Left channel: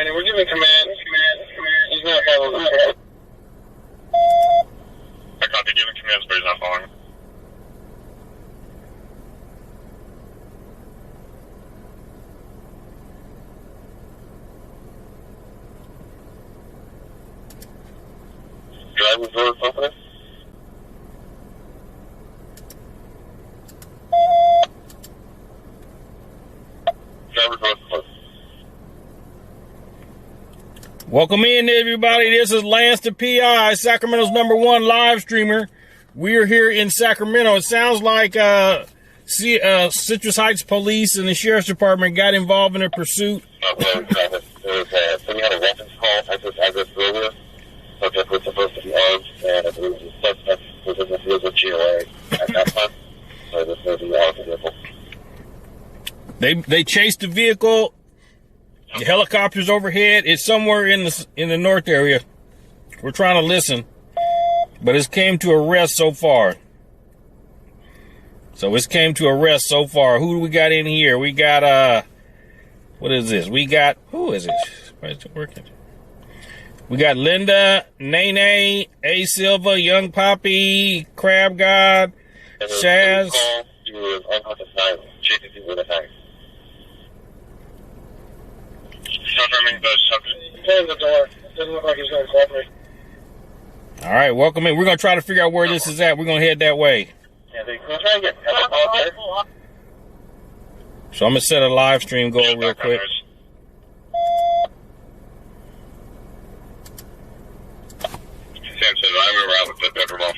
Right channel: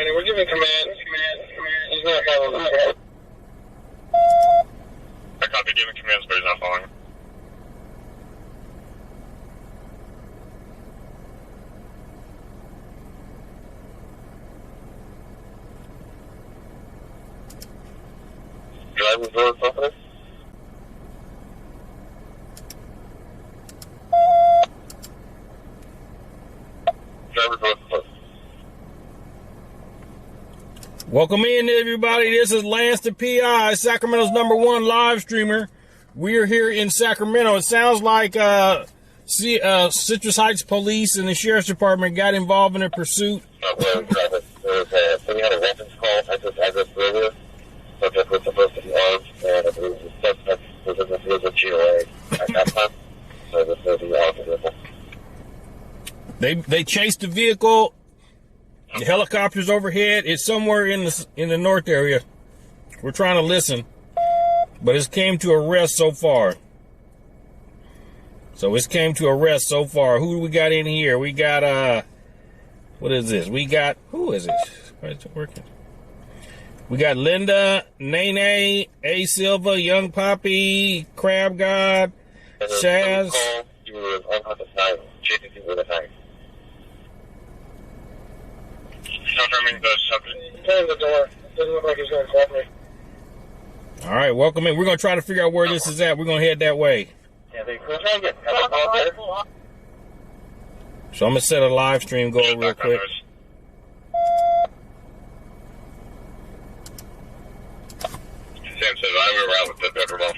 And we're giving command. He's not following. I copy giving commands, but he's not following. Driving door open. Driver door open. Welcome in, everybody. This is Lance the PI, Sacramento's #1 live streamer. We are here in Sacramento. It sounds like Citrus Heights Police and the Sheriff's Department got involved in a pursuit. So we had a weapons call at this address earlier. Subject was supposed to be armed, and I believe the suspect was in the field of GOA at that time. So this may be armed vehicle. They chased the vehicle. The helicopter's overhead. It's somewhere in the north area. We're trying to listen, but it's came to arrest so far. Who do we got in here? We got what is this? Who is it? Why is it working? We got Linda, Nene, A. Silva, Young Poppy, Crab God, Shaz. He was unconscious, chasing people with a knife. Confirming the subject. He's in the door. It doesn't look like he's going to cooperate. All right, welcome in. We're going to try to figure out where this is at. We're going to head that way. Yeah, we're trying to get out there. So I'm going to set a live stream going real quick. Sam says I'm around with the pepper ball.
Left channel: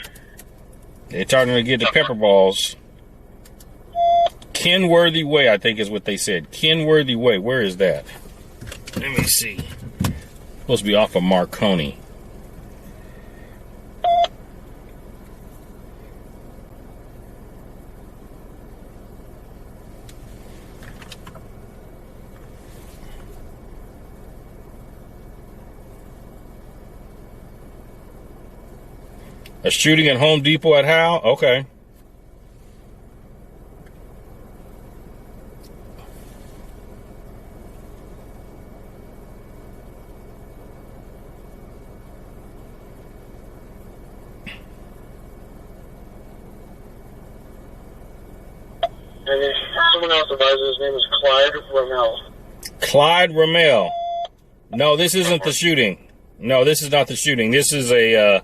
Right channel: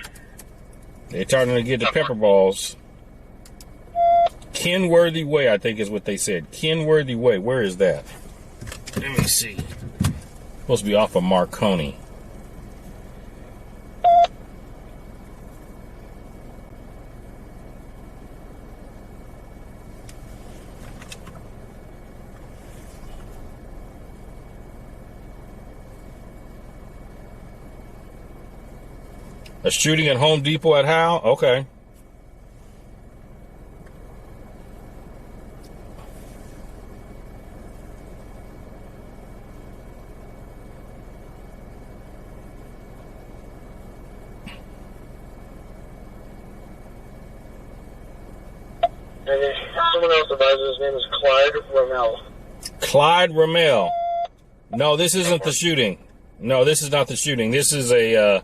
They're starting to get the pepper balls. Kenworthy Way, I think is what they said. Kenworthy Way. Where is that? Let me see. Supposed to be off of Marconi. A shooting at Home Depot at Howe? Okay. And someone else advises his name is Clyde Rommel. Clyde Rommel. No, this isn't the shooting. No, this is not the shooting. This is a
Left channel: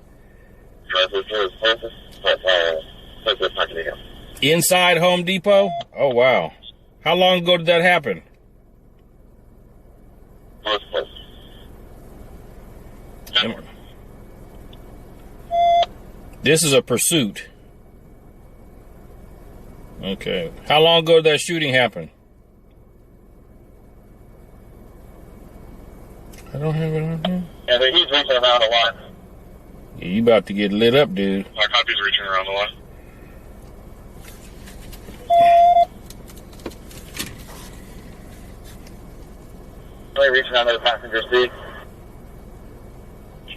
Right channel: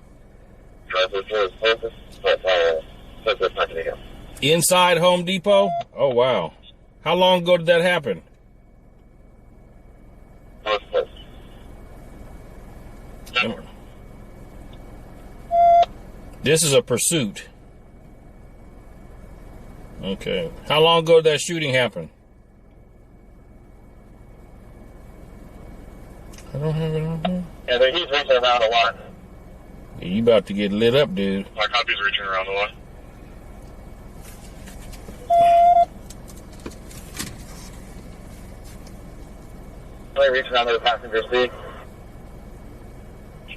inside Home Depot? Oh, wow. How long ago did that happen? This is a pursuit. Okay. How long ago did that shooting happen? I don't have it on here. Yeah, he's reaching around a lot. Yeah, you about to get lit up, dude. My copy's reaching around the line. Really reaching out to the passenger seat.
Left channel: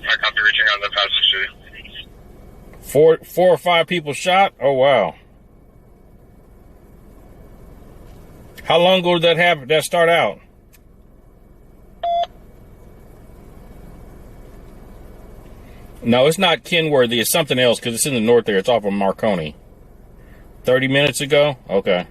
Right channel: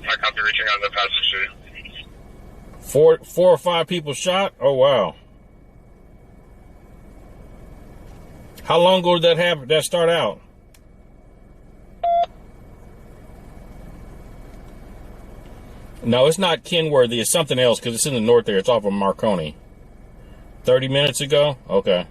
My copy reaching on the passenger seat. Four or five people shot? Oh, wow. How long ago did that happen? That start out? No, it's not Kenworthy. It's something else because it's in the north there. It's off of Marconi. 30 minutes ago? Okay.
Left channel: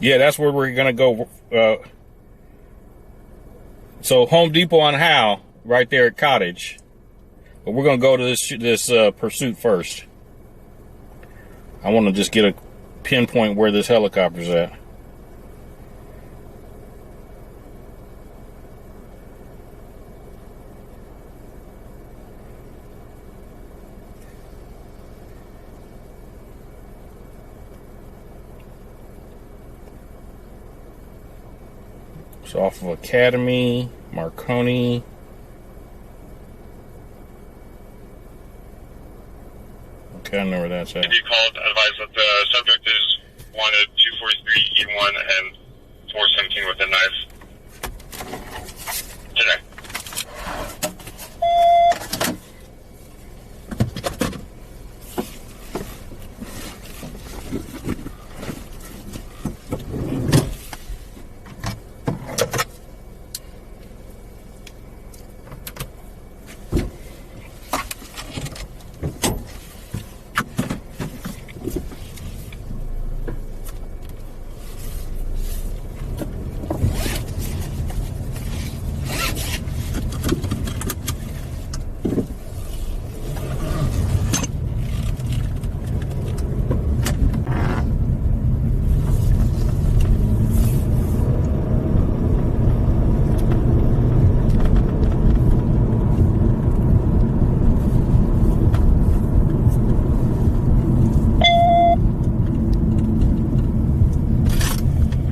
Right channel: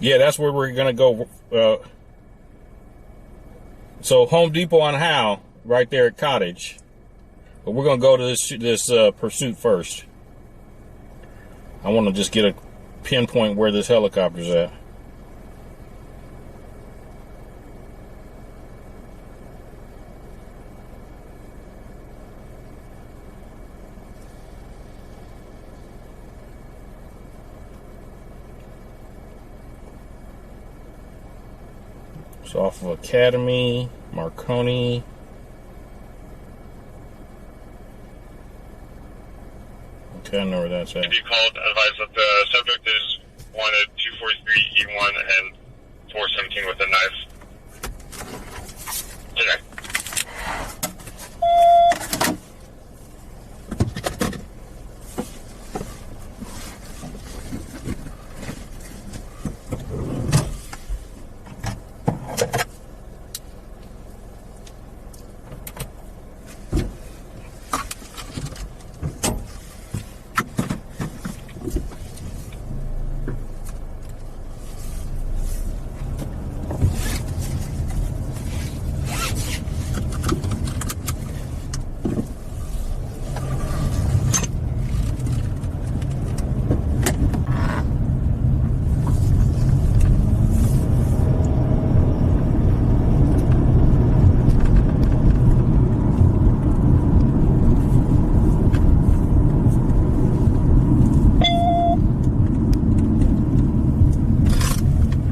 Yeah, that's where we're going to go. So Home Depot on Howe, right there at Cottage. But we're going to go to this pursuit first. I want to just get a pinpoint where this helicopter's at. It's off of Academy, Marconi. Okay, I know where that's at. If you called, advise that the subject is wanted 243 E1 and 417 with a knife. Today.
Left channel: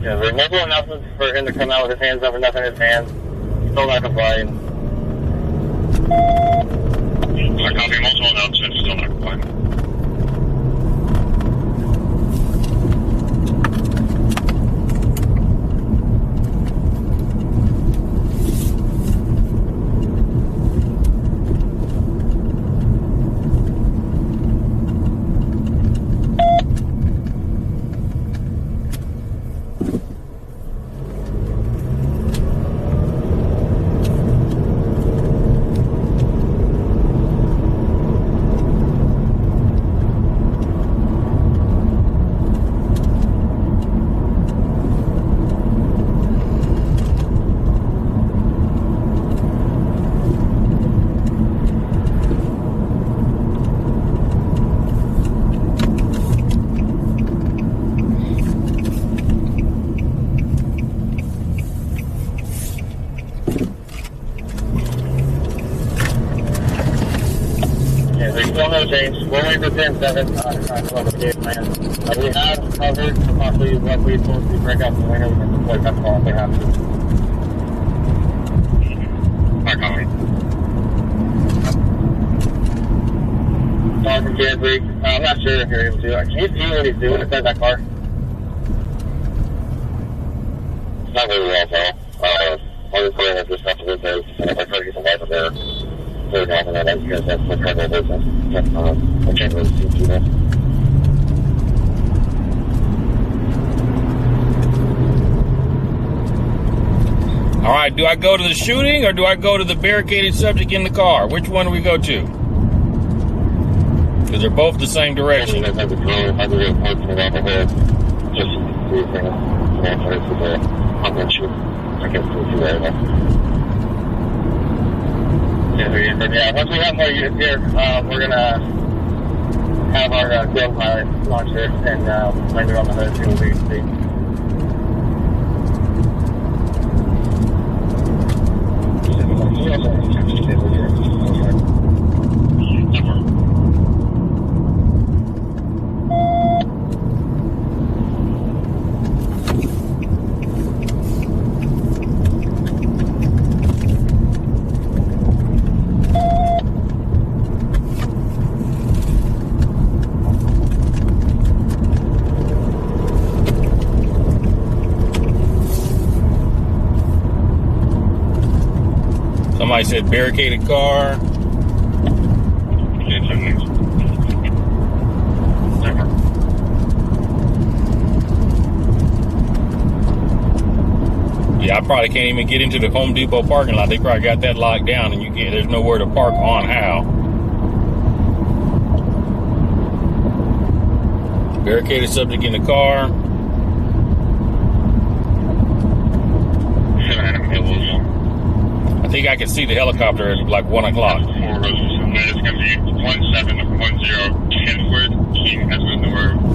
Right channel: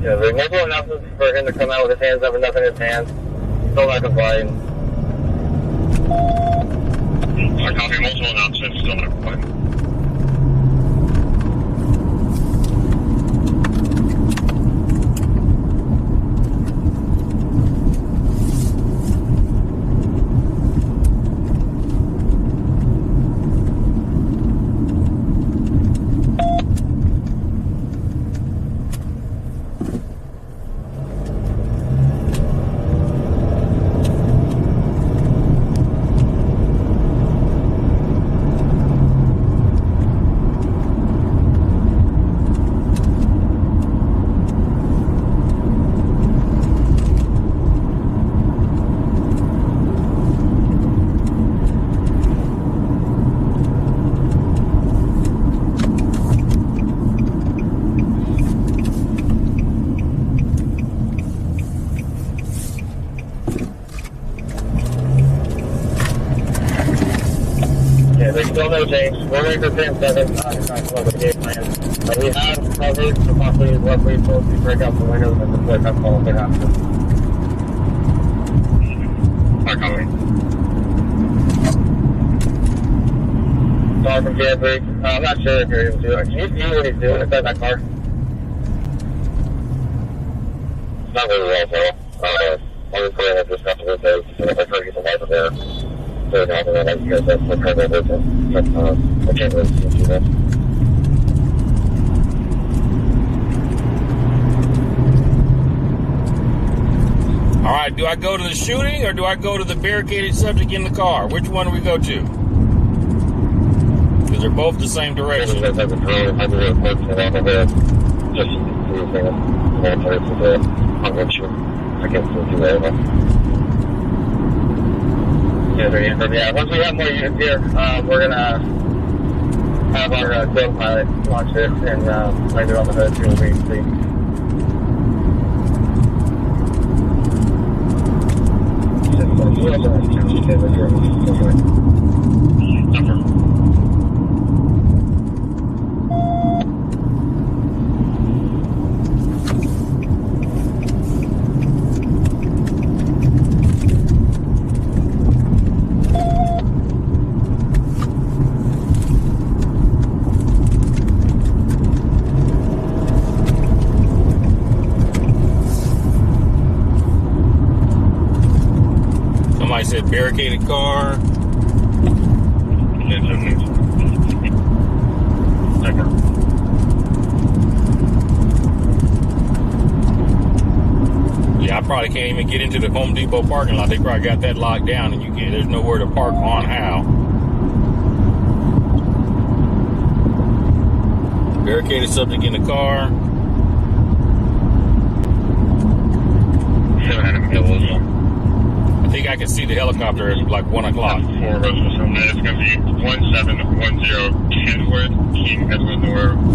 Yeah, there's multiple announcements for him to come out with his hands up and nothing in his hands. Still not complying. I copy multiple announcements, still not complying. Still no change. We're waiting for 10-7 trying to come up with a game plan. We have covered to possibly use left lead to break out the windows and deploy that call if they have to. I copy. Car from Jan3. I'm not sure if you're able to. Can you see what he's doing inside that car? Not really well, though. Honestly, I just have to leave those. I try to get the light of there. So now that I guess that's my kind of business. I can't really see too much. All right, do I go to the shooting or do I go to the barricaded subject in the car? Which one do we go to? Because they're both the same direction. I have a drone. I have a real parts from over there. Just do things. I'm going to the hunger shoot. I guess we'll see that. Yeah, once we have more units here, we're going to have our drill pilot launch it and land it on the hood, see what we see. Somebody said barricaded car. Yeah, I probably can't even get into the Home Depot parking lot. They probably got that locked down, and there's nowhere to park on Howe. Barricaded subject in the car. I think I can see the helicopter at like 1 o'clock. It's going to be 1710 Kenwood.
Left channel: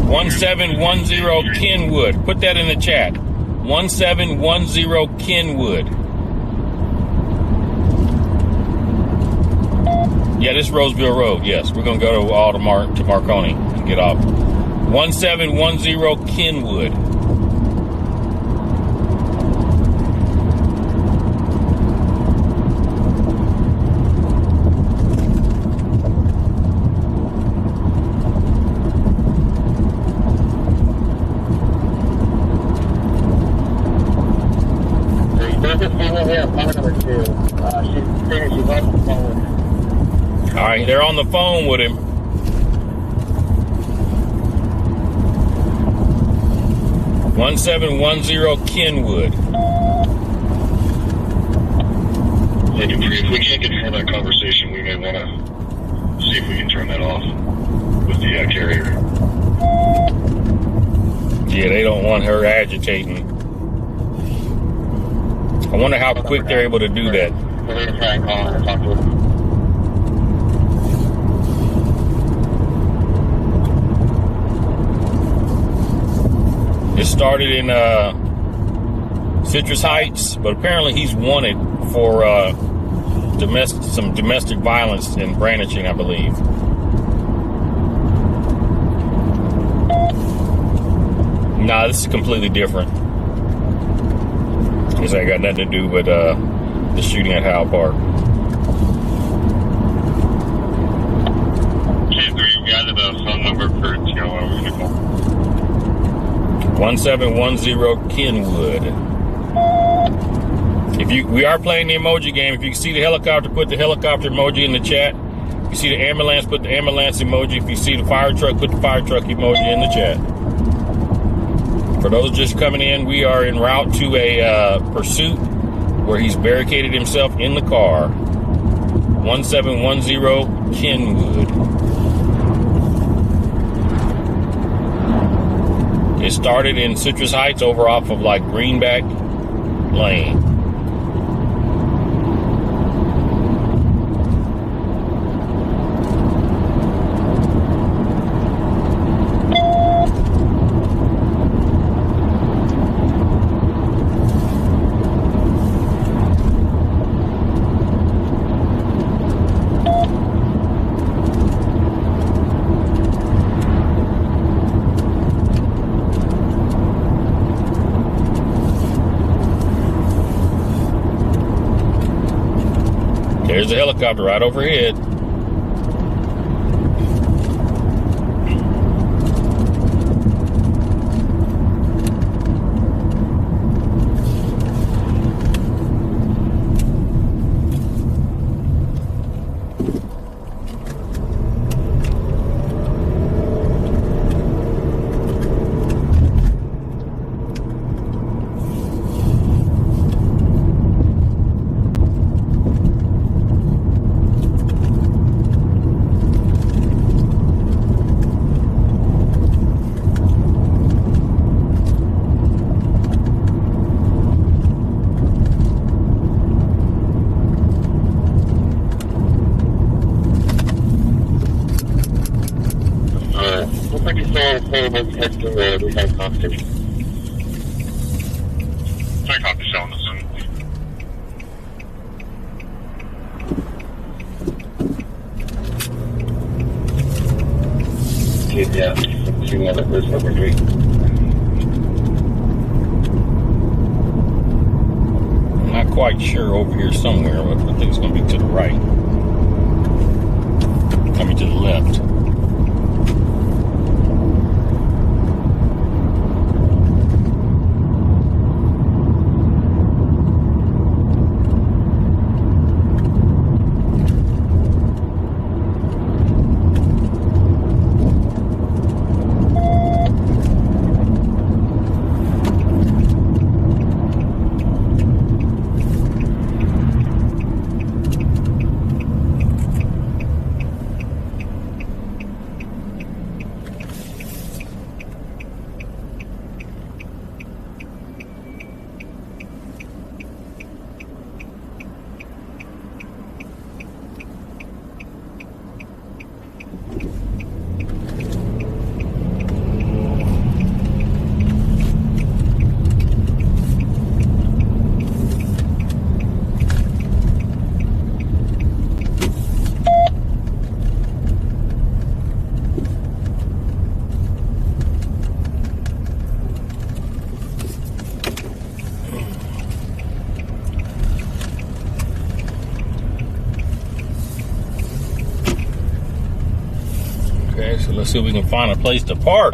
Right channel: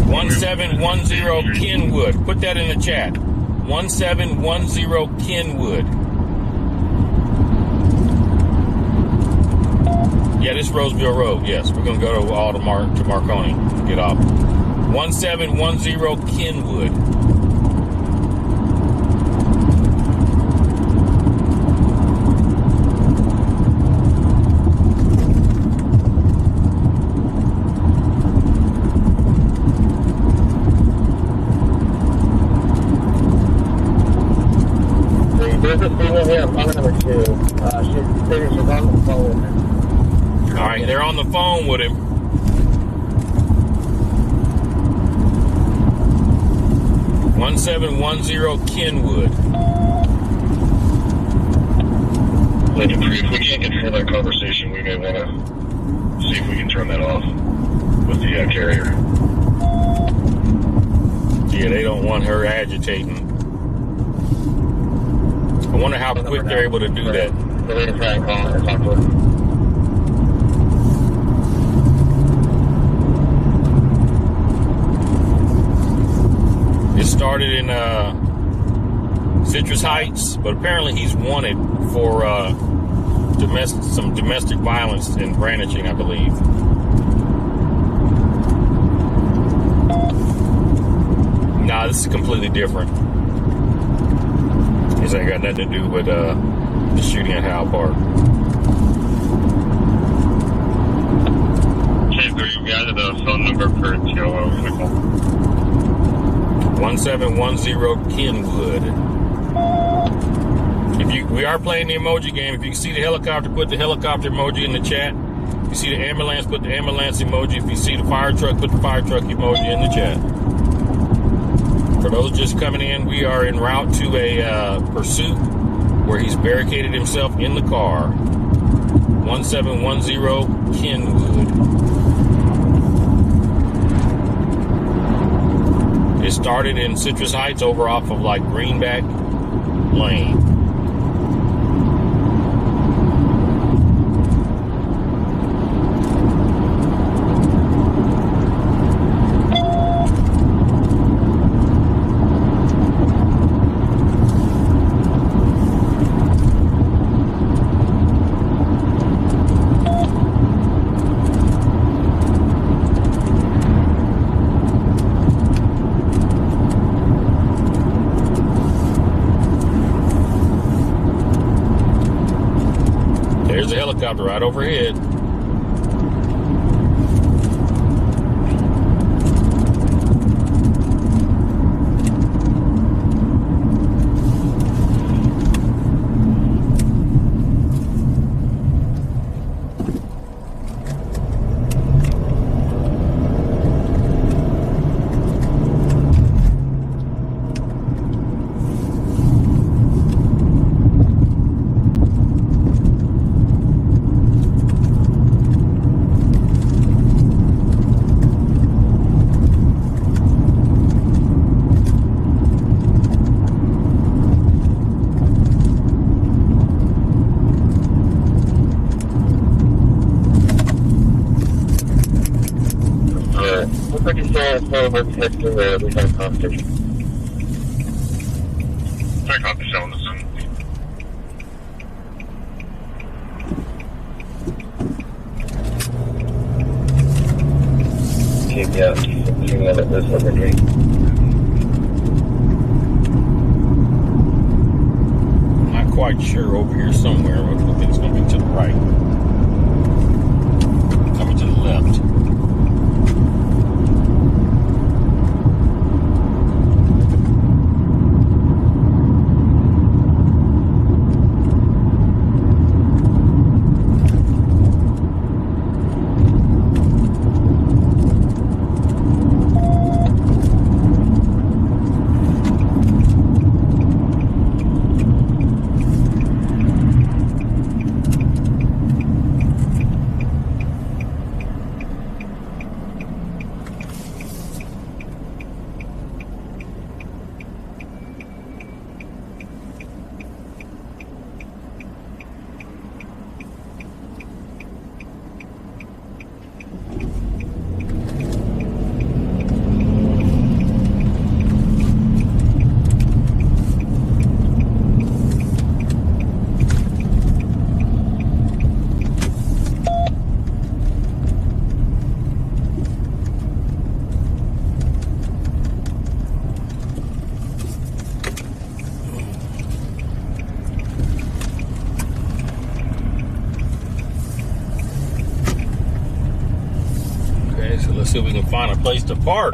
1710 Kenwood. Put that in the chat. 1710 Kenwood. Yeah, this is Roseville Road. Yes, we're going to go to Marconi to get off. 1710 Kenwood. Yeah, phone number 2. She stated she's on the phone with him. All right, they're on the phone with him. (1710) Kenwood. If we can't get through that conversation, we may want to see if we can turn that off with the carrier. Yeah, they don't want her agitating. I wonder how quick they're able to do that. We're going to try and call and talk to her. This started in Citrus Heights, but apparently he's wanted for some domestic violence and brandishing, I believe. Nah, this is completely different. This ain't got nothing to do with the shooting at Howe Park. Okay, so you got the phone number for TLO Nicole. 1710 Kenwood. We are playing the emoji game. If you see the helicopter, put the helicopter emoji in the chat. If you see the ambulance, put the ambulance emoji. If you see the fire truck, put the fire truck emoji in the chat. For those just coming in, we are en route to a pursuit where he's barricaded himself in the car. 1710 Kenwood. It started in Citrus Heights over off of like Greenback Lane. There's the helicopter right overhead. We had a conversation. Check out the show on the Zoom. Keep yeah, 2-minute movement retreat. I'm not quite sure over here somewhere, but I think it's going to be to the right. Coming to the left. So let's see if we can find a place to park.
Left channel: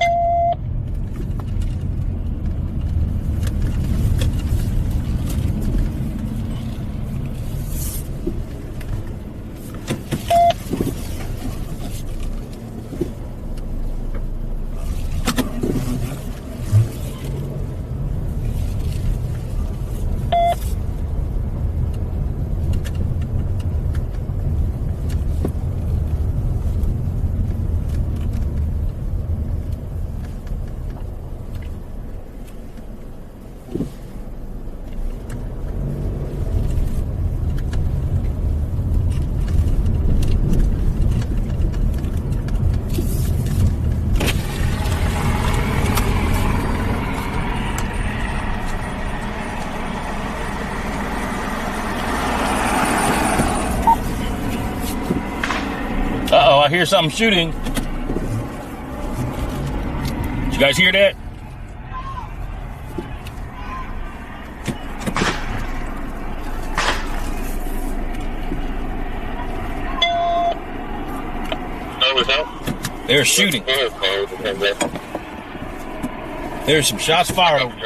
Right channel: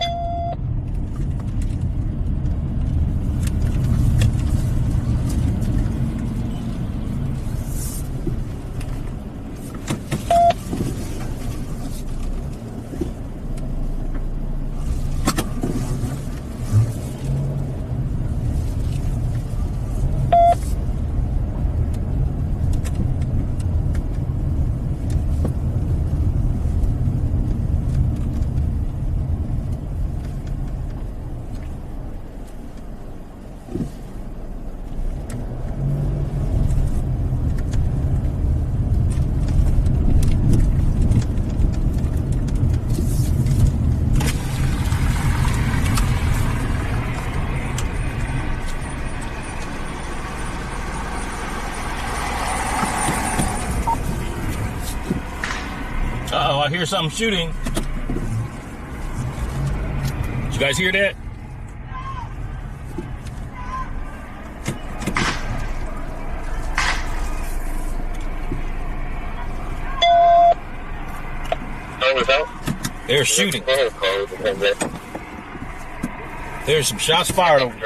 I hear something shooting. Did you guys hear that? They're shooting. There's some shots fired over.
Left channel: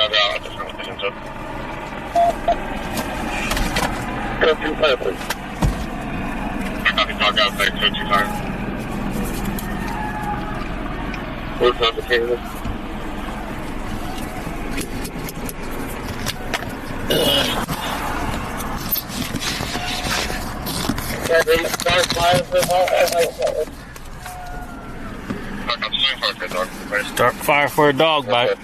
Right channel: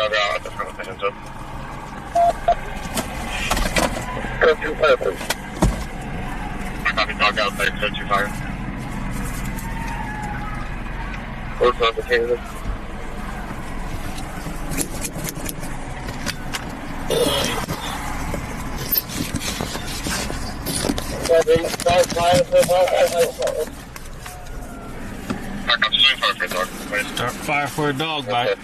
Start fire for a dog bite.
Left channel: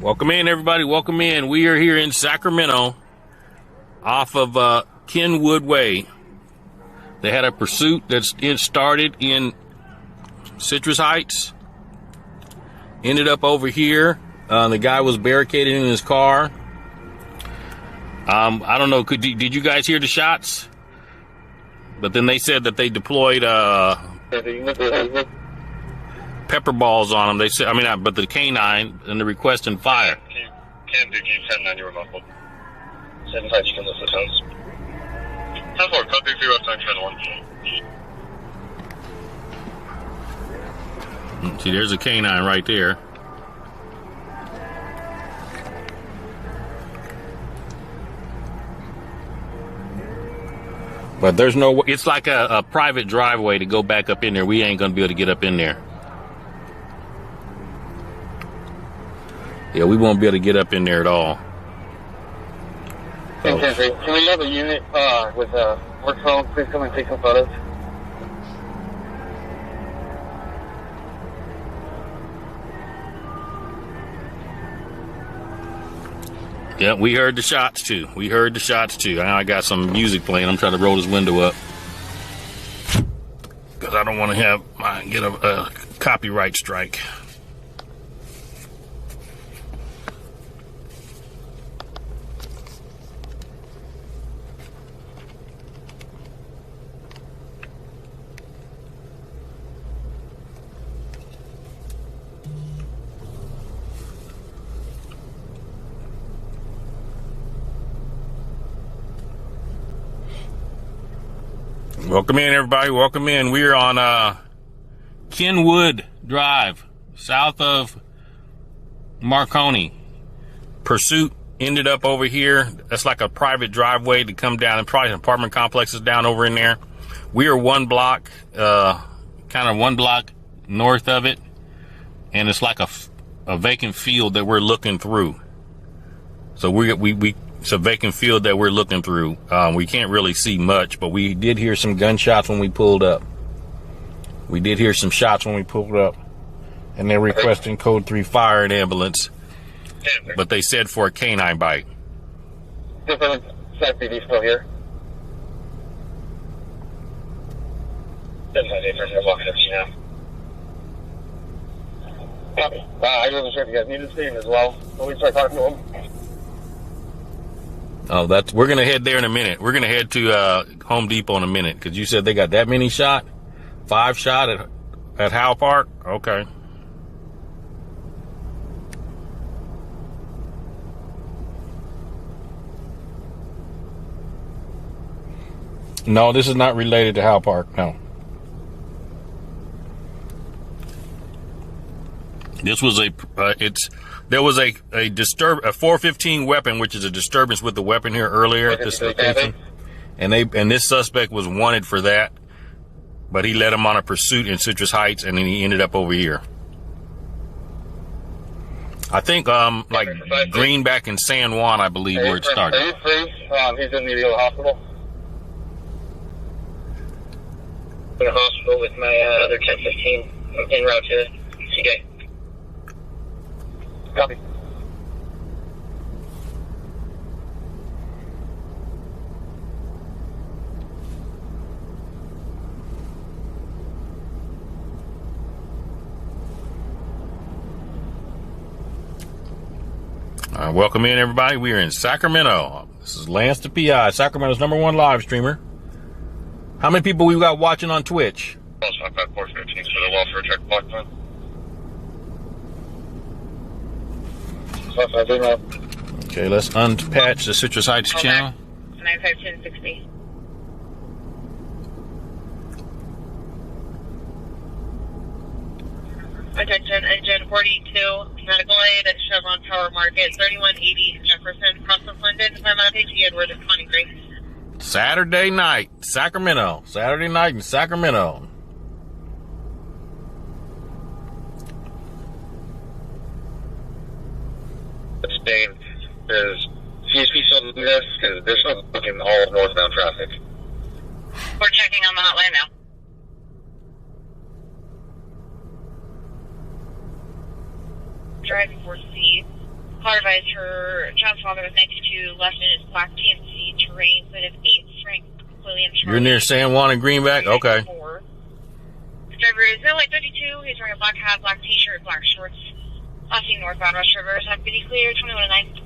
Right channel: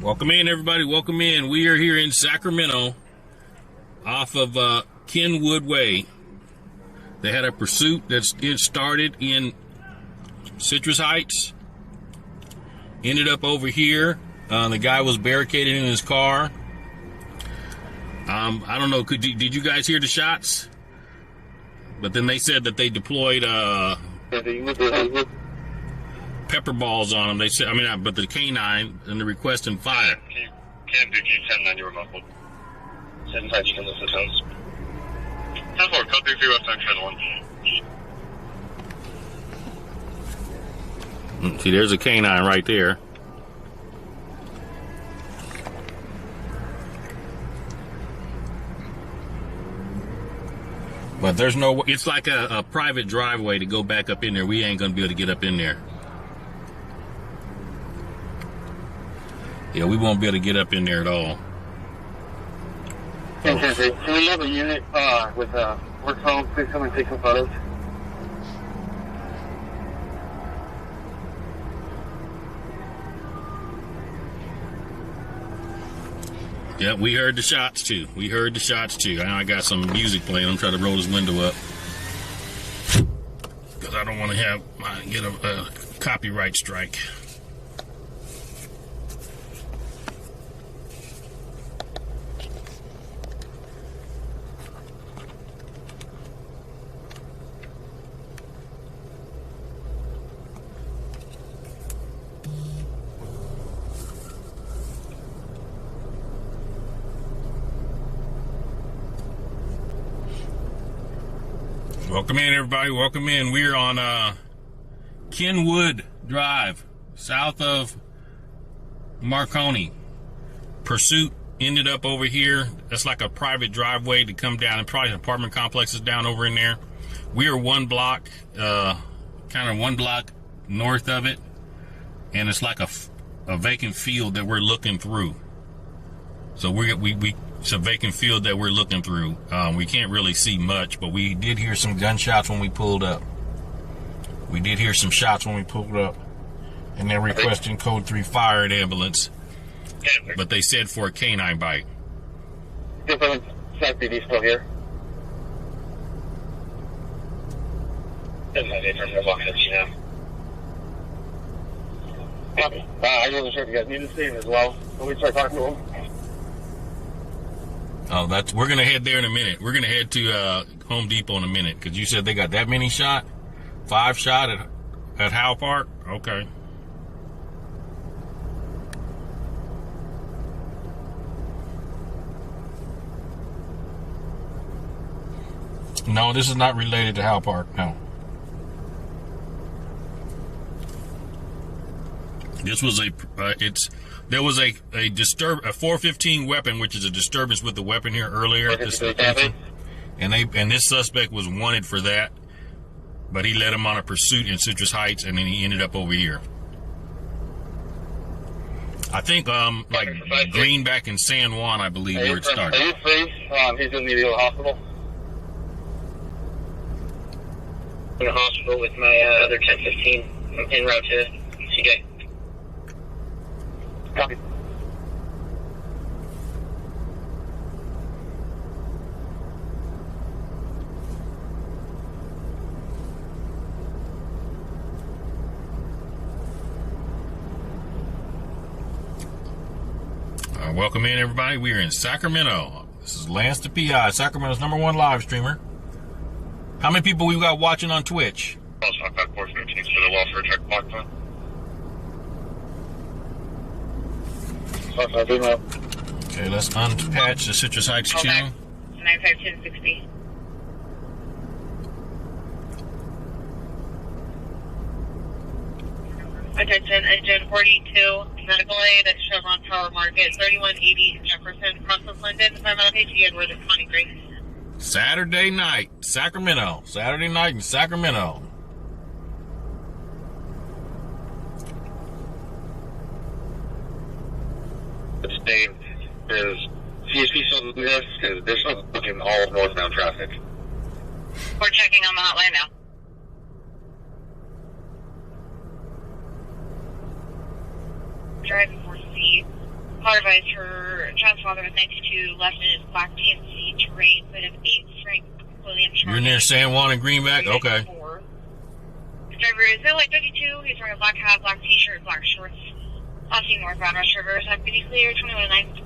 Welcome in, everybody. Welcome in. We are here in Sacramento off of Kenwood Way. They had a pursuit it started in Citrus Heights. Ended up over here. The guy was barricaded in his car. I don't know. Did you guys hear the shots? But then they said that they deployed pepper balls on him. They said, but the canine and the requesting fire. Can do G10 you were muffled. 7-5, you can listen to tones. 10-4, code 3 West 9 See, there's a canine right there. But there's no, it's like a private driveway to go back up in there. We ain't going to be able to get up in there. Yeah, we won't be able to get up in there at all. So. Can we have a unit with a work phone? Please come and take some photos. Yeah, we heard the shots too. Now I got some music playing. I'm trying to roll this window up because I don't want to get a copyright strike. Welcome in, everybody. Welcome in. We're on Kenwood Drive, south of Marconi. Pursuit ended up over here. That's like a private driveway to come down, and probably apartment complexes down over in there. We are one block north of it, and it's like a vacant field that we're looking through. So it's a vacant field that we're looking through. We can't really see much, but we did hear some gunshots when we pulled up. And they're requesting code 3 fire and ambulance. But they said for a canine bite. SAC still here. I'm walking up to you now. Copy. I wasn't sure if you guys needed to see him as well. Let me start talking to him. Oh, we're gonna head there in a minute. We're gonna head to Home Depot in a minute because you said they got that many shot, 5 shot at Howe Park. Okay. No, this is not related to Howe Park. No. This was there was a 415 weapon, which is a disturbance with the weapon here earlier at this location, and this suspect was wanted for that, but he led him on a pursuit in Citrus Heights, and then he ended up over here. I think like Greenback and San Juan, I believe, where it started. Are you free? He's in the hospital. In the hospital with my other 1015 en route to CK. Copy. Welcome in, everybody. We are in Sacramento. This is Lance the PI, Sacramento's #1 live streamer. How many people we got watching on Twitch? Okay, let's unpatch the Citrus Heights channel. 951060. Attention, engine 42, medical aid at Chevron Power Market, 3180 Jefferson, across from London, Sacramento, Edward, Connie Grace. Saturday night, Sacramento. Saturday night in Sacramento. Dave, is CSP still doing this? Because they're still booking all of northbound traffic. We're checking on the hotline now. Driving for C. Car advised her child's father was 92, left in his black TMC terrain, but of 8 Frank William Charlie. You're near San Juan and Greenback? Okay. Driver is like 32. He's wearing a black hat, black t-shirt, black shorts. Last seen northbound Rush River. Deputies clear, 21 to 9.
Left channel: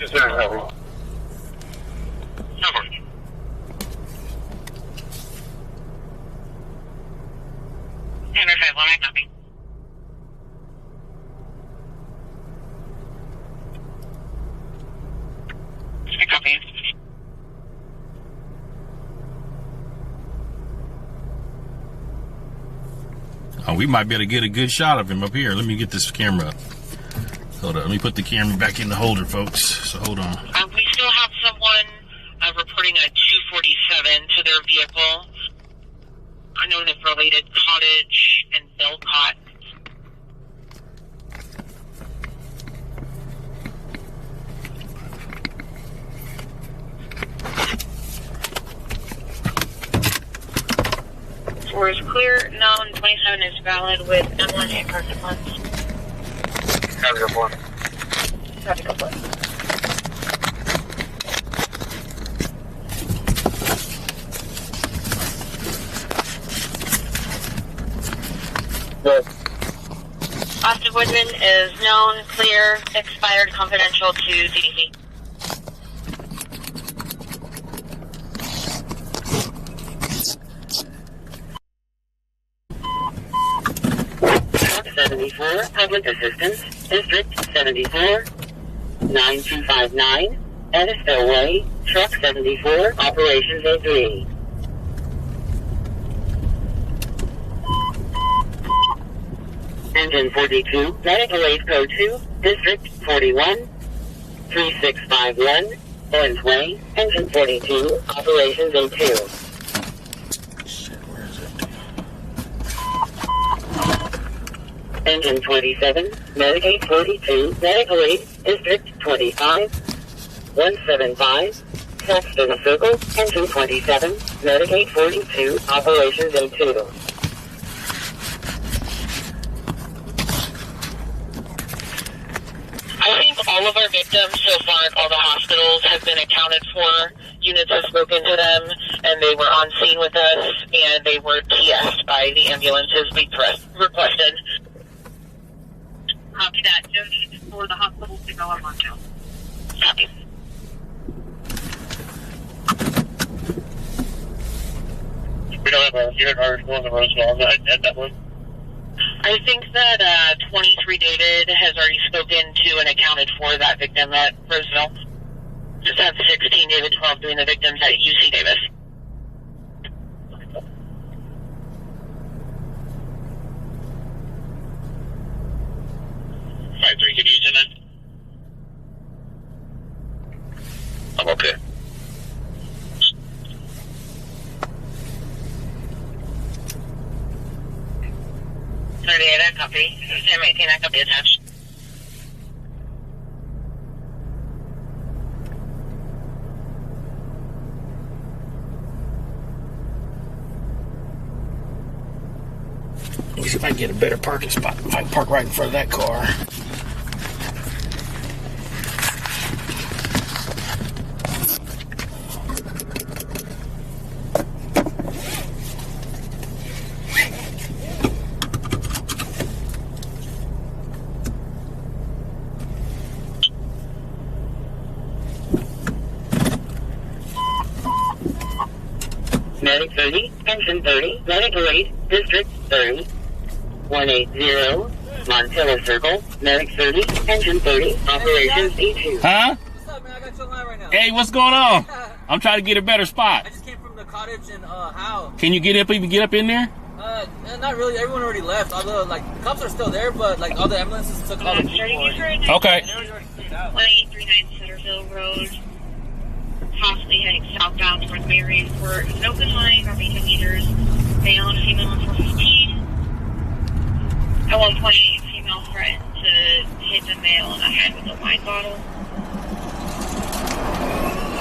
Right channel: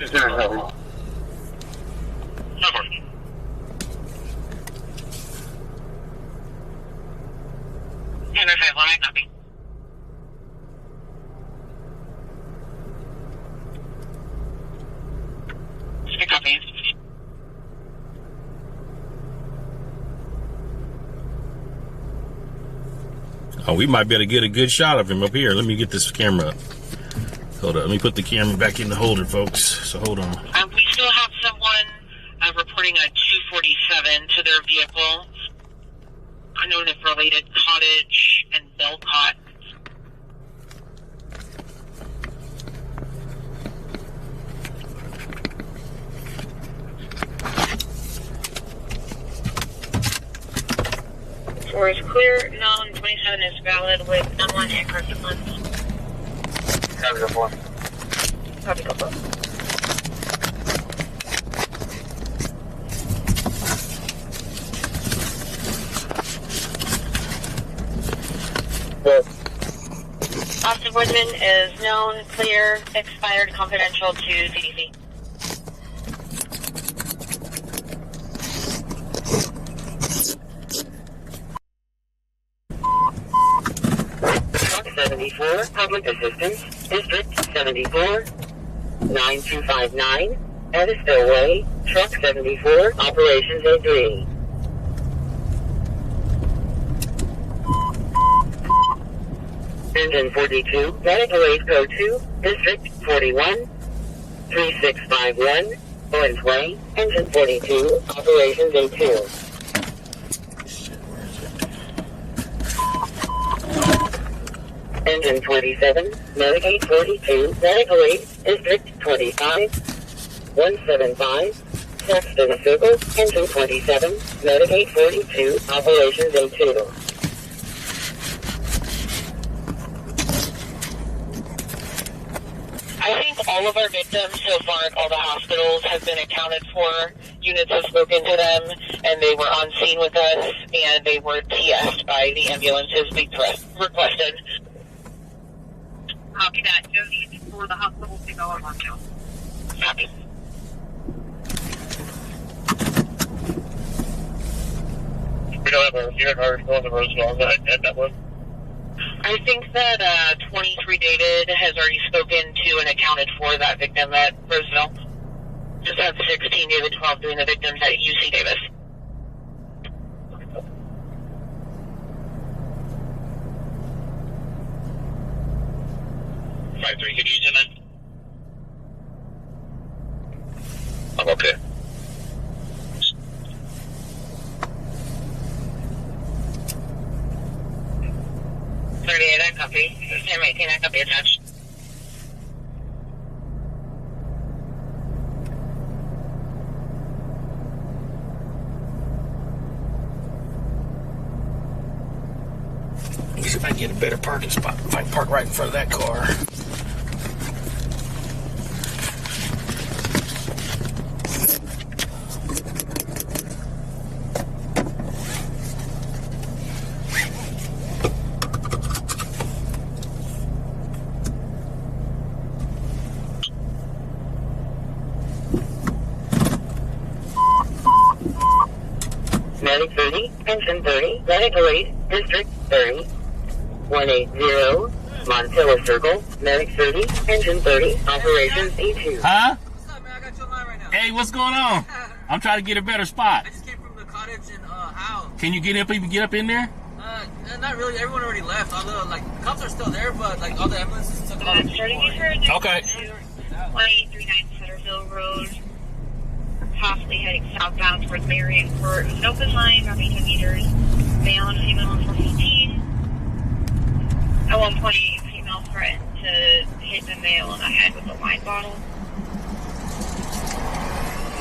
Is there a cover? No. Interface, let me copy. Copy. Oh, we might be able to get a good shot of him up here. Let me get this camera up. Hold on. Let me put the camera back in the holder, folks. So hold on. We still have someone reporting a 247 to their vehicle. Known as related Cottage and Belcott. Four is clear. Known 27 is valid with M1 and corrective funds. Copy, go for it. Copy, go for it. Good. Austin Woodman is known, clear, expired, confidential to CDC. Truck 74, Public Assistance, District 74, 9259, Edisville Way, Truck 74, Operations A3. Engine 42, medical aid code 2, District 41, 3651, Owens Way, Engine 42, Operations A2. Shit, where is it? Engine 27, Medicaid 42, medical aid, District 25, 175, Saxton Circle, Engine 27, Medicaid 42, Operations A2. I think all of our victims so far at all the hospitals have been accounted for. Units have spoken to them, and they were on scene with us, and they were TS'd by the ambulances we requested. Copy that. No need for the hospital to go on lockdown. Copy. We don't have a unit article on the Roseville at that one. I think that 23 David has already spoken to and accounted for that victim at Roseville. Just have 16 David 12 doing the victims at UC Davis. 5-3, can you use it then? I'm okay. 38, I copy. 1018, I copy attached. Let me see if I can get a better parking spot. If I can park right in front of that car. Medic 30, Pension 30, Medical 8, District 30, 180, Montilla Circle, Medic 30, Pension 30, Operations E2. Huh? What's up, man? I got you online right now. Hey, what's going on? I'm trying to get a better spot. I just came from the cottage in Howe. Can you get up in there? Not really. Everyone already left. Although, like, the cops are still there, but, like, all the ambulances took all the people. Okay. 1839 Centerville Road, possibly heading southbound towards Marion Court. An open line, roughly 10 meters. Male and female on 415. At one point, female threatened to hit the male in the head with a wine bottle.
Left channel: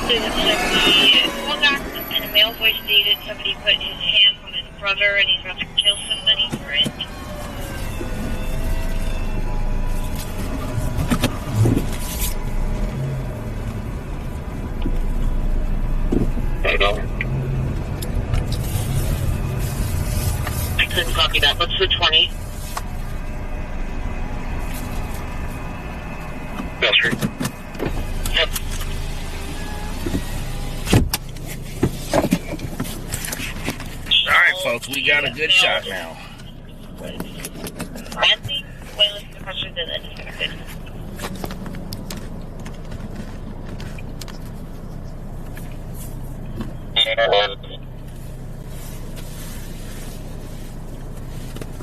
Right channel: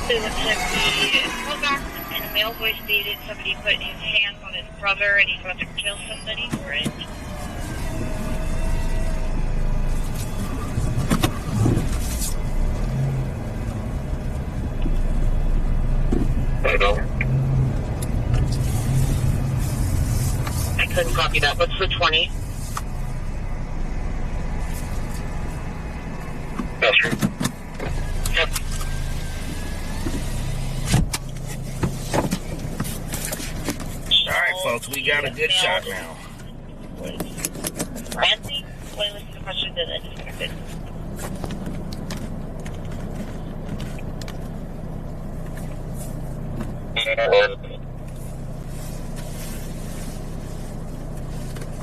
So it looks like the pullback, and a male voice stated somebody put his hands on his brother and he's about to kill somebody for it. I know. I couldn't copy that. What's the 20? That's true. Yep. All right, folks, we got a good shot now. Nancy, wait, the question did it.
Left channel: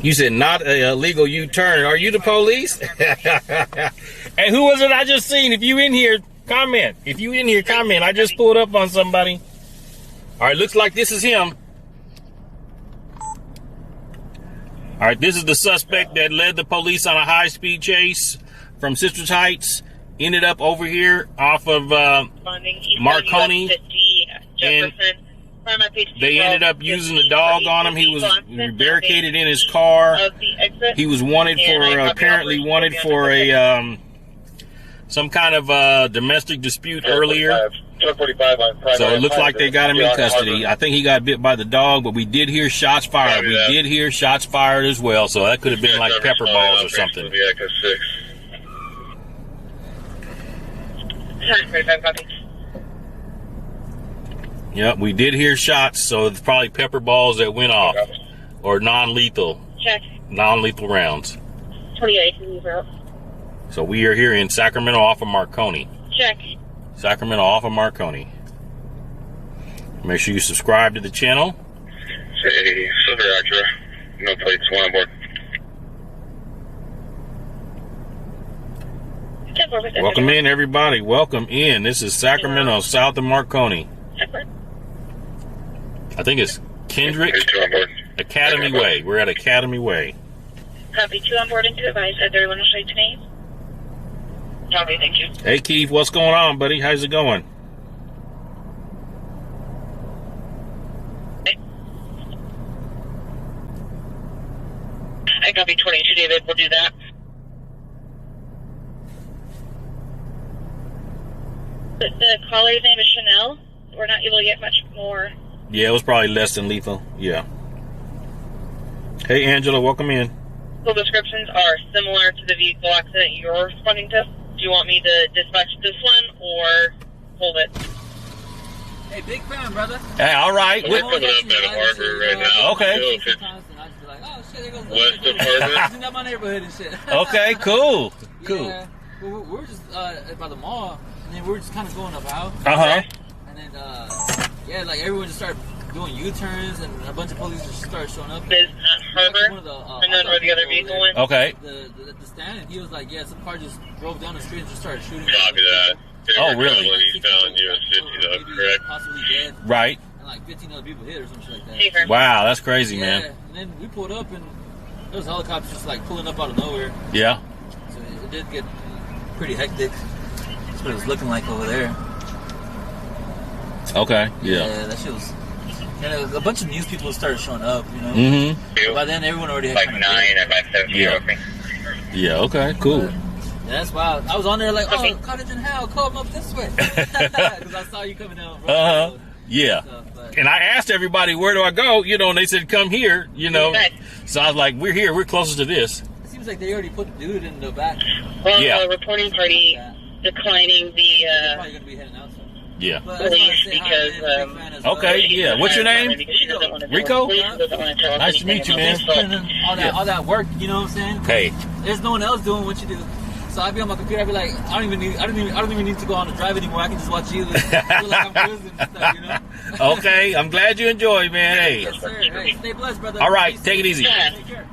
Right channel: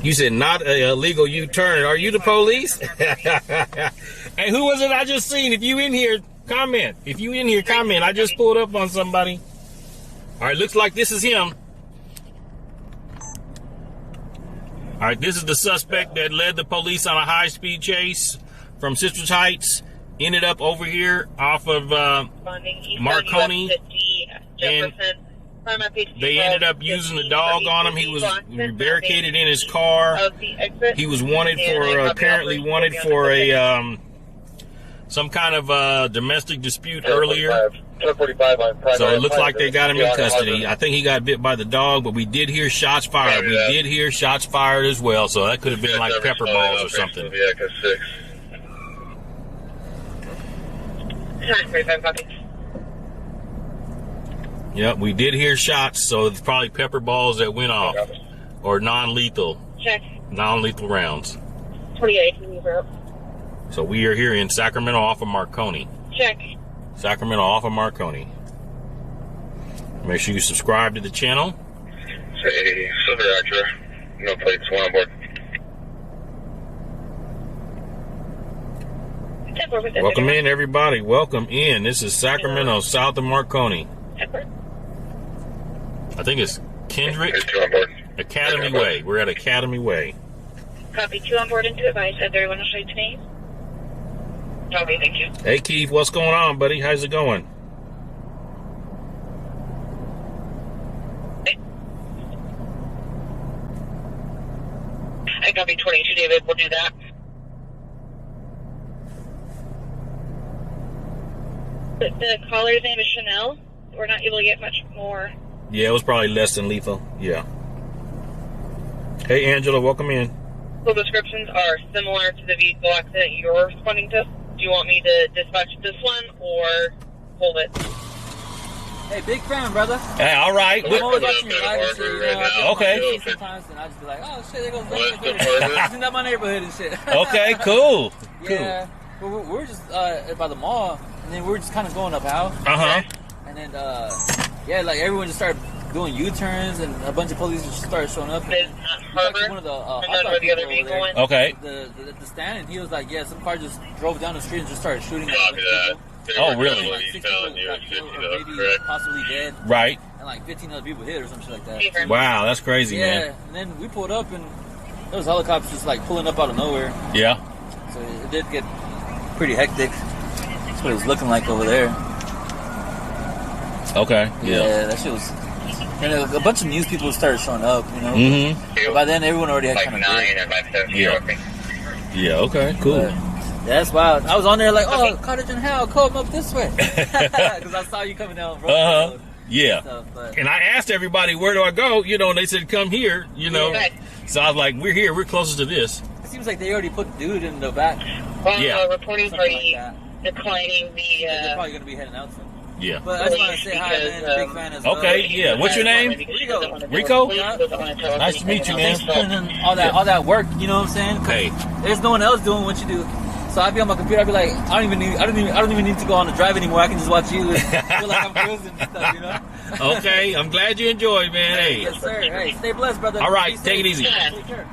You said not a illegal U-turn. Are you the police? Hey, who was it I just seen? If you in here, comment. If you in here, comment. I just pulled up on somebody. All right, looks like this is him. All right, this is the suspect that led the police on a high-speed chase from Sisters Heights. Ended up over here off of Marconi. And they ended up using the dog on him. He was barricaded in his car. He was wanted for, apparently wanted for a, some kind of domestic dispute earlier. So it looks like they got him in custody. I think he got bit by the dog, but we did hear shots fired. We did hear shots fired as well, so that could have been like pepper balls or something. Yeah, we did hear shots, so it's probably pepper balls that went off. Or non-lethal. Check. Non-lethal rounds. 28, move out. So we are here in Sacramento off of Marconi. Check. Sacramento off of Marconi. Make sure you subscribe to the channel. Say, Silver Acura. No plates, one on board. Welcome in, everybody. Welcome in. This is Sacramento, south of Marconi. I think it's Kendrick Academy Way. We're at Academy Way. Copy, 2 on board and 2 advised. Everyone will show you name. Copy, thank you. Hey, Keith, what's going on, buddy? How's it going? I copy 22, David. We'll do that. The caller's name is Chanel. We're not able to get much more. Yeah, it was probably less than lethal. Yeah. Hey, Angela, welcome in. vehicle descriptions are similar to the vehicle accident you're responding to. Do you want me to dispatch this one or hold it? Hey, big fan, brother. Hey, all right. We're putting up at Harvard right now. Okay. Sometimes, and I just be like, oh shit, there goes West of It's Harvard. not my neighborhood and shit. Okay, cool. Yeah. We're just by the mall, and then we're just kind of going up Howe. Uh-huh. And then, yeah, like everyone just started doing U-turns, and a bunch of police just started showing up. Is at Harvard, One of the, and then where the other vehicle went? Okay. The stand, and he was like, yeah, some car just drove down the street and just started shooting. Copy that. Oh, really? He's telling you it's 50 though, correct? Possibly dead. Right. And like 15 other people hit or some shit like that. Okay. Wow, that's crazy, Yeah, man. and then we pulled up, and there was helicopters just like pulling up out of nowhere. Yeah. So it did get pretty hectic. That's what it was looking like over there. Okay. Yeah. Yeah, that shit was. And a bunch of news people started showing up, you know. Mm-hmm. But by then, everyone already had Like kind 9 and by 7. Yeah. Yeah, okay, cool. Yeah, that's wild. I was on there like, oh, Cottage and Howe, come up this way. Because I saw you coming down. Uh-huh. Yeah. Stuff, but And I asked everybody, where do I go? You know, and they said, come here, you know. So I was like, we're here. We're closest to this. it seems like they already put the dude in the back. Well, Yeah. the reporting party declining They're the probably going to be heading out soon. Yeah. But I just want to say hi, man. I'm a big fan as well. Okay, yeah. What's your name? Rico? Nice to meet you, man. Putting in all that work, you know what I'm saying? 'Cause Hey. there's no one else doing what you do. So I'd be on my computer. I'd be like, I don't even need to go on the drive anymore. I can just watch you and feel like I'm cruising and stuff, you know? Okay, I'm glad you enjoy, man. Hey. Yes, sir. Hey, stay blessed, brother. All right, Be take it safe. easy. Take care.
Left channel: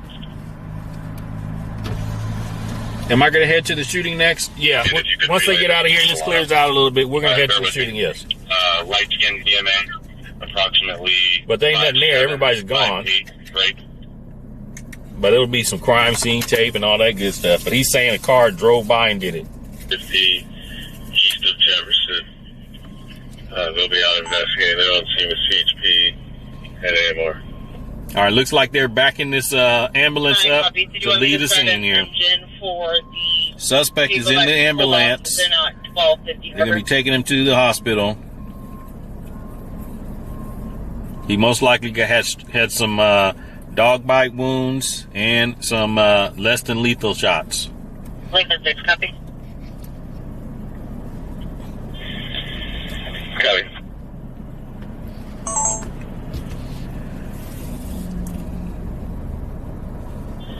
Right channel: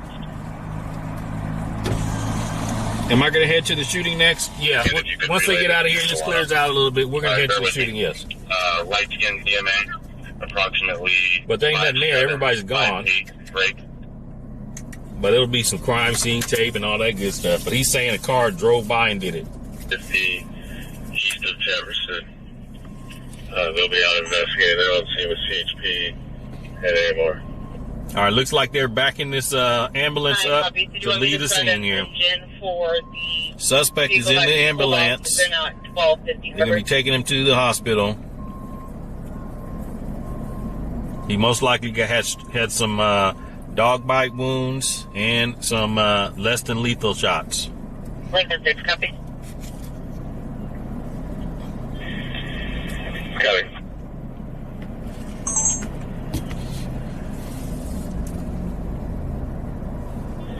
Am I going to head to the shooting next? Yeah. Once they get out of here, this clears out a little bit. We're going to head to the shooting, yes. Light skin DMA, approximately. But there ain't nothing there. Everybody's gone. 5'8", break. But it'll be some crime scene tape and all that good stuff. But he's saying a car drove by and did it. 50 east of Jefferson. They'll be out investigating. They're on scene with CHP and AMR. All right, looks like they're backing this ambulance up to leave the scene here. Suspect is in the ambulance. They're not 1250. They're going to be taking him to the hospital. He most likely had some dog bite wounds and some less than lethal shots. Lincoln 6, copy. Copy.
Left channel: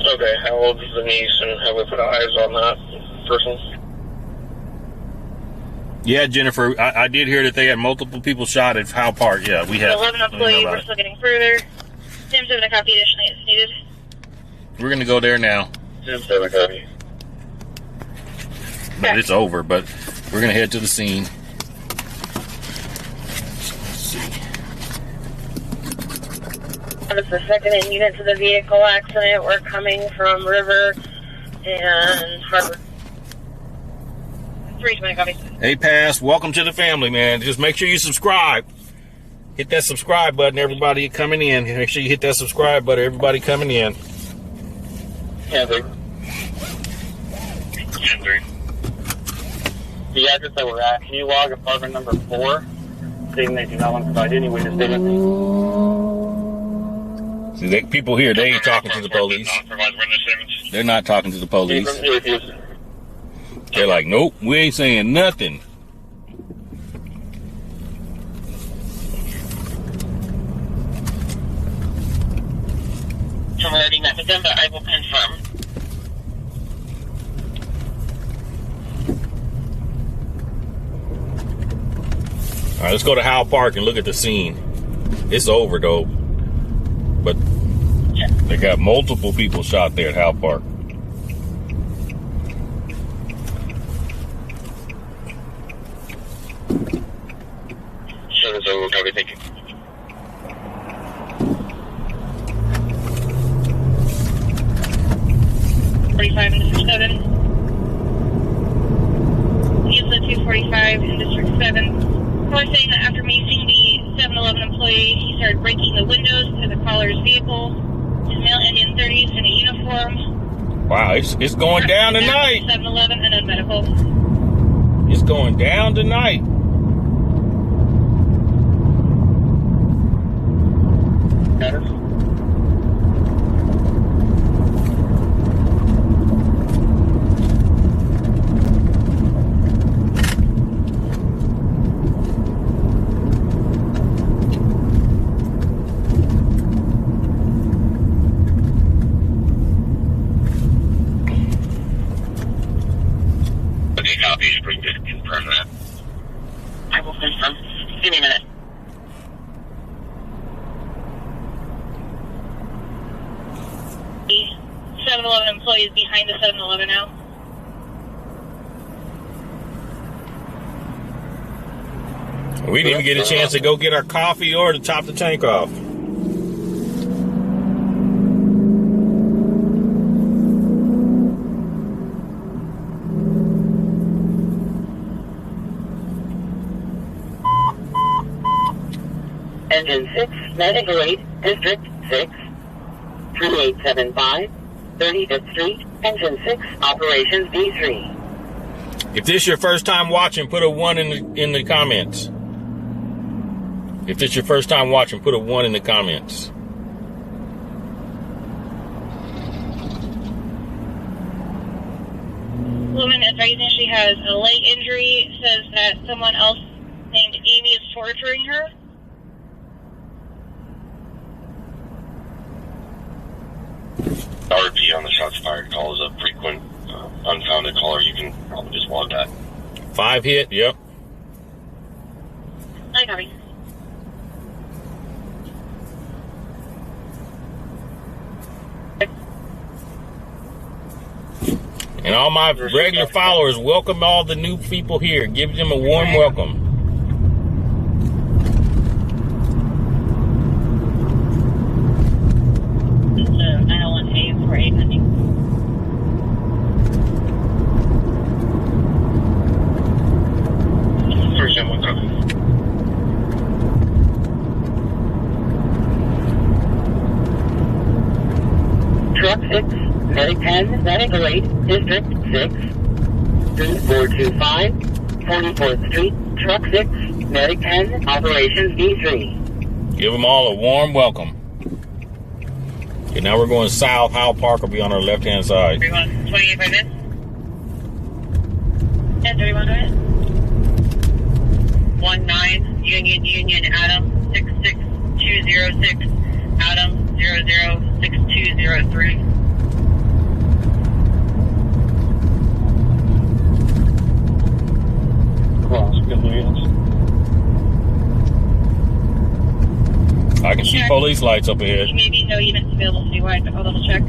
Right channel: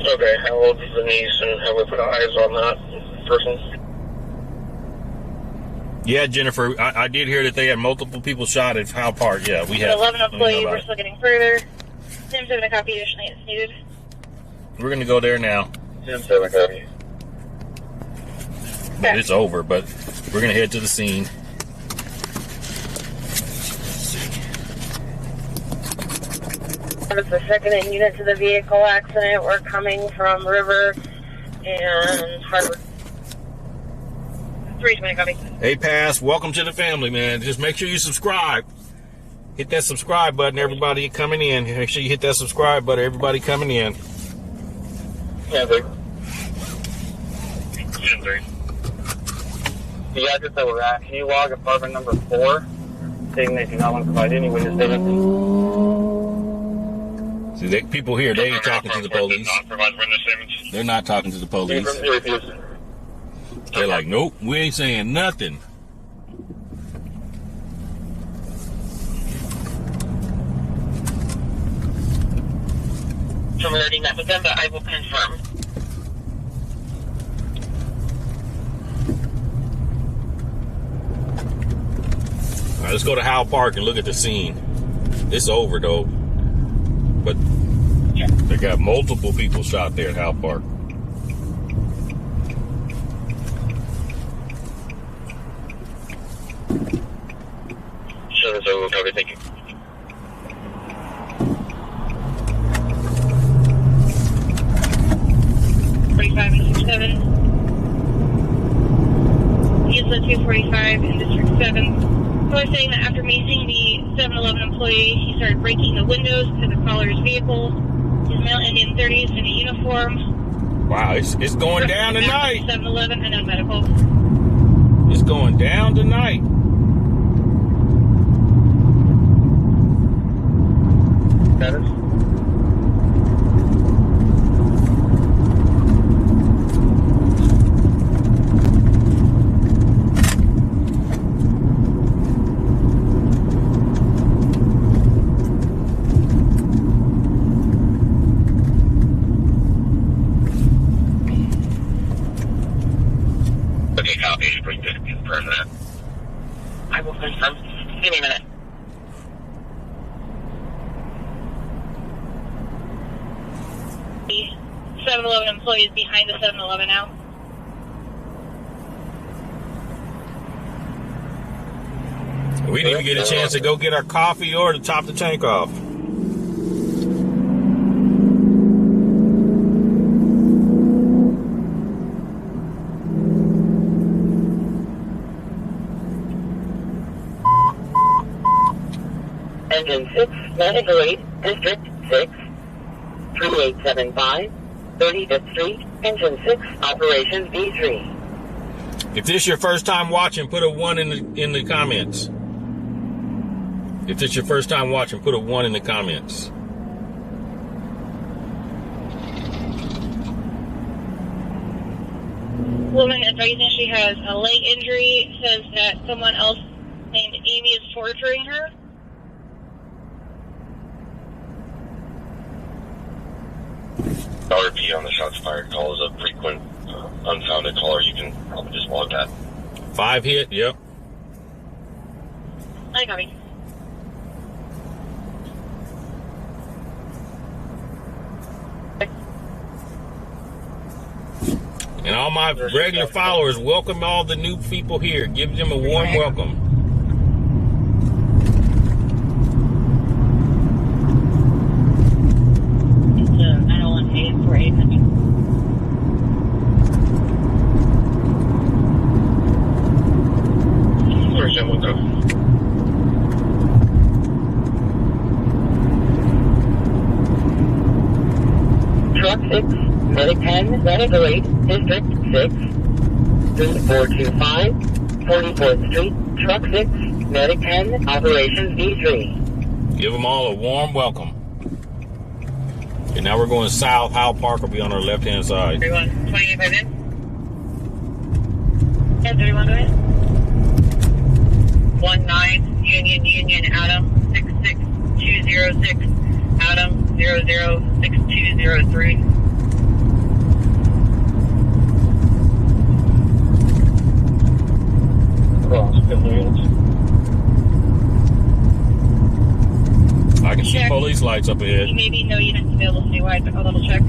Okay, how old is the niece, and have we put eyes on that person? Yeah, Jennifer, I did hear that they had multiple people shot at Howe Park. Yeah, we have. 11 employees, we're still getting further. Tim 7 a copy, additionally it's needed. We're going to go there now. 10-7, copy. But it's over, but we're going to head to the scene. It's the second in unit to the vehicle accident. We're coming from River and Harbor. 320 copy. Hey, Pass, welcome to the family, man. Just make sure you subscribe. Hit that subscribe button, everybody coming in. Make sure you hit that subscribe button, everybody coming in. 10-3. 10-3. The address that we're at, can you log apartment number 4, stating that you do not want to provide any witness statements? See, people here, they ain't talking to the police. Not provide witness statements. They're not talking to the police. You refuse. They're like, nope, we ain't saying nothing. Converting that to them, but I will confirm. All right, let's go to Howe Park and look at the scene. It's over, though. But they got multiple people shot there at Howe Park. Sure, that's over. Copy. Thank you. Seven. ISO 245 in District 7. Caller saying that after macing the 7-Eleven employee, he started breaking the windows to the caller's vehicle. His male Indian 30s in a uniform. Wow, it's going down tonight. 7-Eleven and a medical. It's going down tonight. copy. If we could confirm that. I will confirm. Give me a minute. The 7-Eleven employees behind the 7-Eleven now. We didn't even get a chance to go get our coffee or to top the tank off. Engine 6, Medical 8, District 6, 3875, 35th Street, Engine 6, Operations D3. If this is your first time watching, put a 1 in the comments. If this is your first time watching, put a 1 in the comments. Woman advising she has a leg injury says that someone else named Amy is torturing her. RP on the shots fired call is a frequent unfounded caller. You can probably just log that. 5 hit, yep. I copy. And all my regular followers, welcome all the new people here. Give them a warm welcome. It's 901A for 850. Truck 6, Medic 10, Medical 8, District 6, 3425, 44th Street, Truck 6, Medic 10, Operations D3. Give them all a warm welcome. Okay, now we're going south. Howe Park will be on our left-hand side. 31, 28 by then. And 31 by 19, Union, Adam, 66206, Adam, 006203. I can see police lights up ahead. Maybe no units available citywide, but I'll double check.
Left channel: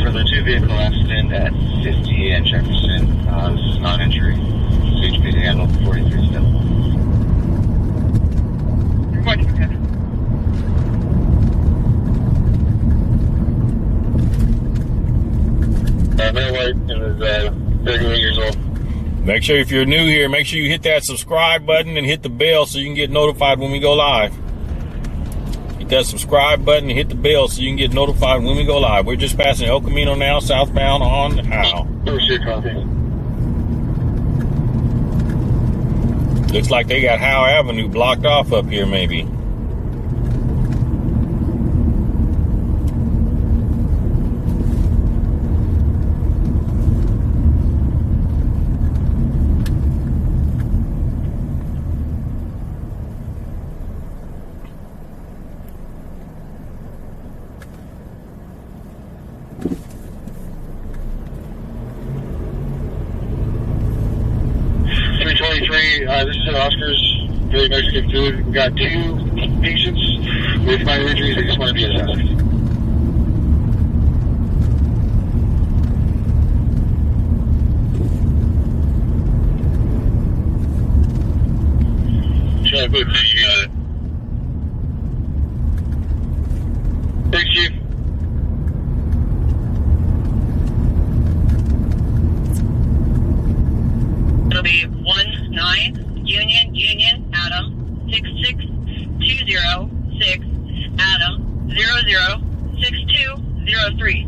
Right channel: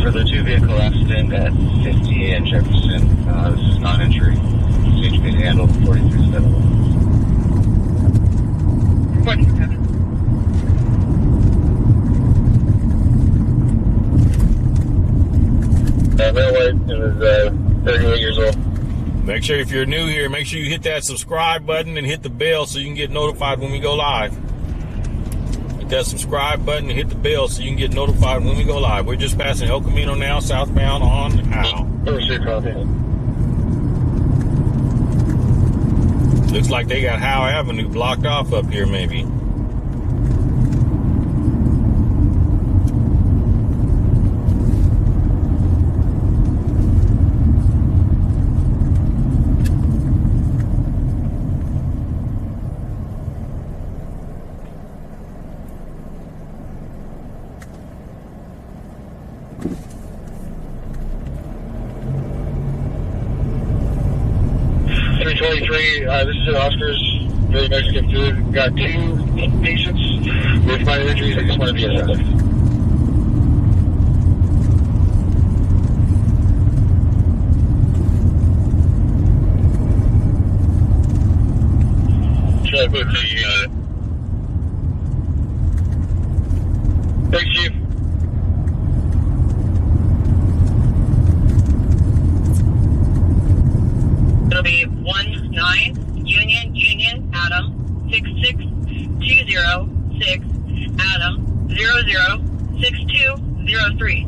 For the 2-vehicle accident at 50 and Jefferson, this is not injury. CHP handled 43-7. Reporting for Kevin. Middleweight is 38 years old. Make sure if you're new here, make sure you hit that subscribe button and hit the bell so you can get notified when we go live. Hit that subscribe button and hit the bell so you can get notified when we go live. We're just passing El Camino now, southbound on Howe. Looks like they got Howe Avenue blocked off up here maybe. This is Oscar's. Very nice to get through. We've got 2 patients with minor injuries. They just want to be assessed. Should I put the, thanks, Chief. It'll be 19 Union, Adam, 66206, Adam, 006203.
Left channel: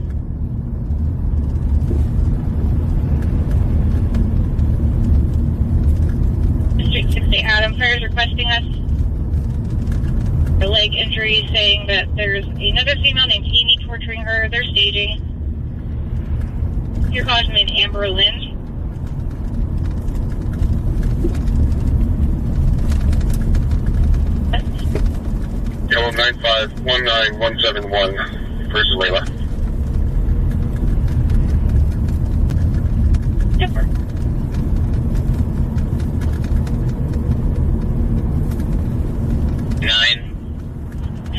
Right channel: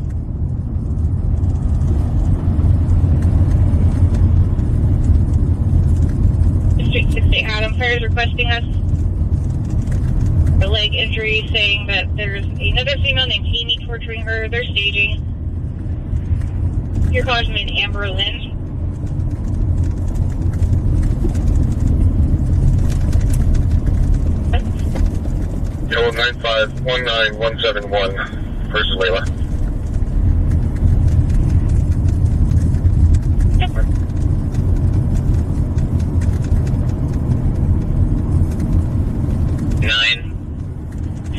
District 60 Adam Fire is requesting us a leg injury, saying that there's another female named Amy torturing her. They're staging. Your caller's named Amber Lynn. Yellow 9519171 versus Layla.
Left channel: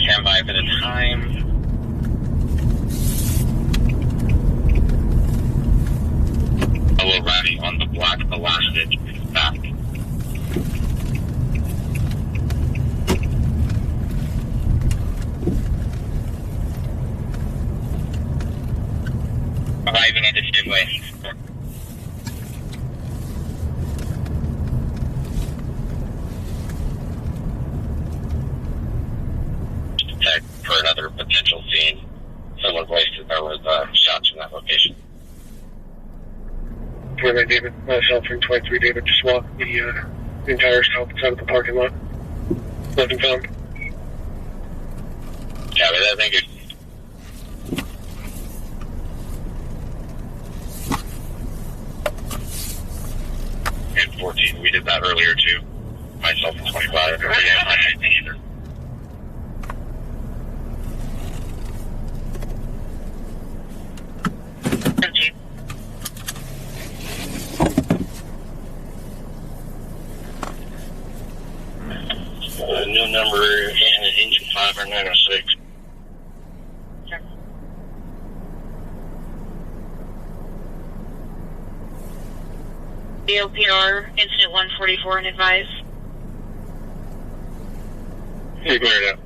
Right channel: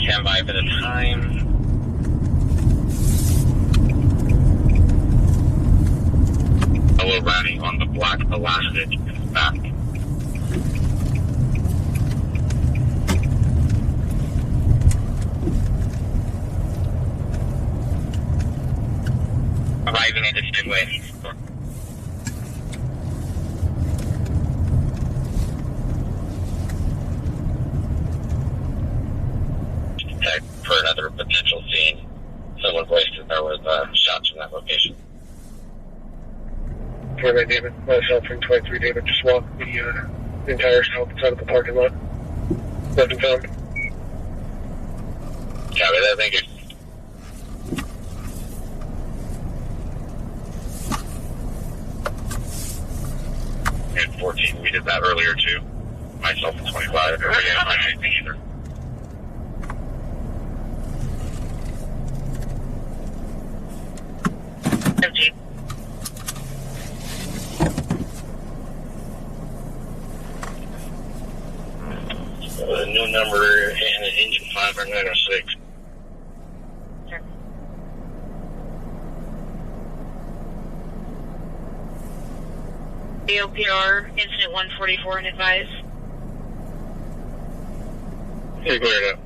Stand by for the time. Hello, riding on the black elastic back. Arriving at the Cottage Way. For another potential scene. Someone wasted there was shots in that location. 29 David, myself and 23 David just walked the entire south side of the parking lot. Nothing found. Yeah, but I think it's 14. We did that earlier too. Myself and 25. I didn't find anything either. New number and engine 5 or 906. Sure. AOPR incident 144 and advise. Hey, go ahead.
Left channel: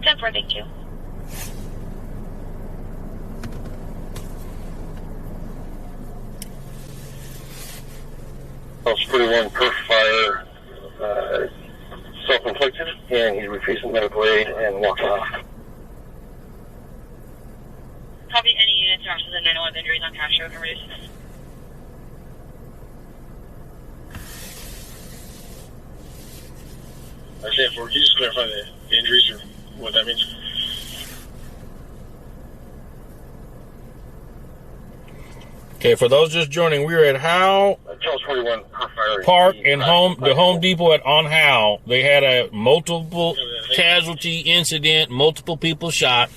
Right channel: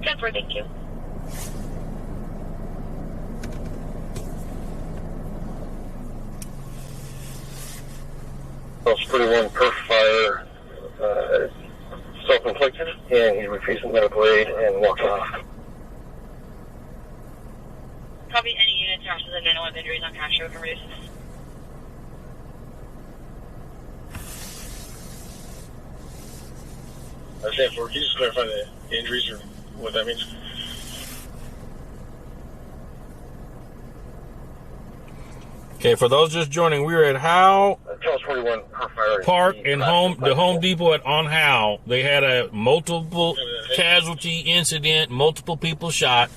10-4, thank you. House 41 per fire, self-inflicted, and he refused medical aid and walked off. Copy, any units or officers that know of injuries on Cash Road can reduce this. I said, can you just clarify the injuries or what that means? Okay, for those just joining, we were at Howe Charles 41 per fire. Park and the Home Depot on Howe. They had a multiple casualty incident, multiple people shot.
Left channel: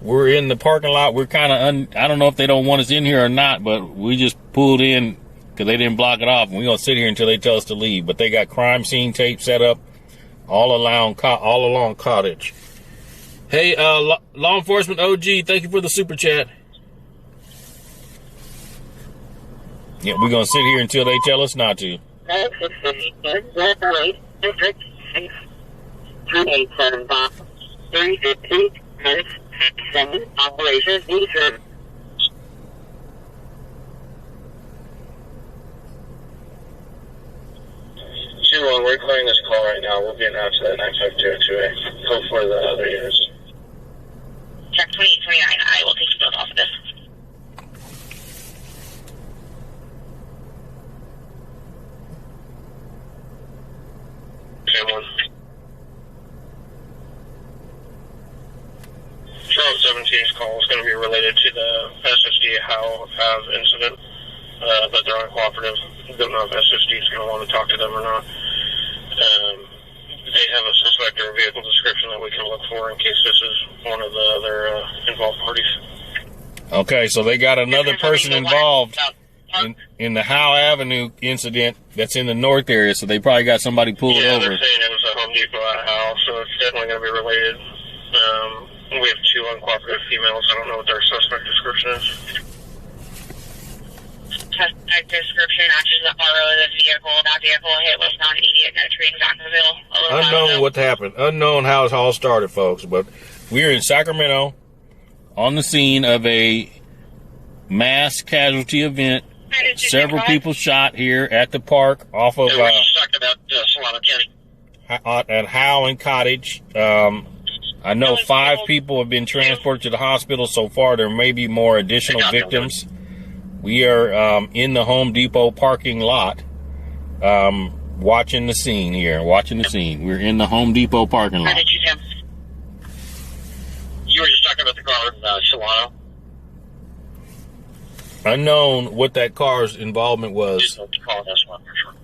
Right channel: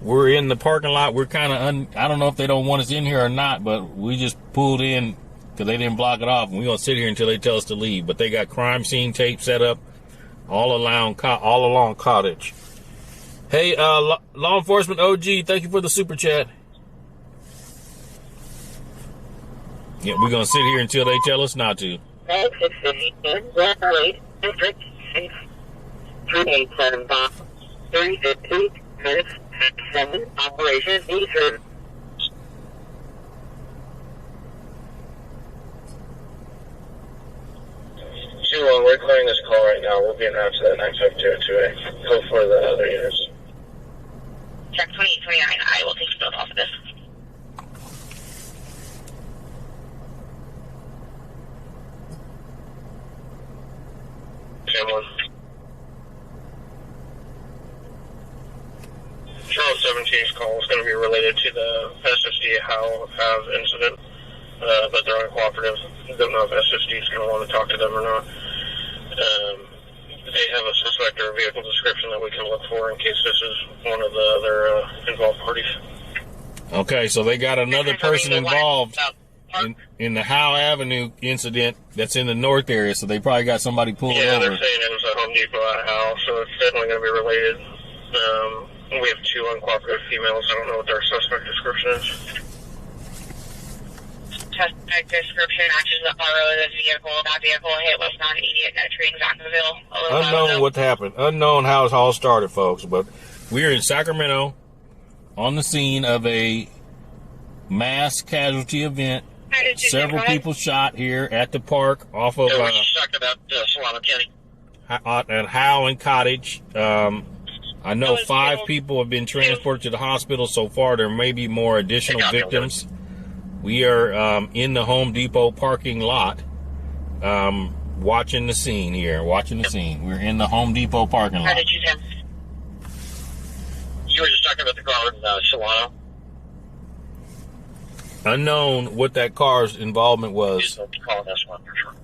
We're in the parking lot. We're kind of, I don't know if they don't want us in here or not, but we just pulled in because they didn't block it off. And we're going to sit here until they tell us to leave. But they got crime scene tape set up all along Cottage. Hey, law enforcement OG, thank you for the super chat. Yeah, we're going to sit here until they tell us not to. 315 operations featured. Zero, we're clearing this call right now. We'll be announced at 95228. Go for the other units. Check 2829, I will take you both off of this. Cameron. Charles 17's call is going to be related to the SSD Howe Ave incident, but they're uncooperative. Don't know if SSD is going to want to talk to them or not. They have a suspect or a vehicle description that we can look for in case this is one of the other involved parties. Okay, so they got another person involved in the Howe Avenue incident that's in the north area, so they probably got somebody pulled over. Yeah, they're saying it was a Home Depot at Howe, so it's definitely going to be related. We have two uncooperative females. I don't know what their suspect description is. Suspect description matches the RO of the vehicle. That vehicle hit was not immediate. No tree in Jacksonville. Unknown what happened. Unknown how it all started, folks. But we're in Sacramento on the scene of a mass casualty event. Several people shot here at the park off of at Howe and Cottage. I know 5 people have been transported to the hospital so far. There may be more additional victims. We are in the Home Depot parking lot, watching the scene here. We're in the Home Depot parking lot. How did you do? You were just talking about the car in Solano? Unknown what that car's involvement was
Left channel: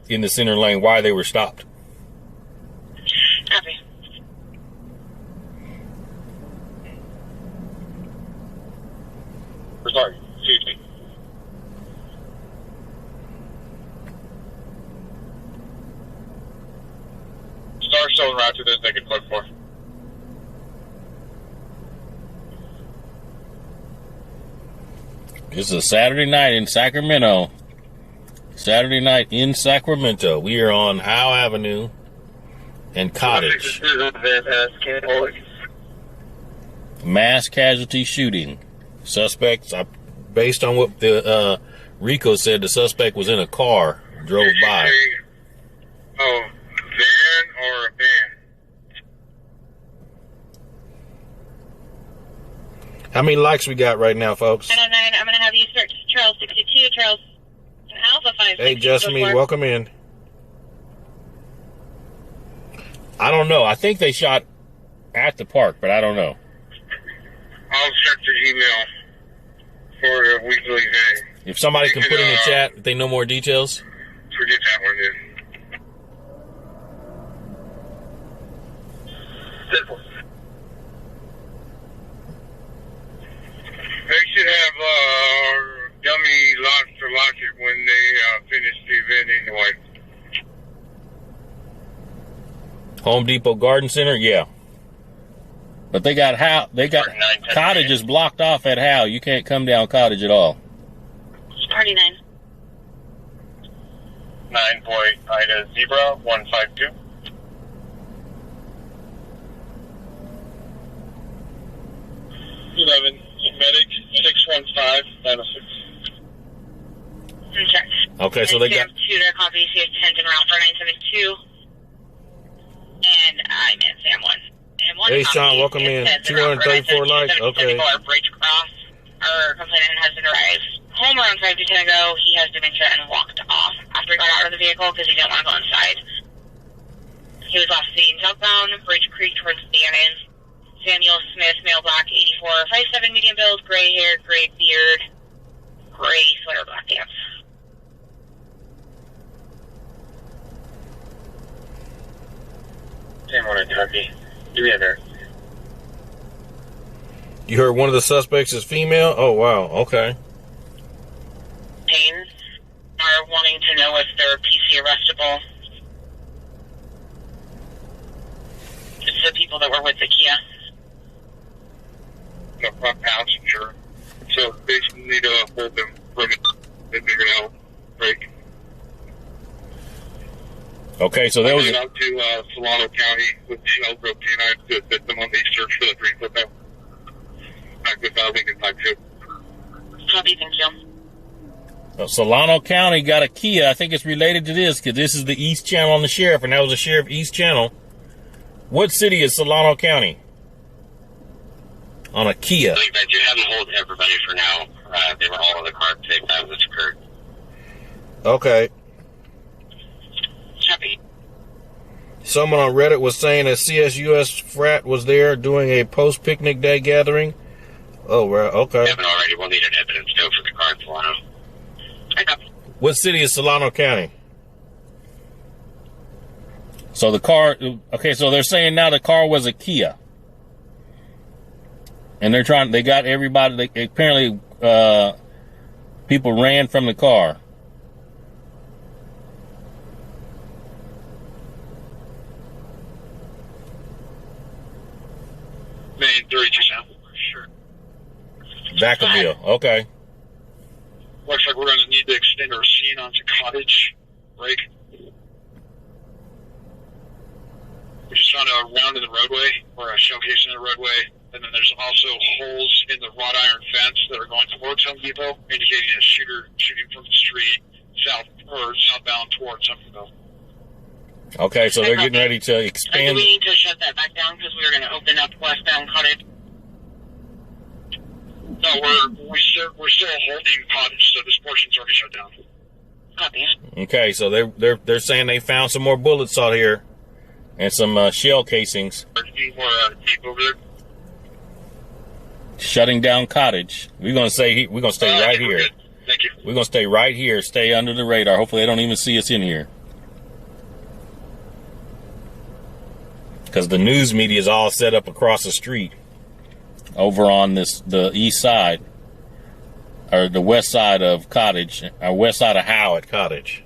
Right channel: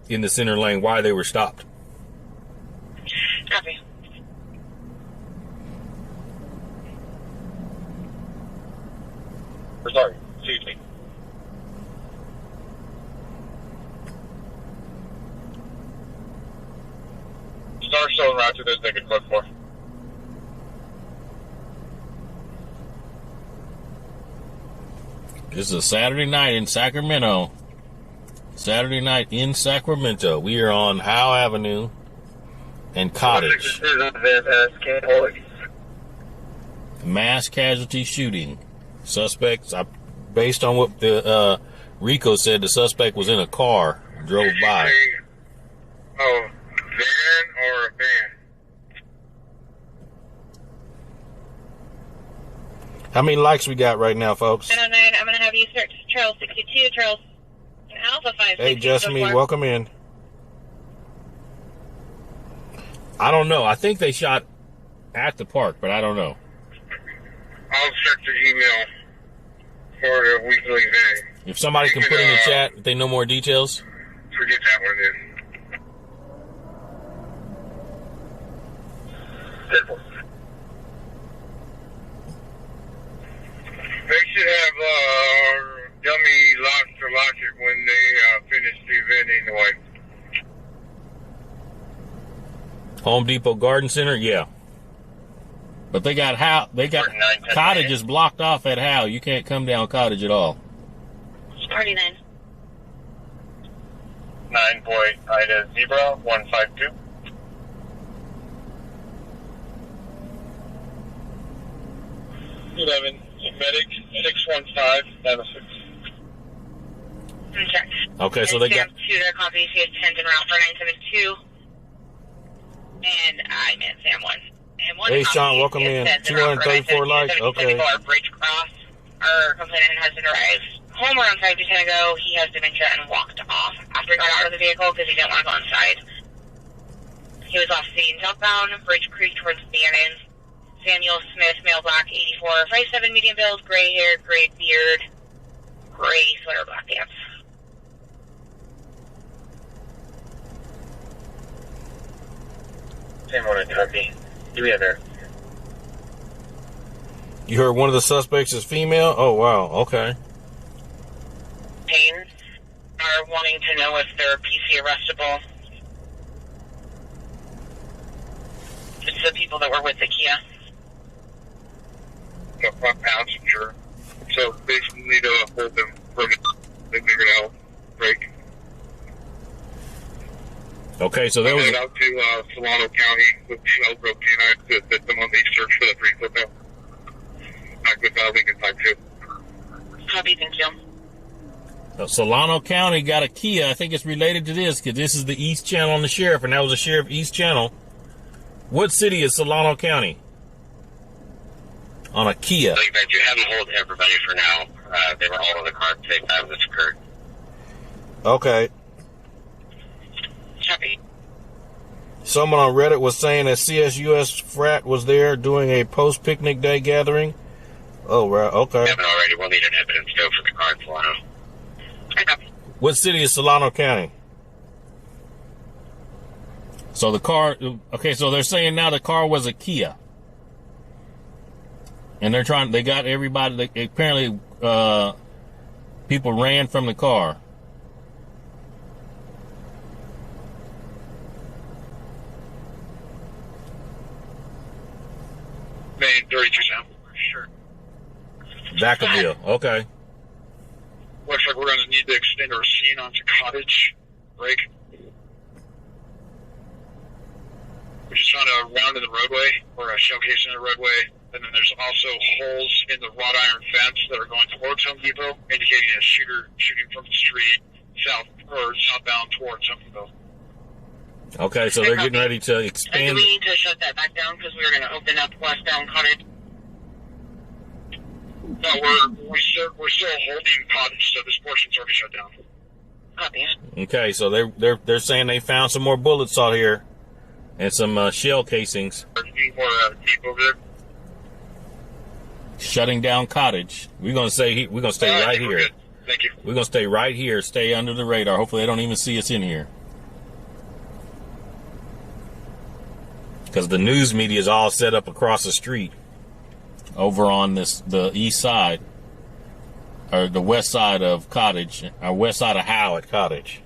in the center lane, why they were stopped. still en route to those naked code for. This is a Saturday night in Sacramento. Saturday night in Sacramento. We are on Howe Avenue and Cottage. Mass casualty shooting. Suspects, based on what the Rico said, the suspect was in a car, drove by. Oh, van or a van? How many likes we got right now, folks? 909, I'm going to have you search Charles 62, Charles Alpha 5. Hey, just me. Welcome in. I don't know. I think they shot at the park, but I don't know. I'll check the email for a weekly day. If somebody can put in the chat if they know more details. Forget that one then. They should have dummy locks for logic when they finish preventing the wife. Home Depot Garden Center, yeah. But they got Cottage is blocked off at Howe. You can't come down Cottage at all. 49. 9 boy Ida Zebra 152. Medic 615 906. Okay, so they got. Shooter copies. He has 10 en route for 972. And I'm in Sam 1. And one Hey, Sean, welcome in. 234 likes. Okay. Bridge cross. Our complainant has been arrived home around 5 to 10 ago. He has dementia and walked off after he got out of the vehicle because he didn't want to go inside. He was off scene southbound, Bridge Creek towards Bannon. Samuel Smith, male black, 84, 5'7", medium build, gray hair, gray beard, gray sweater, black pants. Same one in Turkey. 300. You heard one of the suspects is female? Oh, wow. Okay. Pains are wanting to know if they're PC arrestable. It's the people that were with the Kia. The front passenger. So they need to hold them from it. They figured out break. Okay, so there was. I went out to Solano County with Elbrook Canine to assist them on the search for the free football. Back with Lincoln Type 2. Copy, thank you. Solano County got a Kia. I think it's related to this because this is the East Channel on the sheriff, and that was the sheriff East Channel. What city is Solano County? On a Kia. I think that you have them hold everybody for now. They were all in the car at the same time this occurred. Okay. Copy. Someone on Reddit was saying that CSUS frat was there doing a post-picnic day gathering. Oh, right. Okay. Haven't already. We'll need an evidence though for the car in Solano. What city is Solano County? So the car, okay, so they're saying now the car was a Kia. And they got everybody, apparently people ran from the car. Main 32 Sure. Vacaville, okay. Looks like we're going to need to extend our scene onto Cottage, right? We just found a round in the roadway, or a showcase in the roadway, and then there's also holes in the wrought iron fence that are going towards Home Depot, indicating a shooter shooting from the street southbound towards Home Depot. Okay, so they're getting ready to expand. We need to shut that back down because we were going to open up westbound Cottage. No, we're still holding Cottage, so this portion's already shut down. Copy. Okay, so they're saying they found some more bullets out here and some shell casings. Need more tape over there. Shutting down Cottage. We're gonna stay right here. Good. Thank you. We're gonna stay right here. Stay under the radar. Hopefully, they don't even see us in here. Because the news media is all set up across the street, over on the east side, or the west side of Cottage, or west side of Howe at Cottage.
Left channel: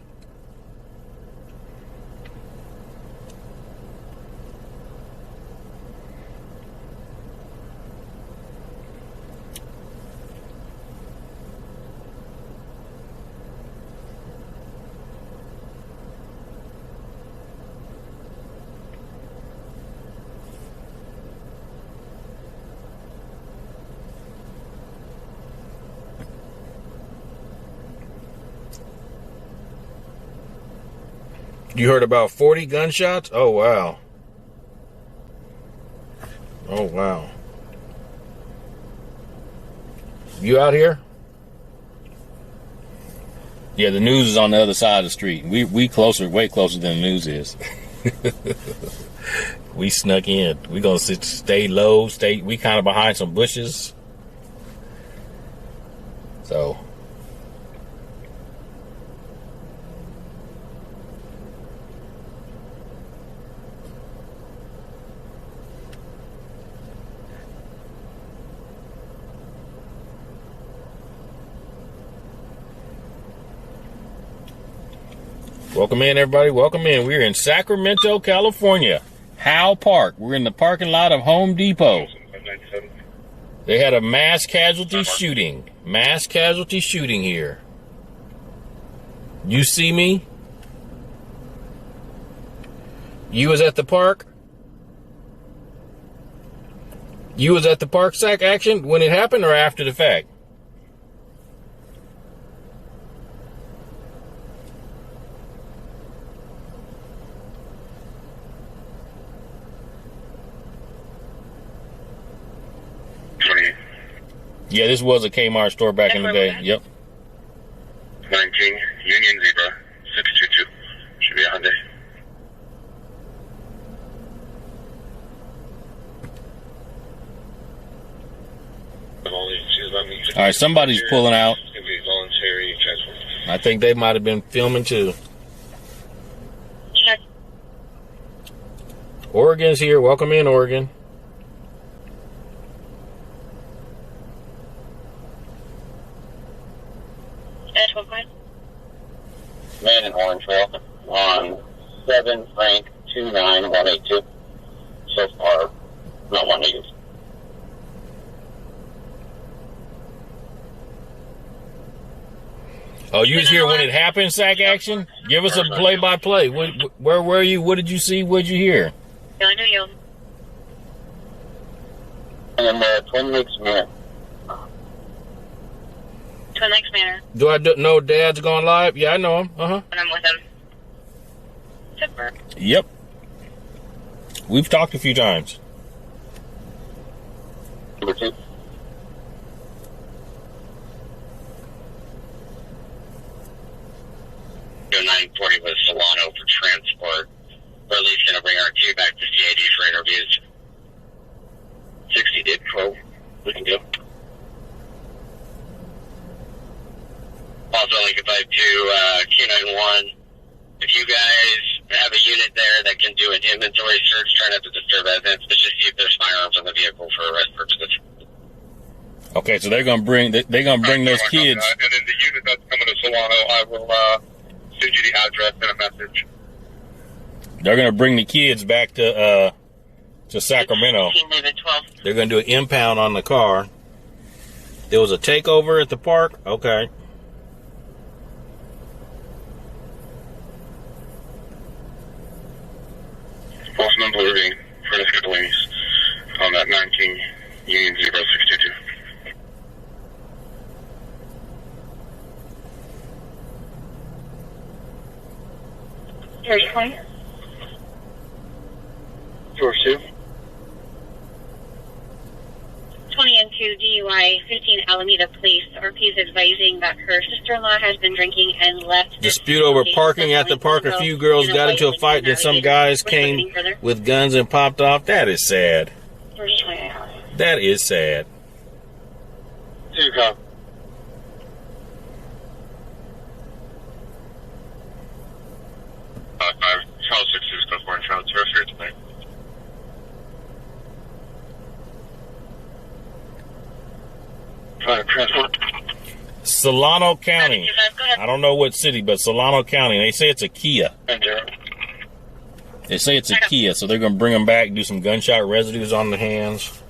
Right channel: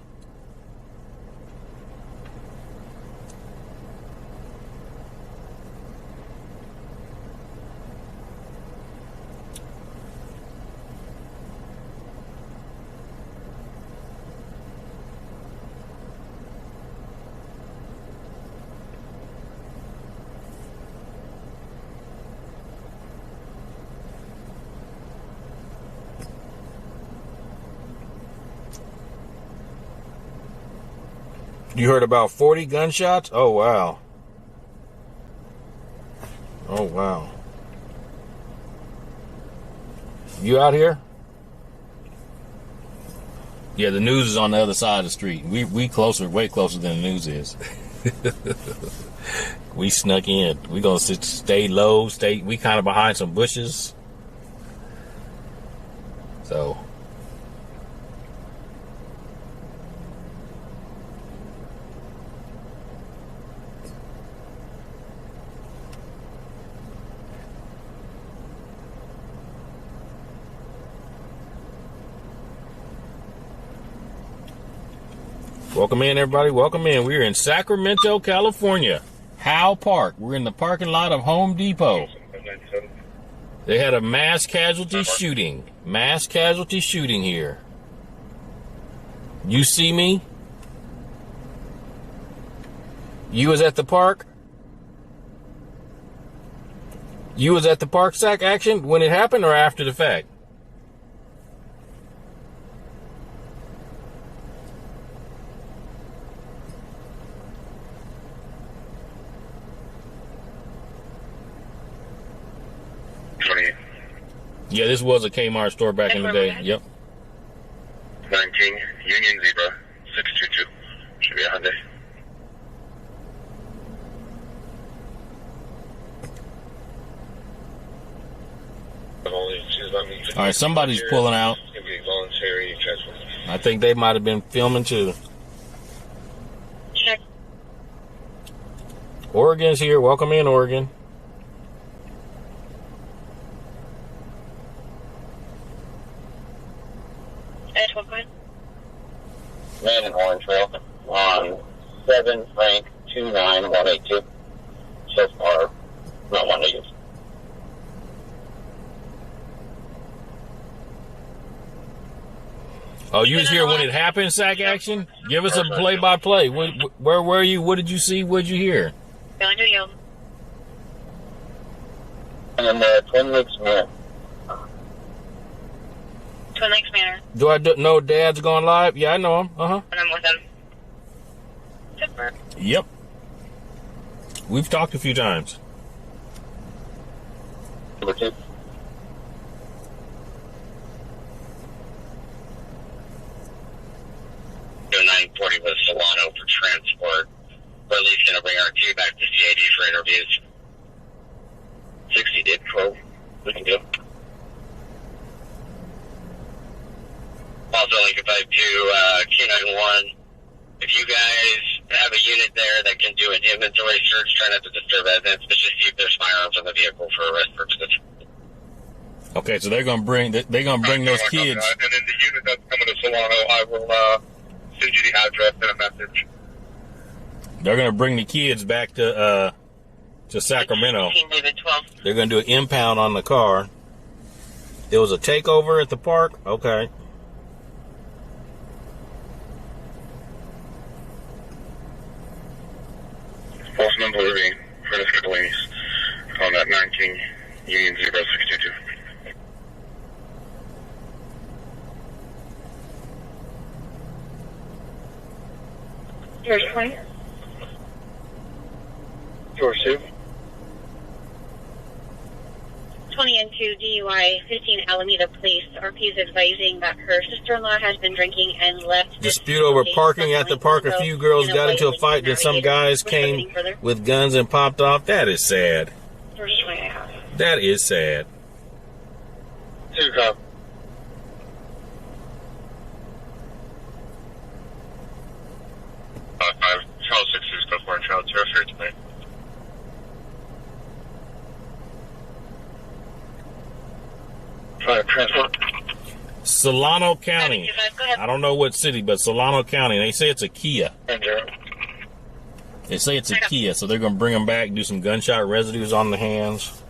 You heard about 40 gunshots? Oh, wow. Oh, wow. You out here? Yeah, the news is on the other side of the street. We closer, way closer than the news is. We snuck in. We gonna stay low, we kind of behind some bushes. So. Welcome in, everybody. Welcome in. We're in Sacramento, California. Howe Park. We're in the parking lot of Home Depot. They had a mass casualty shooting. Mass casualty shooting here. You see me? You was at the park? You was at the park, Sac, action when it happened or after the fact? Yeah, this was a Kmart store back in the day. Yep. 19, Union Zebra, 622. Should be a Hyundai. All right, somebody's pulling out. It's going to be voluntary transport. I think they might have been filming too. Check. Oregon's here. Welcome in, Oregon. Man in Orangeville on 7 Frank 29182. So far, not one to use. Oh, you was here when it happened, Sac action? Give us a play-by-play. Where were you? What did you see? What did you hear? I knew you. And then Twin Lakes Manor. Twin Lakes Manor. Do I know Dad's going live? Yeah, I know him. Uh-huh. And I'm with him. Super. Yep. We've talked a few times. Number 2. The 940 was Solano for transport. We're at least going to bring our queue back to CAD for interviews. 60 did 12. We can do. Also, like if I do Q91, if you guys have a unit there that can do an inventory search, try not to disturb evidence, but just see if there's firearms on the vehicle for arrest purposes. Okay, so they're gonna bring those kids. And then the unit that's coming to Solano, I will send you the address and a message. They're gonna bring the kids back to Sacramento. They're gonna do an impound on the car. There was a takeover at the park. Okay. False number delivery for this couple ladies on that 19 Union 0622. George 20. George 2. 20 and 2 DUI, 15 Alameda Police. RP is advising that her sister-in-law has been drinking and left. Dispute over parking at the park. A few girls got into a fight, then some guys came with guns and popped off. That is sad. That is sad. 2 cop. Child 6 is go for child 0 here tonight. Transport. Solano County. I don't know what city, but Solano County. They say it's a Kia. They say it's a Kia, so they're going to bring them back, do some gunshot residues on the hands.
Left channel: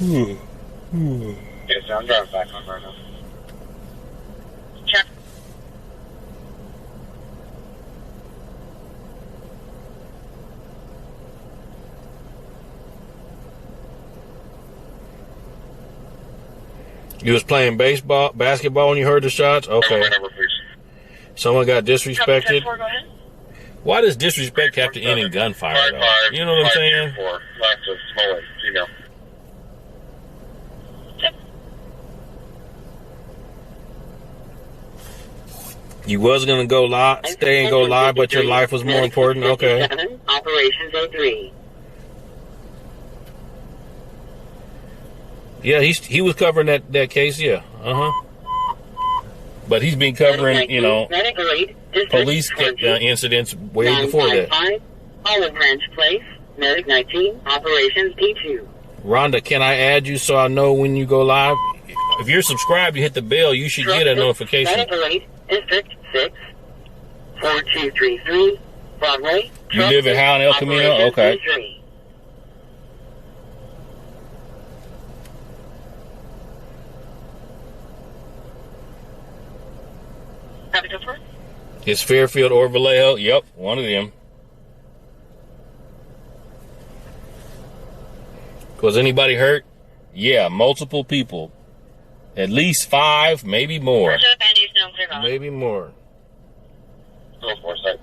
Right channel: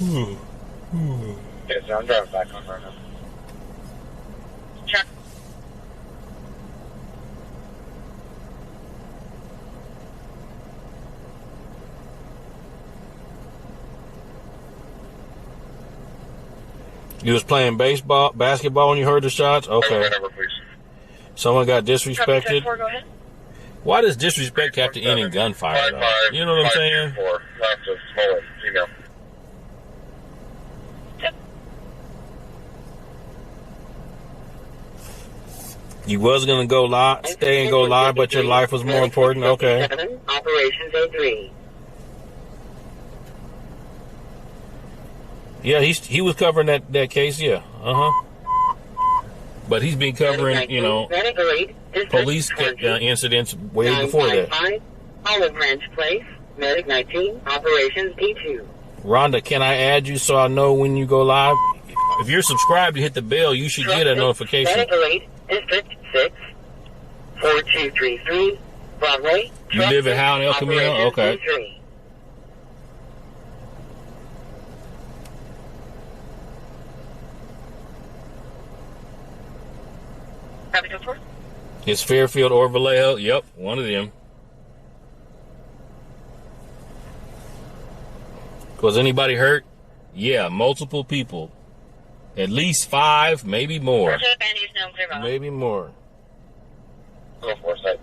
Yes, I'm driving back on right now. Check. You was playing basketball when you heard the shots? Okay. Number, please. Someone got disrespected. Go ahead. Why does disrespect have to end in gunfire, though? You know what I'm saying? 4, last of Smollett, female. You was gonna go live, stay and go live, but your life was more important. Okay. Operations A3. Yeah, he was covering that case. Yeah. But he's been covering, you know, police incidents way before that. Olive Branch Place, Medic 19, Operations D2. Rhonda, can I add you so I know when you go live? If you're subscribed, you hit the bell, you should get a notification. Medical Aid, District 6, 4233, Broadway. You live in Howe and El Camino? Okay. D3. It's Fairfield or Vallejo. Yep, one of them. Was anybody hurt? Yeah, multiple people. At least 5, maybe more. Maybe more. Go for it.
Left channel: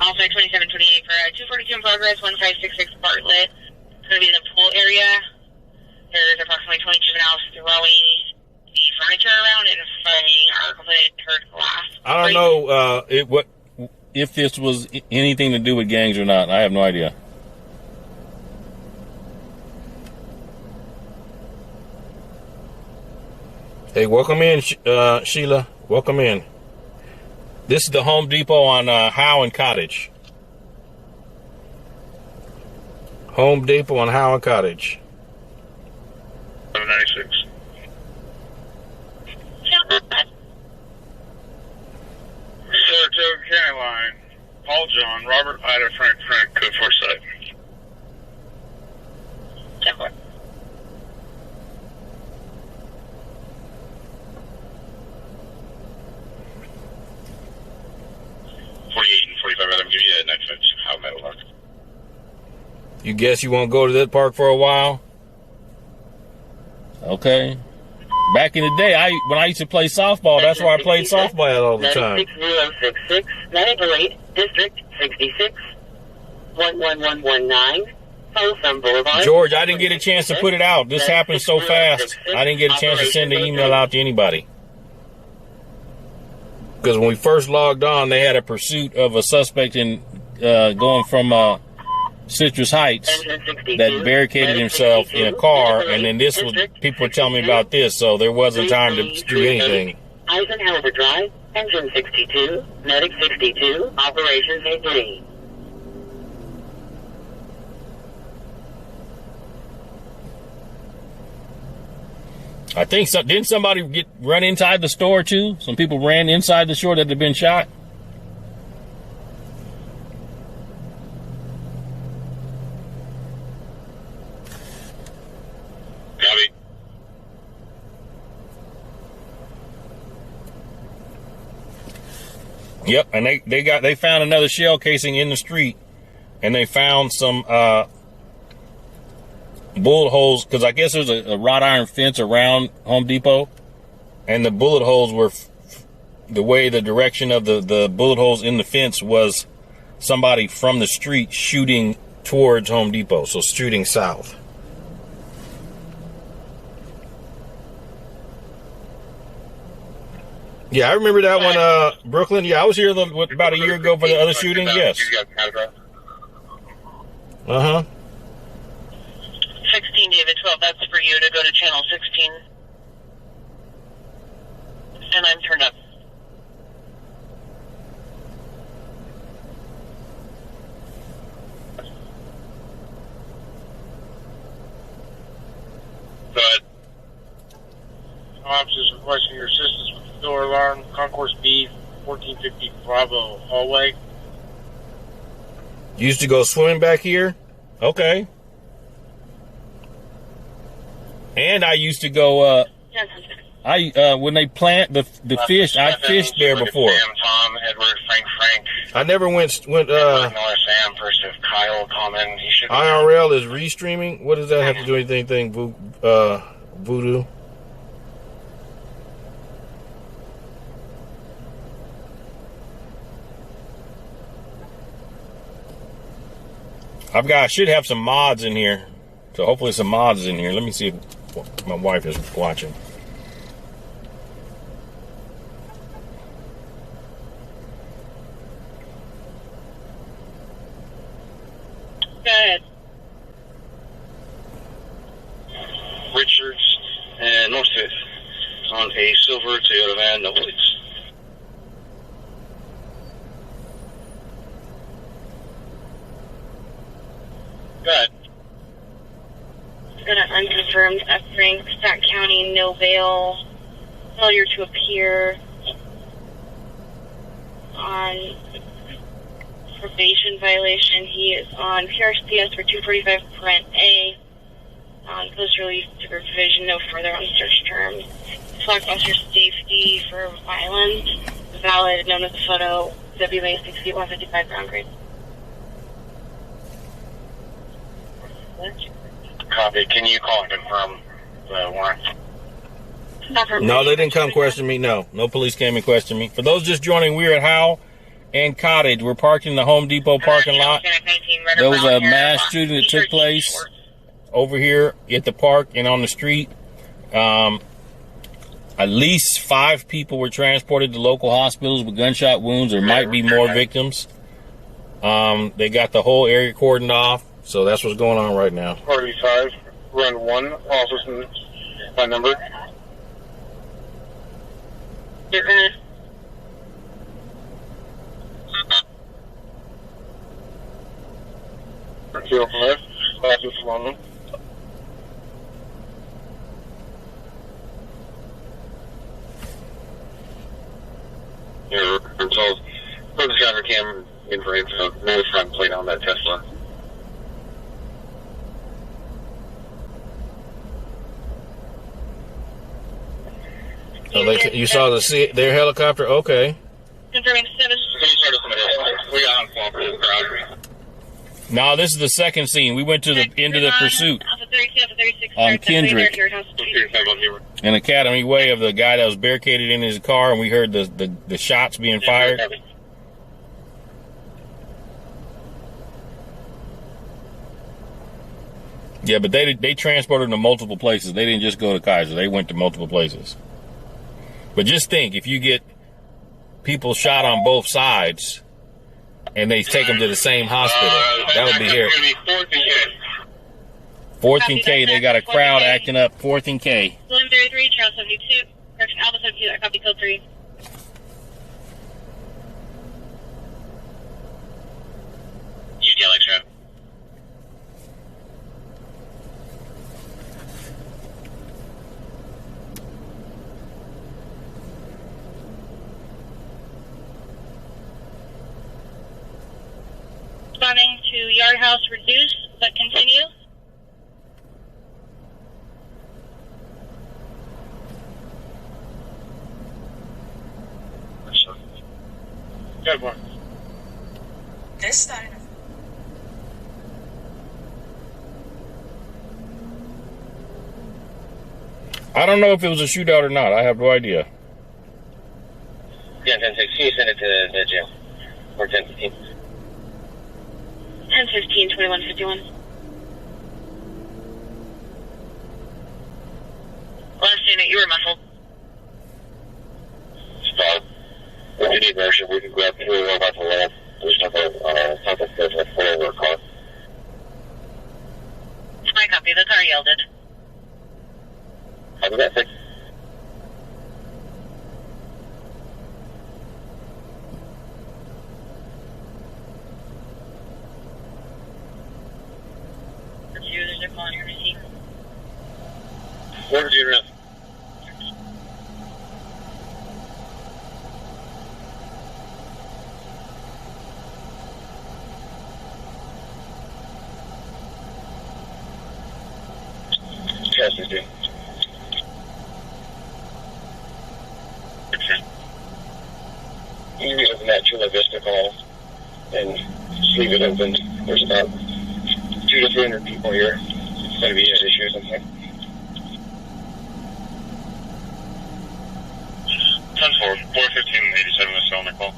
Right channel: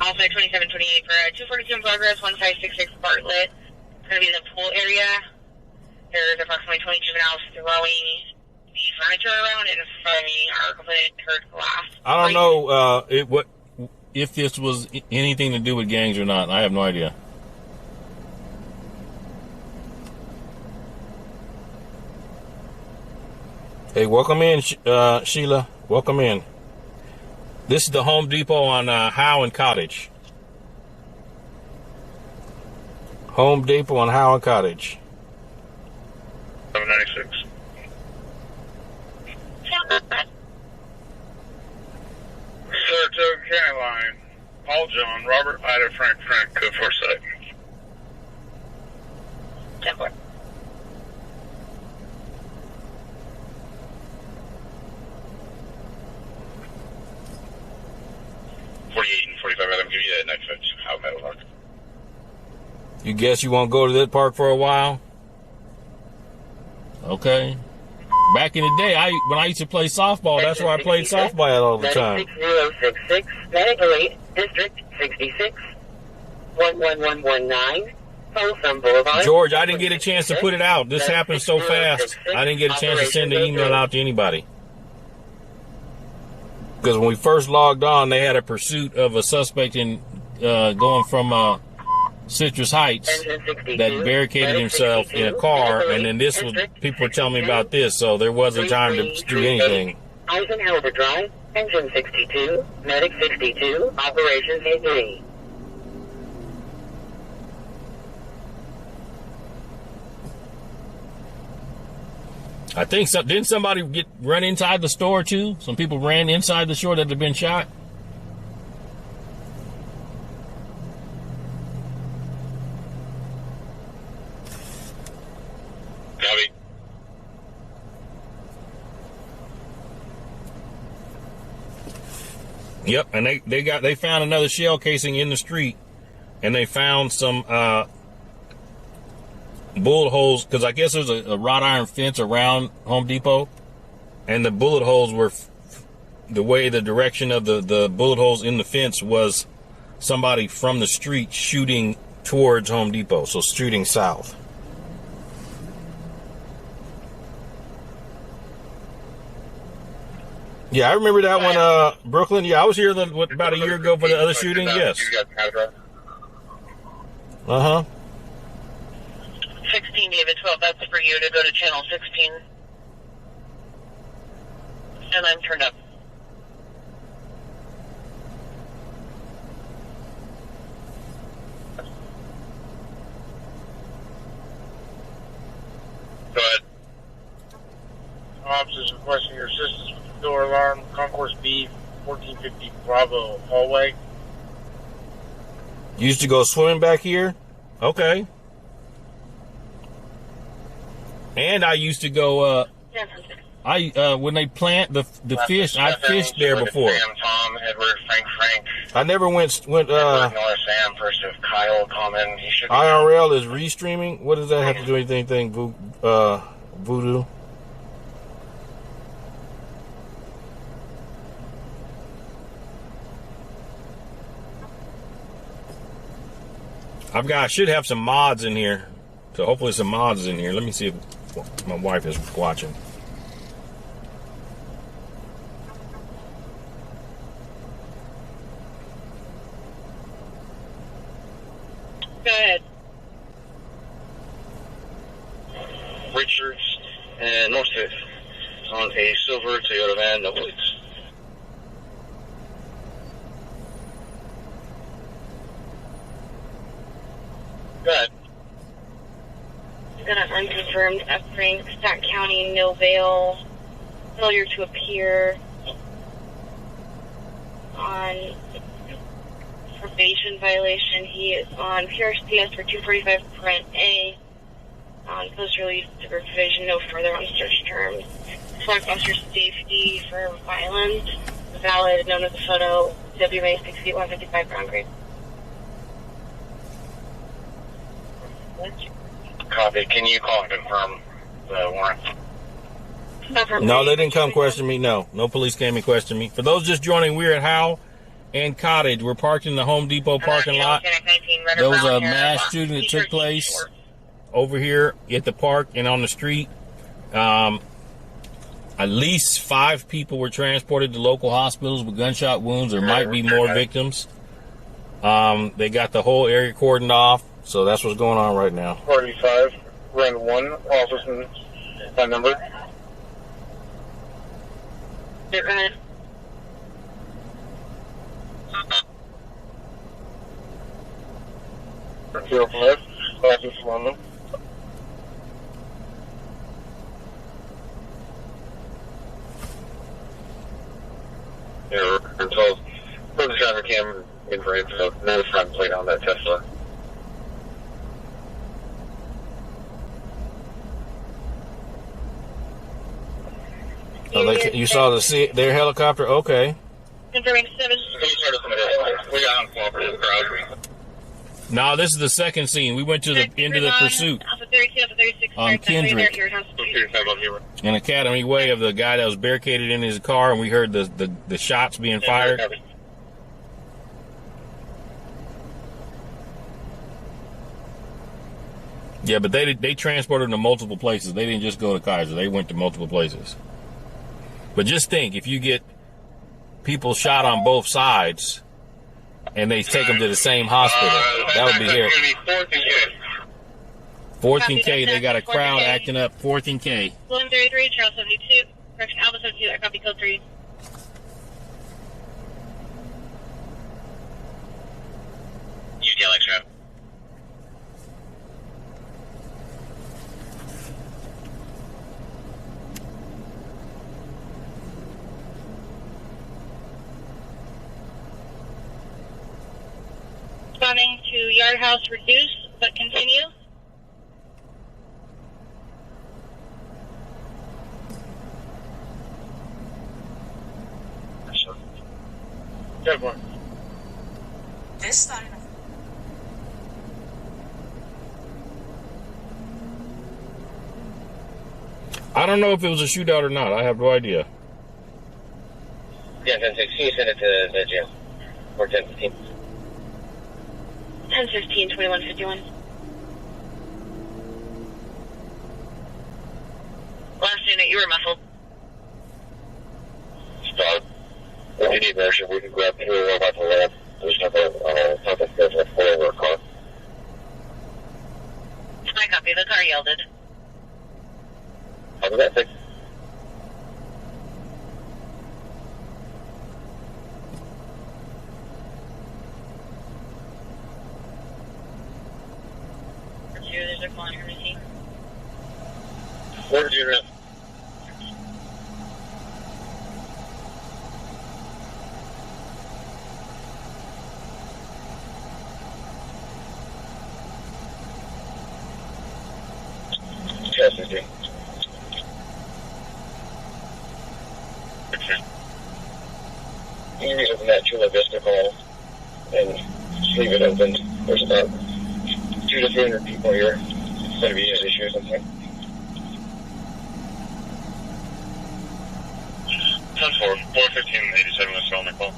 Also 2728 for 242 in progress, 1566 Bartlett. It's going to be in the pool area. There's approximately 20 juveniles throwing the furniture around and fighting our complete hurt glass. I don't know if this was anything to do with gangs or not. I have no idea. Hey, welcome in, Sheila. Welcome in. This is the Home Depot on Howe and Cottage. Home Depot on Howe and Cottage. 796. Saratoga County Line. Paul John, Robert Ida, Frank, code 4 site. 10-4. I'll give you a next how that will work. You guess you won't go to that park for a while? Okay. Back in the day, when I used to play softball, that's where I played softball all the time. 6066, Medical Aid, District 66, 11119, Folsom Boulevard. George, I didn't get a chance to put it out. This happened so fast, I didn't get a chance to send the email out to anybody. Because when we first logged on, they had a pursuit of a suspect in going from Citrus Heights that barricaded himself in a car, and then this was people were telling me about this, so there wasn't time to do anything. Eisenhower Drive, Engine 62, Medic 62, Operations A3. I think didn't somebody run inside the store too? Some people ran inside the store that had been shot. Copy. Yep, and they found another shell casing in the street, and they found some bullet holes, because I guess there's a wrought iron fence around Home Depot, and the bullet holes were the way the direction of the bullet holes in the fence was somebody from the street shooting towards Home Depot, so shooting south. Yeah, I remember that one, Brooklyn. Yeah, I was here about a year ago for the other shooting. Yes. Uh-huh. 16, David 12, that's for you to go to channel 16. And I'm turned up. Go ahead. Officers requesting your assistance with the door alarm, Concourse B, 1450 Bravo hallway. Used to go swimming back here? Okay. And I used to go. Yes. When they plant the fish, I fished there before. Sam, Tom, Edward, Frank. I never went. Miller, Sam, first of Kyle, Common. He should. IRL is restreaming. What does that have to do with anything? Voodoo. I should have some mods in here. So hopefully some mods in here. Let me see if my wife is watching. Go ahead. Richards and North Fifth on a silver Toyota van, no plates. Good. Got an unconfirmed F. Frank, Sac County, no bail, failure to appear on probation violation. He is on PRCS for 245 Parent A, on post-release supervision, no further on search terms. Select officer safety for violence, valid, known as a photo, WA 6 feet 155 ground grade. Copy. Can you call and confirm the warrant? No, they didn't come question me. No police came and questioned me. For those just joining, we're at Howe and Cottage. We're parked in the Home Depot parking lot. There was a mass shooting that took place over here at the park and on the street. At least 5 people were transported to local hospitals with gunshot wounds. There might be more victims. They got the whole area cordoned off. So that's what's going on right now. 45, run 1, officer by number. You're gonna 05, officer London. Yeah, so put the driver cam in frame, so no front plate on that Tesla. So you saw their helicopter? Okay. confirming 7. We got on cooperative crowd. No, this is the second scene. We went to the end of the pursuit Alpha 32, Alpha 36, on Kendrick in Academy Way of the guy that was barricaded in his car, and we heard the shots being fired. Yeah, but they transported him to multiple places. They didn't just go to Kaiser. They went to multiple places. But just think, if you get people shot on both sides and they take them to the same hospital, that would be here. 4th and K, they got a crowd acting up. 4th and K. William 33, Charles 72, correction, Alpha 72, that copy code 3. You get like that. Responding to Yard House reduce, but continue. Good one. This time. I don't know if it was a shootout or not. I have no idea. Yeah, 10-6. Can you send it to the jail? Or 10-15. 10-15, 21-51. Last unit, you were muffled. Stop. If you need motion, we can grab 3 about the left. There's something that's a 4 over a car. I copy, the car yielded. Copy that, 6. Users are calling your receipt. Where did you rent? Yes, I do. intersection. You use that Chula Vista call and just leave it open. There's about 200 to 300 people here. It's going to be an issue or something. 10-4, 415-87 was on the call.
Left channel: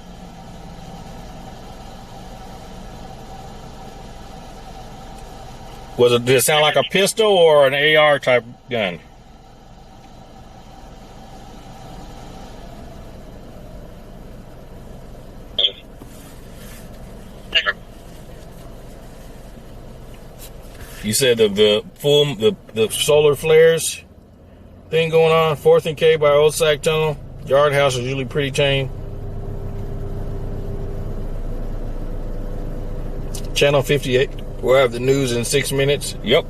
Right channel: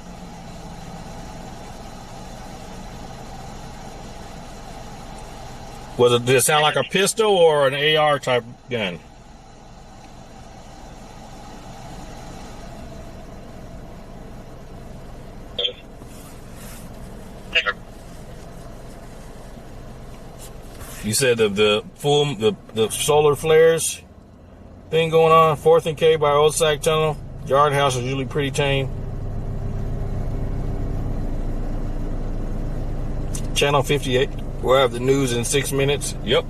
Did it sound like a pistol or an AR type gun? You said the solar flares thing going on, 4th and K by Old Sac Tunnel. Yard house is usually pretty tame. Channel 58. We'll have the news in 6 minutes. Yep.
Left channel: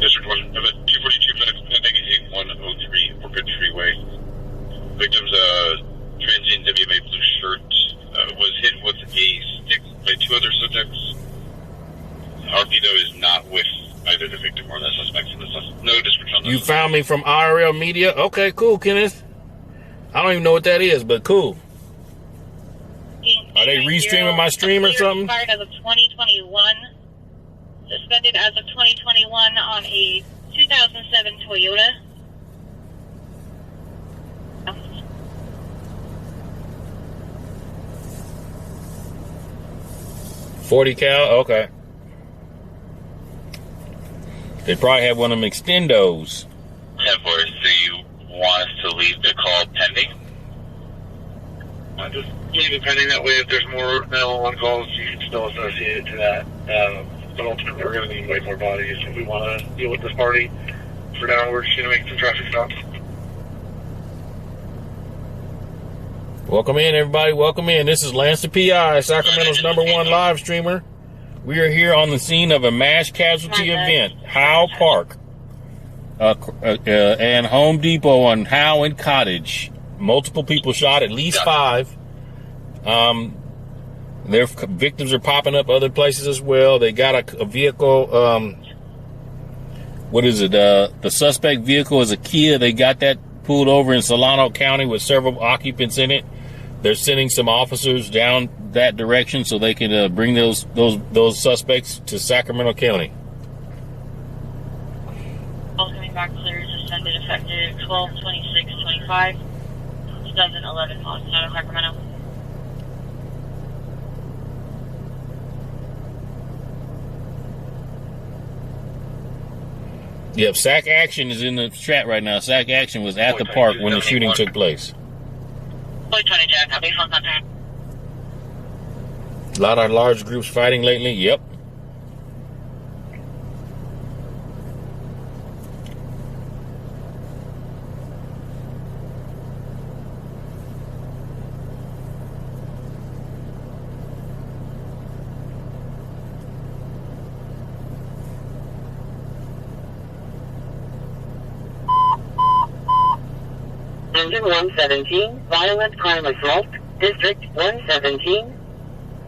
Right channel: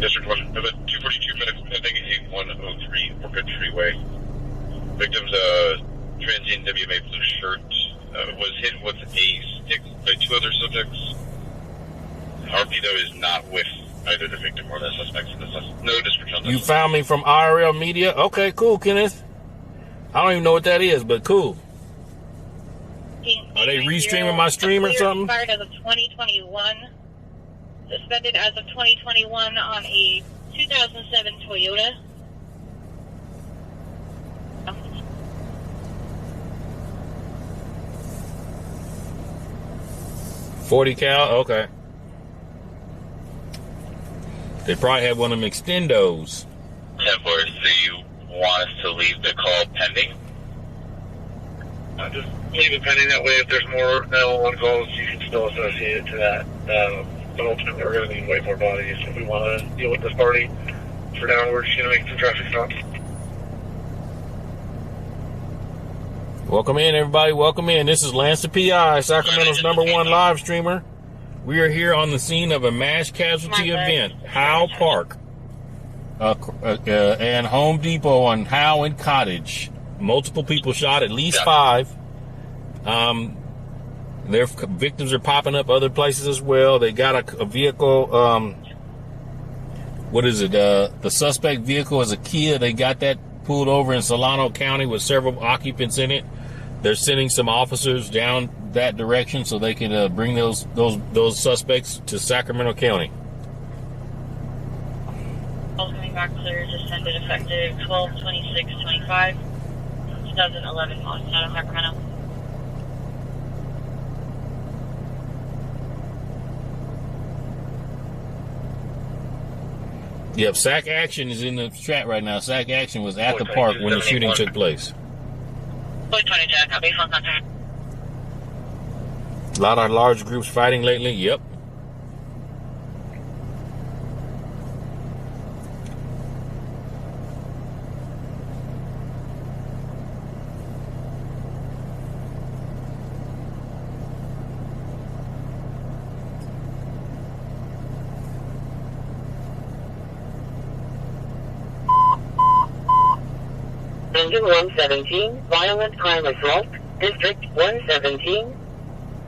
District 1, 242 negative 103 Orchid Freeway. Victim's transient WMA blue shirt was hit with a stick by 2 other subjects. RPO is not with either the victim or the suspects in the no description on this. You found me from IRL Media? Okay, cool, Kenneth. I don't even know what that is, but cool. Are they restreaming my stream or something? Expired as of 2021. Suspended as of 2021 on a 2007 Toyota. .40 cal? Okay. They probably have one of them extendos. 10-4, so you want us to leave the call pending? Just leave it pending. That way, if there's more 911 calls, you can still associate it to that. But ultimately, we're going to need way more bodies if we want to deal with this party. For now, we're just going to make some traffic stops. Welcome in, everybody. Welcome in. This is Lance the PI, Sacramento's #1 live streamer. We are here on the scene of a mass casualty event, Howe Park, and Home Depot on Howe and Cottage. Multiple people shot, at least 5. Their victims are popping up other places as well. They got a vehicle. What is it? The suspect vehicle is a Kia. They got that pulled over in Solano County with several occupants in it. They're sending some officers down that direction so they can bring those suspects to Sacramento County. All coming back clear, suspended effective 12/26/25, 2011 on Sacramento. Yep, SAC Action is in the chat right now. SAC Action was at the park when the shooting took place. Boy 20 Jack, copy, phone contact. A lot of large groups fighting lately. Yep. Engine 117, violent crime assault, District 117,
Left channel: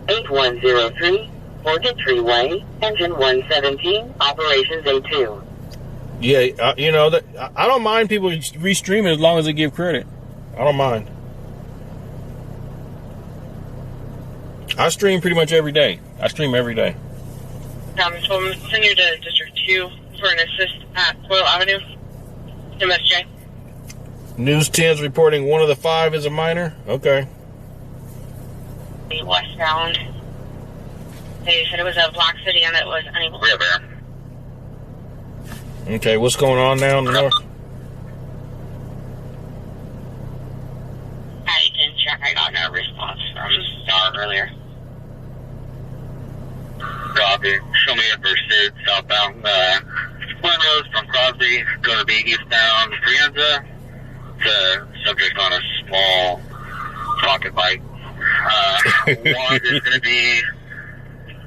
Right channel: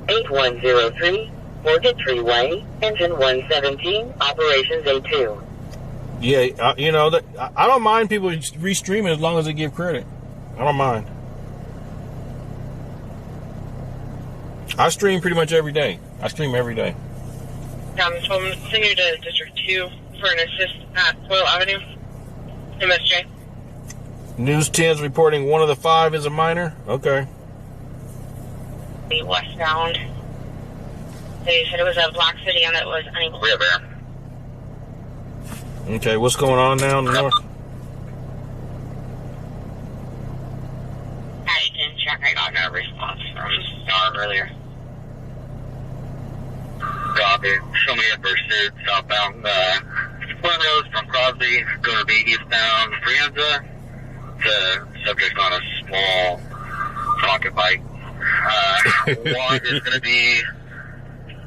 8103, Cottage Way, Engine 117, Operations A2. Yeah, you know, I don't mind people restreaming as long as they give credit. I don't mind. I stream pretty much every day. I stream every day. So I'm sending you to District 2 for an assist at Coyle Avenue, MSJ. News 10's reporting one of the 5 is a minor. Okay. Westbound. They said it was a black sedan that was unable to there. Okay, what's going on now in the north? I can check. I got no response from Star earlier. Copy. Show me a pursuit southbound Road from Crosby, going to be eastbound Brianza. The subject on a small pocket bike. One is going to be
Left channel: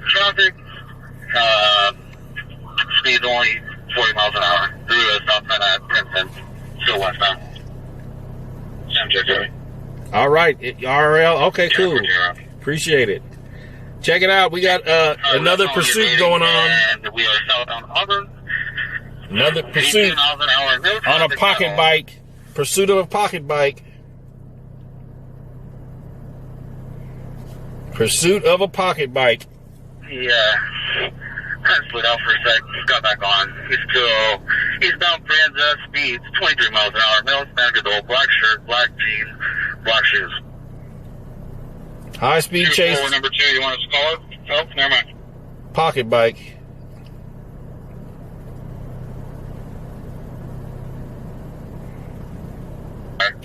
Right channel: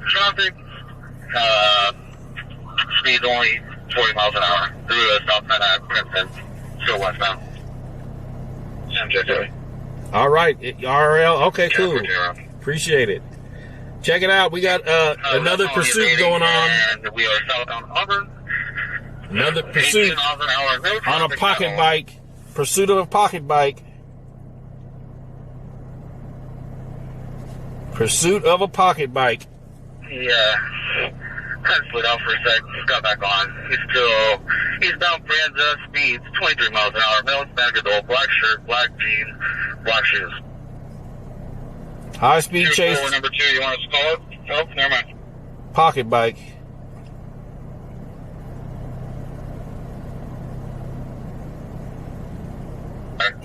traffic. Speed only 40 miles an hour through a stop sign at Princeton, still westbound. All right, RL. Okay, cool. Appreciate it. Check it out. We got another pursuit going on. And we are southbound Auburn. Another pursuit on a pocket bike Pursuit of a pocket bike. Pursuit of a pocket bike. Yeah. Kind of slid out for a sec. Just got back on. He's still eastbound Franza, speeds 23 miles an hour. Male Hispanic adult, black shirt, black jeans, black shoes. High speed chase. Number 2, you want us to call it? Oh, never mind. Pocket bike.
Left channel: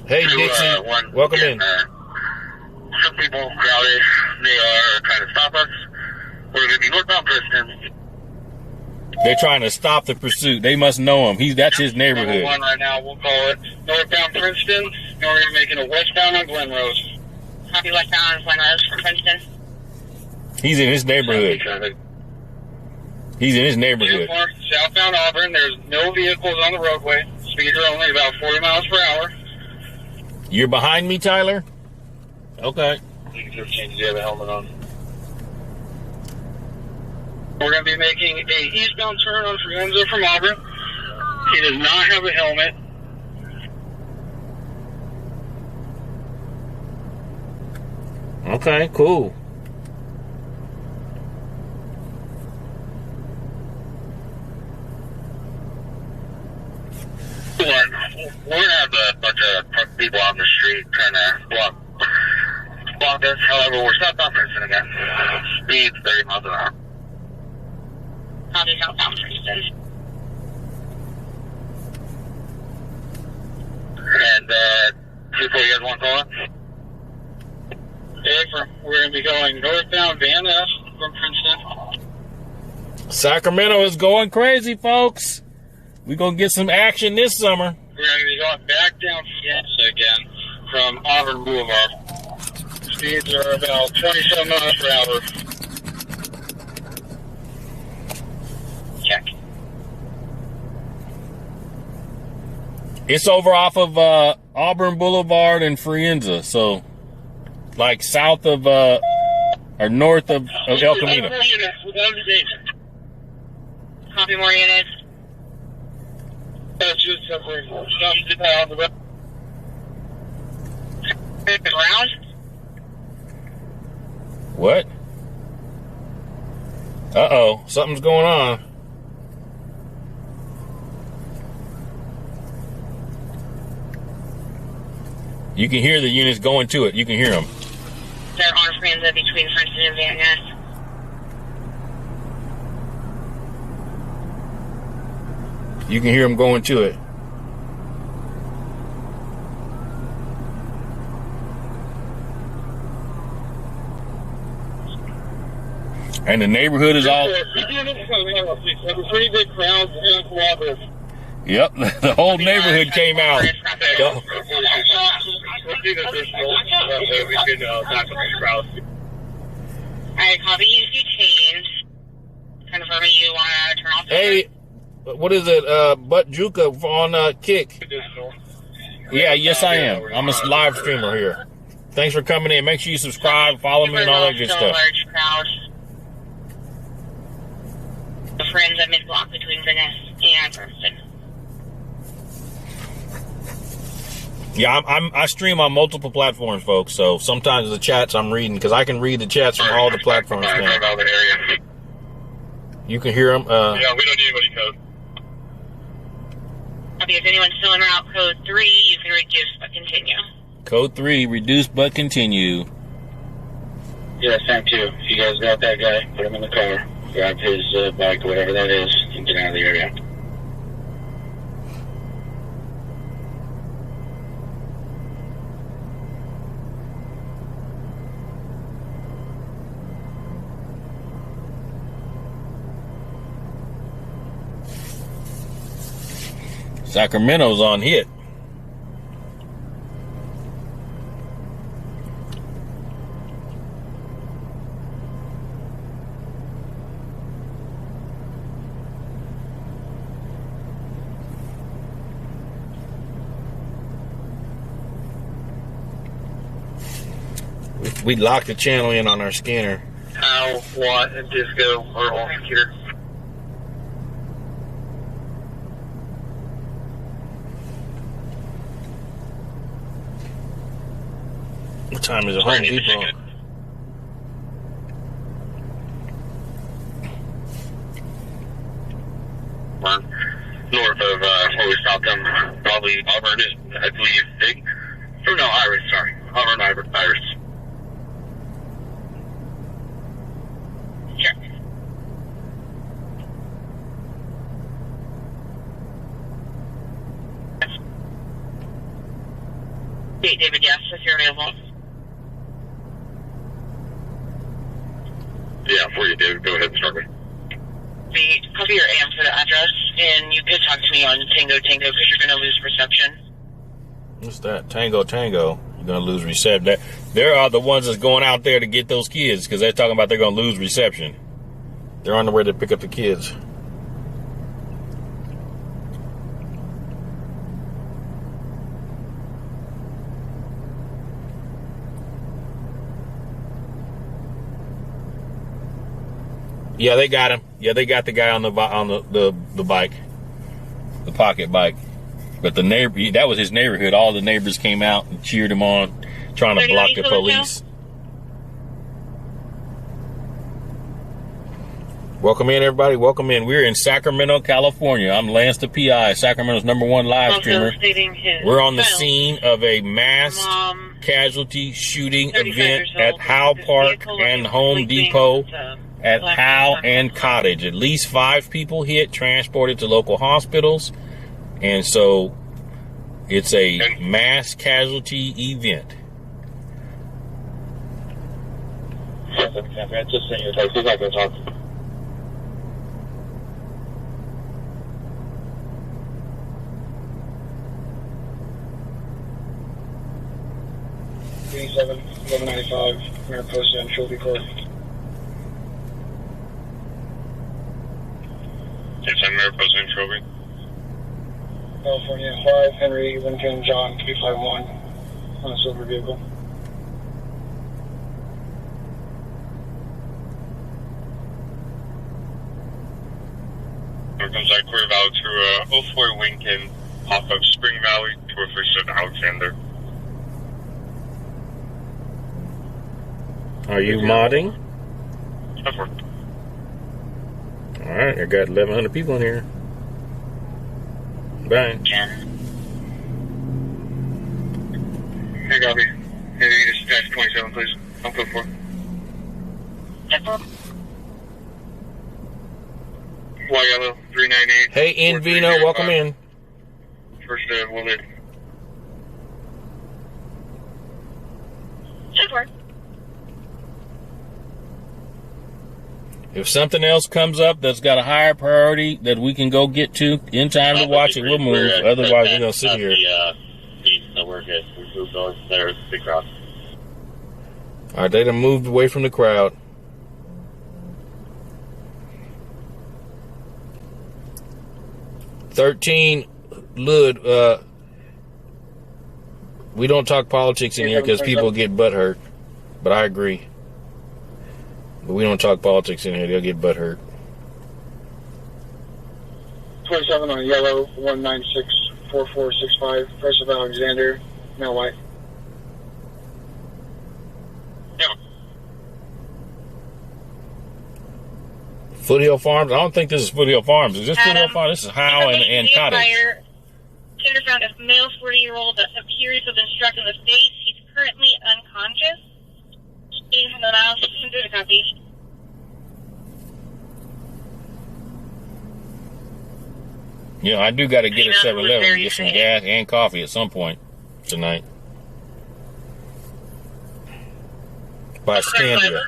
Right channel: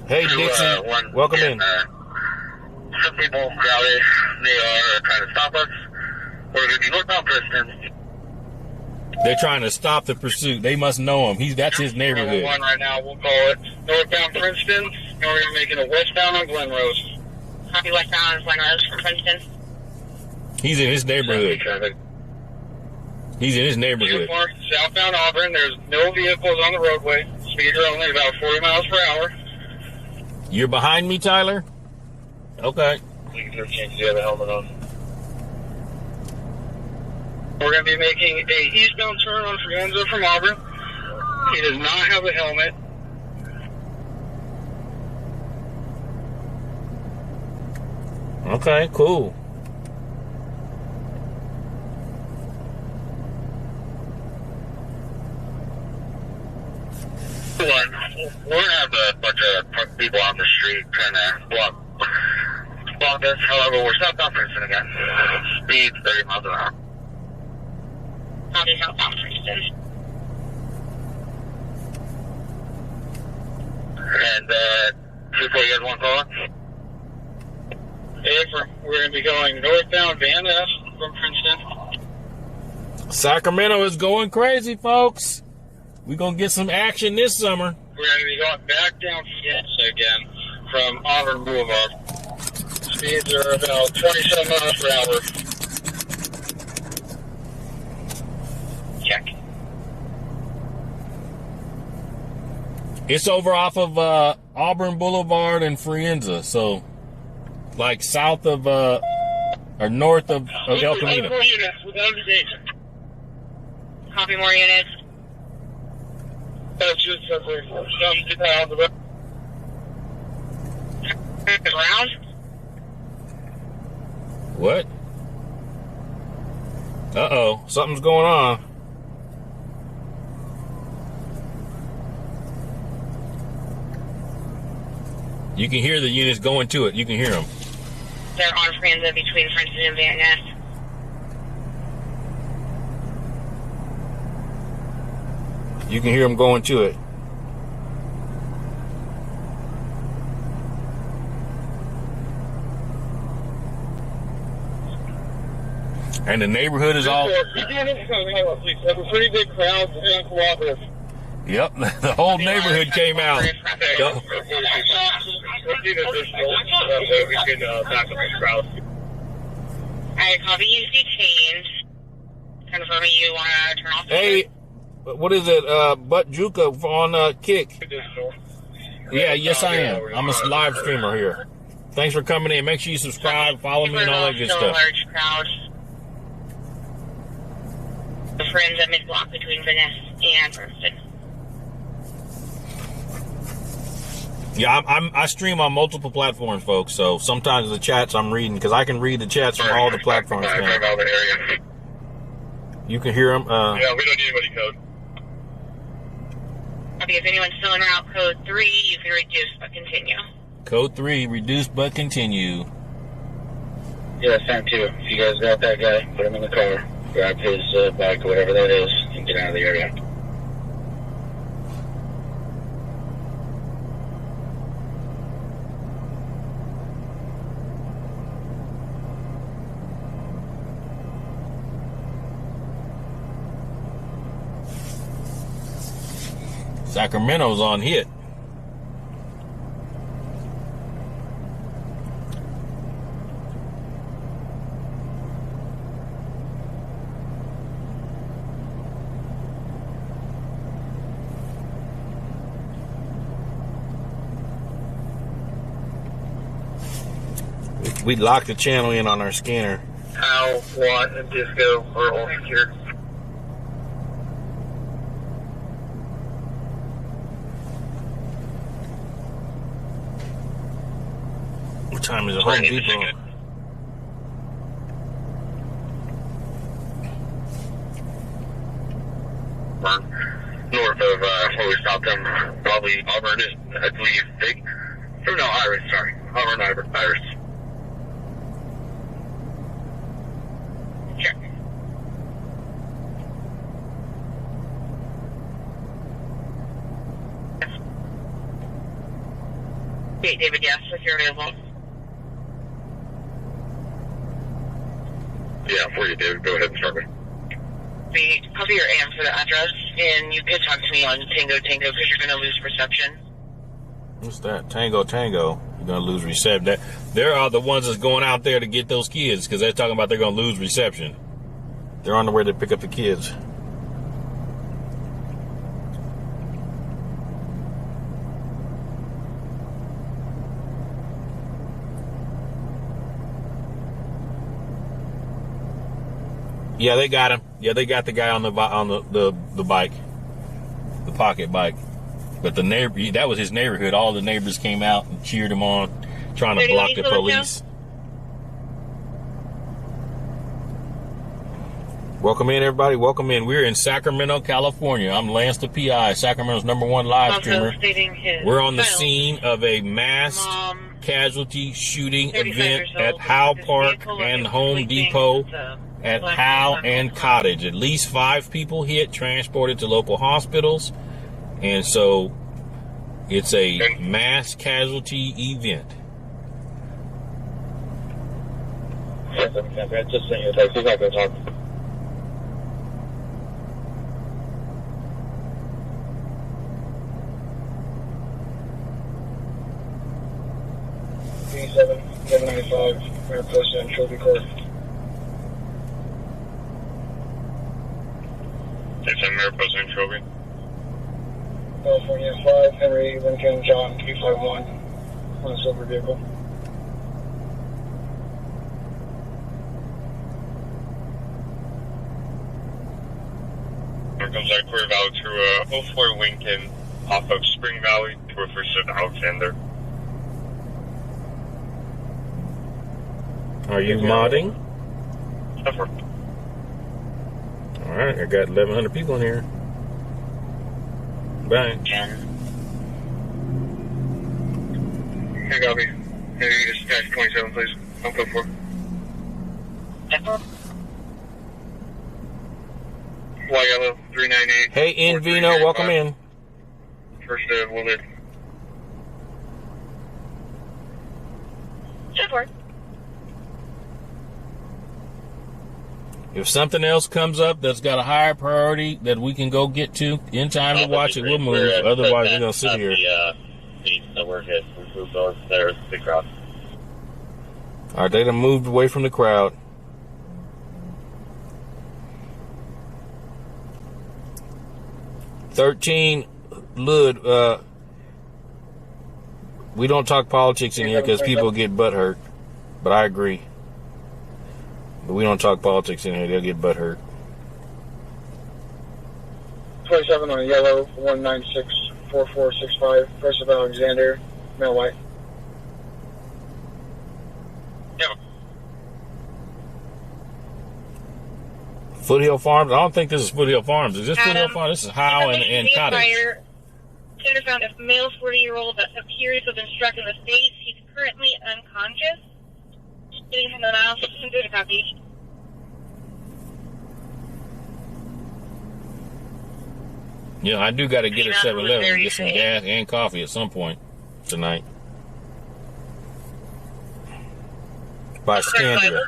Hey, Dixie. Welcome in. Some people crowded. They are trying to stop us. We're going to be northbound Princeton. They're trying to stop the pursuit. They must know him. That's his neighborhood. One right now. We'll call it northbound Princeton. And we're going to be making a westbound on Glen Rose. Copy westbound on Glen Rose from Princeton. He's in his neighborhood. He's in his neighborhood. Southbound Auburn. There's no vehicles on the roadway. Speed are only about 40 miles per hour. You're behind me, Tyler? Okay. You can change the other helmet on. We're going to be making a eastbound turn on Frienza from Auburn. He does not have a helmet. Okay, cool. We're going to have a bunch of people on the street trying to block us. However, we're southbound Princeton again. Speed 30 miles an hour. Copy southbound Princeton. And, 2-4, you guys want to call it? We're going to be going northbound Van Ness from Princeton. Sacramento is going crazy, folks. We're going to get some action this summer. We're going to be going back down Fiesta again from Auburn Boulevard. Speeds are about 27 miles per hour. Check. It's over off of Auburn Boulevard and Frienza, so like south of or north of El Camino. More units without engagement. Copy more units. That's just something to pound the Ground. What? Uh-oh, something's going on. You can hear the units going to it. You can hear them. They're on Franza between Princeton and Van Ness. You can hear them going to it. And the neighborhood is all... Have a pretty big crowd and cooperative. Yep, the whole neighborhood came out. We can back up the crowd. Alright, copy. Use detained. Confirming you want to turn off the Hey, what is it? Butt Juka on Kick. Yeah, yes I am. I'm a live streamer here. Thanks for coming in. Make sure you subscribe, follow me, and all that good stuff. Large crowd. The friends at mid-block between Van Ness and Princeton. Yeah, I stream on multiple platforms, folks. So sometimes the chats I'm reading, because I can read the chats from all the platforms now. You can hear them. Yeah, we don't need anybody code. Okay, if anyone's still in route code 3, you can reduce but continue. Code 3, reduce but continue. Yeah, same too. If you guys got that guy, put him in the car. Grab his bike, whatever that is, and get out of the area. Sacramento's on hit. We locked the channel in on our scanner. Howe, Watt, and Disco are all secured. time is it? Home Depot. North of where we stopped them, probably Auburn, I believe. No, Iris, sorry. Auburn, Iris. Sure. Okay, David, yes, if you're available. Yeah, for you, David. Go ahead and start me. The copy your AM for the address, and you could talk to me on Tango because you're going to lose reception. What's that? Tango. You're gonna lose reception. There are the ones that's going out there to get those kids because they're talking about they're gonna lose reception. They're on the way to pick up the kids. Yeah, they got him. Yeah, they got the guy on the bike, the pocket bike. But the neighbor, that was his neighborhood. All the neighbors came out and cheered him on, trying to block the police. Welcome in, everybody. Welcome in. We're in Sacramento, California. I'm Lance the PI, Sacramento's #1 live streamer. We're on the scene of a mass casualty shooting event at Howe Park and Home Depot at Howe and Cottage. At least 5 people hit, transported to local hospitals. And so it's a mass casualty event. Just saying your text. He's not going to talk. Mayor posted on Trophy Court. Yes, I'm Mayor Posted on Trophy. California 5, Henry, Lincoln, John 351 on a silver vehicle. Here comes Query Valley to 04 Lincoln, off of Spring Valley, 237 Alexander. Are you modding? Over. Alright, I got 1,100 people in here. Bye. Hey, copy. Hey, dispatch 27, please. I'm code 4. Y Yellow 398. Hey, Invino, welcome in. First, Willard. Sure. If something else comes up that's got a higher priority that we can go get to in time to watch it, we'll move. Otherwise, we're going to sit here. So we're good. We moved on there. It's a big crowd. All right, they done moved away from the crowd. Lud, we don't talk politics in here because people get butt hurt. But I agree. But we don't talk politics in here. They'll get butt hurt. 27 on yellow, 1964465. First of Alexander, male white. Yeah. Foothill Farms? I don't think this is Foothill Farms. Is this Foothill Farms? This is Howe and Cottage. Canada found a male 40-year-old that appears to have been struck in the face. He's currently unconscious. Getting from the mouse, into the copy. Yeah, I do got to get a 7-Eleven and get some gas and coffee at some point tonight. By Scandia.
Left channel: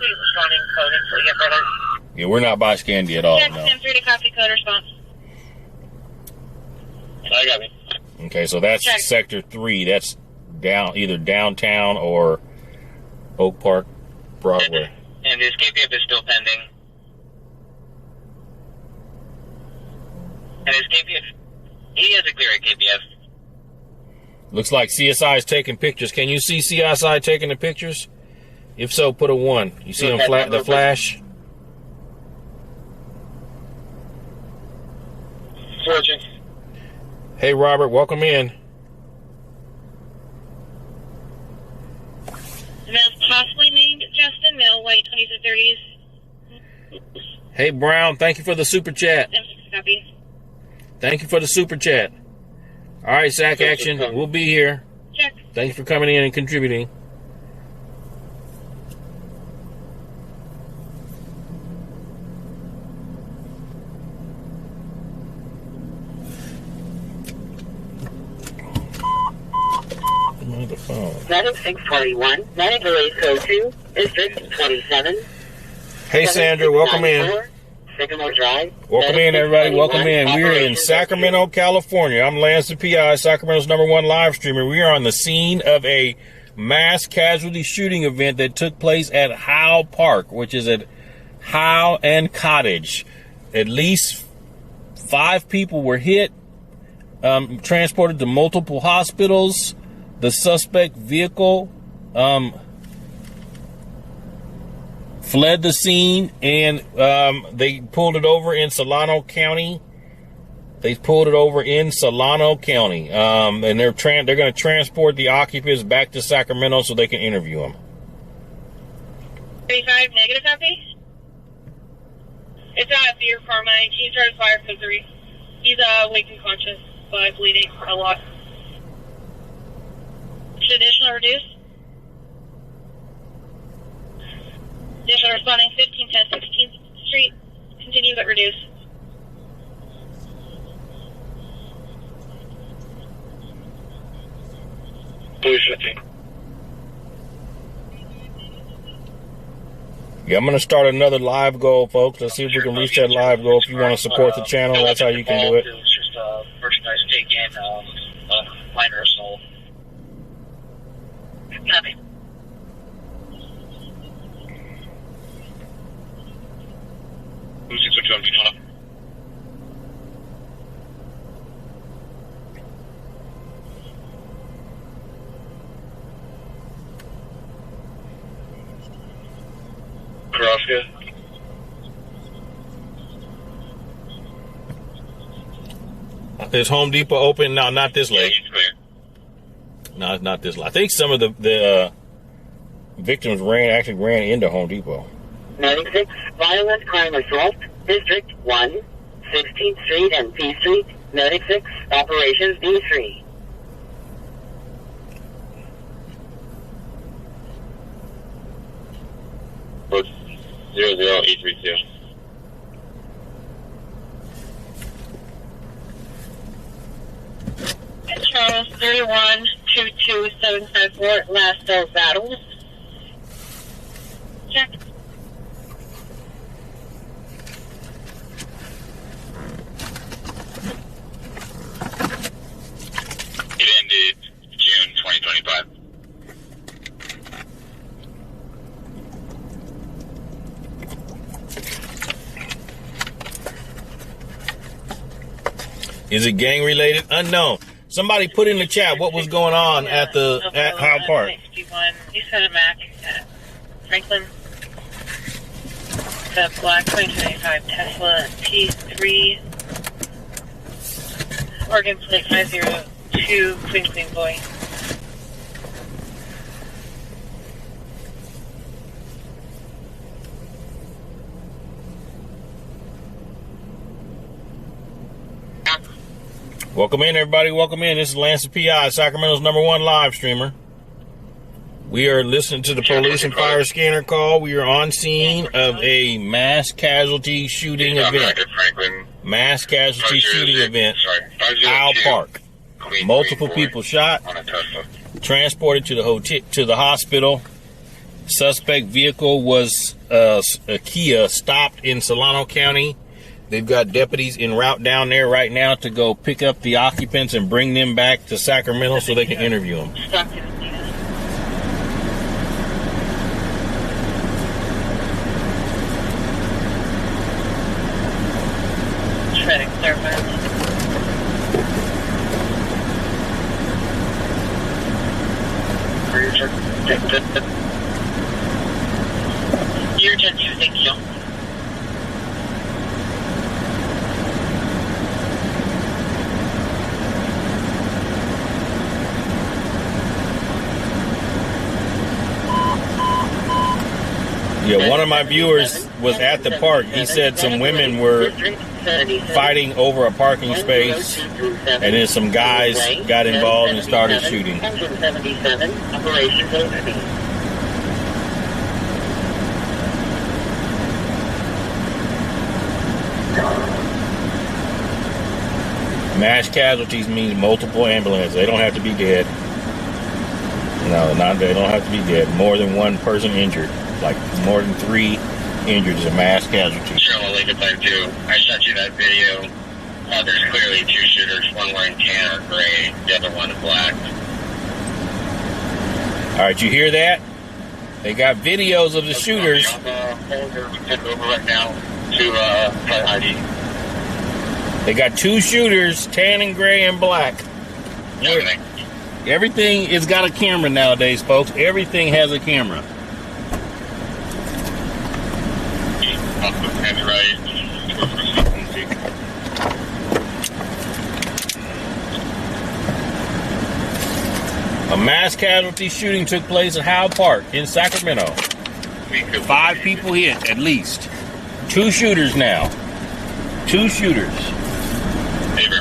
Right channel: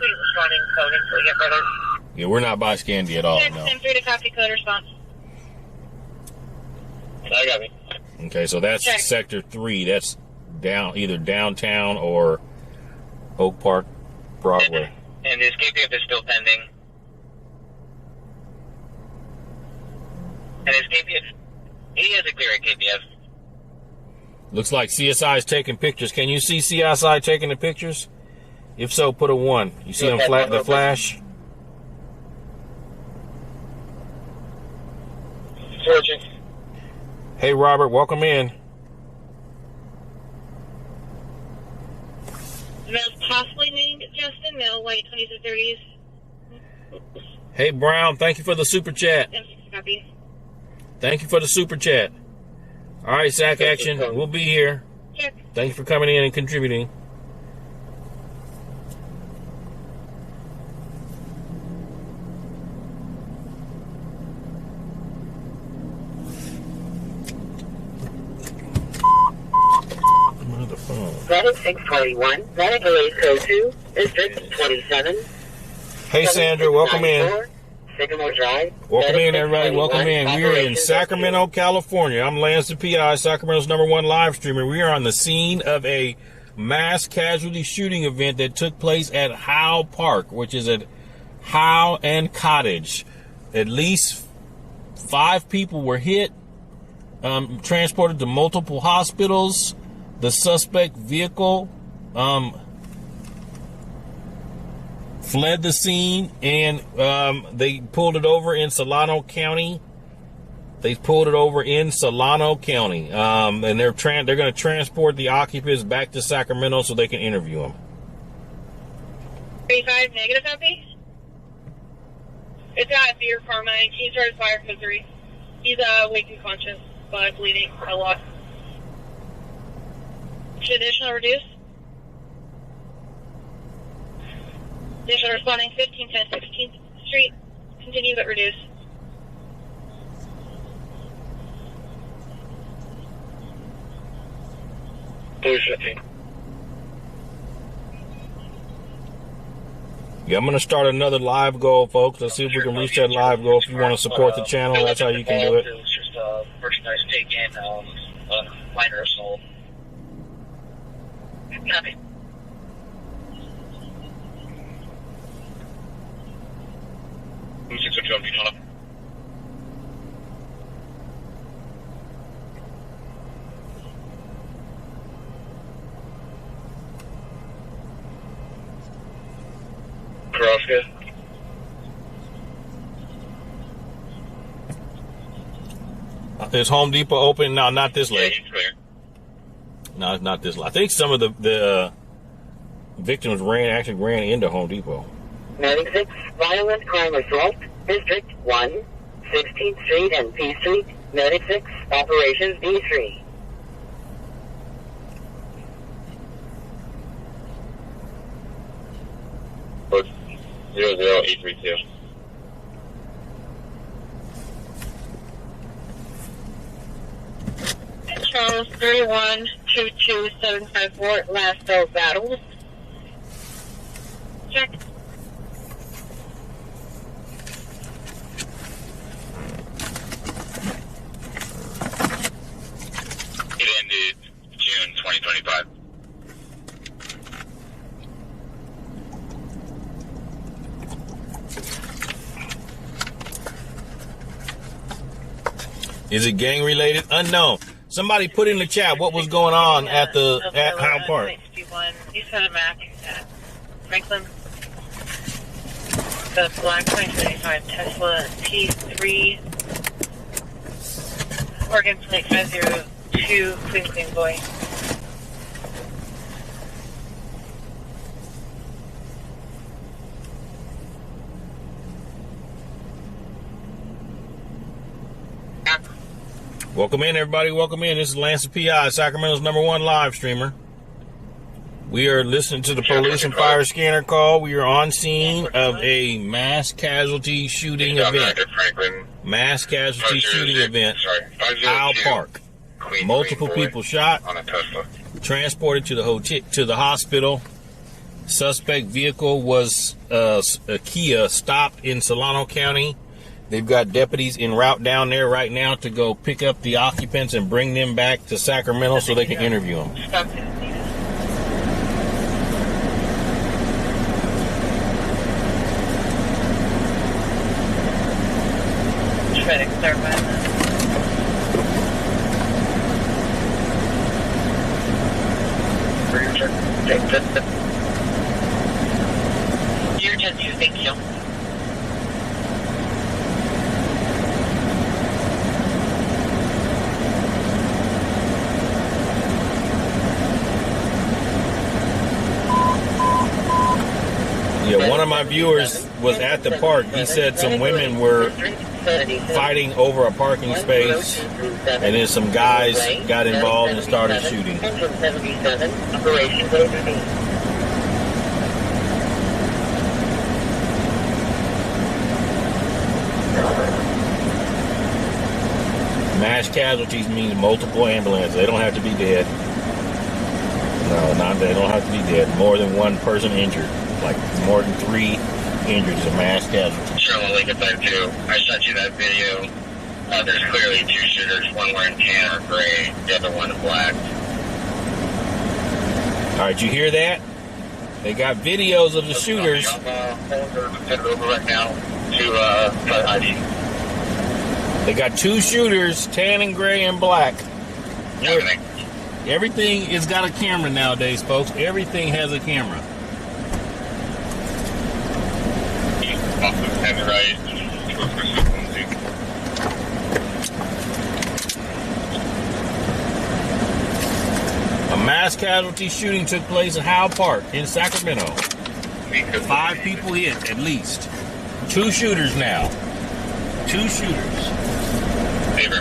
Yeah, we're not by Scandia at all. Check No. 10-3 to copy code response. I got it. Okay, so that's Check. Sector 3. That's either downtown or Oak Park, Broadway. And his KPF is still pending. And his KPF, he has a clear KPF. Looks like CSI is taking pictures. Can you see CSI taking the pictures? If so, put a 1. You see them the flash? Searching. Hey, Robert, welcome in. No, male, white, 20s to 30s. Hey, Brown, thank you for the super chat. Copy. Thank you for the super chat. All right, Sac Action, we'll be here. Check. Thank you for coming in and contributing. The phone. Medic 641, Medic Police Code 2, District 27. Hey, Sandra, welcome in. Sycamore Drive. Welcome in, everybody. Welcome in. We're in Sacramento, California. I'm Lance the PI, Sacramento's #1 live streamer. We are on the scene of a mass casualty shooting event that took place at Howe Park, which is at Howe and Cottage. At least 5 people were hit, transported to multiple hospitals. The suspect vehicle fled the scene, and they pulled it over in Solano County. And they're going to transport the occupants back to Sacramento so they can interview them. 35 negative copy. It's at Beer Carmine. He started fire for 3. He's awake and conscious, but bleeding a lot. Should additional reduce? Additional responding 1510 16th Street. Continue but reduce. Police 15. Yeah, I'm going to start another live goal, folks. Let's see if we can reach that live goal. If you want to support the channel, that's how you can do it. It was just merchandise taken, minor assault. Copy. Who's 602 being off? Karaska. Is Home Depot open? No, not this Yeah, late. he's clear. No, it's not this late. I think some of the victims ran into Home Depot. 96, violent crime assault, District 1, 16th Street and P Street, 96, Operations D3. Post 00832. Charles 31 22754 last cell battle. Check. It ended June 2025. Is it gang related? Unknown. Somebody put in the chat what was going on at Howe Park. 61 East Side of Mac at Franklin. The black 2025 Tesla T3 Oregon plate 502 Clean Boy. Welcome in, everybody. Welcome in. This is Lance the PI, Sacramento's #1 live streamer. We are listening to the police and fire scanner call. We are on scene of a mass casualty shooting event. Mass casualty shooting event. Howe Park. Multiple people shot. Transported to the hotel, to the hospital. Suspect vehicle was a Kia, stopped in Solano County. They've got deputies en route down there right now to go pick up the occupants and bring them back to Sacramento so they can interview them. Try to clarify that. You're 10-2, thank you. my viewers was at the park. He said some women were fighting over a parking space, and then some guys got involved and started shooting. Engine 77, operations overview. Mass casualties means multiple ambulances. They don't have to be dead. No, they don't have to be dead. More than one person injured. Like more than 3 injured is a mass casualty. Sure, I'll link it back to. I sent you that video. There's clearly 2 shooters. One wearing tan or gray, the other one in black. All right, you hear that? They got videos of the shooters. I'm headed over right now to try ID. They got 2 shooters, tan and gray and black. Everything has got a camera nowadays, folks. Everything has a camera. A mass casualty shooting took place at Howe Park in Sacramento. 5 people hit, at least. 2 shooters now. 2 shooters. Favor.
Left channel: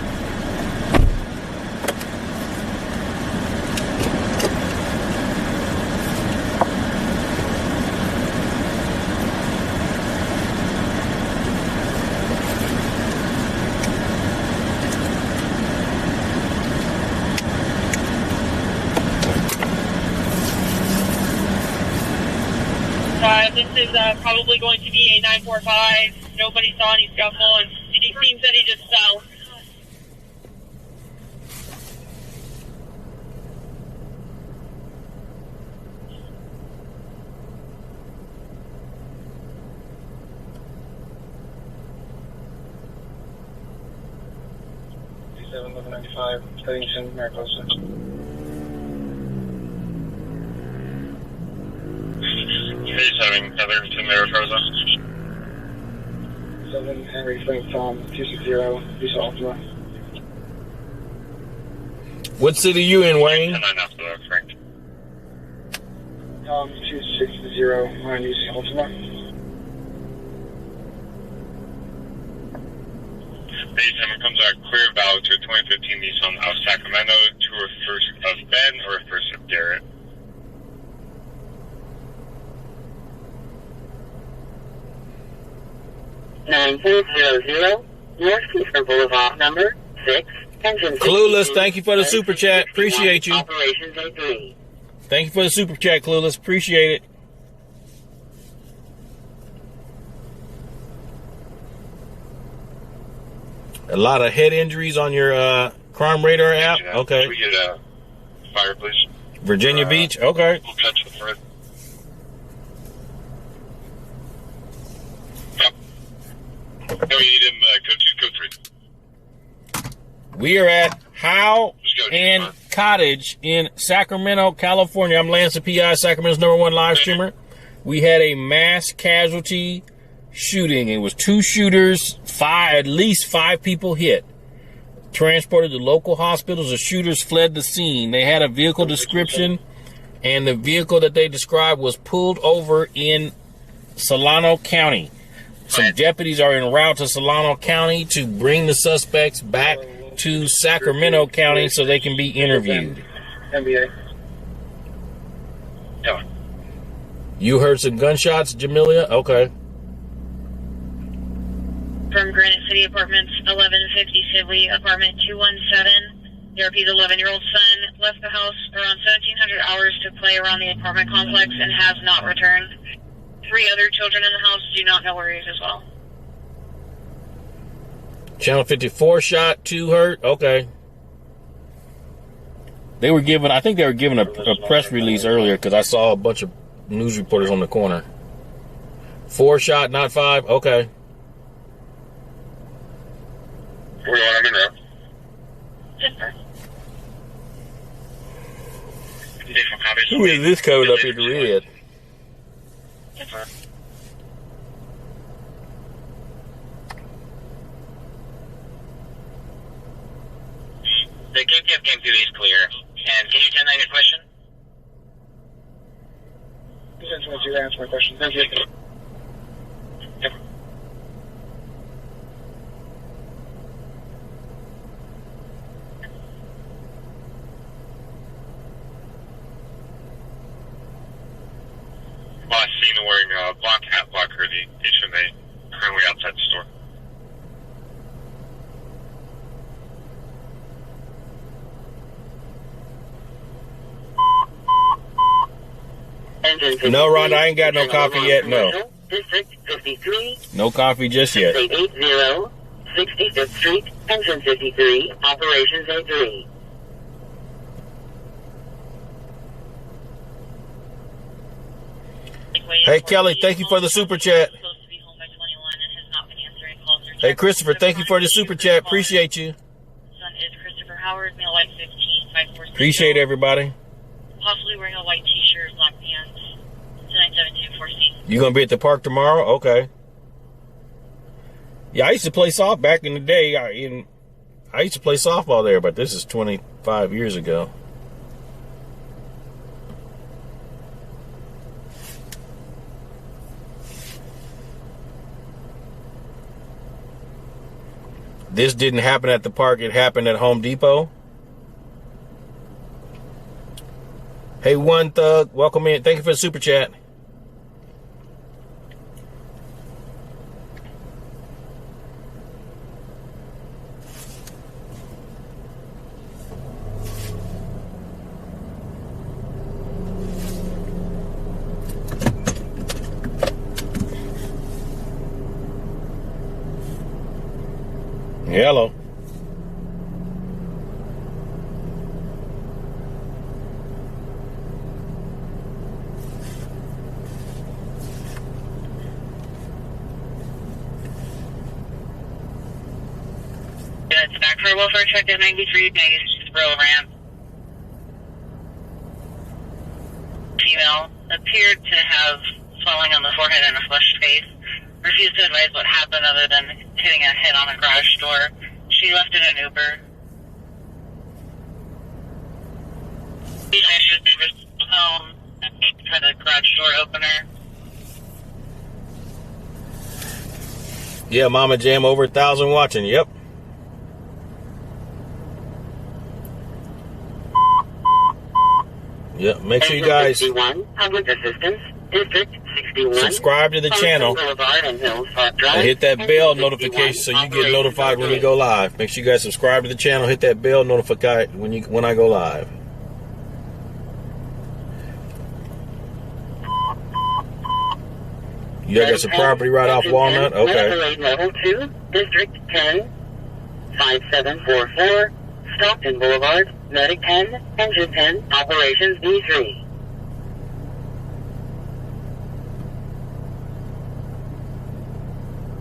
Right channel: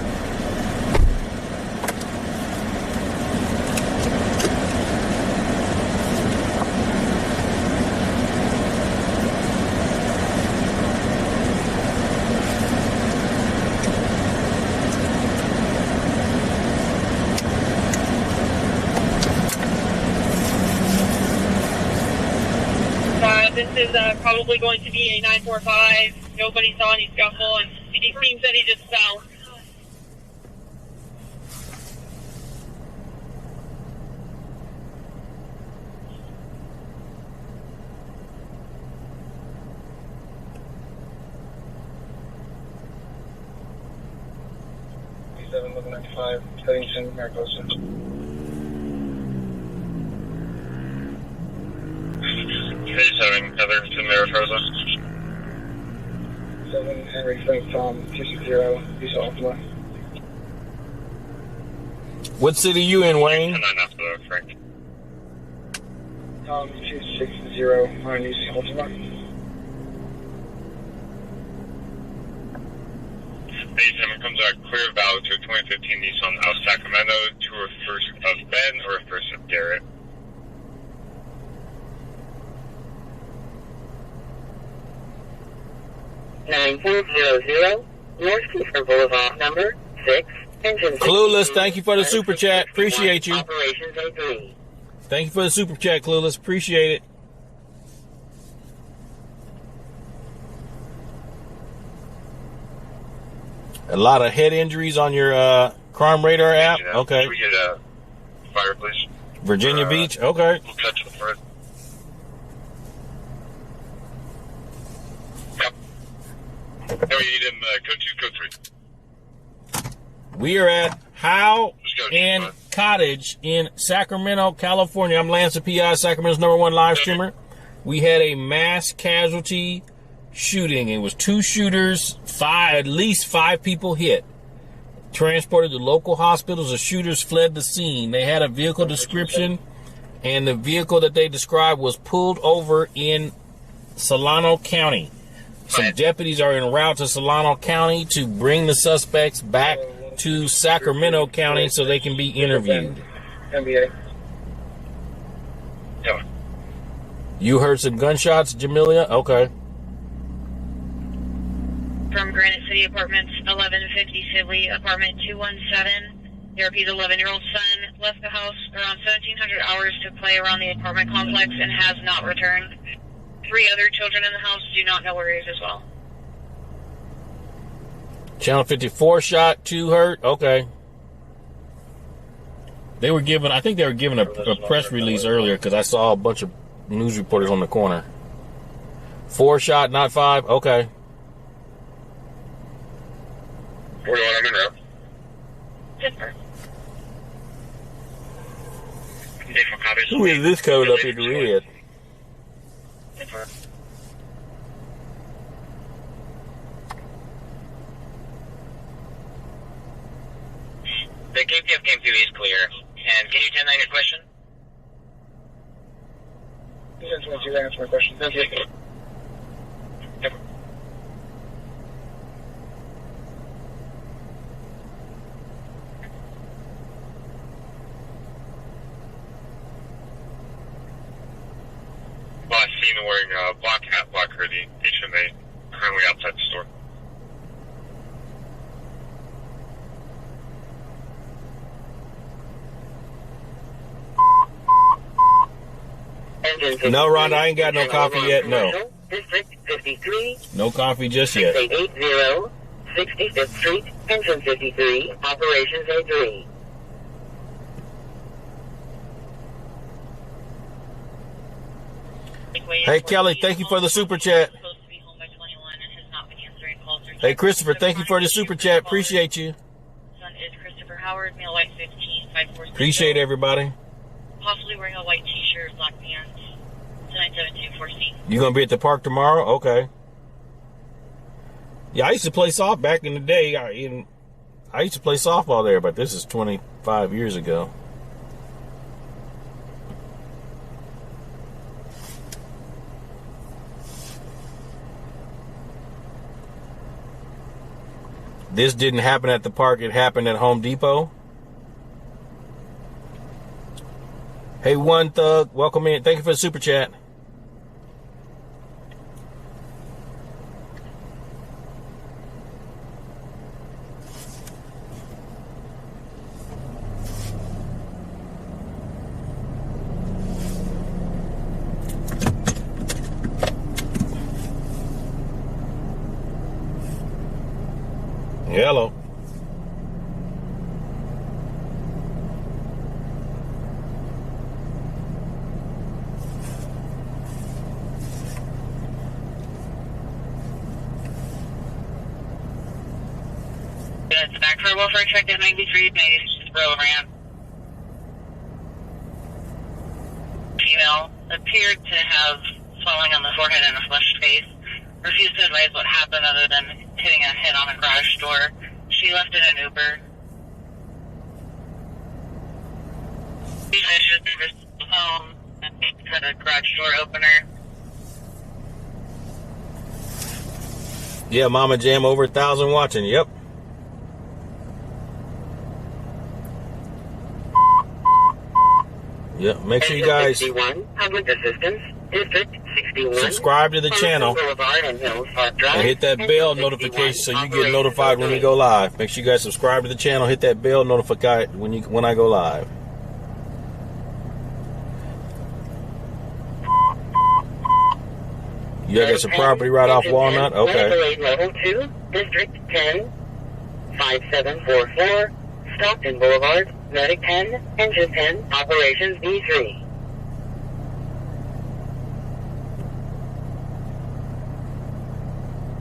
This is probably going to be a 945. Nobody saw any scuffle, and he seems that he just fell. Heading to Mariposa. He's having another to Mariposa. 7 Henry Frank Tom 260 Visa Ultima. What city you in, Wayne? 10-9 after Frank. Tom 260 on Visa Ultima. Base 7 comes out clear valid to a 2015 Nissan of Sacramento to a first of Ben or a first of Garrett. 9400 North Kiefer Boulevard, number 6, engine. Clueless, thank you for the super chat. Appreciate you. Operations A3. Thank you for the super chat, Clueless. Appreciate it. A lot of head injuries on your crime radar app. Okay. Can we get a fire, please? Virginia Beach. Okay. We'll cut to the front. Yep. No, you need him. Code 2, code 3. We are at Howe and Cottage in Sacramento, California. I'm Lance, the PI, Sacramento's #1 live streamer. We had a mass casualty shooting. It was 2 shooters, at least 5 people hit. Transported to local hospitals. The shooters fled the scene. They had a vehicle description, and the vehicle that they described was pulled over in Solano County. Some deputies are en route to Solano County to bring the suspects back to Sacramento County so they can be interviewed. NBA. Yeah. You heard some gunshots, Jamelia? Okay. From Granite City Apartments, 1150 Sibley, apartment 217. DRP's 11-year-old son left the house around 1700 hours to play around the apartment complex and has not returned. 3 other children in the house do not know where he is as well. Channel 54 shot, 2 hurt. Okay. They were given, I think they were given a press release earlier because I saw a bunch of news reporters on the corner. 4 shot, not 5. Okay. We're going on Monroe. Who is this coming up in the red? The KPF came through is clear. And can you 10-9 your question? This is what you answer my question. Thank you. seen wearing a black hat, black hoodie, HMA, currently outside the store. No, Rhonda, I ain't got no coffee yet. No. District 53. No coffee just yet. 6880, 65th Street, Engine 53, Operations A3. Hey, Kelly, thank you for the super chat. Hey, Christopher, thank you for the super chat. Appreciate you. Son is Christopher Howard, male white 15, 546. Appreciate everybody. Possibly wearing a white t-shirt, black pants. 97246. You gonna be at the park tomorrow? Okay. Yeah, I used to play soft back in the day. I used to play softball there, but this is 25 years ago. This didn't happen at the park. It happened at Home Depot. Hey, One Thug, welcome in. Thank you for the super chat. Hello. It's back for a welfare check at 93, just roll around. Female appeared to have falling on the forehead and a flushed face. Refused to advise what happened other than hitting a head on a garage door. She left in an Uber. She was home and had a garage door opener. Yeah, Mama Jam, over 1,000 watching. Yep. Yep. Make sure you guys subscribe to the channel and hit that bell notification so you get notified when we go live. Make sure you guys subscribe to the channel, hit that bell notification when I go live. You got some property right off Walnut? Okay. Level 2, District 10, 5744, Stockton Boulevard, Medic 10, Engine 10, Operations B3.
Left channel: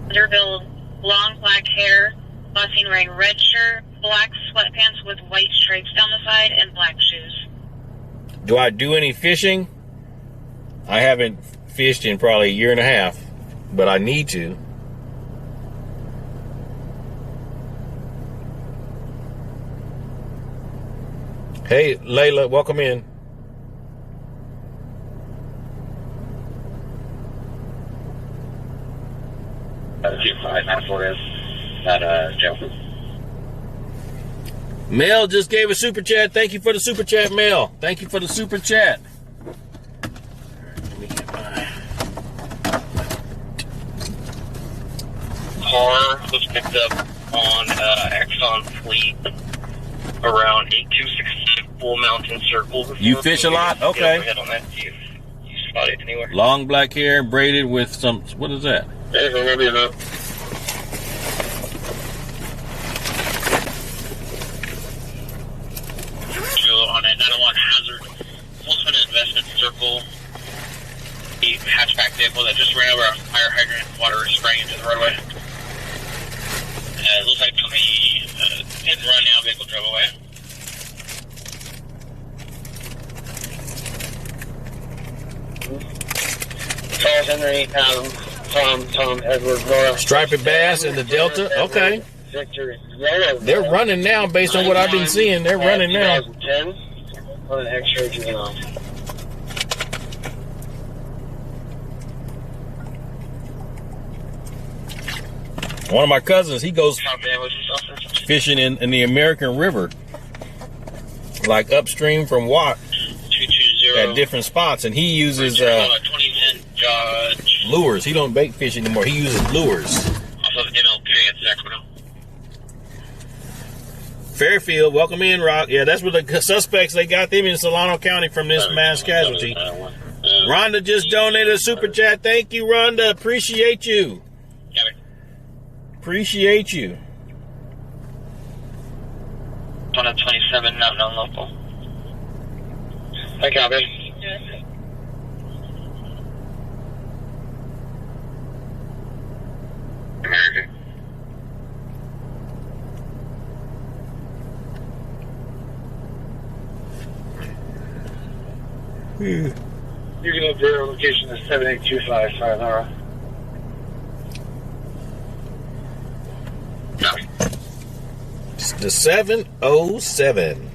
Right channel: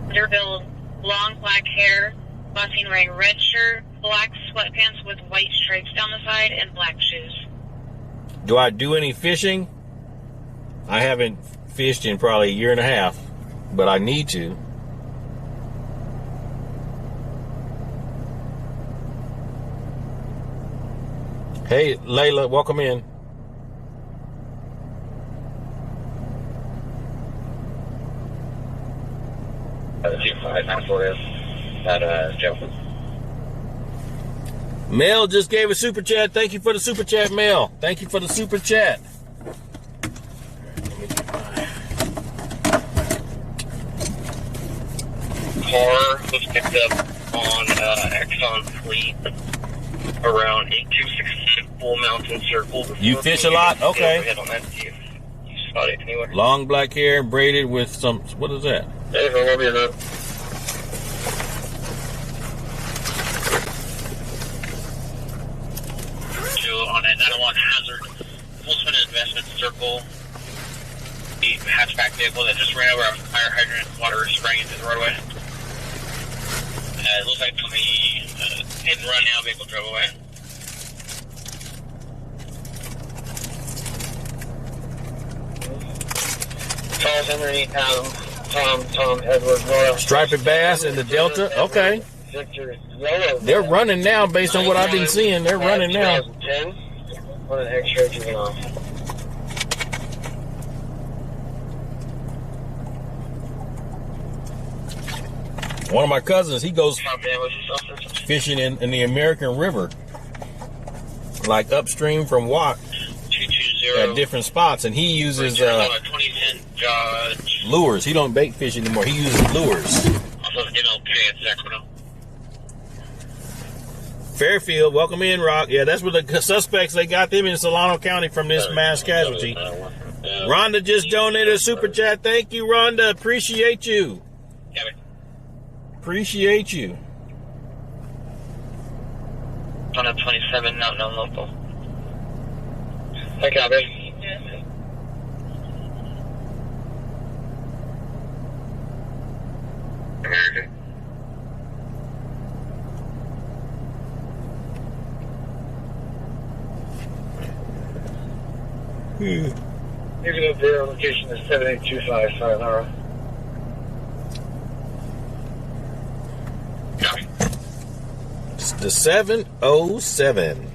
Underbuild, long black hair, bossing wearing red shirt, black sweatpants with white stripes down the side, and black shoes. Do I do any fishing? I haven't fished in probably a year and a half, but I need to. Hey, Layla, welcome in. Mel just gave a super chat. Thank you for the super chat, Mel. Thank you for the super chat. Car was picked up on Exxon Fleet around 8216 Bull Mountain Circle. You fish a lot? Okay. Head on that. You spot it anywhere? Long black hair, braided with some, what is that? Hey, let me know. On a 901 Hazard, Wolfman Investment Circle, the hatchback vehicle that just ran over a fire hydrant, water spraying into the roadway. It looks like from the hit and run now, vehicle drove away. Charles Henry, Tom Edward North. Striped bass in the Delta? Okay. They're running now based on what I've been seeing. They're running now. 2010 on an X-ray juvenile. One of my cousins, he goes fishing in the American River, like upstream from Watt, at different spots, and he uses Judge. Lures. He don't bait fish anymore. He uses lures. Also the MLK in Sacramento. Fairfield, welcome in, Rock. Yeah, that's what the suspects, they got them in Solano County from this mass casualty. Rhonda just donated a super chat. Thank you, Rhonda. Appreciate you. Appreciate you. 127, not non-local. Hi, Calvin. American. You can have their location is 7825 Sayonara. It's the 707.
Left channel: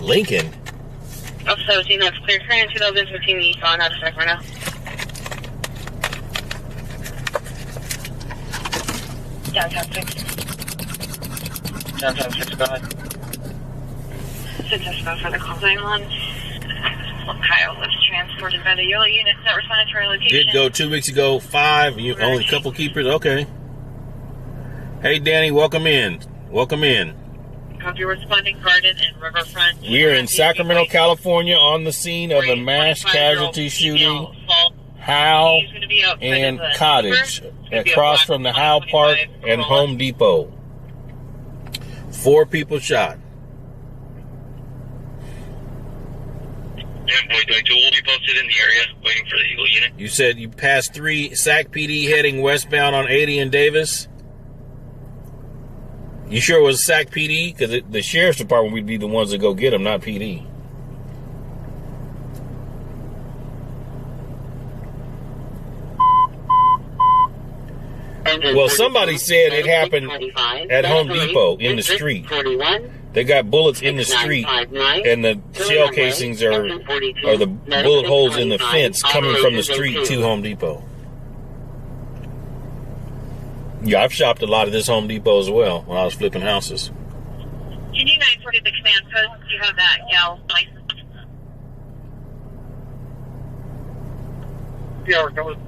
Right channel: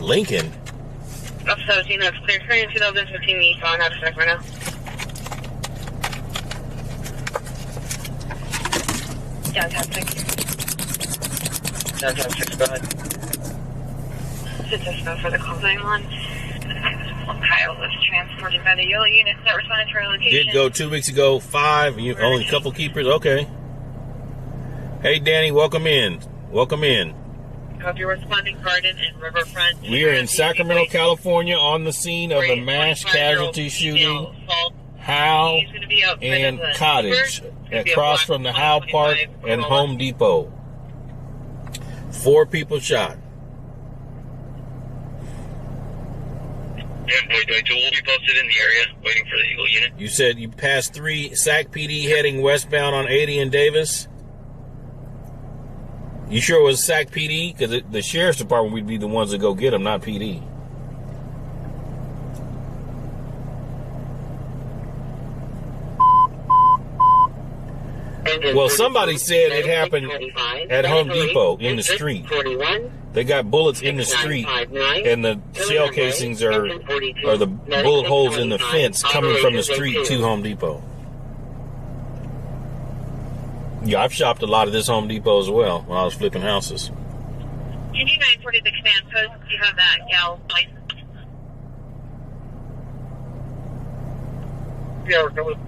Lincoln. Up 17, that's clear. Current 2015 Nissan out of Sacramento. Downtown 6. Downtown 6, go ahead. Since I spoke for the call 911, Kyle was transported by the yellow unit that responded to our location. Did go 2 weeks ago, 5. You only a couple keepers? Okay. Hey, Danny, welcome in. Welcome in. Copy responding Garden and Riverfront. We are in Sacramento, California, on the scene of the mass casualty shooting. Howe and Cottage, across from the Howe Park and Home Depot. 4 people shot. Two will be posted in the area, waiting for the Eagle unit. You said you passed 3 SAC PD heading westbound on 80 and Davis? You sure it was SAC PD? Because the sheriff's department would be the ones that go get them, not PD. Well, somebody said it happened at Home Depot in the street. They got bullets in the street, and the shell casings are the bullet holes in the fence coming from the street to Home Depot. Yeah, I've shopped a lot of this Home Depot as well when I was flipping houses. Can you 940 the command post? Do you have that gal license? Yeah, we're coming.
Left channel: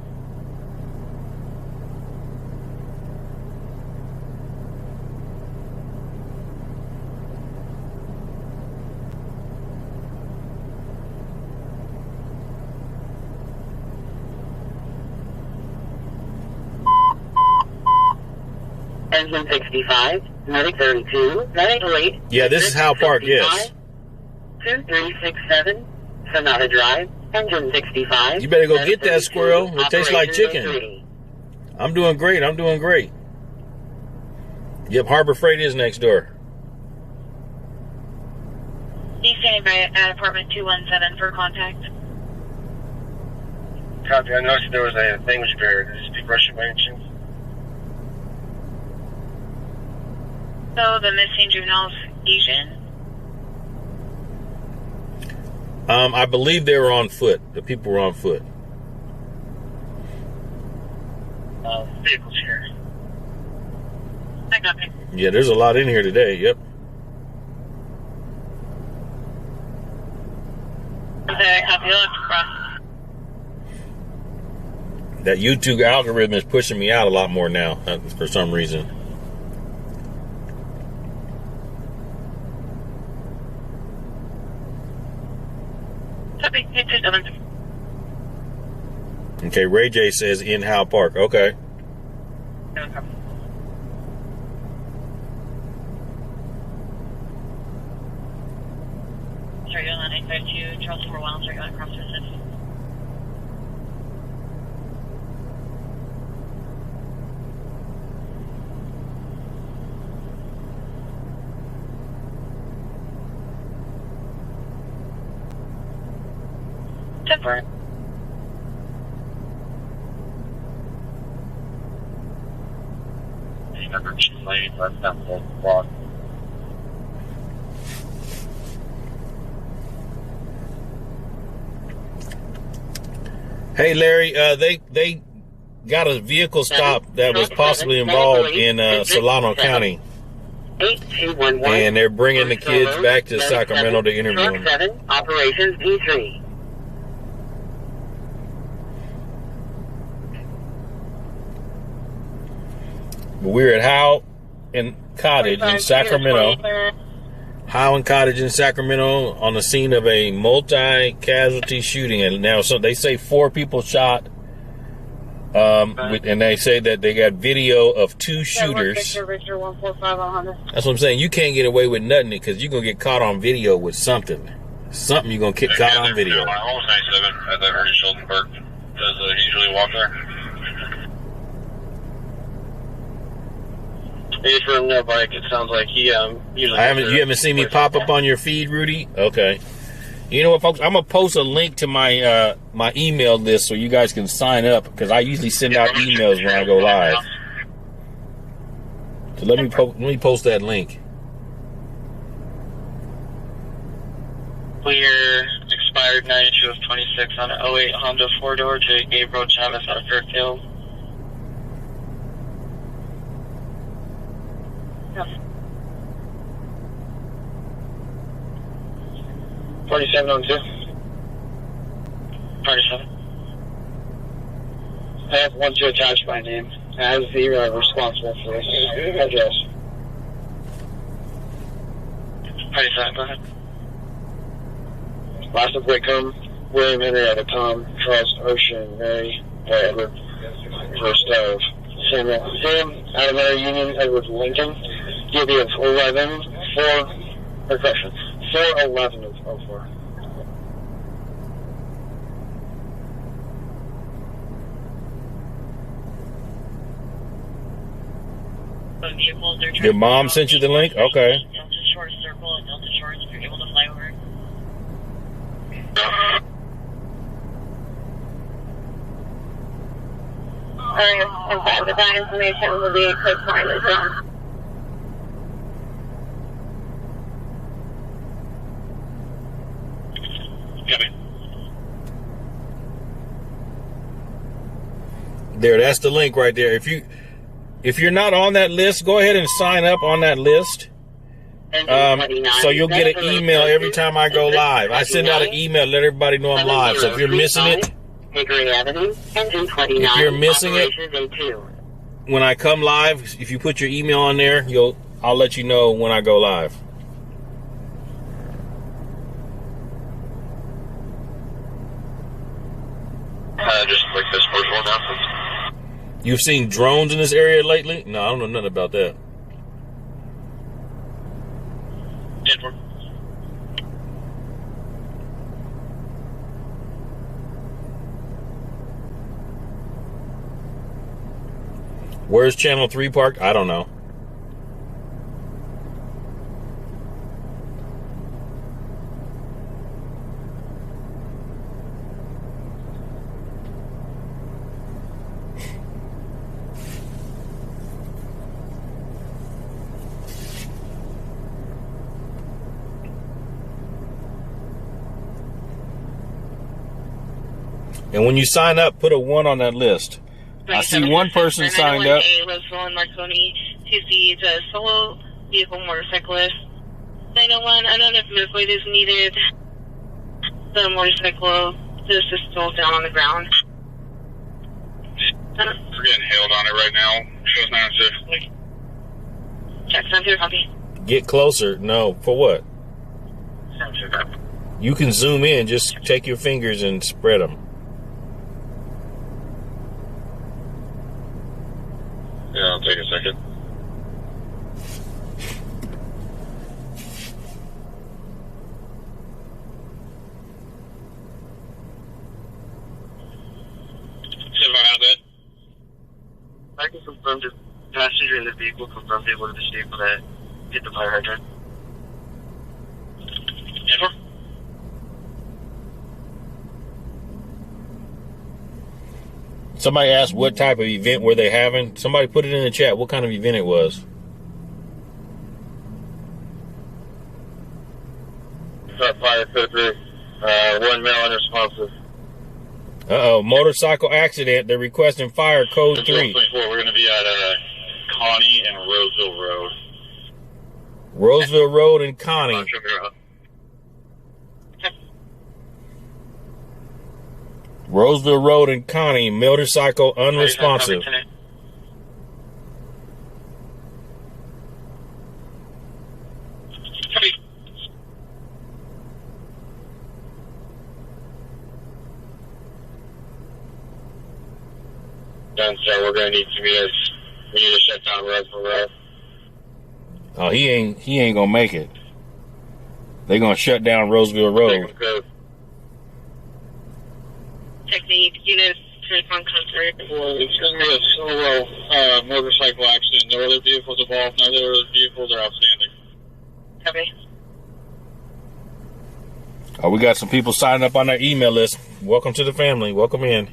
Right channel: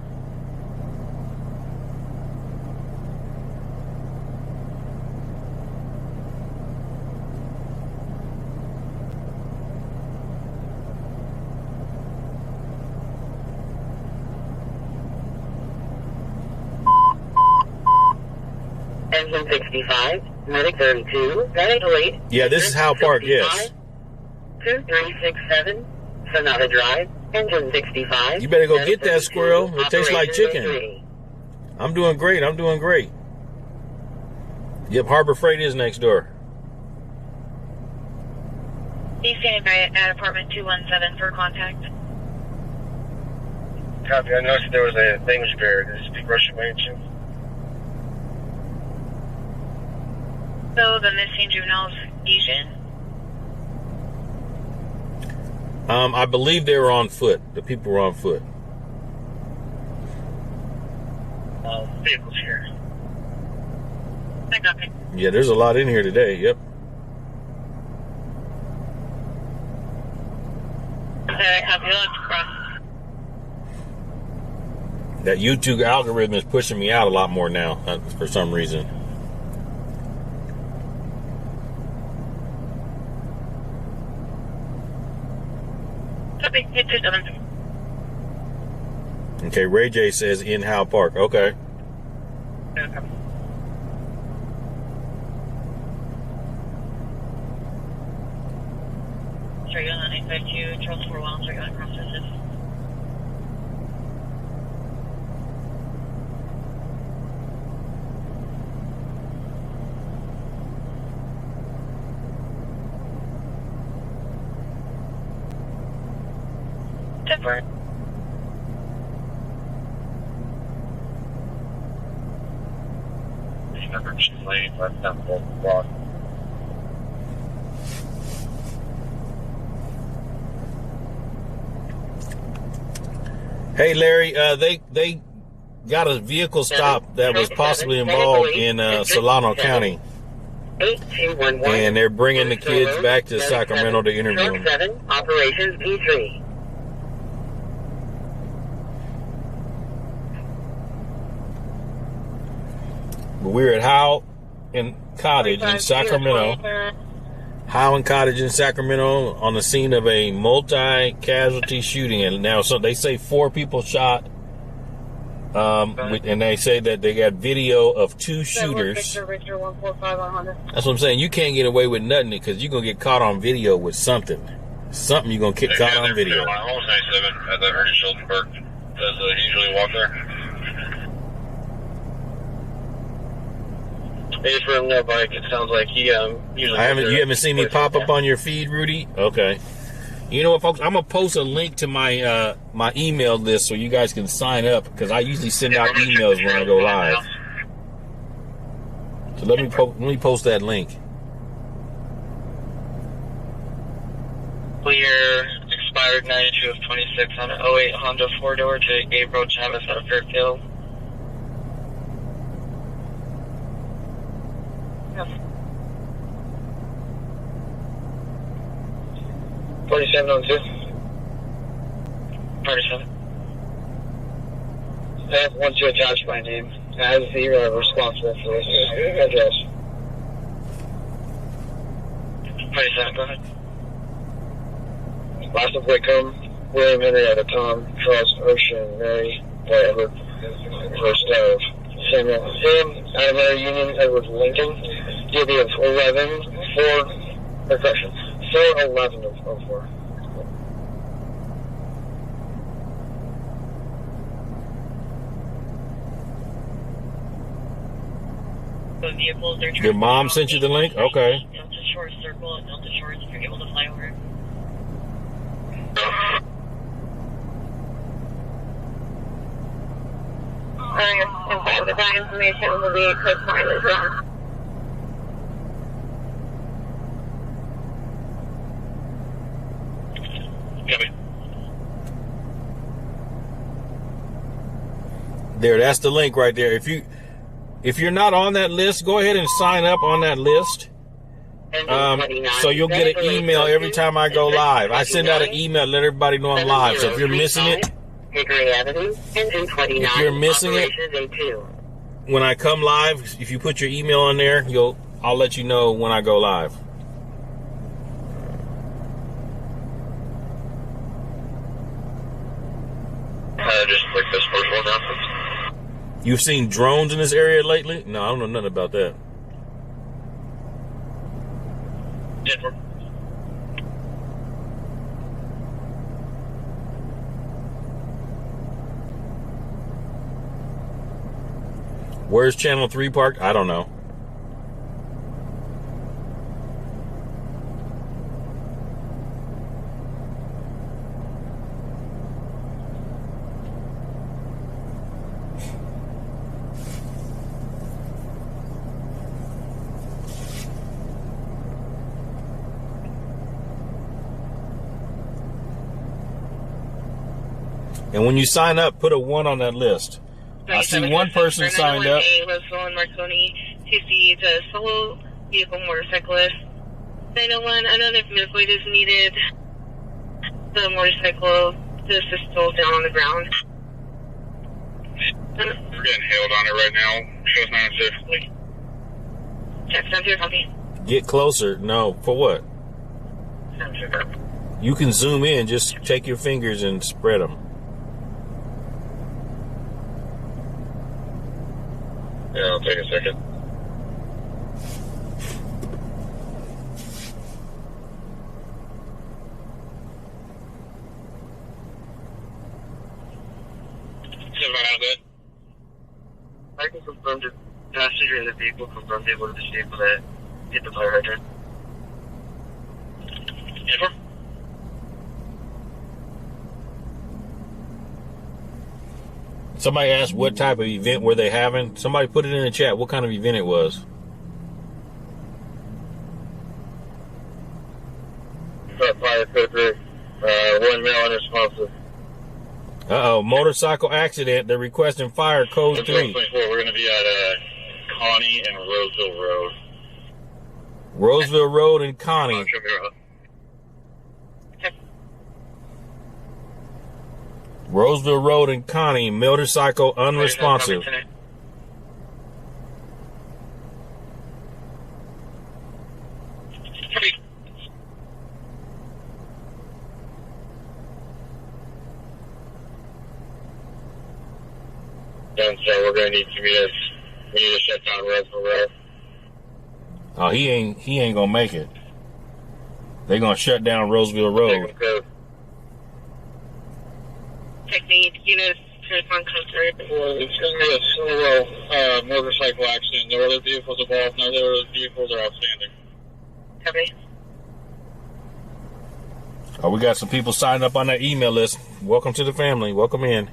Engine 65, medic 32, medic 8. Yeah, this is Howe Park, yes. 2367, Sonata Drive, engine 65. You better go get that squirrel. It tastes like chicken. 03. I'm doing great. I'm doing great. Yep, Harbor Freight is next door. He's standing by at apartment 217 for contact. Copy. I noticed there was a language barrier. Does it speak Russian by any chance? So the missing juvenile's Asian. I believe they were on foot. The people were on foot. Vehicles here. I got it. Yeah, there's a lot in here today. Yep. Okay, copy. Let's cross. That YouTube algorithm is pushing me out a lot more now for some reason. Copy. Hit 217. Okay, Ray J says in Howe Park. Okay. Okay. Sorry, you're on 952, Charles 4 Wild, sorry, on cross visit. Temporary. Number 2 lane, left down the block. Hey, Larry, they got a vehicle stop that was possibly involved in Solano County. 8211. And they're bringing the kids back to Sacramento to interview them. Truck 7, Operations D3. But we're at Howe and Cottage in Sacramento. Howe and Cottage in Sacramento on the scene of a multi-casualty shooting. And now, so they say 4 people shot. And they say that they got video of 2 shooters. That's what I'm saying. You can't get away with nothing because you're going to get caught on video with something. Something you're going to get caught on video. Almost 97 at the Ernie Sheldon Park. Does usually walk there. He's riding their bike. It sounds like he usually. You haven't seen me pop up on your feed, Rudy? Okay. You know what, folks? I'm gonna post a link to my my email list so you guys can sign up because I usually send out emails when I go live. So let me post that link. Clear expired 92 of 26 on an 08 Honda 4-door to Gabriel Chavez out of Fairfield. 4702. 47. I have 12 attached by name. As the responsible for this address. 47, go ahead. Last of Wickham, William Henrietta, Tom, Charles, Ocean, Mary, Edward, first of Samuel, Sam, Adamari Union, Edward Lincoln, Gibby of 11, 4, correction, 411 of 04. Your mom sent you the link? Okay. Delta Shores Circle and Delta Shores if you're able to fly over. With that information will be a quick time as well. There, that's the link right there. If you're not on that list, go ahead and sign up on that list. So you'll get an email every time I go live. I send out an email to let everybody know I'm live. So if you're missing it, when I come live, if you put your email on there, I'll let you know when I go live. Just like this first one now. You've seen drones in this area lately? No, I don't know nothing about that. Denver. Where's Channel 3 parked? I don't know. And when you sign up, put a 1 on that list. I see one person signed up. Roseville and Marconi, 2C, it's a solo vehicle motorcyclist. 901, unknown if medical aid is needed. The motorcycle, the assistance down on the ground. We're getting hailed on it right now. Shows 906. Check, 7-0, copy. Get closer. No, for what? You can zoom in. Just take your fingers and spread them. Yeah, I'll take a second. I can confirm the passenger in the vehicle confirmed able to disable that. Hit the fire hydrant. Denver? Somebody asked what type of event were they having. Somebody put it in the chat what kind of event it was. Fire code 3, 1 male unresponsive. Uh-oh, motorcycle accident. They're requesting fire code 3. We're going to be at Connie and Roseville Road. Roseville Road and Connie. Roseville Road and Connie, motorcycle unresponsive. done, so we're going to need to meet us. We need to shut down Roseville Road. Oh, he ain't gonna make it. They're gonna shut down Roseville Road. Technique units to respond code 3. Well, it's going to be a solo motorcycle accident. No other vehicles involved. No other vehicles are outstanding. Copy. Oh, we got some people signing up on that email list. Welcome to the family. Welcome in.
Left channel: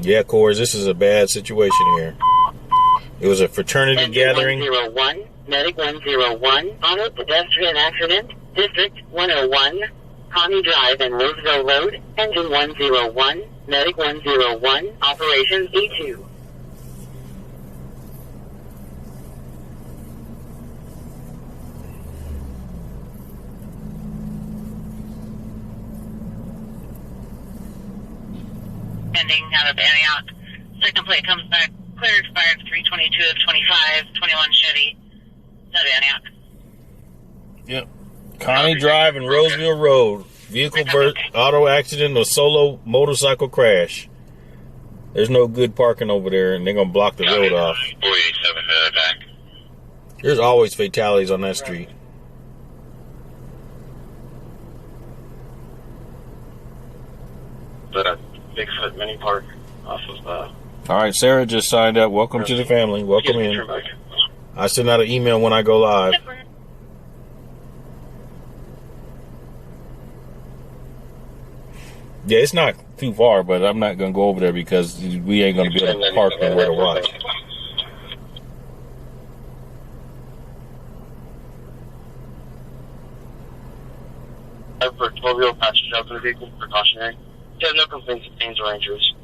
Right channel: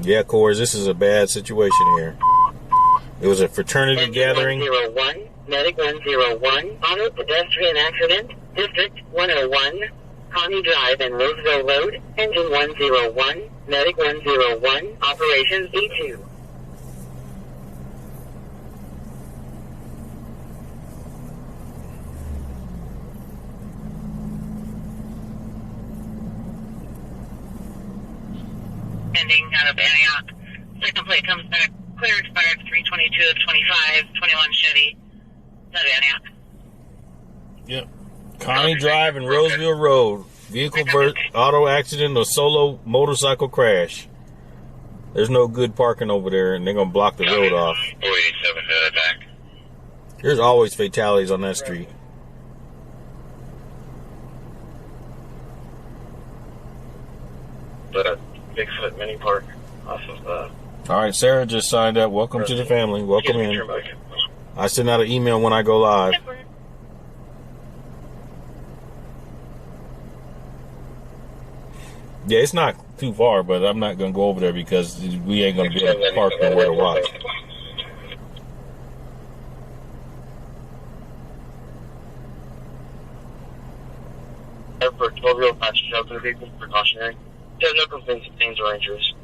Yeah, Coors, this is a bad situation here. It was a fraternity gathering. 101, Medic 101, auto pedestrian accident, District 101, Connie Drive and Roseville Road, Engine 101, Medic 101, Operations E2. Ending out of Antioch. Second plate comes back. Clear expired 322 of 25, 21 Chevy. Out of Antioch. Yep. Connie Drive and Roseville Road. Vehicle auto accident or solo motorcycle crash. There's no good parking over there, and they're going to block the road off. 487 back. There's always fatalities on that street. But a Bigfoot mini park off of All right, Sarah just signed up. Welcome to the family. Welcome in. I send out an email when I go live. Yeah, it's not too far, but I'm not going to go over there because we ain't going to be able to park nowhere to watch. For 12-year-old passengers out of the vehicle, precautionary. There's no complaints of pains or injuries.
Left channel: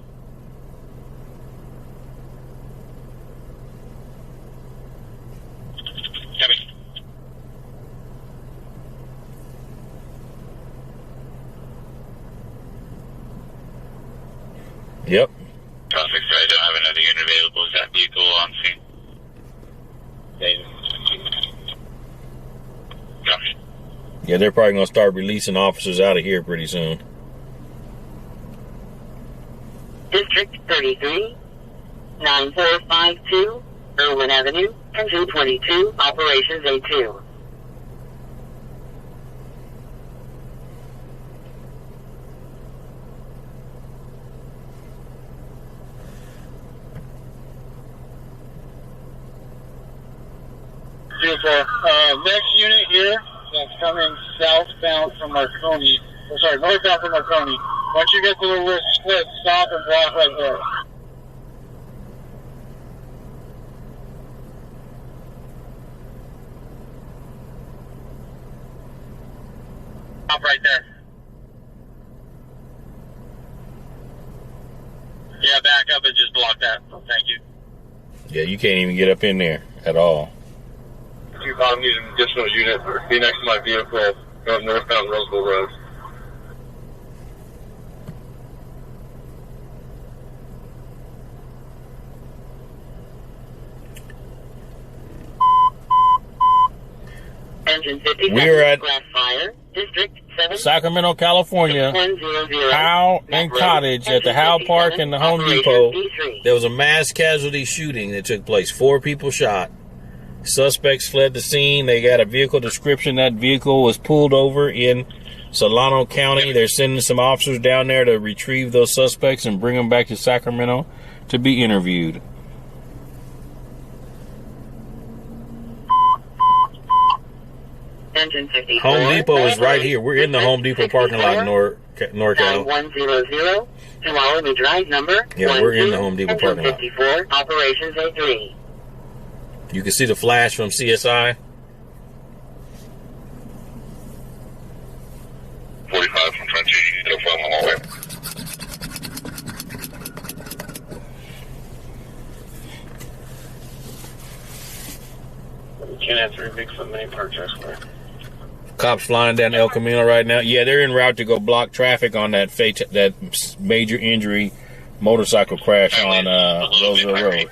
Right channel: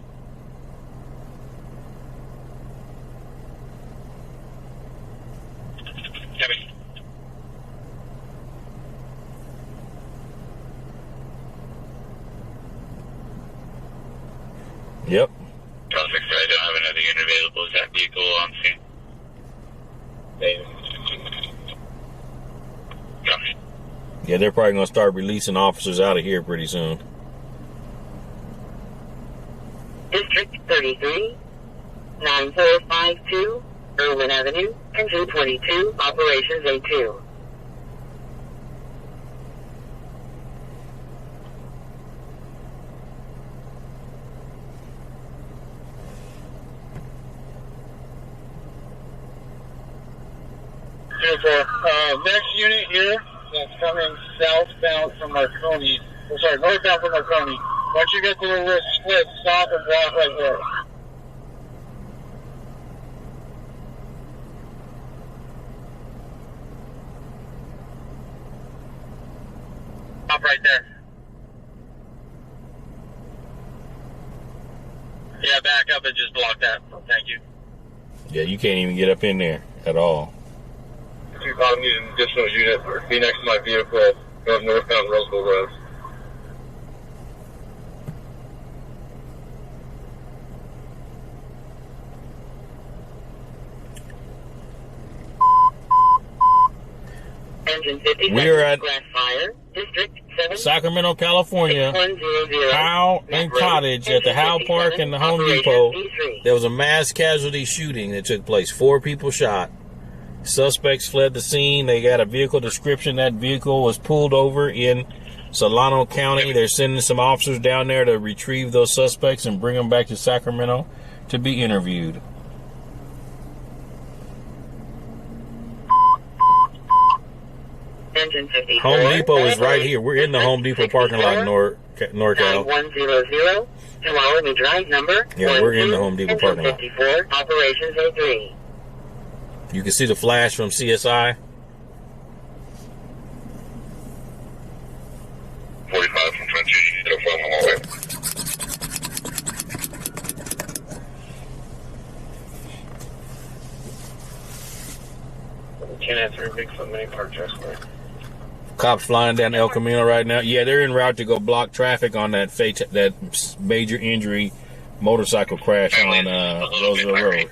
Copy. Yep. Traffic, I don't have another unit available. Is that vehicle on scene? Copy. Yeah, they're probably going to start releasing officers out of here pretty soon. District 33, 9452, Irwin Avenue, Engine 22, Operations A2. Next unit here, that's coming southbound from Marconi. Oh, sorry, northbound from Marconi. Once you get to the little split, stop and block right there. Stop right there. Yeah, back up and just block that. Thank you. Yeah, you can't even get up in there at all. If I'm using an additional unit, be next to my vehicle, going northbound Roseville Road. Engine 50, We're at grass fire, District 7, Sacramento, California. 100, Howe and Cottage at the Howe Park and the Home Depot. There was a mass casualty shooting that took place. 4 people shot. Suspects fled the scene. They got a vehicle description. That vehicle was pulled over in Solano County. They're sending some officers down there to retrieve those suspects and bring them back to Sacramento to be interviewed. Engine 54, Home Depot is right here. We're in the Home Depot parking lot in NorCal. 9100 to Wallaby Drive number. Yeah, we're in the Home Depot parking lot. 54, Operations A3. You can see the flash from CSI. 45 from Frenchie. No problem. I'm all right. Can't answer a Bigfoot mini park just for Cops flying down El Camino right now. Yeah, they're en route to go block traffic on that major injury motorcycle crash on Roseville Road.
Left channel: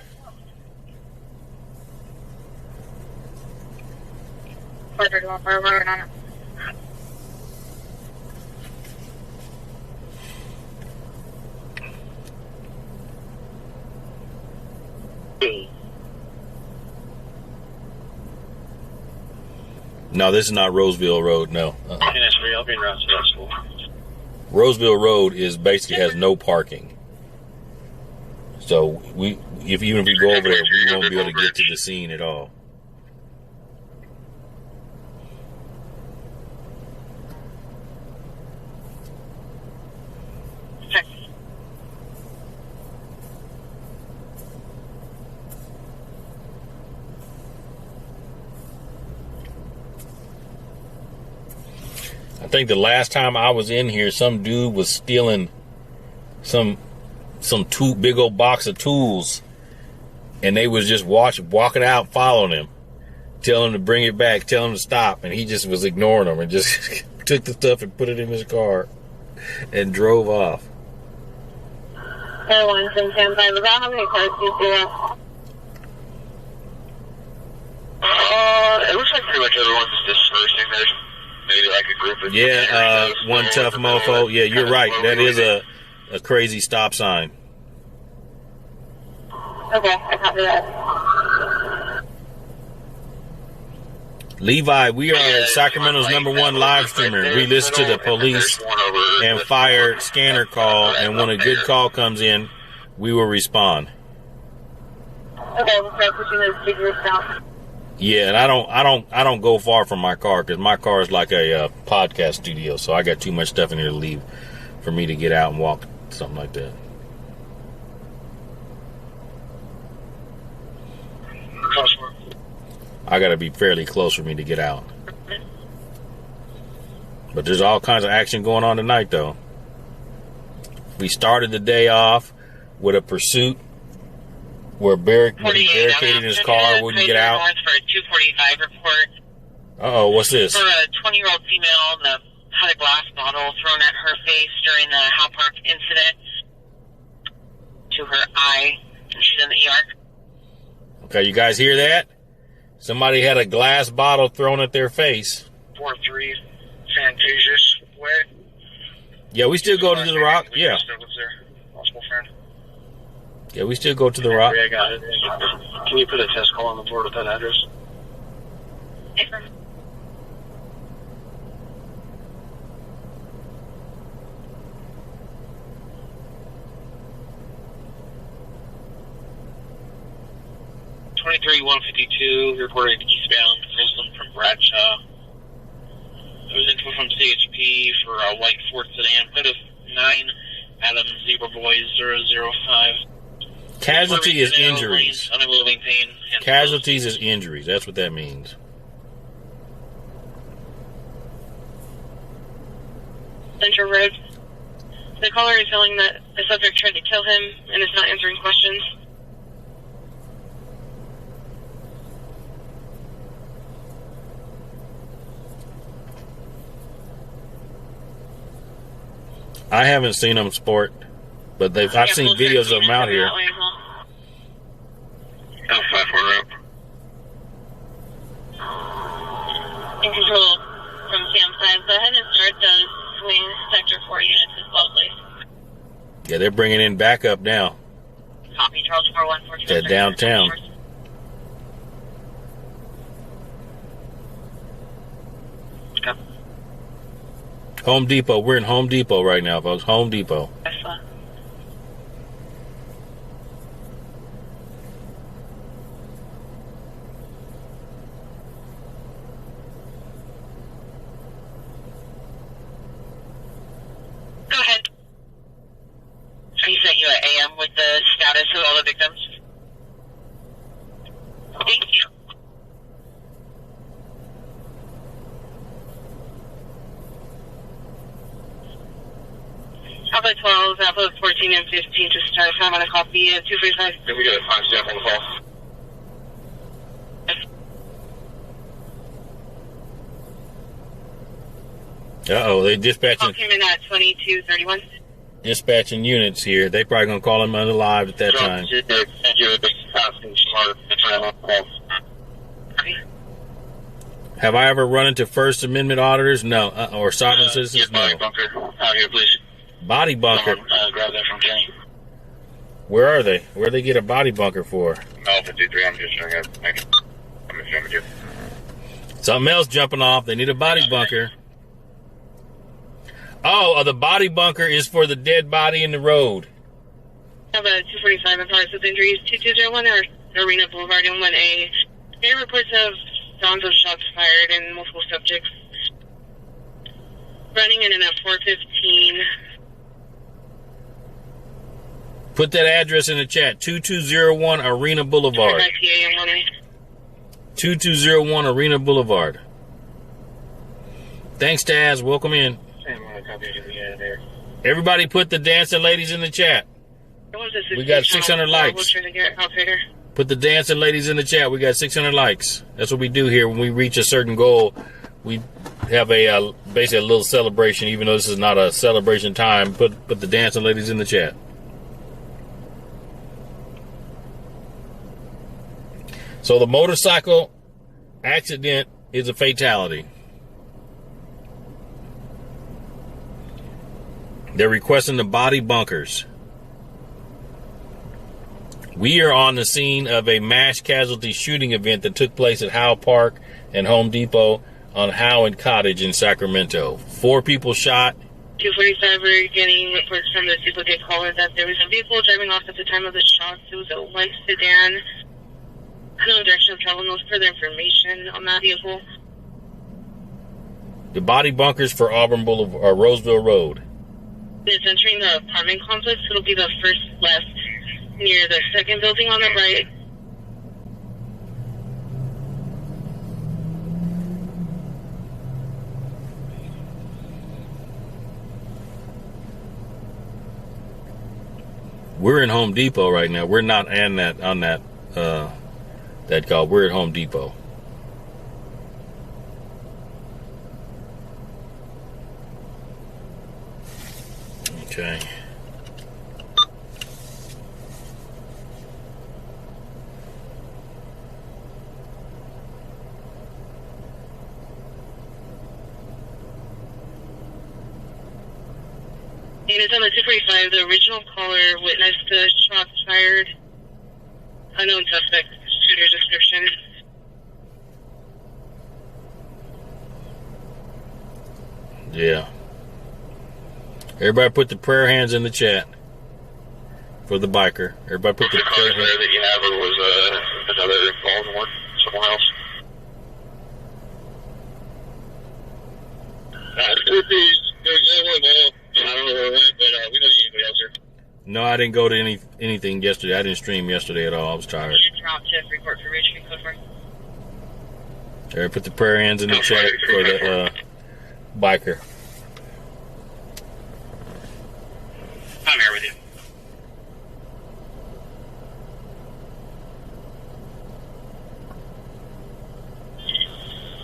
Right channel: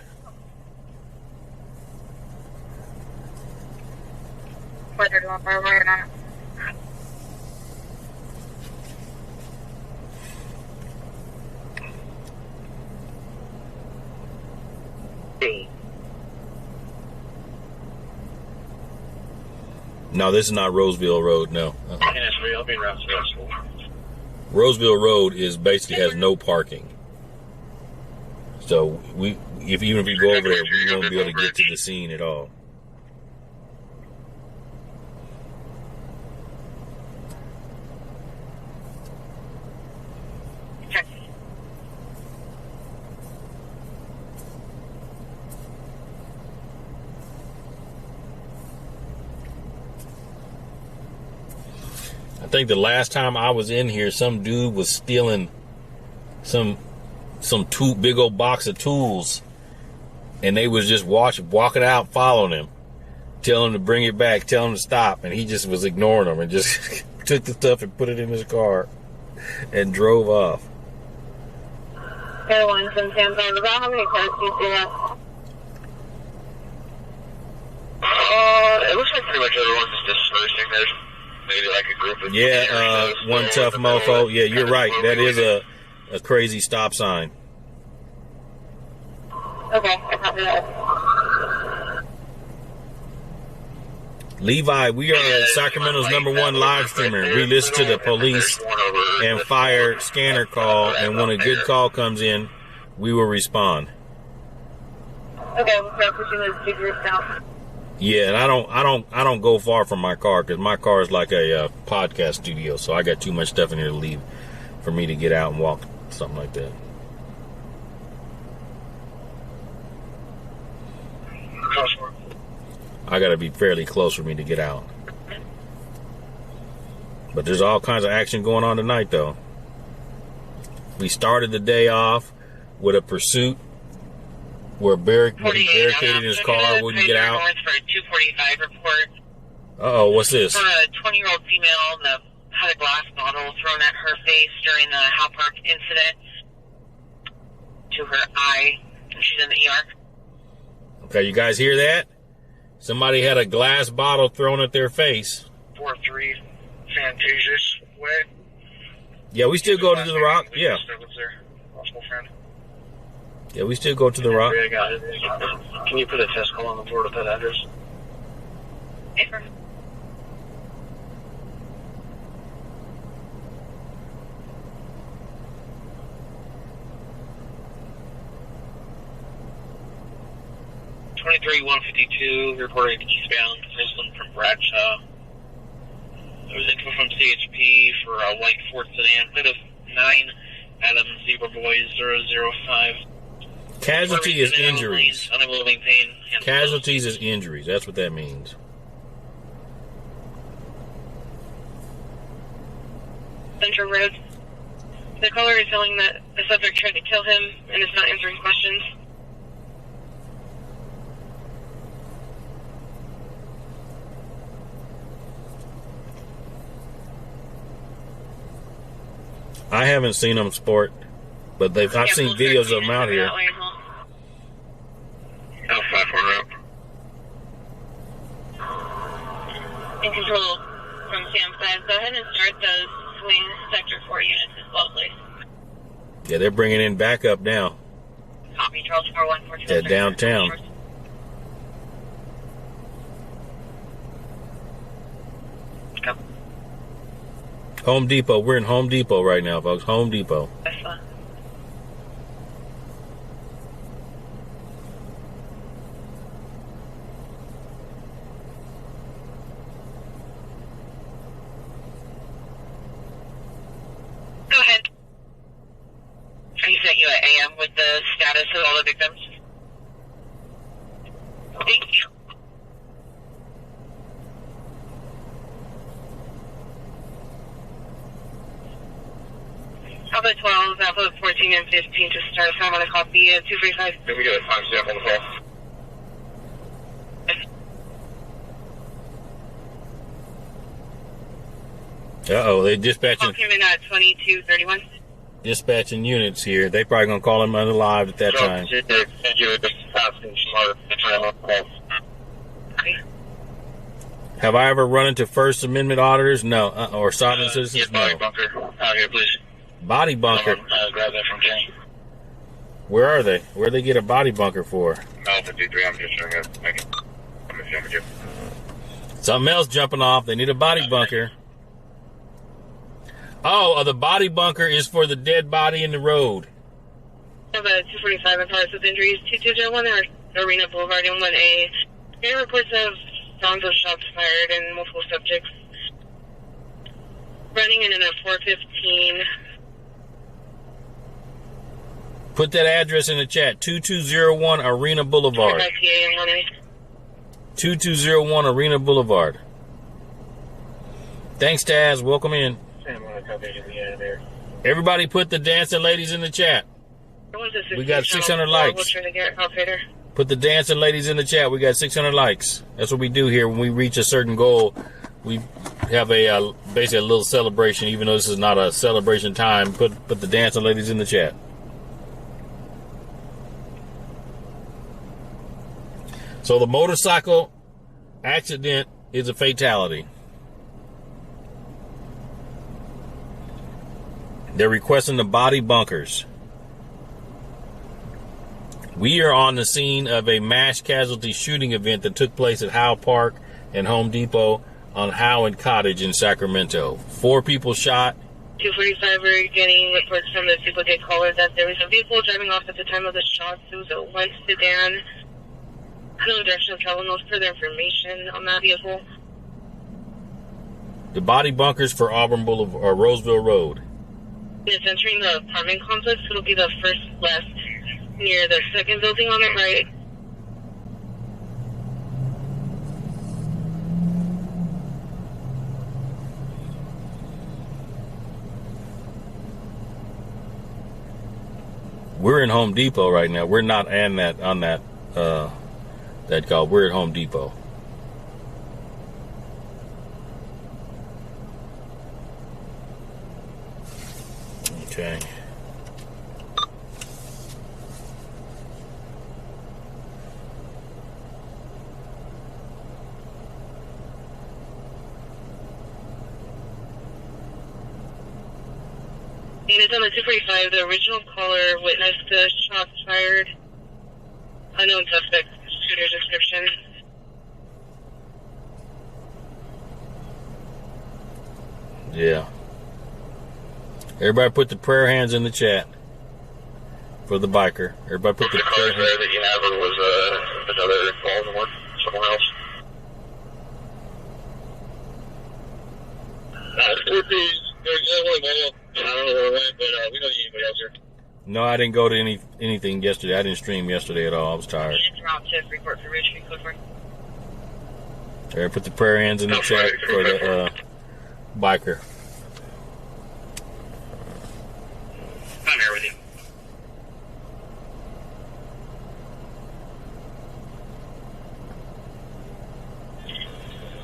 431. We're working on it. No, this is not Roseville Road. No. I'll be in Rossville. Roseville Road is basically has no parking. So even if we go over there, we won't be able to get to the scene at all. I think the last time I was in here, some dude was stealing some big old box of tools, and they was just walking out, following him, telling him to bring it back, telling him to stop, and he just was ignoring them and just took the stuff and put it in his car and drove off. Airlines and Samsung. About how many cars do you see that? It looks like pretty much everyone's dispersing. There's maybe like a group of one tough mofo. Yeah, you're right. That is a crazy stop sign. Okay, I copy that. Levi, we are Sacramento's #1 live streamer. We listen to the police and fire scanner call, and when a good call comes in, we will respond. Okay, we'll start pushing those figures down. Yeah, and I don't go far from my car because my car is like a podcast studio, so I got too much stuff in here to leave for me to get out and walk, something like that. I got to be fairly close for me to get out. But there's all kinds of action going on tonight, though. We started the day off with a pursuit where he barricaded his car, wouldn't get out. For a 245 report. Uh-oh, what's this? For a 20-year-old female that had a glass bottle thrown at her face during the Howe Park incident to her eye, and she's in the ER. Okay, you guys hear that? Somebody had a glass bottle thrown at their face. 4-3 Fantasia's Way. Yeah, we still go to the Rock. Yeah. Possible friend. Yeah, we still go to the Rock. Yeah, I got it. Can you put a test call on the board with that address? Paper. Reported eastbound Muslim from Bradshaw. There was info from CHP for a white Ford sedan, plate of 9 Adam Zebra Boy 005. Casualty is injuries. Unmoving pain. Casualties is injuries. That's what that means. Central Road. The caller is telling that the subject tried to kill him and is not answering questions. I haven't seen them sport, but I've seen videos of them out here. In control from Sam's side. Go ahead and start those swing sector 4 units as well, please. Yeah, they're bringing in backup now. Copy, Charles 414. At downtown. Home Depot. We're in Home Depot right now, folks. Home Depot. That's fine. Go ahead. I sent you an AM with the status of all the victims. Thank you. Alpha 12, Alpha 14 and 15 to start time on a copy at 245. Did we get a timestamp on the call? Uh-oh, they dispatching. Call came in at 2231. Dispatching units here. They probably gonna call him unalive at that time. Have I ever run into First Amendment auditors? No. Or sovereign citizens? Get body No. bunker out here, please. Body bunker. Someone, grab that from Kenny. Where are they? Where they get a body bunker for? Alpha 23, I'm just showing up. I'm assuming you. Something else jumping off. They need a body bunker. Oh, the body bunker is for the dead body in the road. I have a 245 in progress with injuries, 2201 or Arena Boulevard in 1A. There are reports of sounds of shots fired and multiple subjects running in at 415. Put that address in the chat. 2201 Arena Boulevard. IPA in 1A. 2201 Arena Boulevard. Thanks, Taz. Welcome in. Everybody put the dancing ladies in the chat. We got 600 likes. Put the dancing ladies in the chat. We got 600 likes. That's what we do here. When we reach a certain goal, we have a basically a little celebration. Even though this is not a celebration time, put the dancing ladies in the chat. So the motorcycle accident is a fatality. They're requesting the body bunkers. We are on the scene of a mass casualty shooting event that took place at Howe Park and Home Depot on Howe and Cottage in Sacramento. 4 people shot. 245, we're getting reports from the duplicate caller that there was a vehicle driving off at the time of the shots. It was a white sedan. No direction of travel, no further information on that vehicle. The body bunkers for Auburn Boulevard or Roseville Road. It's entering the apartment complex. It'll be the first left near the second building on the right. We're in Home Depot right now. We're not on that call. We're at Home Depot. Okay. And it's on the 245. The original caller witnessed the shots fired. Unknown suspect. Shooter's description. Yeah. Everybody put the prayer hands in the chat for the biker. Everybody put the prayer hands. That you have, or was another involved one somewhere else? There's one more. I don't know where it went, but we don't need anybody else here. No, I didn't go to anything yesterday. I didn't stream yesterday at all. I was tired. Drop to report for Richmond, code 4. Everybody put the prayer hands in the chat for the biker. I'm here with you.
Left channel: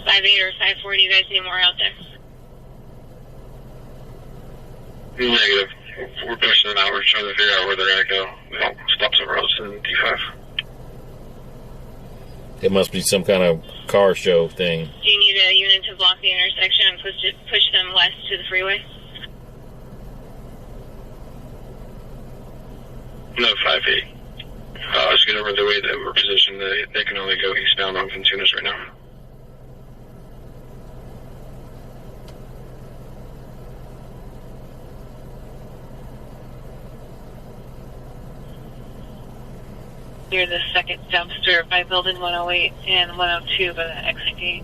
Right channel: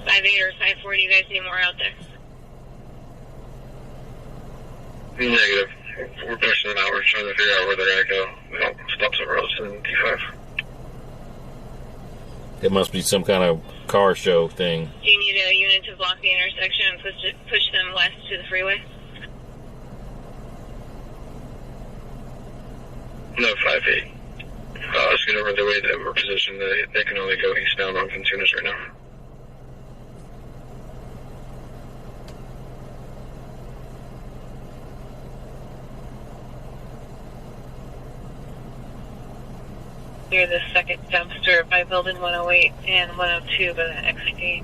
5-8 or 5-4, do you guys need more out there? Negative. We're pushing them out. We're trying to figure out where they're going to go. We don't stop somewhere else in D5. It must be some kind of car show thing. Do you need a unit to block the intersection and push them west to the freeway? No, 5-8. Let's get over the way that we're positioned. They can only go eastbound on Ventunas right now. Near the second dumpster by building 108 and 102 by the exit gate.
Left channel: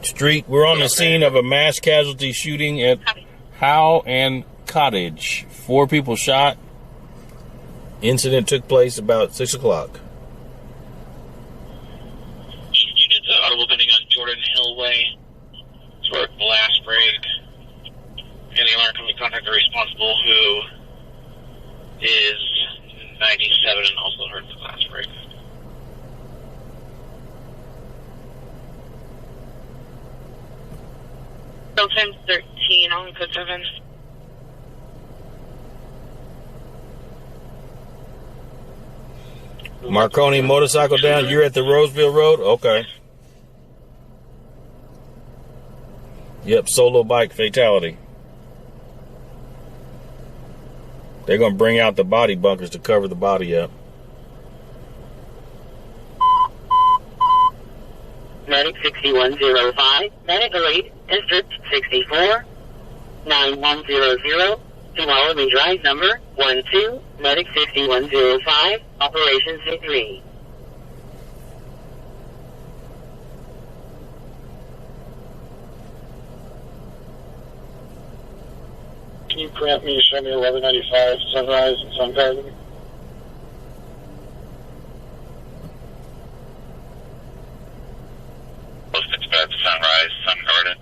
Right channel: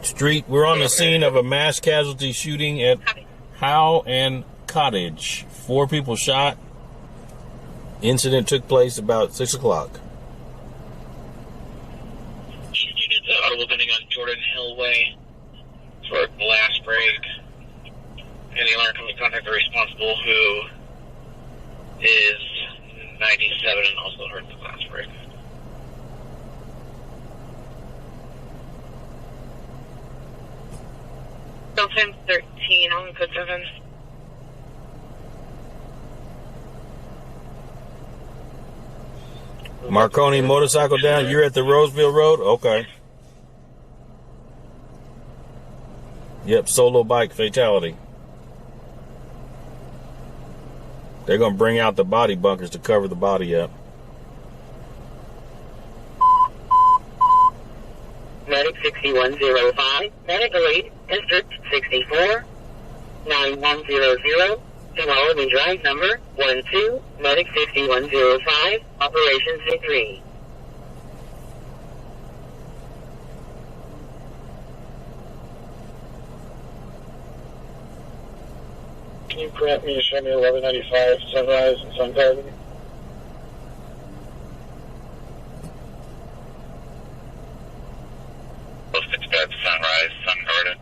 Street, we're on the scene of a mass casualty shooting at Howe and Cottage. 4 people shot. Incident took place about 6 o'clock. Units audible pending on Jordan Hill Way for a blast break. Any alarm company contact the responsible, who is 97 and also heard the glass break. Time 13 on code 7. Marconi motorcycle down. You're at the Roseville Road? Okay. Yep, solo bike fatality. They're going to bring out the body bunkers to cover the body up. Medic 6105, Medical Aid, District 64, 9100, Tuolumne Drive number 12, Medic 6105, Operations Victory. Can you grant me to show me 1195 Sunrise and Sun Garden? Dispatch Sunrise, Sun Garden.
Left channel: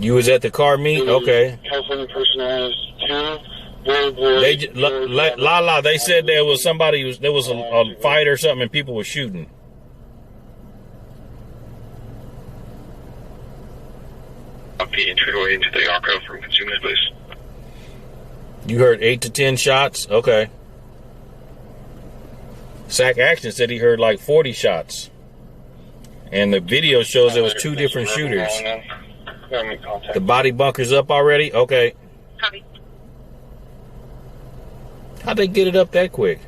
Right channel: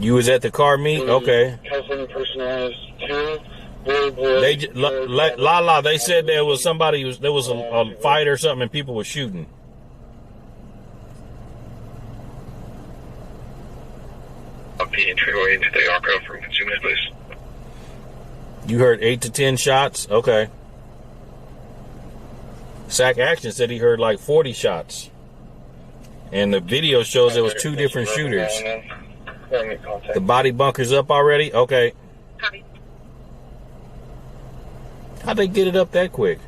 You was at the car meet? Okay. California personnel is 2, boy. They they said there was somebody, there was a fight or something and people were shooting. P entryway into the Arco from consumers, please. You heard 8 to 10 shots? Okay. Sac Action said he heard like 40 shots. And the video shows there was 2 different shooters. The body bunker's up already? Okay. Copy. How'd they get it up that quick?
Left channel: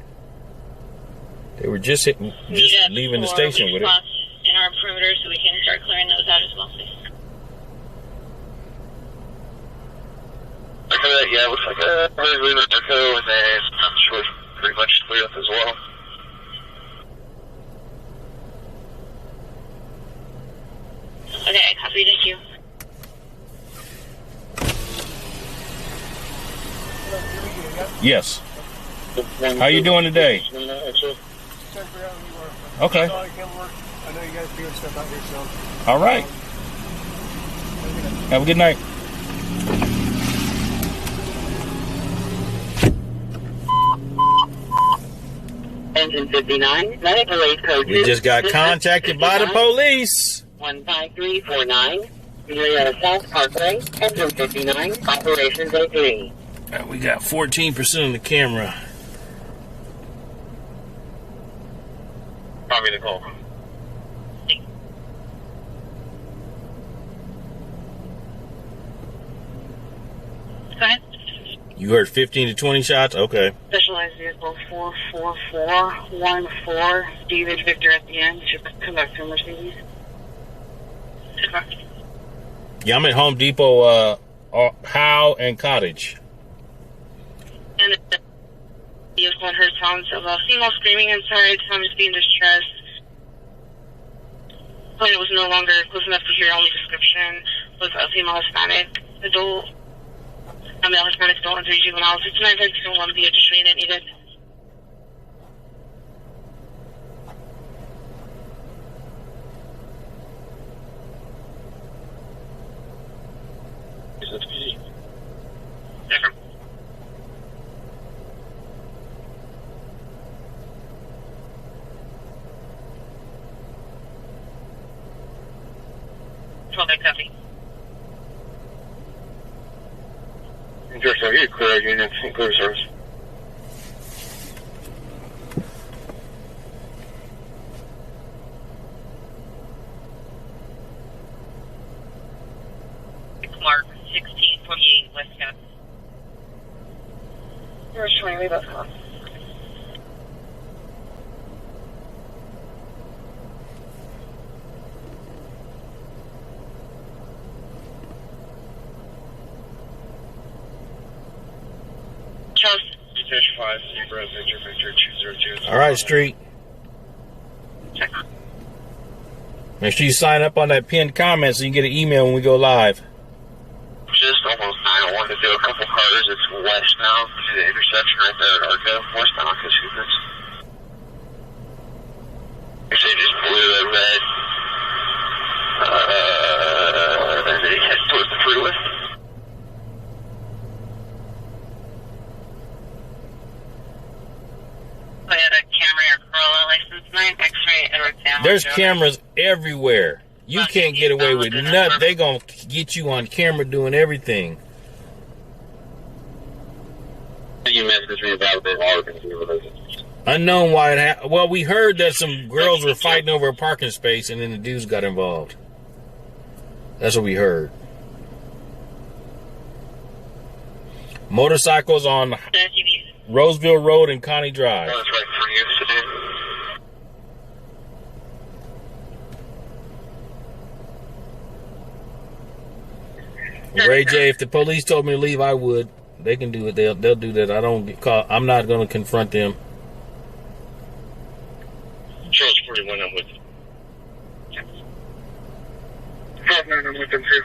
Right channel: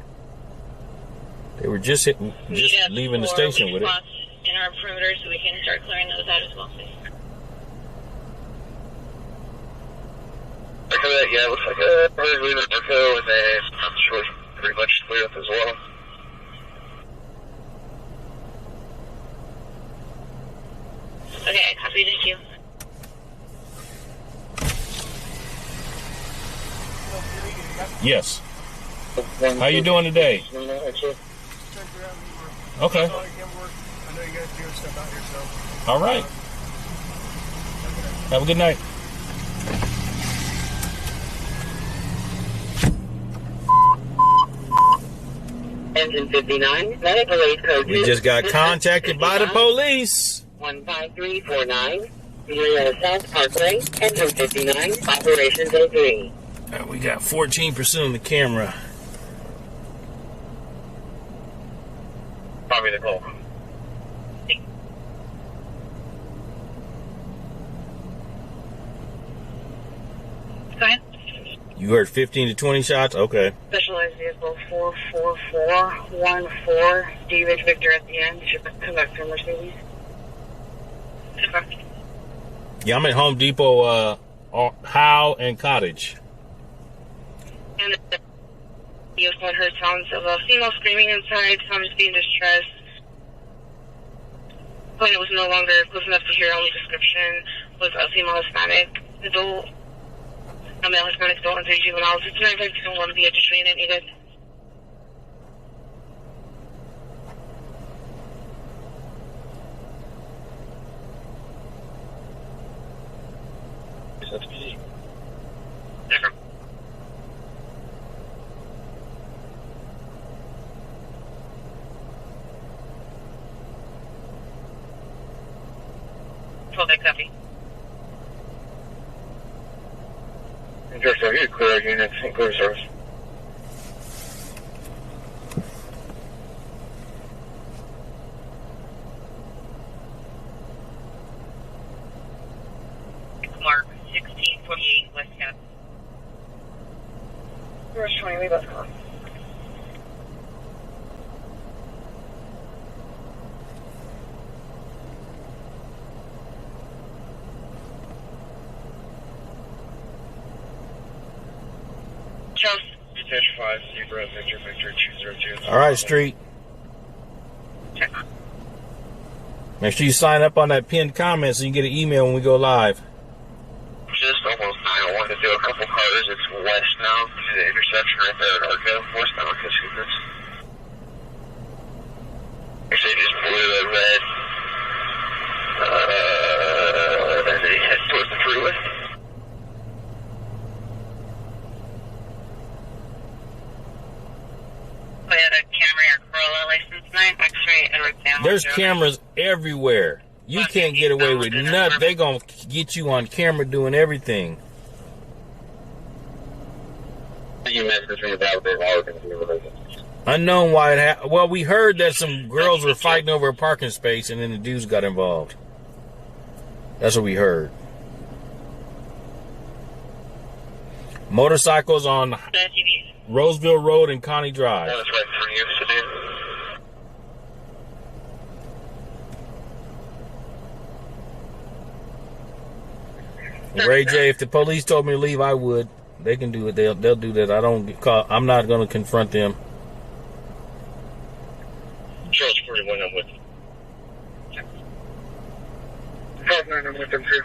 They were just leaving the station with it. In our perimeter, so we can start clearing those out as well, please. Yeah, it looks like a bird leaving Echo, and then I'm sure pretty much clear up as well. Okay, copy, thank you. Yes. How you doing today? Okay. All right. Have a good night. Engine 59, Medical Aid Code. We just got contacted by the police. 15349, Julietta South Parkway, Engine 59, Operations A3. We got 14% on the camera. Probably the call. Go ahead. You heard 15 to 20 shots? Okay. Specialized Vehicle 44414, David Victor at the end, should come back to Mercedes. Yeah, I'm at Home Depot, Howe and Cottage. And the vehicle heard sounds of a female screaming inside, sounds being distressed. When it was no longer close enough to hear, only description was a female Hispanic adult. A male Hispanic adult and 3 juveniles. It's 952 be additional unit needed. Different. Copy. Just so you clear units and clear service. Mark 1648 West Cap. First 20, leave us off. Dispatch 5, Zebra, Victor 202. All right, Street. Make sure you sign up on that pinned comment so you can get an email when we go live. Just almost 901 to do a couple cars. It's west now to the intersection right there at Arco. Westbound Arco Scoopers. Actually, just blue and red. And then he heads towards the freeway. There's cameras everywhere. You can't get away with nothing. They gonna get you on camera doing everything. You messaged me about the all things related. Unknown why it happened. Well, we heard that some girls were fighting over a parking space, and then the dudes got involved. That's what we heard. Motorcycles on Roseville Road and Connie Drive. That's right for you to do. Ray J, if the police told me to leave, I would. They can do it. They'll do that. I don't get caught. I'm not going to confront them. Charles 41, I'm with you. 5-9, I'm with them too.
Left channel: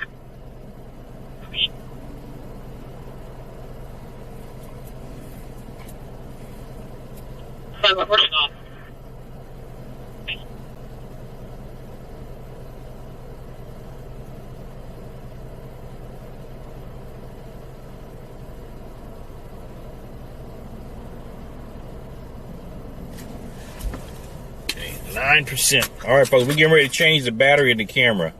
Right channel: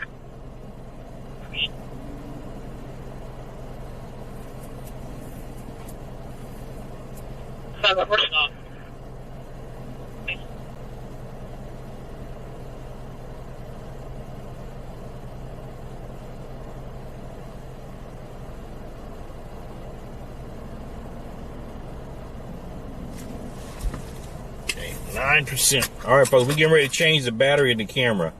Okay, 9%. All right, folks, we're getting ready to change the battery in the camera.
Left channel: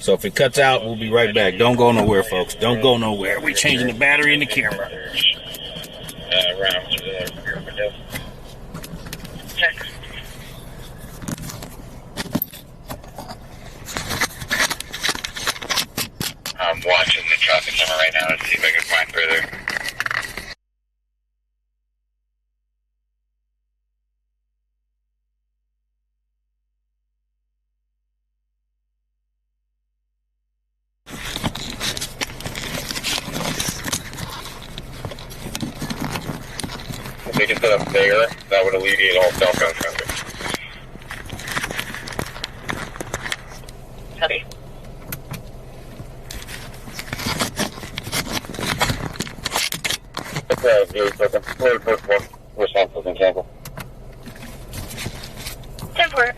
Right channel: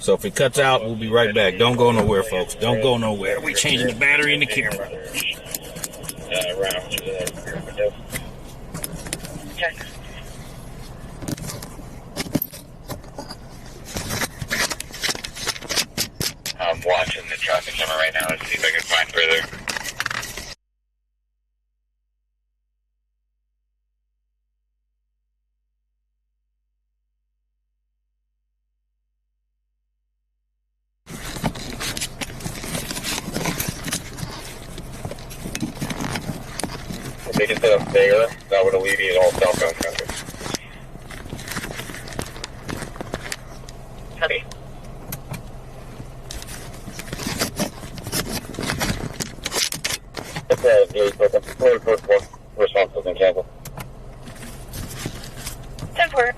So if it cuts out, we'll be right back. Don't go nowhere, folks. Don't go nowhere. We're changing the battery in the camera. I'm watching the traffic camera right now to see if I can find further. If they can set up there, that would alleviate all southbound traffic. Copy. First one response has been canceled. 10-4.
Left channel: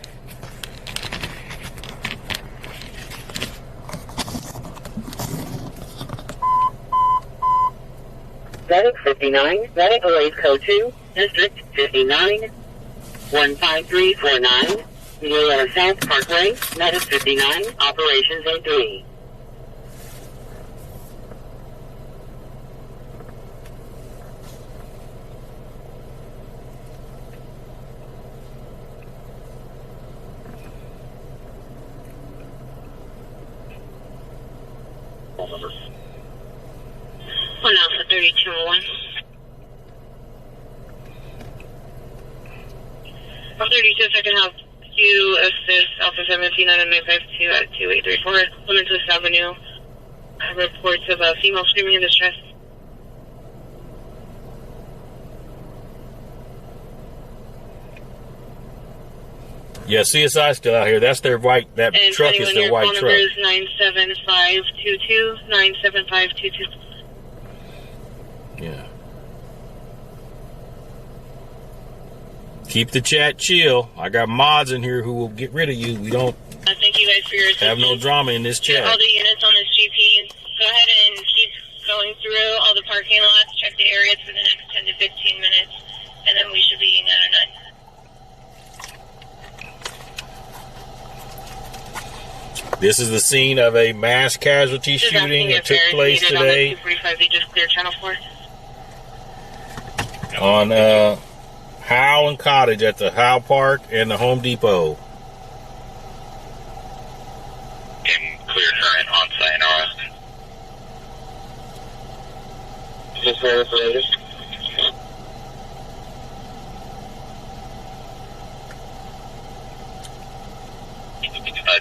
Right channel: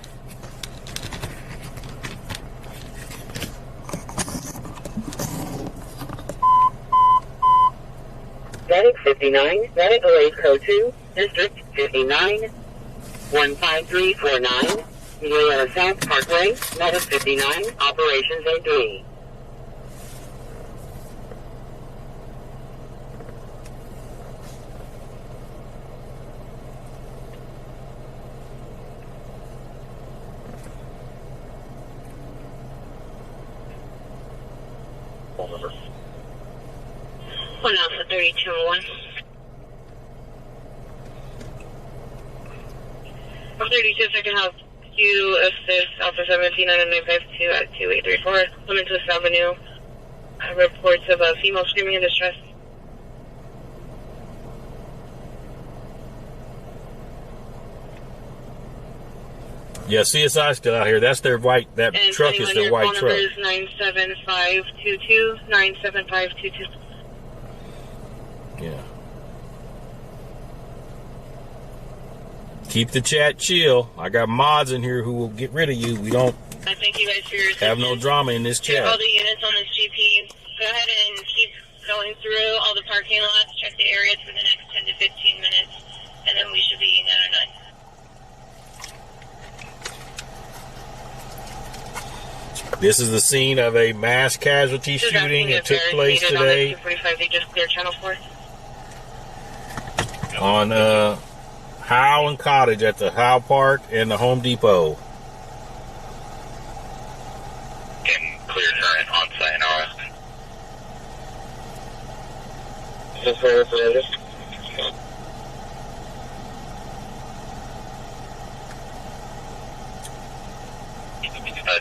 Medic 59, Medic Police Code 2, District 59, 15349, Juliana South Parkway, Medic 59, Operations A3. Phone number. 1 Alpha 32-1. 32, if I can help you assist Alpha 17 on 952 at 2834 Clementus Avenue. Reports of a female screaming in distress. Yeah, CSI still out here. That's their white. That And truck is their white phone truck. number is 97522 97522. Yeah. Keep the chat chill. I got mods in here who will get rid of you. We don't Thank you guys for your assistance. have no drama in this All chat. the units on this GP, go ahead and keep going through all the parking lots, check the areas for the next 10 to 15 minutes, and then we should be 909. This is the scene of a mass casualty Just shooting asking that if took there's place needed today On the 245, they just cleared channel 4. on Howe and Cottage at the Howe Park and the Home Depot. In clear current on Sayonara. Is this where it's related?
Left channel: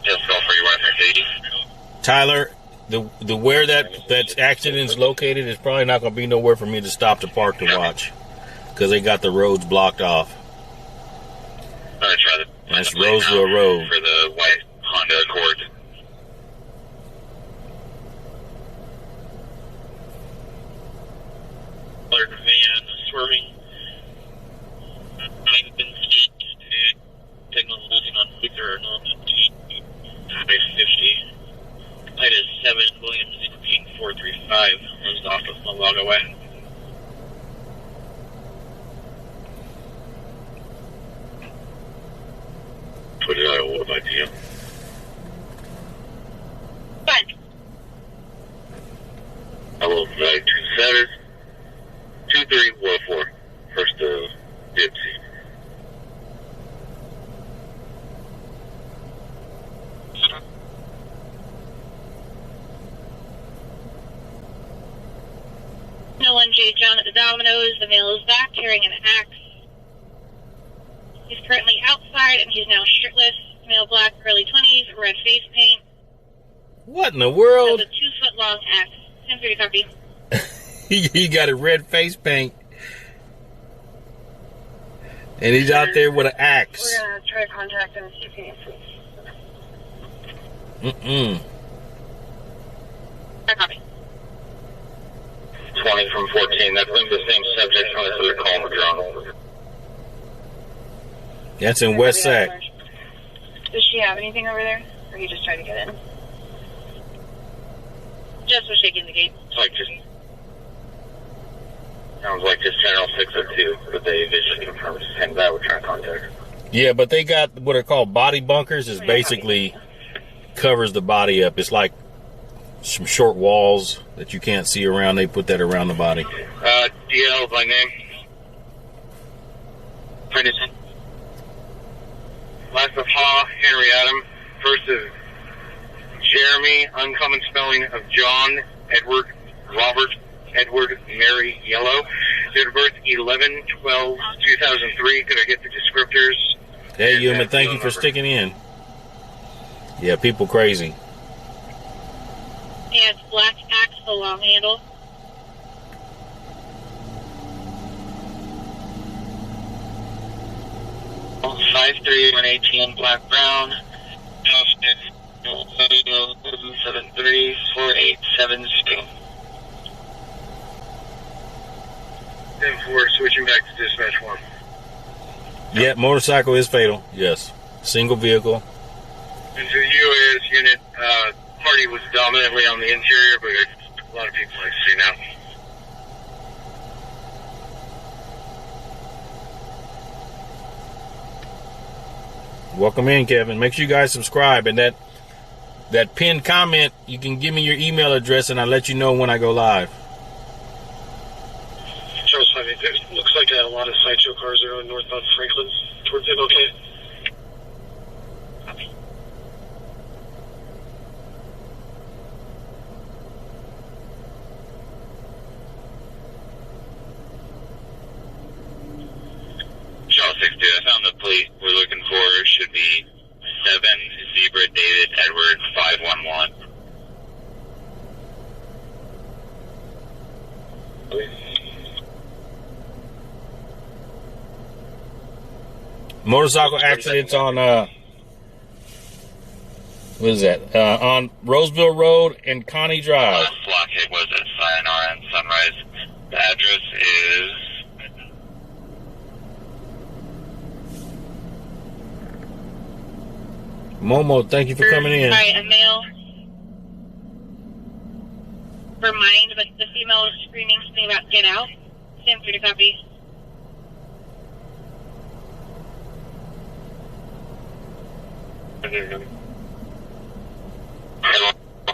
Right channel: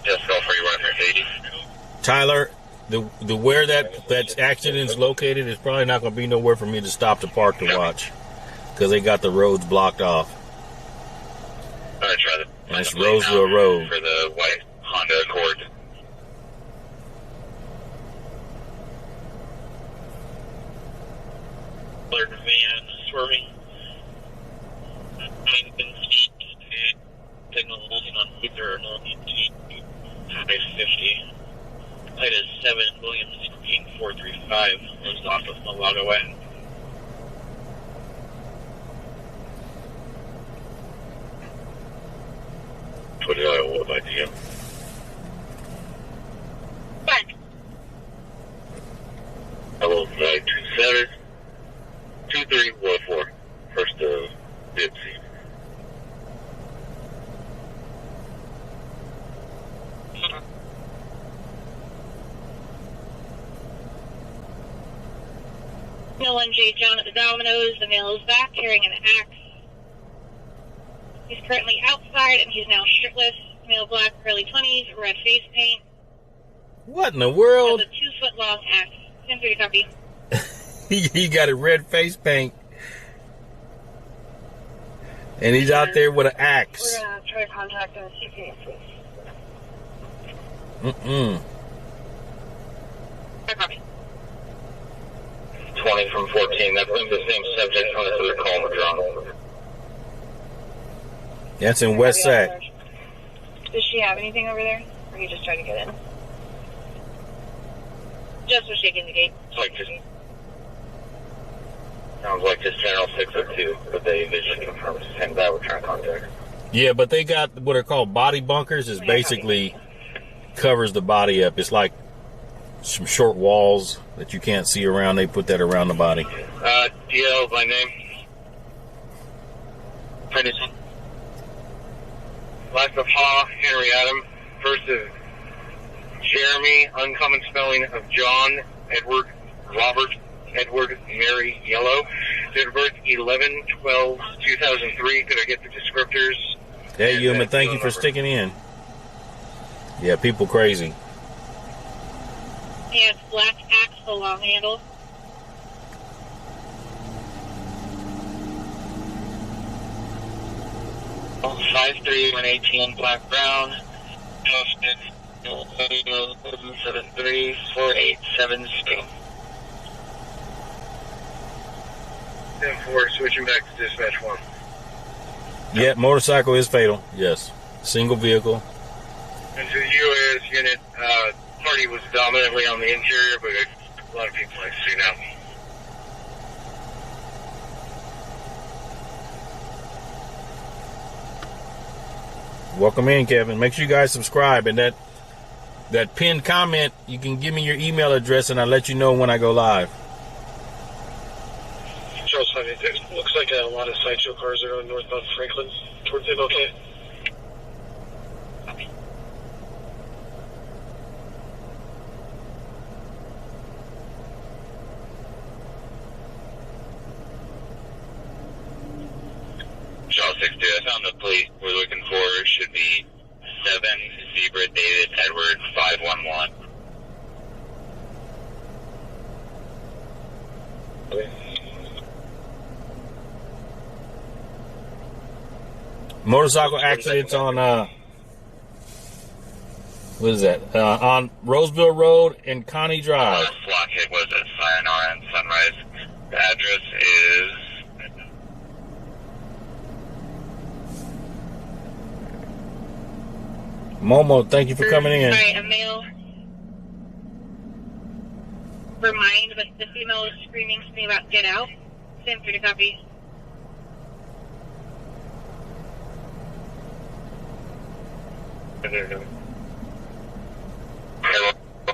Just go for you, 180. Tyler, the where that accident's located is probably not going to be nowhere for me to stop to park to watch because they got the roads blocked off. Alright, try the. That's Roseville Road. For the white Honda Accord. Colored van swerving 9 feet and signal losing on Luther 550. Height is 7 Williams 16435 was off of Malaga Way. Put it on, what about you? Fine. Hello, 927. 230 J. John at the Domino's. The male is back carrying an axe. He's currently outside and he's now shirtless. Male black, early 20s, red face paint. What in the world? Has a 2-foot long axe. 10-30 copy. He got a red face paint. And he's out there with an axe. We're going to try to contact him and see if he can Mm-mm. copy. 20 from 14. That's the same subject on this other call we're drawn. That's in West Sac. Does she have anything over there? Or he just tried to get in? Just was shaking the gate. It's like just... Sounds like just General 602, but they visually confirmed the same guy we're trying to contact. Yeah, but they got what are called body bunkers. Is basically covers the body up. It's like some short walls that you can't see around. They put that around the body. DL by name. Henderson. Last of Howe, Henry Adam. First of Jeremy, uncommon spelling of John, Edward, Robert, Edward, Mary, Yellow. Date of birth 11/12/2003. Could I get the descriptors? Hey, Yuma, thank you for sticking in. Yeah, people crazy. He has black axe, the long handle. Oh, 53118 black brown. Posted 734872. 10-4, switching back to dispatch 1. Yeah, motorcycle is fatal. Yes, single vehicle. And to the UAS unit, party was dominantly on the interior, but a lot of people I see now. Welcome in, Kevin. Make sure you guys subscribe, and that pinned comment, you can give me your email address, and I'll let you know when I go live. Charles 5, it looks like a lot of sideshow cars are going northbound Franklin towards it. Okay. Charles 62, I found the plate we're looking for. Should be 7 Zebra David Edward 511. Motorcycle accidents on what is that? On Roseville Road and Connie Drive. Last block hit was at Sayonara and Sunrise. The address is... Momo, thank you for coming in. Sorry, a male. Remind, but the female is screaming something about get out. Same 30 copy.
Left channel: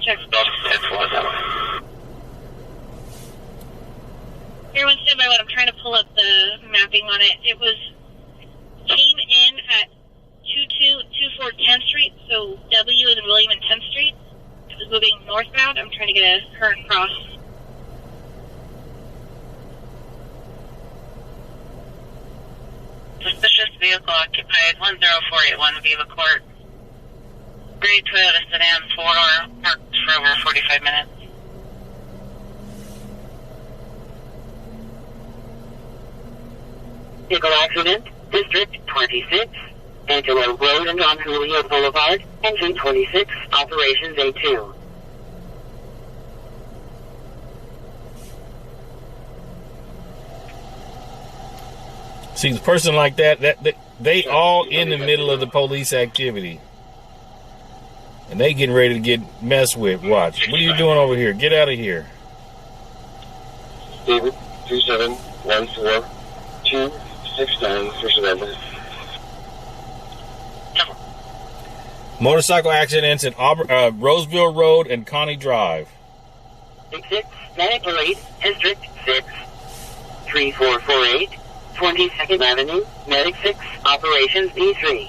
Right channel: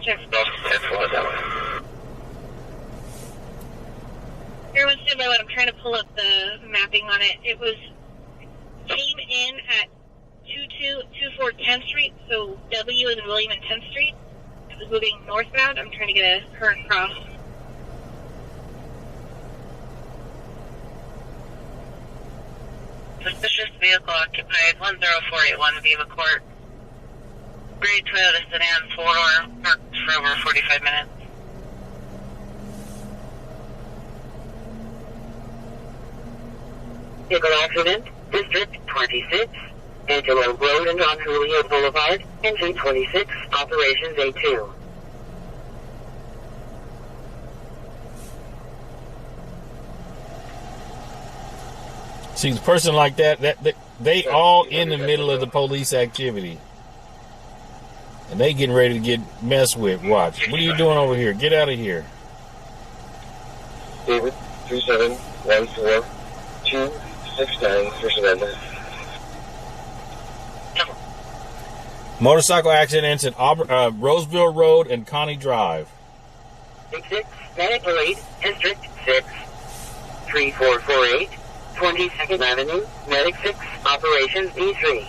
Check. Everyone stand by when I'm trying to pull up the mapping on it. It came in at 2224 10th Street, so W is in William and 10th Street. It was moving northbound. I'm trying to get a current cross. Suspicious vehicle occupied 10481 Viva Court. Gray Toyota sedan, 4-door, parked for over 45 minutes. Vehicle accident, District 26, Antelope Road and on Julio Boulevard, Entry 26, Operations A2. See, the person like that they all in the middle of the police activity. And they getting ready to get messed with. Watch. What are you doing over here? Get out of here. David, 3714269 for surrender. Motorcycle accidents at Roseville Road and Connie Drive. 66, Medic Parade, District 6, 3448, 22nd Avenue, Medic 6, Operations E3.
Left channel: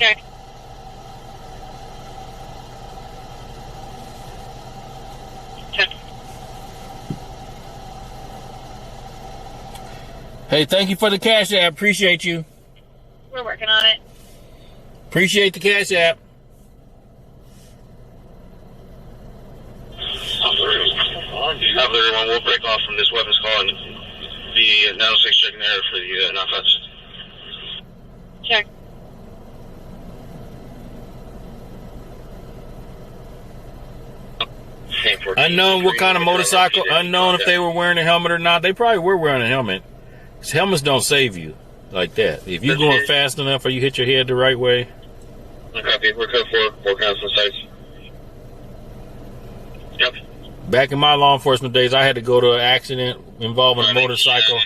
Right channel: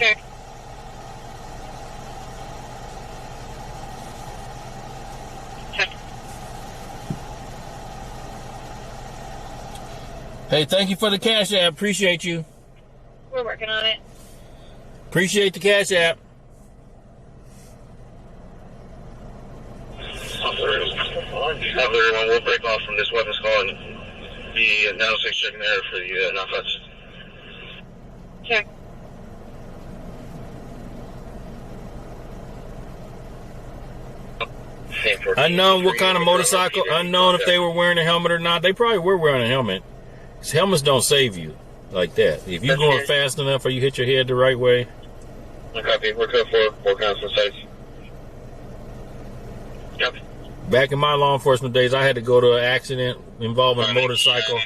Check. Check. Hey, thank you for the cash app. Appreciate you. We're working on it. Appreciate the cash app. Everyone will break off from this weapons call and be 906 checking there for the non-fence. Check. Unknown what kind of motorcycle. Unknown if they were wearing a helmet or not. They probably were wearing a helmet. 'Cause helmets don't save you like that. If you're going fast enough or you hit your head the right way. Copy. We're code 4. 4 constant sites. Yep. Back in my law enforcement days, I had to go to an accident involving a motorcycle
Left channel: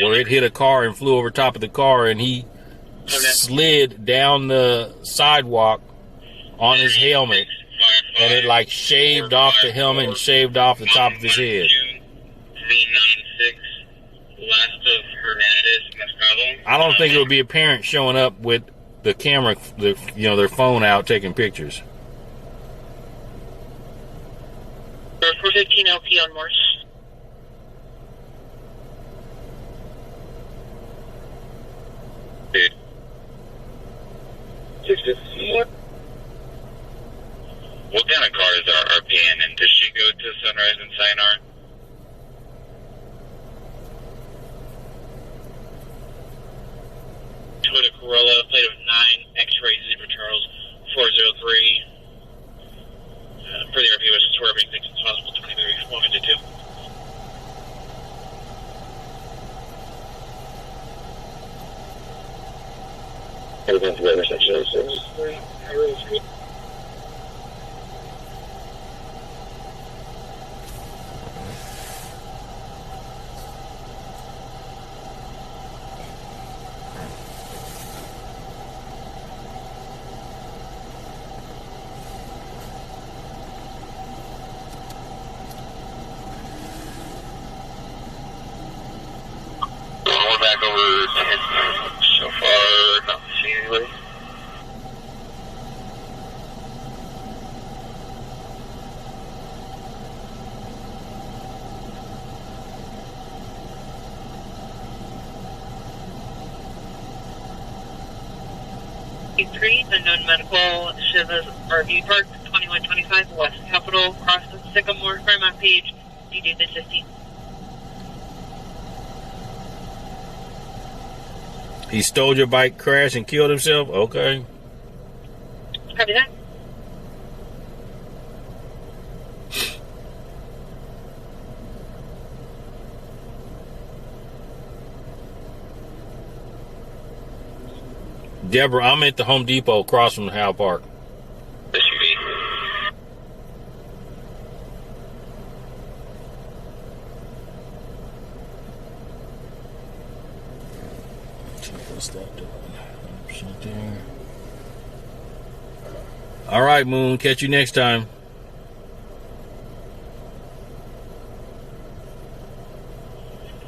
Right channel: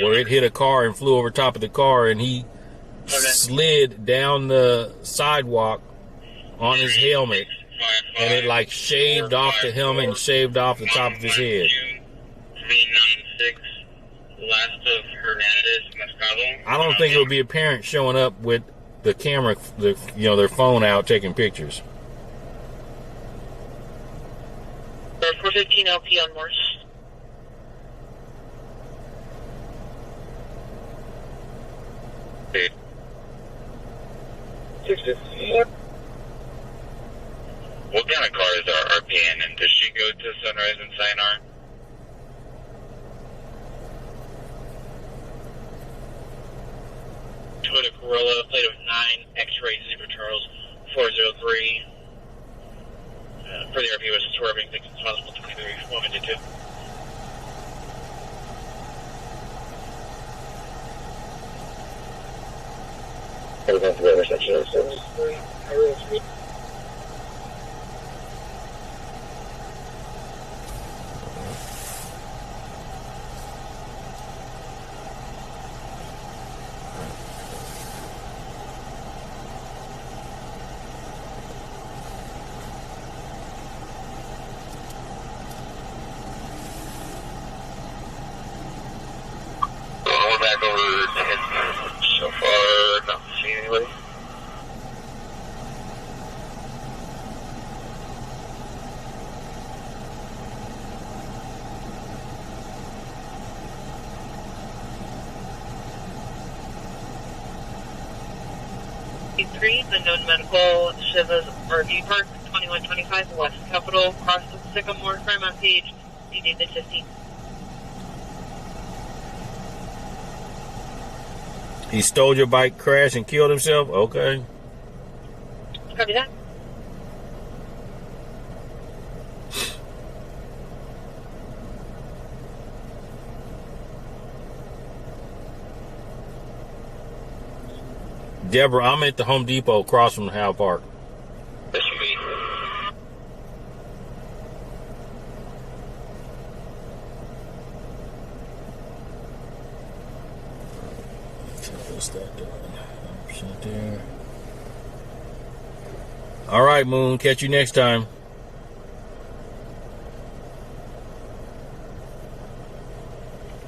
where it hit a car and flew over top of the car, and he slid down the sidewalk on his helmet, and it like shaved off the helmet and shaved off the top of his head. I don't think it would be apparent showing up with the camera, their phone out taking pictures. 415 LP on Morse. Dude. 650. What kind of car is our RPN, and does she go to Sunrise and Sayonara? Toyota Corolla, plate of 9, X-ray, Zebra Charles, 403. For the RP was swerving, thinks it's possible 23, 152. Everything to the intersection of 6. Back over so far, not seeing anybody. Three, unknown medical, Shiva's RV Park, 2125 West Capitol, cross the Sycamore, crime on page, DD the 15. He stole your bike, crashed, and killed himself? Okay. Copy that. Deborah, I'm at the Home Depot across from Howe Park. SUV. What's that doing? 100% there. All right, Moon. Catch you next time.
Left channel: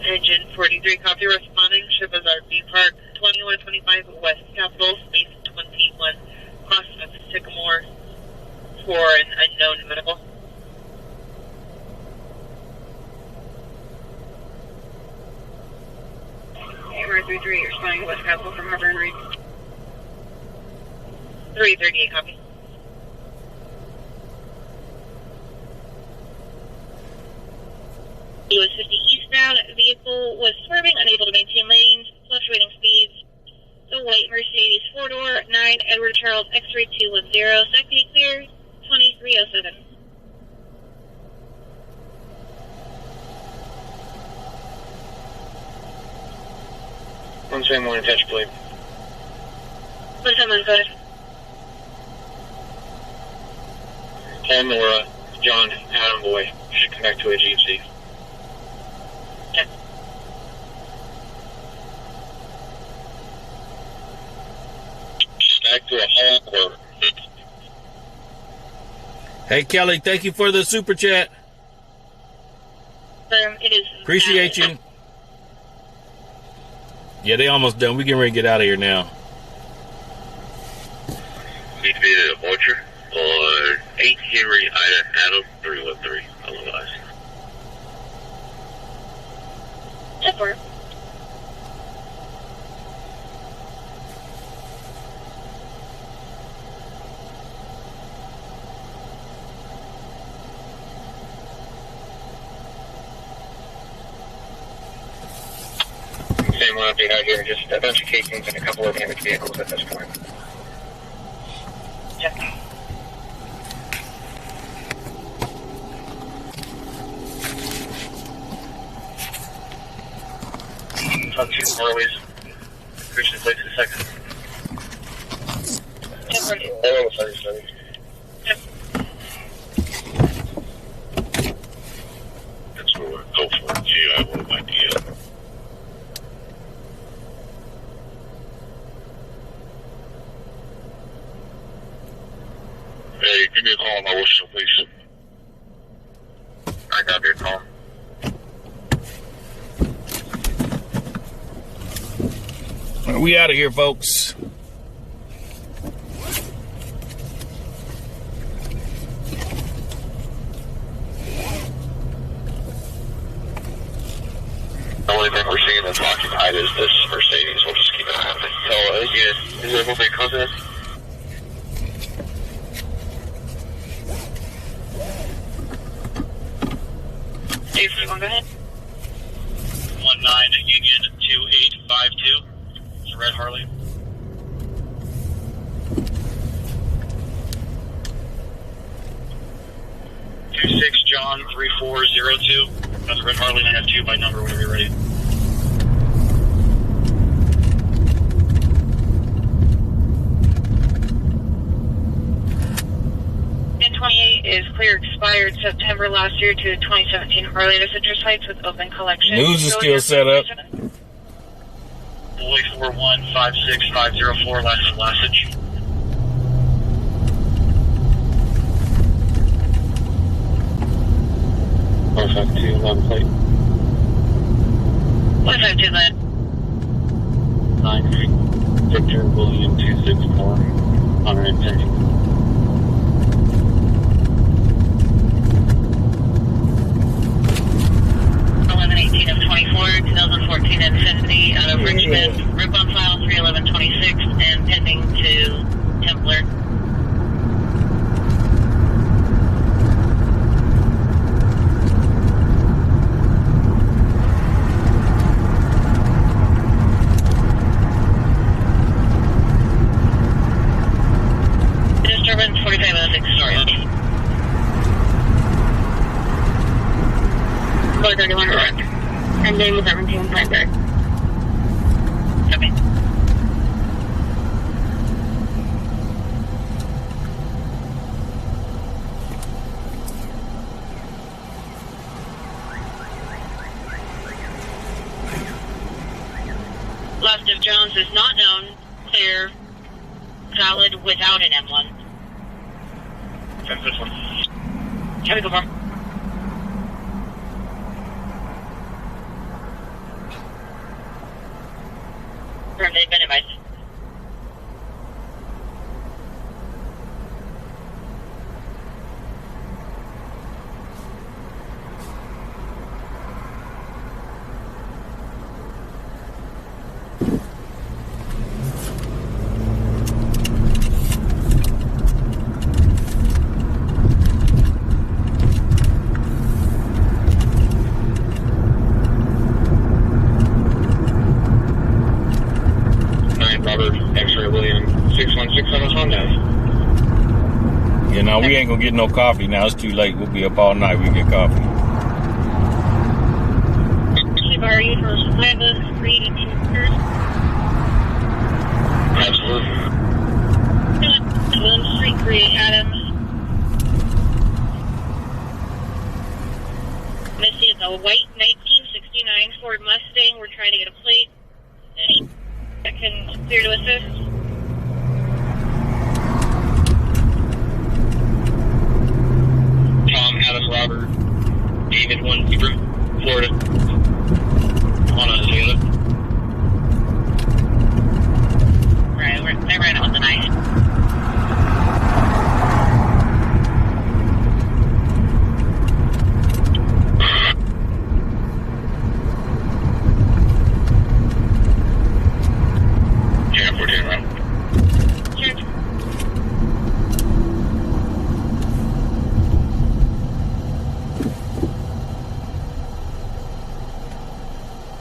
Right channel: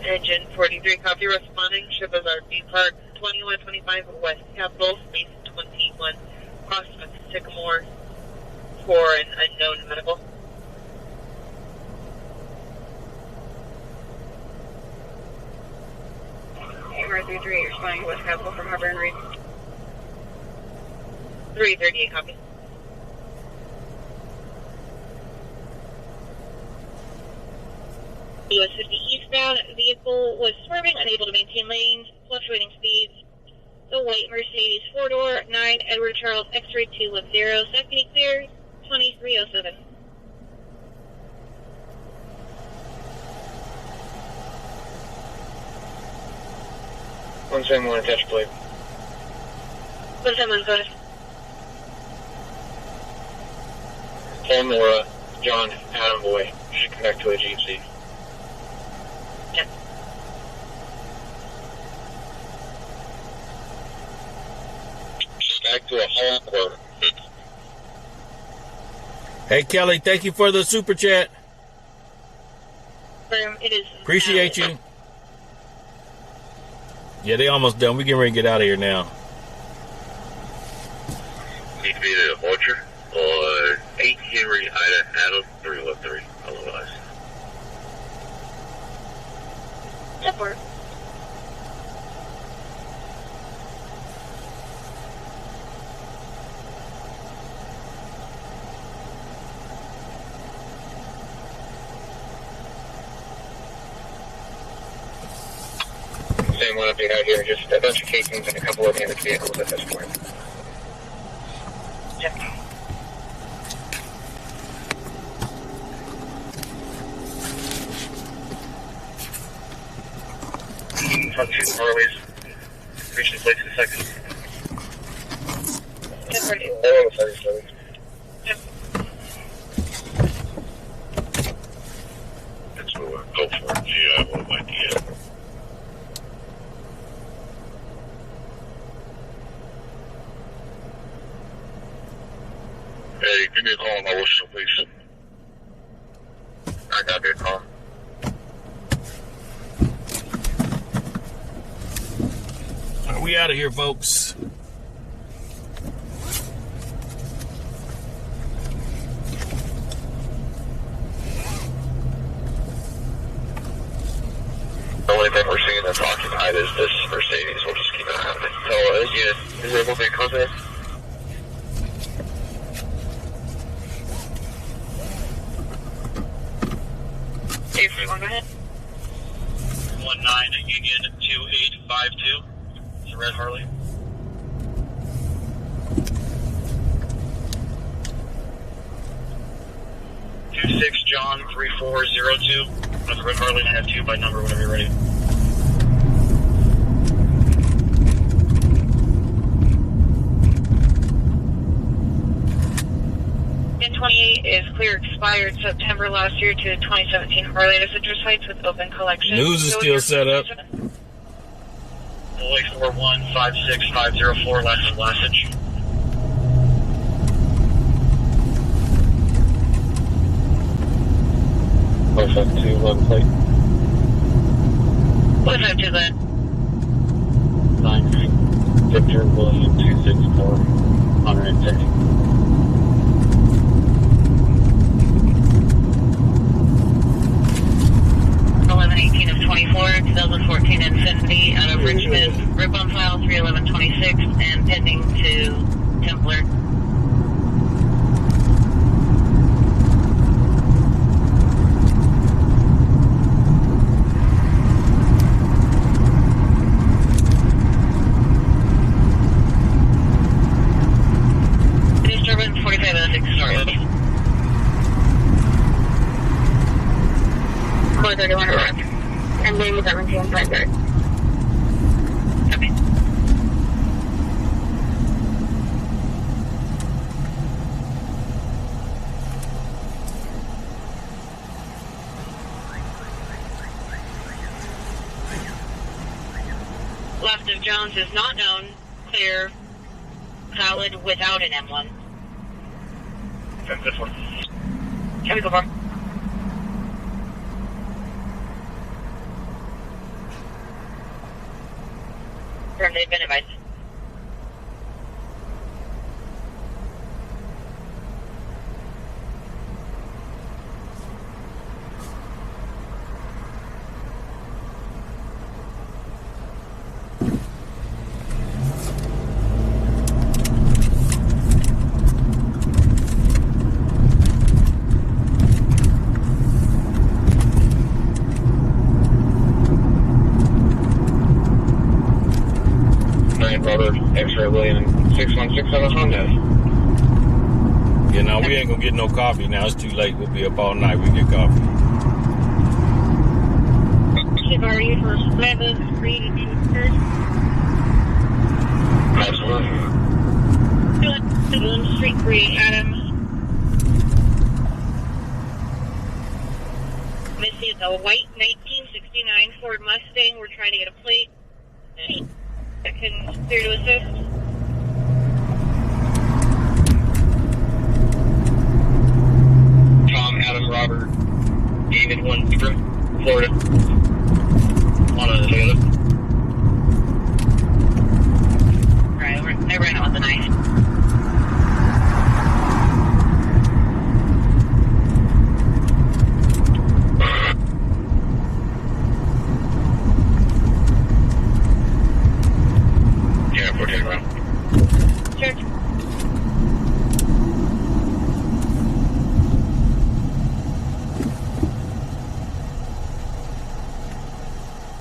Engine 43, copy responding, Shiva's RV Park, 2125 West Capitol, space 21, cross of Sycamore for an unknown medical. UR33, responding to West Capitol from Harbor and Reed. 338, copy. US 50 eastbound, vehicle was swerving, unable to maintain lanes, fluctuating speeds. The white Mercedes 4-door, 9 Edward Charles X-ray 210, second clear, 2307. One same one attached plate. One time on code. Paul Nora, John Adam Boy. Should connect to a GC. Yeah. Back to a home court. Hey, Kelly, thank you for the super chat. It is. Appreciate you. Yeah, they almost done. We getting ready to get out of here now. need to be at a orchard or 8 Henry Ida Adam 313. Otherwise. Support. Same one update out here, just a bunch of casings and a couple of damaged vehicles at this point. Check. Front 2 Harleys. Reach the place in a second. Support. They're on the 37. Yep. That's what we're going for. Gee, I have no idea. Hey, give me a call on my whistle, please. I got your call. We out of here, folks. The only thing we're seeing that's occupied is this Mercedes. We'll just keep an eye on it. So, again, is there one big contact? Go ahead. 19 Union 2852. It's a red Harley. 26 John 3402. That's a red Harley, and I have 2 by number whenever you're ready. N28 is clear expired September last year to 2017 Harley to Citrus Heights with open collection. News is still set up. Boy 4156504, last of Lasage. Perfect, 2 left plate. 152 then. 9 Victor William 264. 110. 1118 of 24, 2014 Infinity out of Richmond. Rip on file 31126 and pending to Templar. Disturbance 4506, sorry. 431 correct. And name is 1755. Okay. Left of Jones is not known. Clear. Valid without an M1. Check this one. Chemical bar. They've been advised. X-ray William 616 on a Honda. You know, we ain't gonna get no coffee now. It's too late. We'll be up all night. We get coffee. Shibari for 503 Absolutely. William Street 3, Adams. Missy is a white 1969 Ford Mustang. We're trying to get a plate that can clear to assist. Tom, Adam, Robert, David 10, Florida. On a Toyota. Right, they ran it on the night.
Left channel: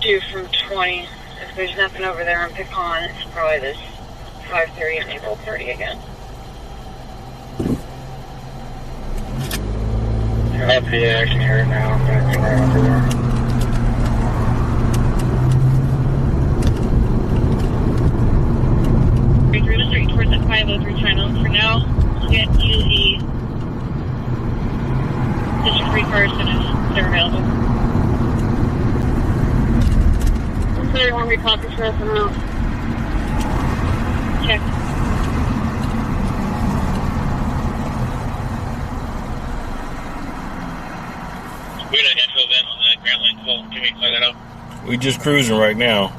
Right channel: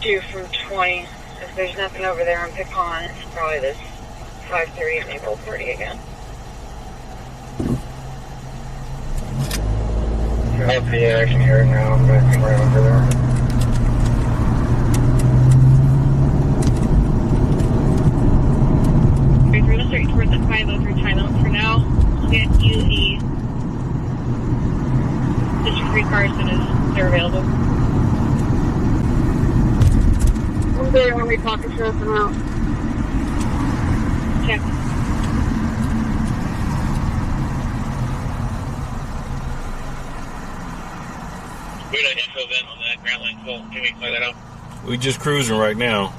2 from 20. If there's nothing over there on Pecan, it's probably this 5:30 and April 30 again. Yeah, I can hear it now. I'm going to come right over there. Towards the 503 channel. For now, we'll get you the District 3 cars and if they're available. I'm very hungry, talk to Sheriff and out. Check. We had an info event on that Grand Line call. Can we clear that out? We just cruising right now.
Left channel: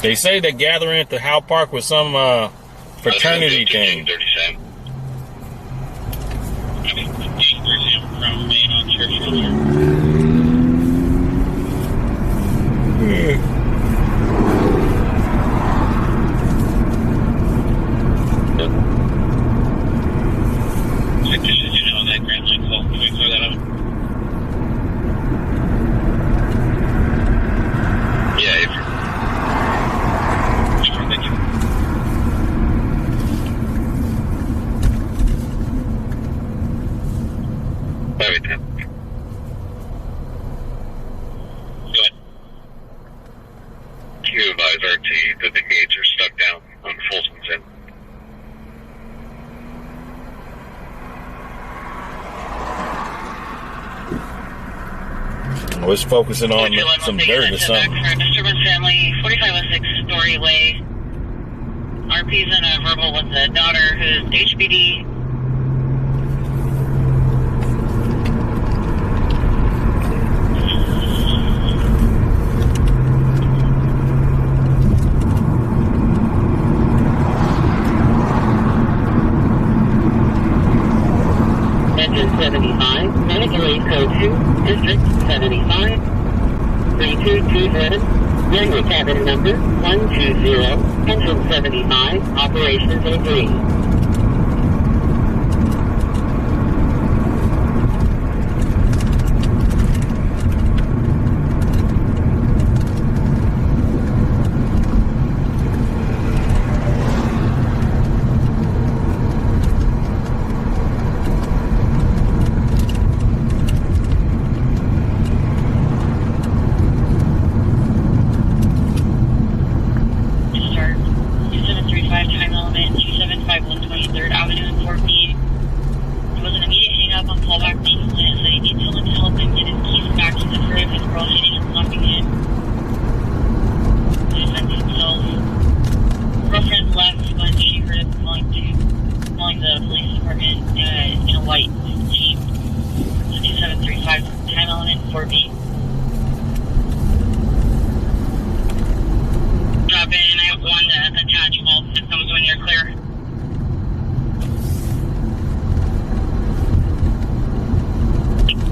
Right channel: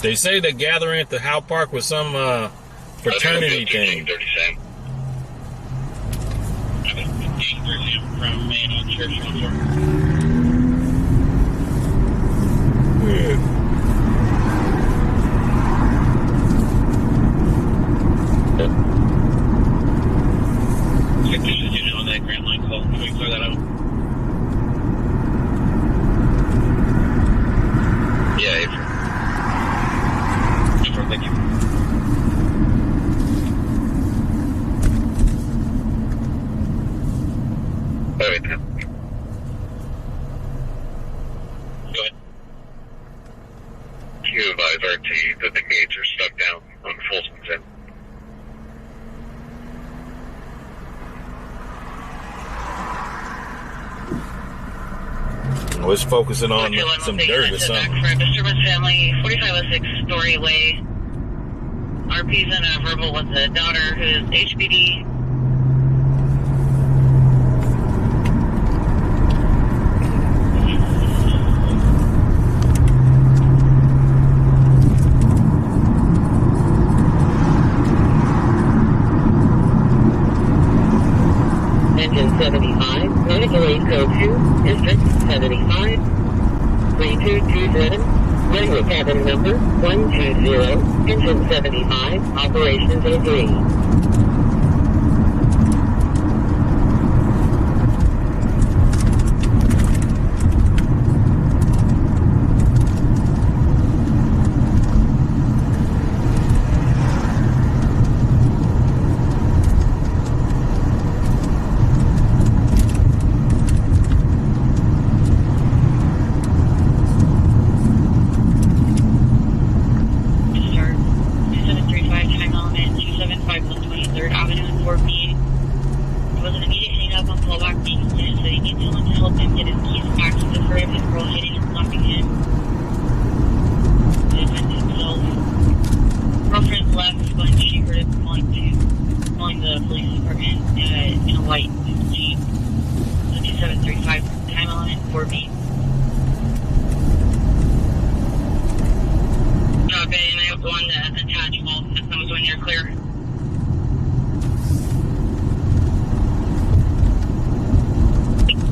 They say they're gathering at the Howe Park with some fraternity thing. 37. I mean, 15% from Main on Church Road. Yeah. Check this unit on that Grand Line call. Can we clear that out? Yeah, Thank you. Wait, Go ahead. Can you advise RT that the gates are stuck down on Folsom's End? I was focusing on some dirt or something. For disturbance family, 4506 Story Way. RP's in a verbal with the daughter who's HBD. Engine 75, medical aid code 2, District 75, 3227, runway cabin number 120, engine 75, operations agreed.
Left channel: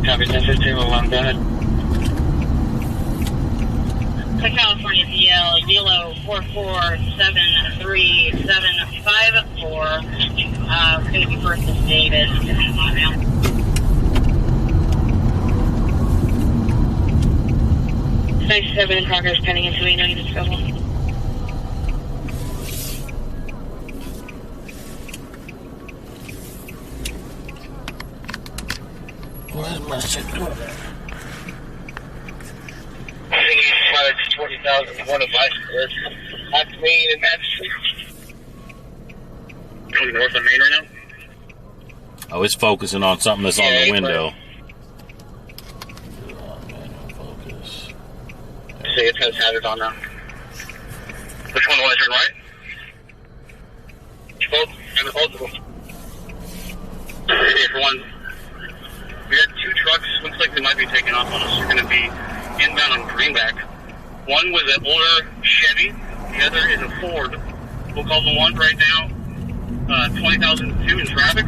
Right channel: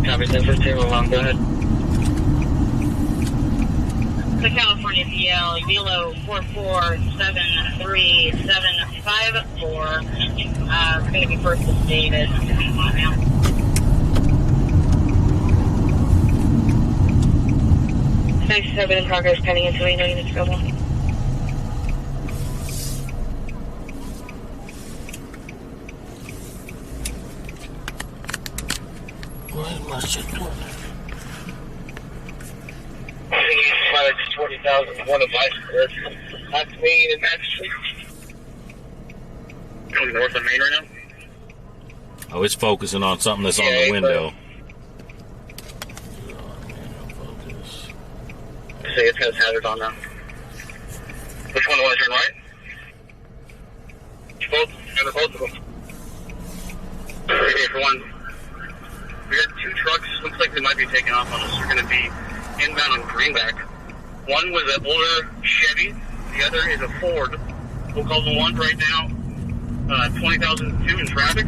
Copy, 10-15, along, go ahead. California PL, Yellow 447374. Going to be first is David. Seven in progress, pending until we know you need trouble. Where's my shit? I think he's flight 20,001 of life. That's Main and that's Going north of Main right now? Oh, it's focusing on something that's on the window. See, it's got hazard on now. Which one was turn right? Both of them. Okay, for one, we got two trucks. Looks like they might be taking off on us. They're going to be inbound on Greenback. One was an older Chevy. The other is a Ford. We'll call the one right now. 20,002 in traffic.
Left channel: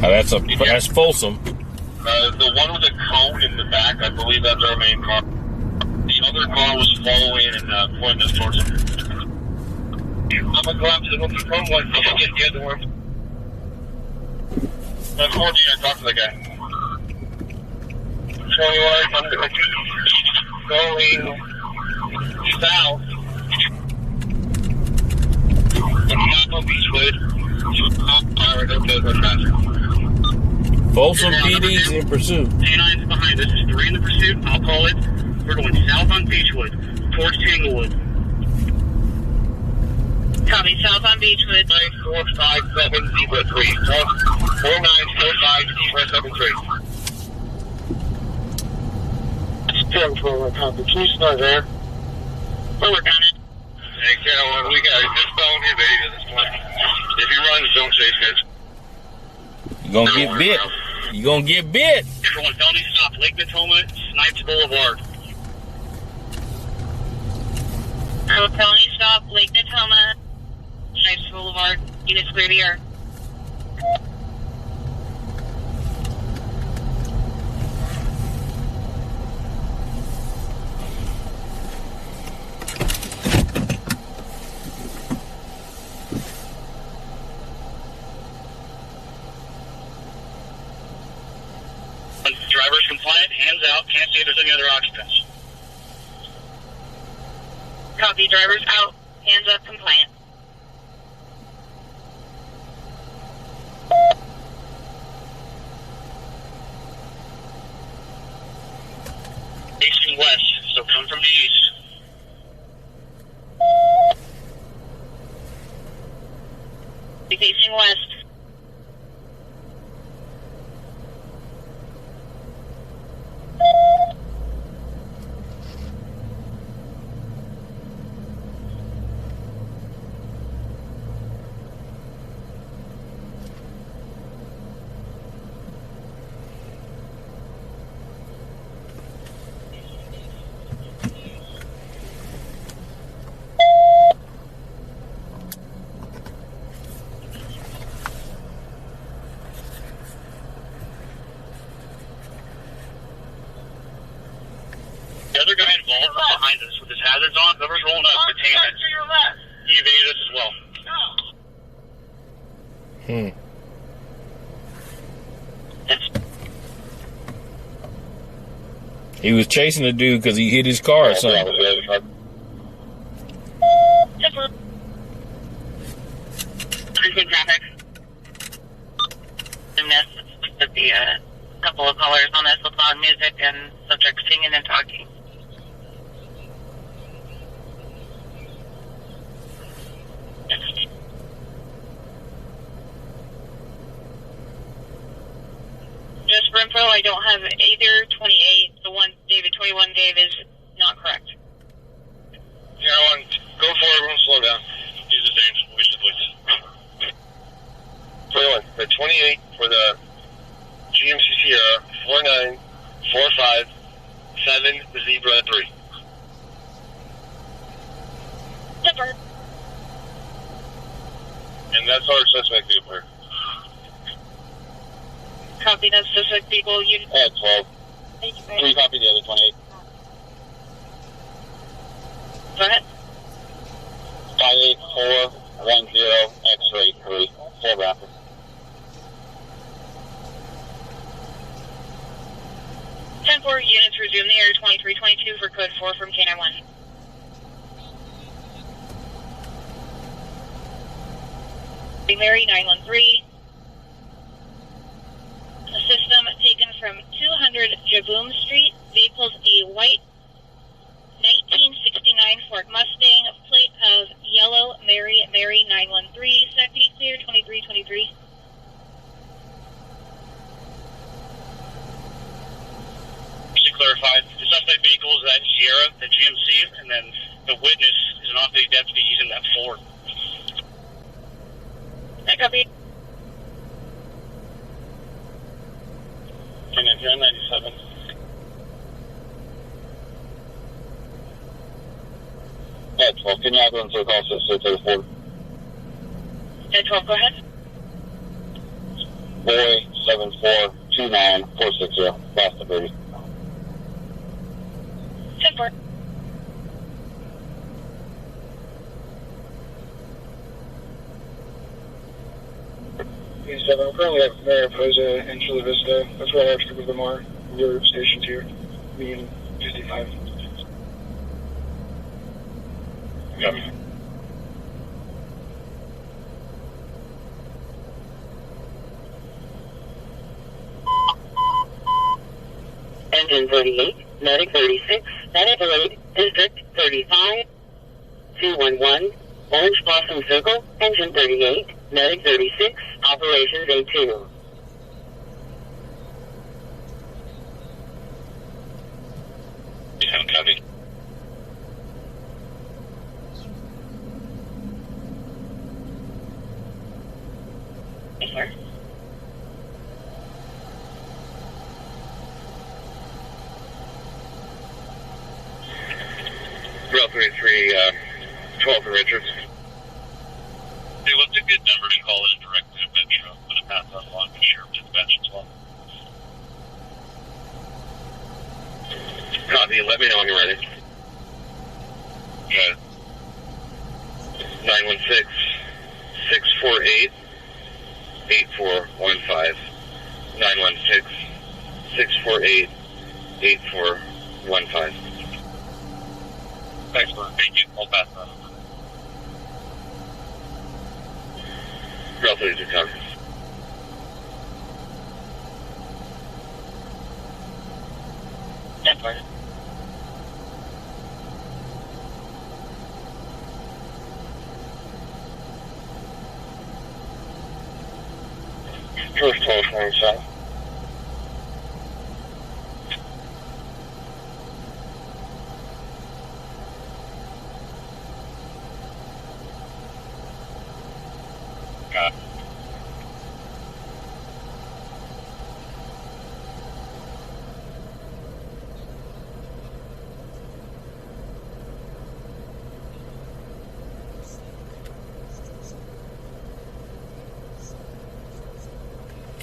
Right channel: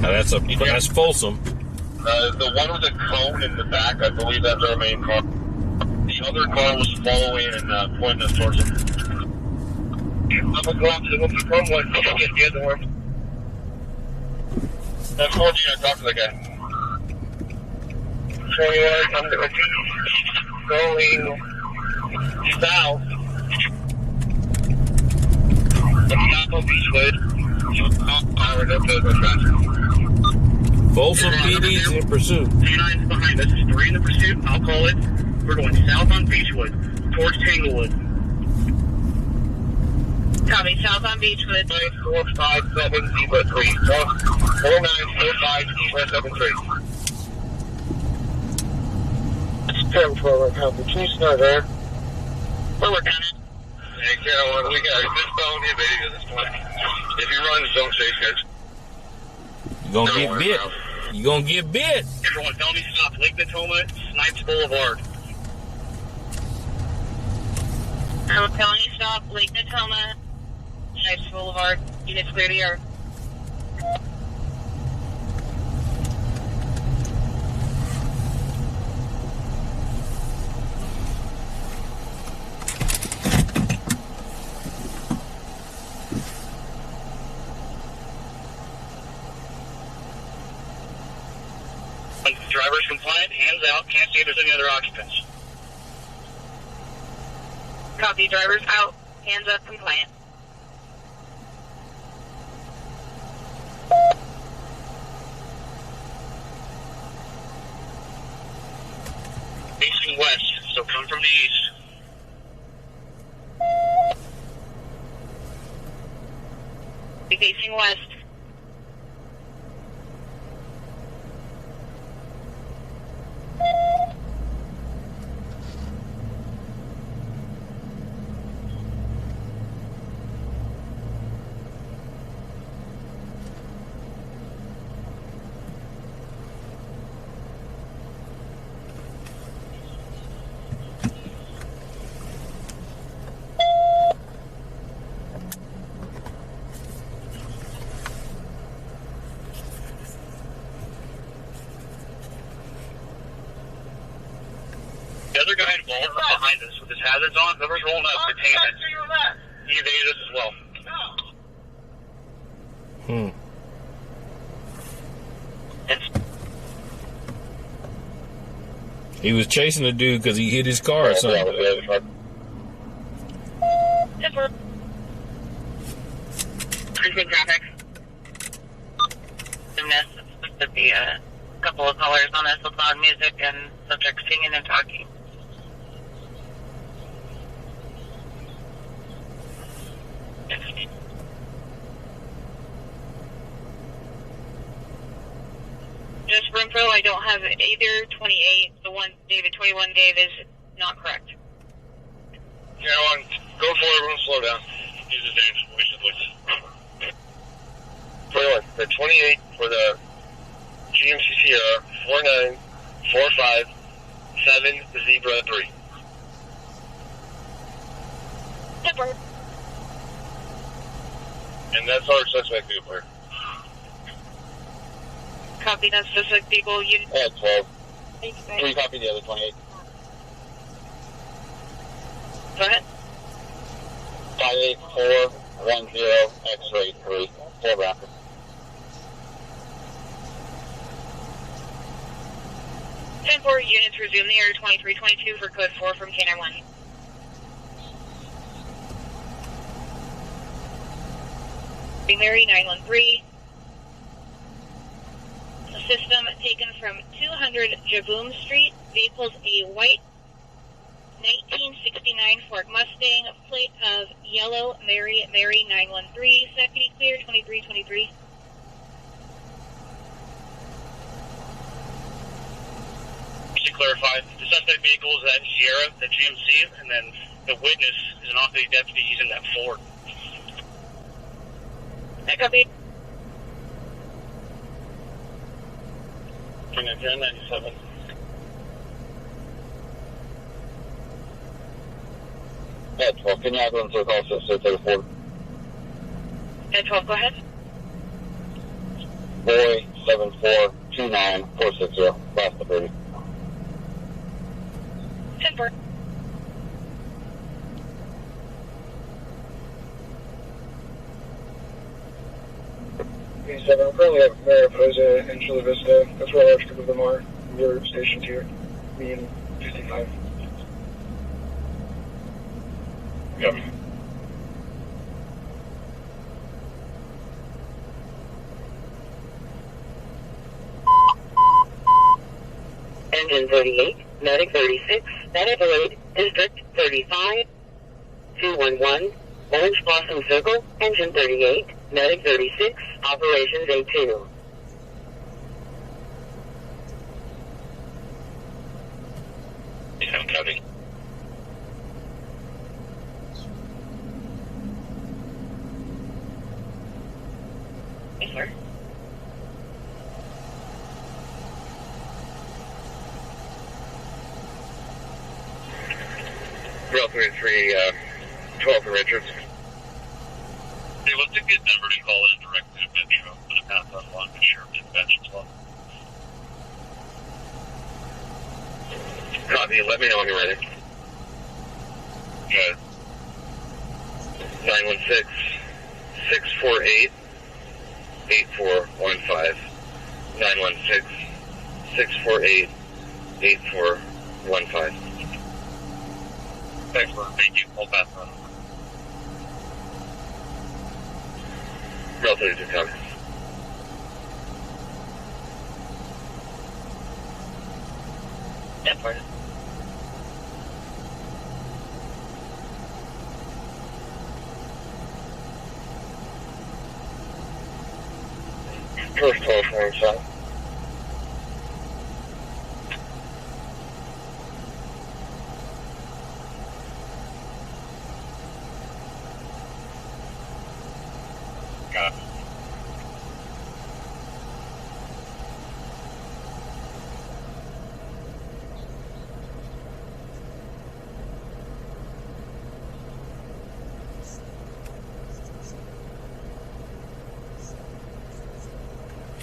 That's Folsom. The one with a cone in the back, I believe that's our main car. The other car was following and pointing us towards him. I'm going to go out to the open front one and get the other one. 14, I talked to the guy. 21, I'm going south. Stop on Beachwood. Powered up over traffic. Folsom PD's in pursuit. K9's behind us. There's 3 in the pursuit. I'll call it. We're going south on Beachwood, towards Tanglewood. Copy, south on Beachwood. 9457 Zebra 3. 4945 Zebra 73. 10-12, copy. Can you start there? We're working on it. Hey, Carol, we got this fellow here, baby, at this point. If he runs, don't chase, guys. You're gonna get bit. You're gonna get bit. Everyone, felony stop. Lake Natoma, Snipes Boulevard. Felony stop, Lake Natoma, Snipes Boulevard. Units clear the air. Driver's compliant, hands out, can't see if there's any other occupants. Copy, drivers out, hands up, compliant. Facing west, so come from the east. Be facing west. The other guy involved is behind us with his hazards on. Whoever's rolling up, retain it. He evaded us as well. He was chasing the dude because he hit his car or something. Frequent traffic. And this would be a couple of callers on this with loud music and subject singing and talking. Just for info, I don't have either 28. The one, David, 21 Dave is not correct. Carolyn, go for it. Everyone slow down. Use his names. We should look. 21, the 28 for the GMC Sierra, 4945 the Zebra 3. Zipper. And that's our suspect vehicle. Copy, that's suspect vehicle. Unit. 12. 3 copy the other 28. Go ahead. 58410 X-ray 3. 4 Rapid. Ten 4 units resume the air 2322 for code 4 from K91. Mary 913. The system taken from 200 Javoom Street. Vehicles a white 1969 Ford Mustang, plate of yellow Mary 913. Second clear 2323. To clarify, the suspect vehicle is that Sierra, the GMC, and then the witness is an off-duty deputy using that Ford. I copy. 97. Yeah, 12. Can you have one so call 634? 12, go ahead. Boy 7429460. Last of 30. 10 4. I'm currently at Mariposa in Chula Vista. That's where our trip of them are. the other stations here. Me and 55. Yep. Engine 38, Medic 36, Medic 8, District 35, 211, Orange Blossom Circle, Engine 38, Medic 36, Operations A2. I'm copy. Yes, sir. Drill 33, 12 Richards. Hey, what's a good number to call in directly to Metro? I'm going to pass that along to Sheriff Dispatch as well. Copy, let me know when you're ready. Good. 916 648 8415. 916 648 8415. Excellent. Thank you. I'll pass that on. Drill 32 copy. That's fine. First 12 from south. Got it.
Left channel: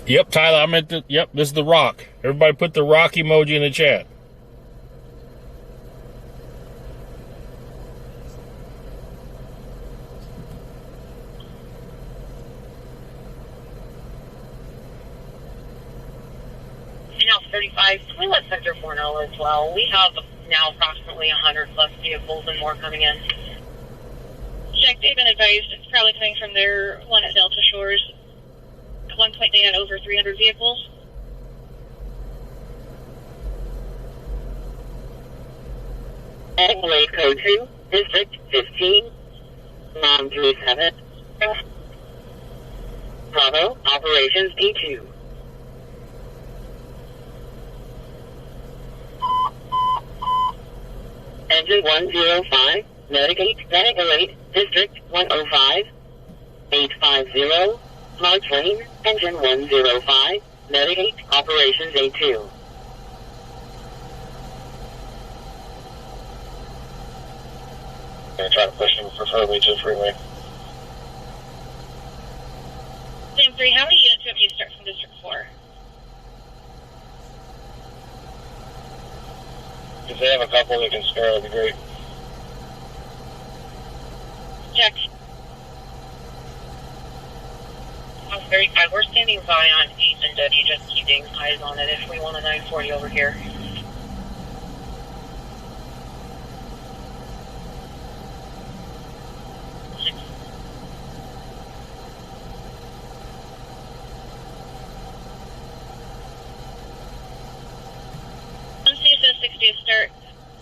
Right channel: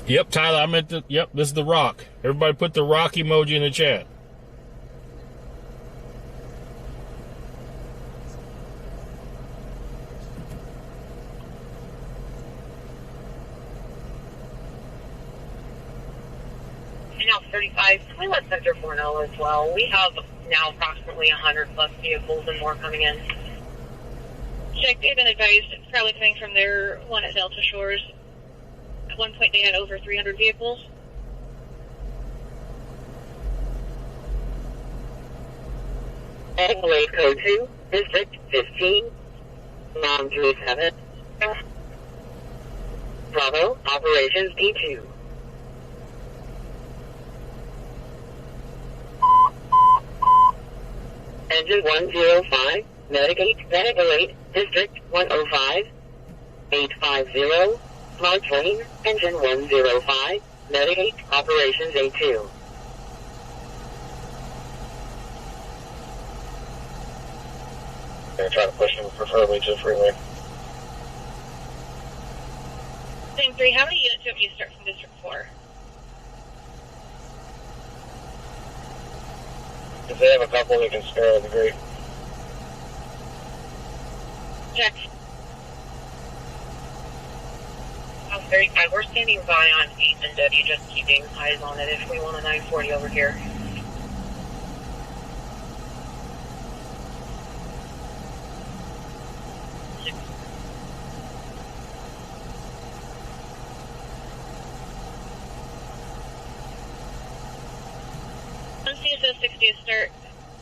Yep, Tyler, I'm at the, yep, this is the rock. Everybody put the rock emoji in the chat. Now 35, can we let Sector 4 know as well? We have now approximately 100 plus vehicles and more coming in. Check, they've been advised it's probably coming from their one at Delta Shores. At one point they had over 300 vehicles. Blade Code 2, District 15, 937. Bravo, Operations D2. Engine 105, Medic 8, Medic 8, District 105, 850, Large Lane, Engine 105, Medic 8, Operations A2. Gonna try to push them preferably to the freeway. Same 3, how many units do you start from District 4? If they have a couple they can spare, that'd be great. Check. On 35, we're standing by on 8 and W, just keeping eyes on it if we want a 940 over here. On CSO 60 to start.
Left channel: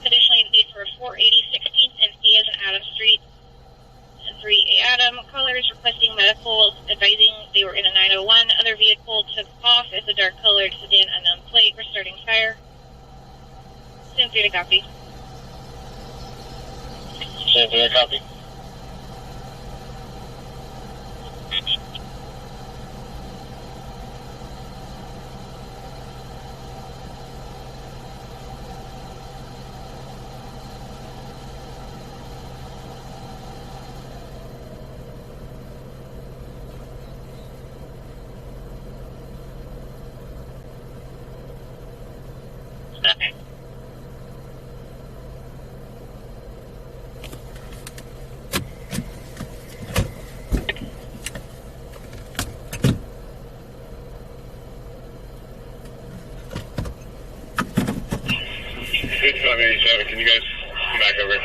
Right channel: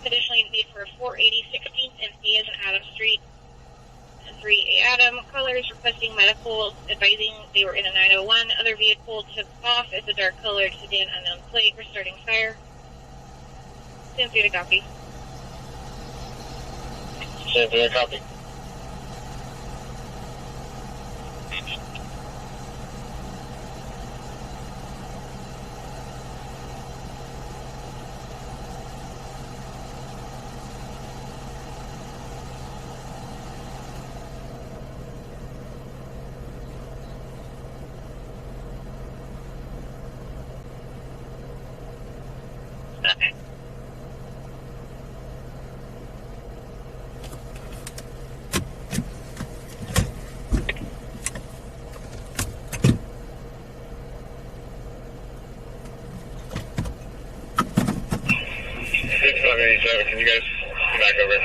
Additionally, need for 480 16th and A as in Adam Street. And 3 Adam. Caller is requesting medical, advising they were in a 901. Other vehicle took off. It's a dark colored sedan, unknown plate. We're starting fire. Send through to copy. Send through to copy. Okay. 587, can you guys come back over?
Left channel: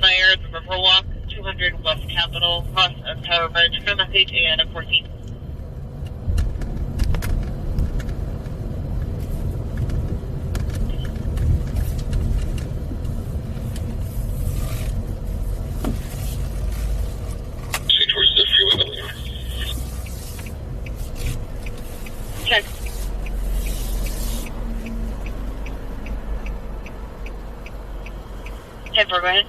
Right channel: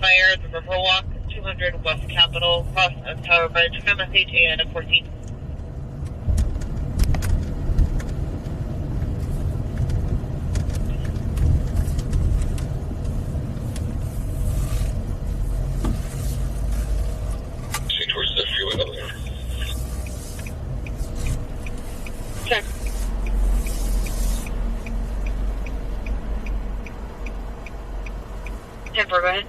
Fire at the Riverwalk, 200 West Capitol, cross of Tower Bridge, message AN 14. Towards the freeway over there. Check. 10 for, go ahead.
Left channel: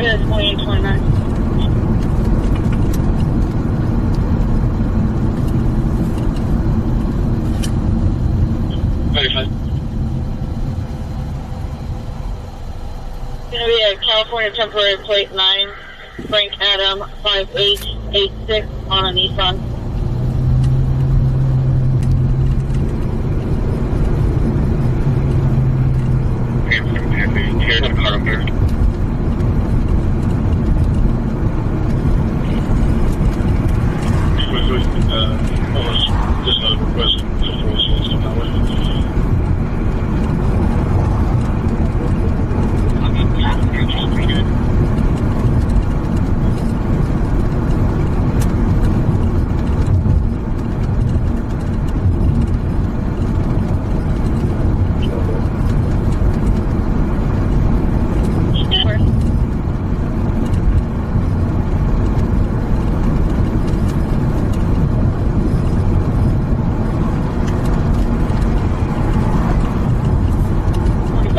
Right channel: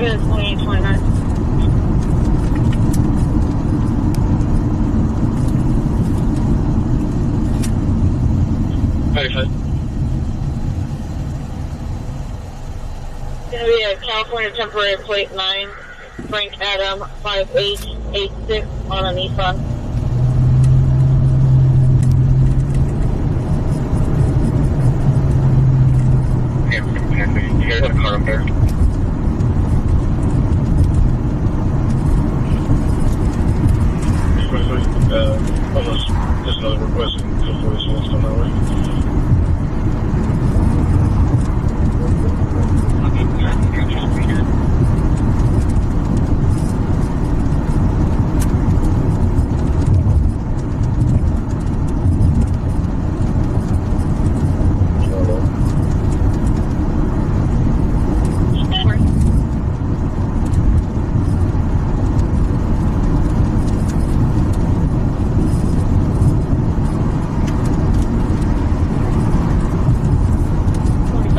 It's 2829. Gonna be a California temporary plate 9, Frank Adam 5886 on a Nissan. Here's the car up there. Almost just another request for police to come that way.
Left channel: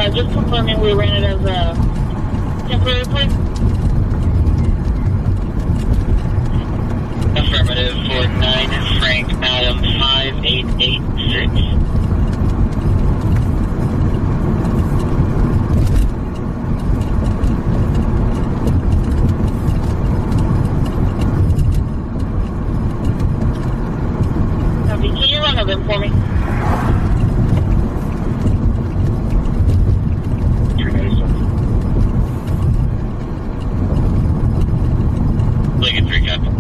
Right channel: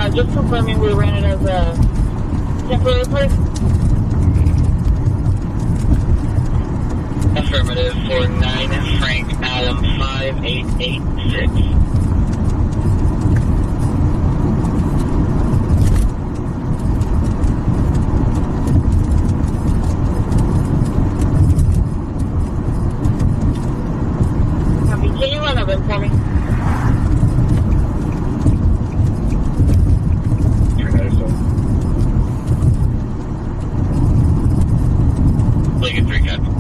Just confirming we ran it as a temporary plate. Affirmative for 9 Frank Adam 5886. Copy. Can you run a VIN for me? Lincoln 3 Capital.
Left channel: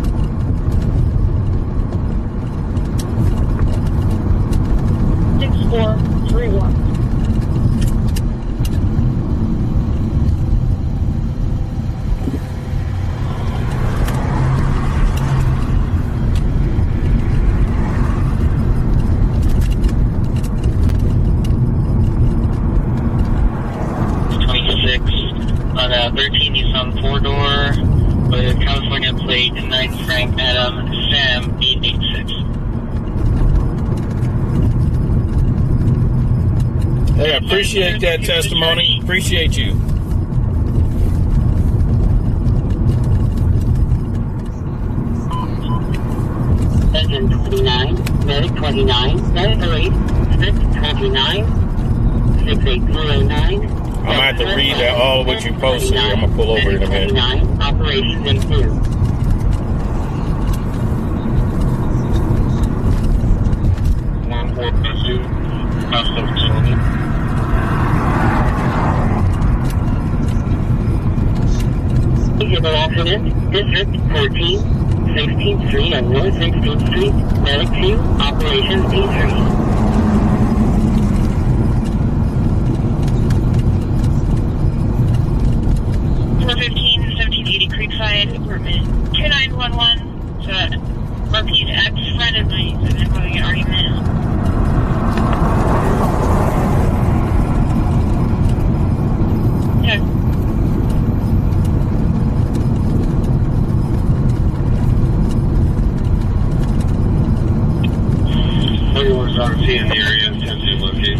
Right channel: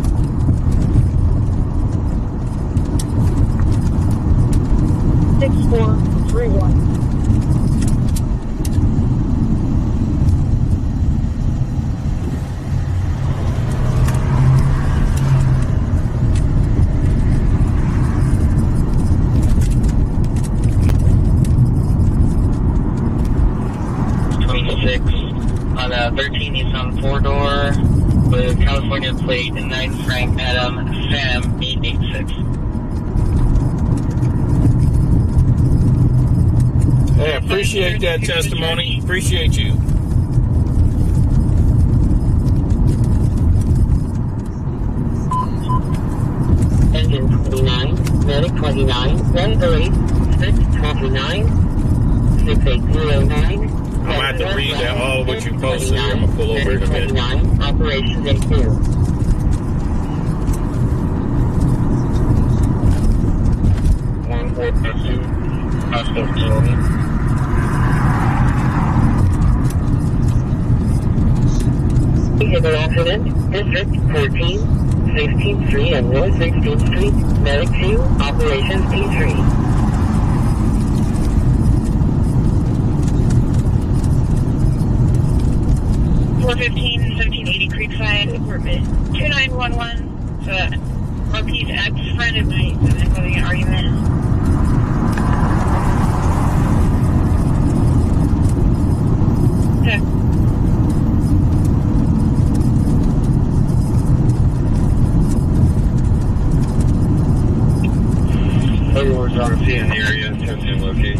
6431. On a 13 Nissan 4-door with California plate 9 Frank Adam Sam 886. Hey, I appreciate that testimony. Appreciate you. Engine 29, medic 29, medic 8, 629, 6809. I'm going to have to read that all of what you posted here. I'm going to pull over in a minute. Operations in 2. Vehicle accident, District 14, 16th Street and North 16th Street, medic 2, operations P3. 415, 1780 Creekside, apartment 2911. Repeat ex-friend of mine is having an argument. Okay. Everyone's RC in the area, attempting to locate.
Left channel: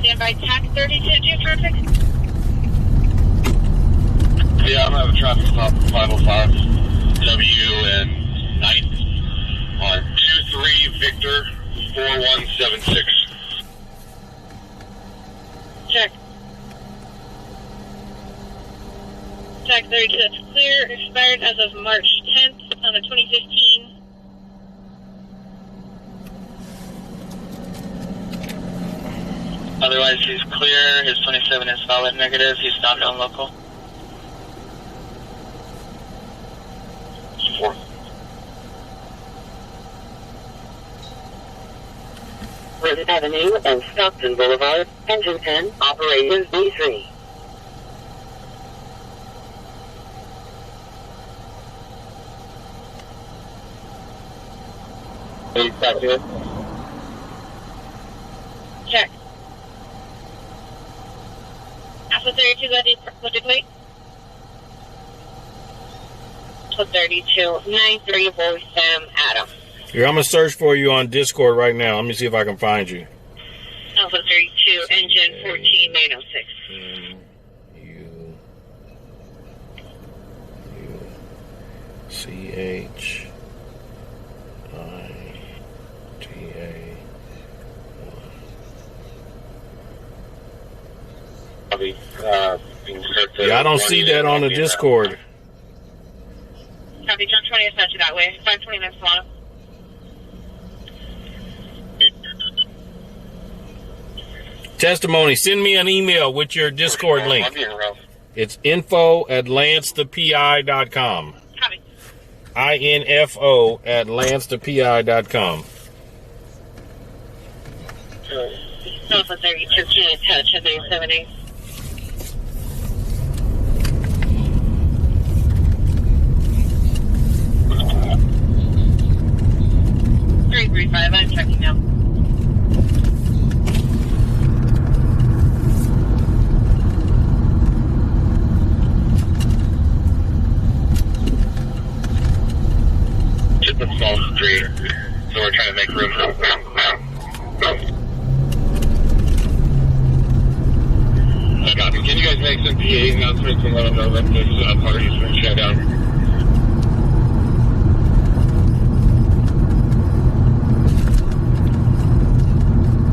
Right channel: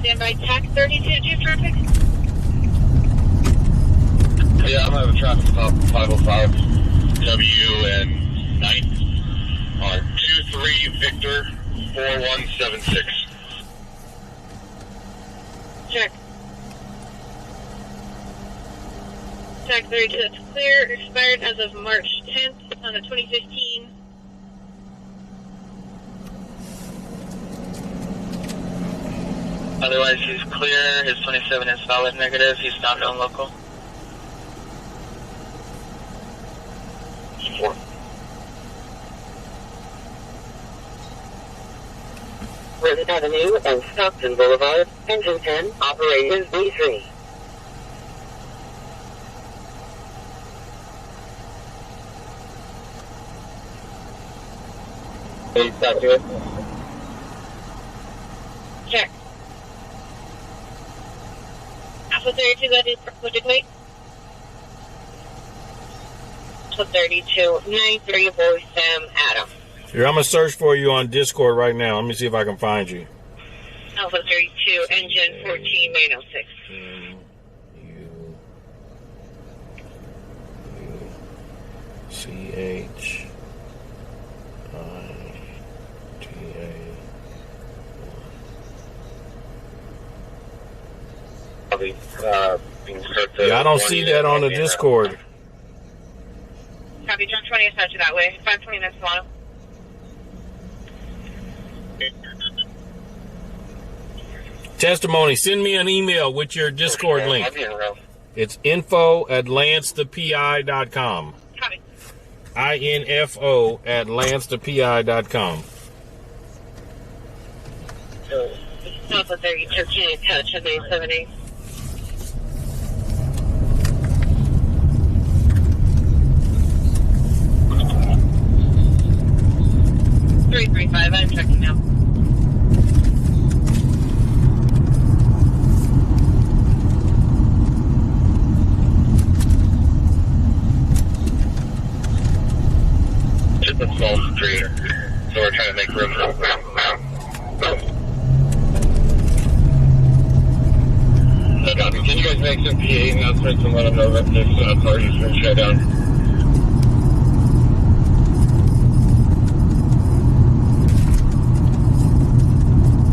Standby, TAC 32, due for a fix. Yeah, I'm having a traffic stop 505 W and 9 on 23 Victor 4176. Check. Check 32, that's clear. Expired as of March 10th on a 2015. Otherwise, he's clear. His 27 is solid negative. He's not known local. 4. Lincoln Avenue and Stockton Boulevard, engine 10, operations B3. Check. Alpha 32, what did wait? Alpha 32, 93, voice Sam Adam. Here, I'm going to search for you on Discord right now. Let me see if I can find you. Alpha 32, engine 14906. Yeah, I don't see that on the Discord. Copy, John 20 is set to that way. 520 minutes long. Testimony, send me an email with your Discord link. It's info@lancethepi.com. Copy. info@lancethepi.com. Alpha 32, can you attach a 978? 335, I'm checking now. It's a small street, so we're trying to make room for Can you guys make some PA announcements and let them know that this car has been shut down?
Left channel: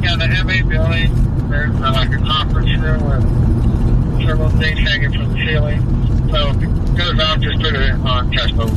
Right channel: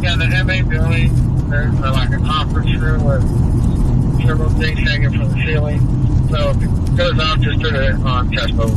Yeah, the MA building, there's like a conference room with several things hanging from the ceiling. So if it goes out, just put it on test mode.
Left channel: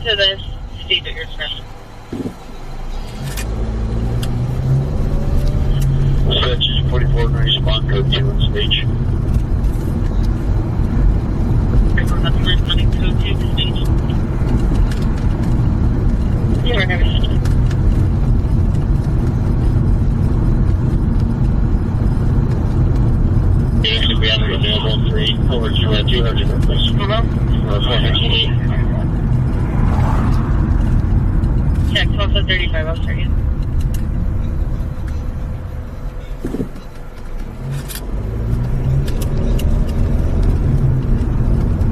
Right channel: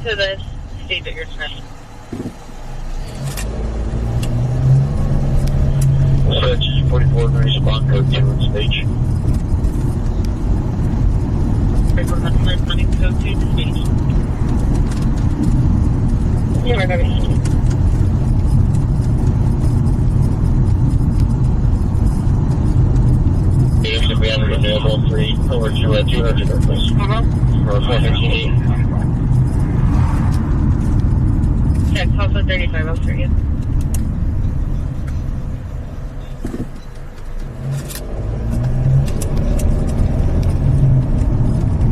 To the state that you're expressing. Search 44 and respond code 2 on stage. We're responding code 2 to stage. You are never seen. It should be available 3 over to 200 please. Or 458. Check, also 35, I'll start you.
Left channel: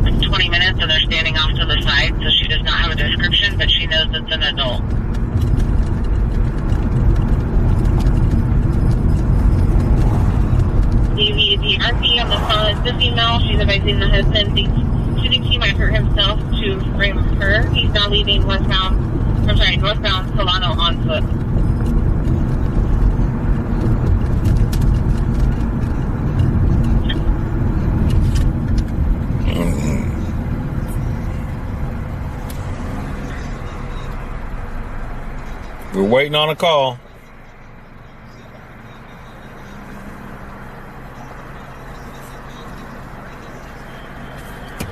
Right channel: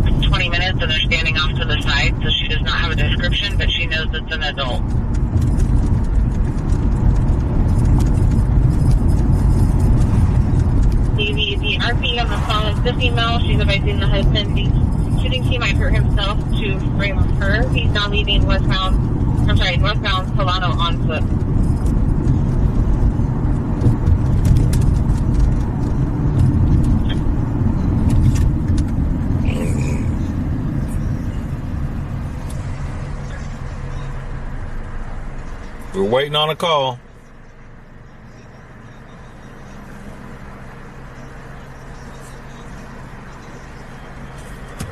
It's 20 minutes and they're standing off to the side, so she does not have a description, but she knows it's an adult. The RP on the phone is the female. She's advising the husband she thinks he might hurt himself to frame her. He's now leaving northbound Solano on foot. We're waiting on a call.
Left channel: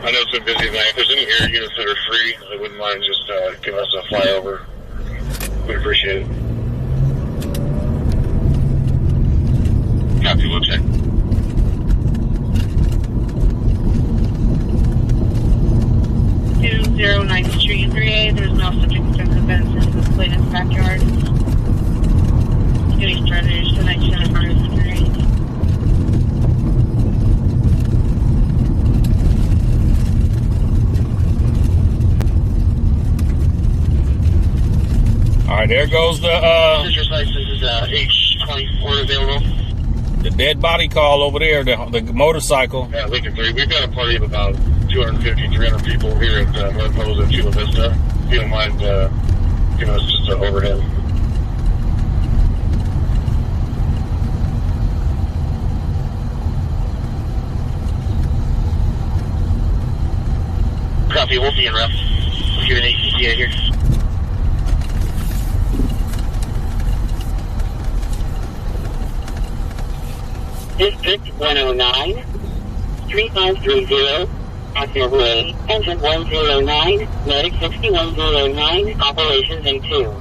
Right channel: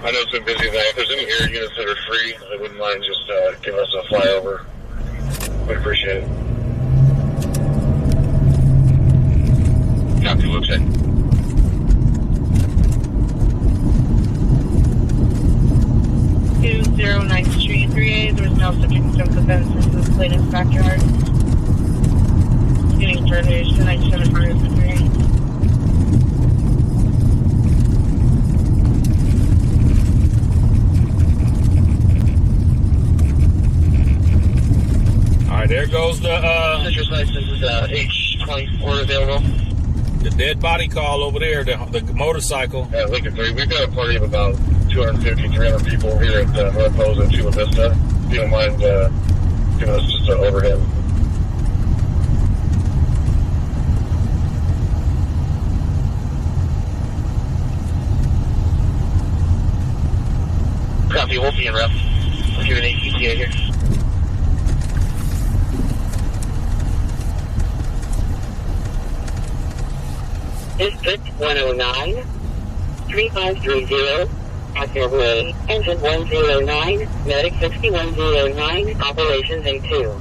I know it's a busy night. If there's any air units that are free, I wouldn't mind just giving us a flyover. We'd appreciate it. Copy, looks in. 9th Street 3A. There's no subject of events in the plaintiff's backyard. Getting further to 97 Murders 3A. All right, there goes the Citrus license is H24 available. the dead body call over there, the motorcycle. Yeah, Lincoln 3. We've got a party of about 250, 300 people here at North Pose and Chula Vista. If you don't mind giving us just an overhead. Copy, we'll be in ref. We'll give an ATTA here. District 109, 3530, Cottage Way, engine 109, medic 6109, operations A2.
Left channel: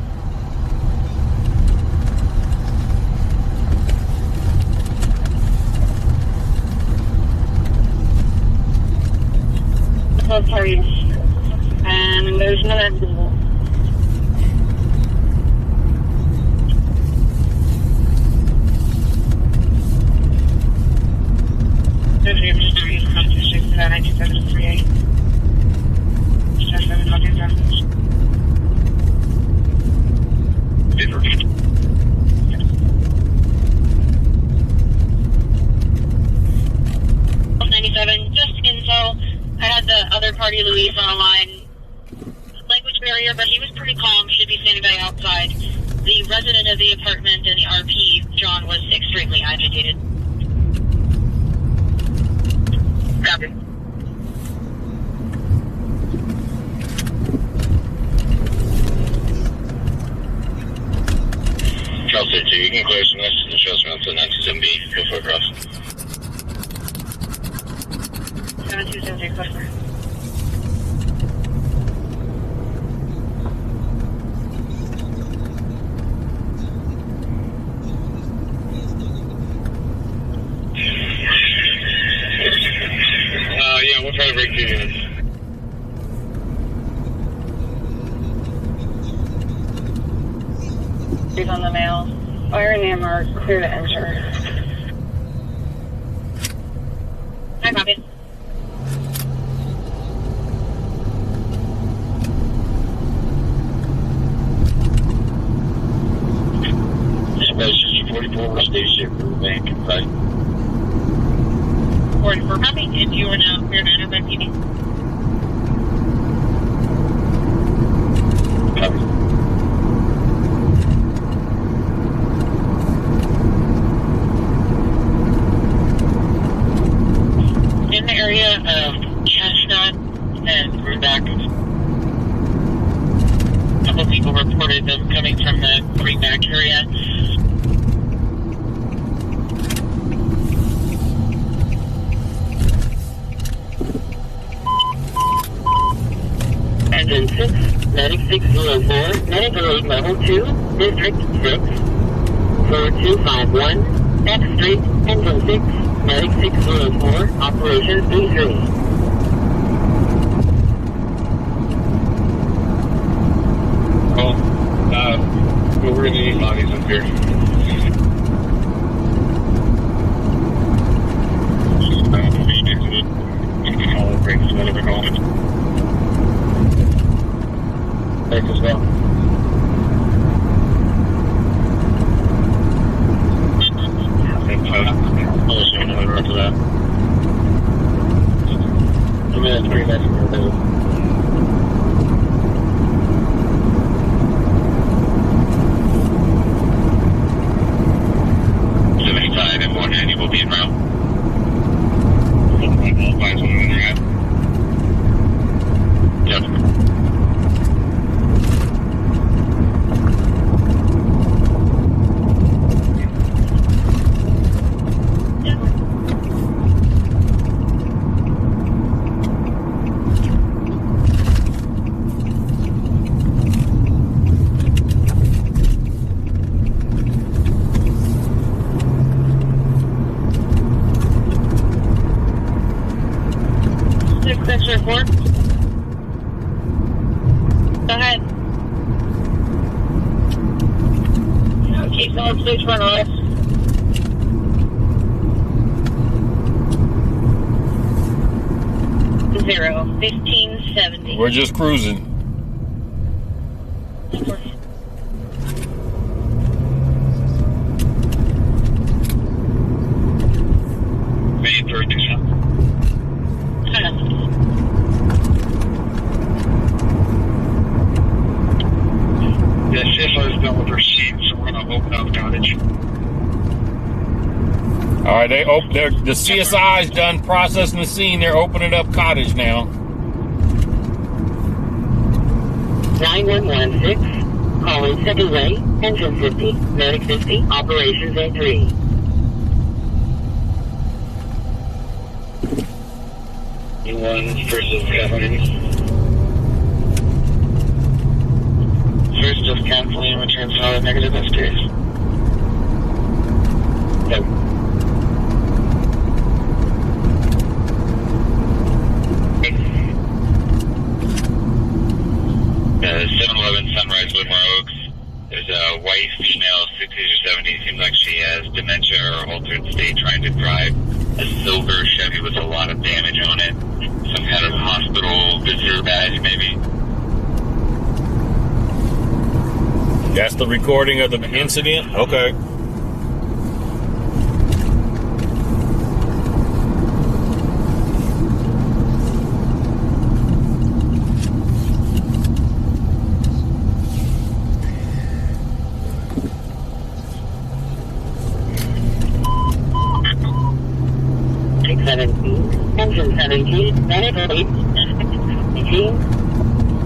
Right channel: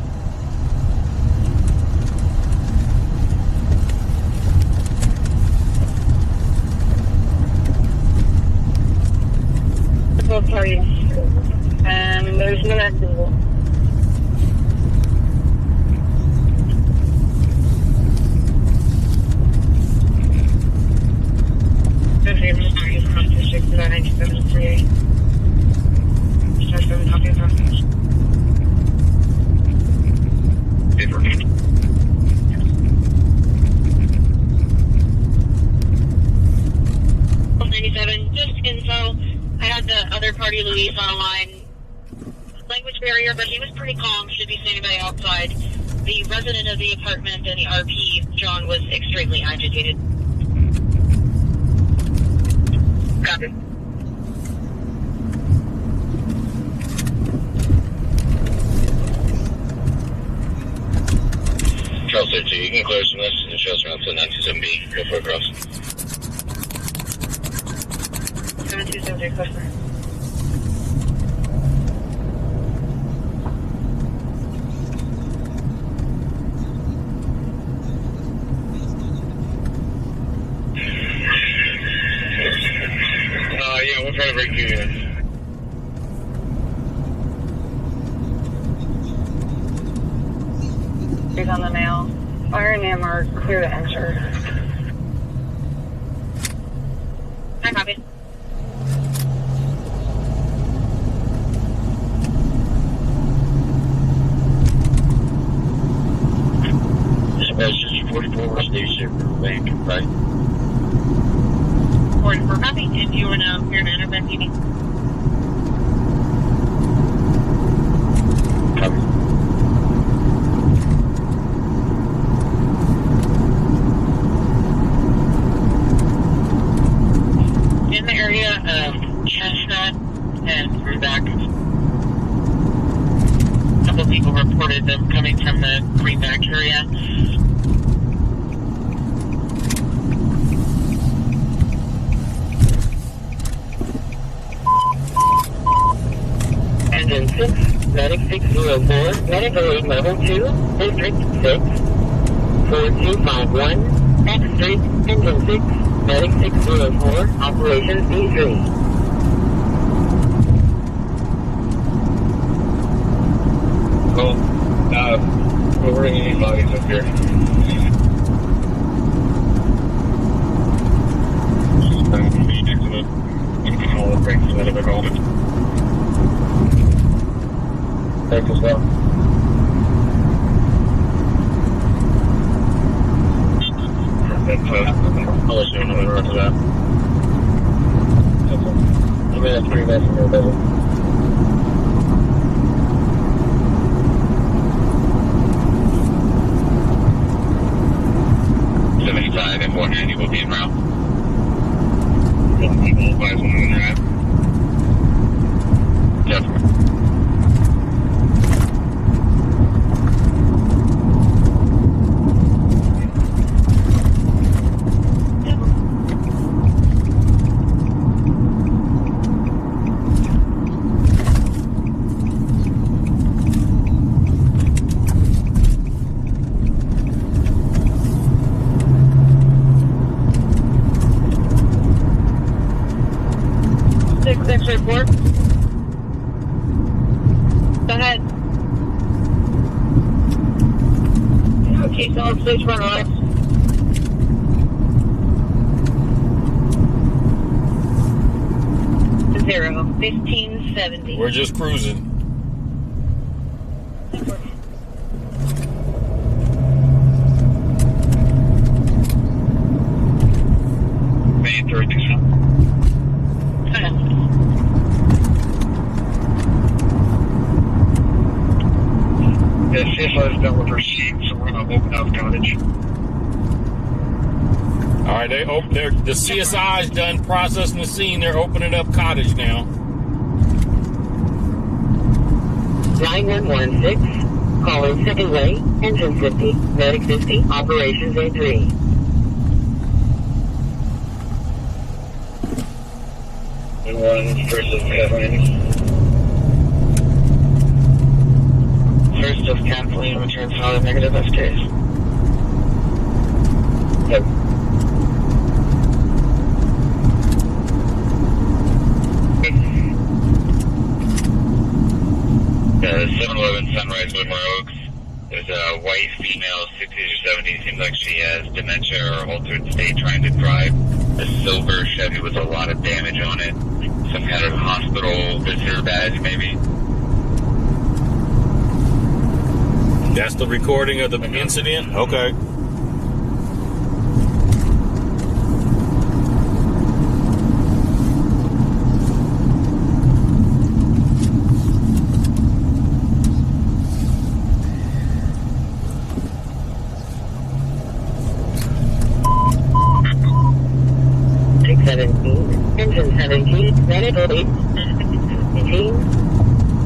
Both parties. And there's no accident. There's a mystery from District 1973. Just 7 copies of Different. 97, just info. I had the other party, Luis, on the line. Language barrier, but he was pretty calm, should be standing by outside. The resident of the apartment and the RP, John, was extremely agitated. Copy. Charles 13, you can clear some this and show us around to 927B. Go for a cross. 7270, customer. Yeah, we'll try to break 2 units. He's on the mail. Fire and AM are clear to enter. I copy. Dispatch 44, we're station for bank, right? 44 copy. If you are now clear to enter by TV. Copy. In the area of Chestnut and Rubeck, a couple of people reported them coming from the Greenback area. Engine 6, medic 604, medical aid level 2, district 6, 4251, F Street, engine 6, medic 604, operations B3. Cool. Well, we're going to need bodies up here. I'll bring some other home. Thanks as well. I'll let you know when we're up to that. I mean, that's pretty nice from your double. And 190 will be en route. Couple people, advise when they're at. Yep. Okay, so please run on. 1570. We're just cruising. Main 32. Yeah, CSI is done with her scene, so we're going to open up Cottage. All right, the CSI is done processing the scene. They're opening up Cottage now. 9116, calling Second Way, engine 50, medic 50, operations A3. First of Kathleen. First of Kathleen, return solid negative upstairs. Yep. The 711 Sunrise Woodmore Oaks. There's a white female, 60s or 70s. Seems like she has dementia or altered state, trying to drive a silver Chevy with a lot of damage on it. Some kind of hospital visitor badge, maybe. That's the recording of the incident? Okay. Engine 17, medical 8, 18,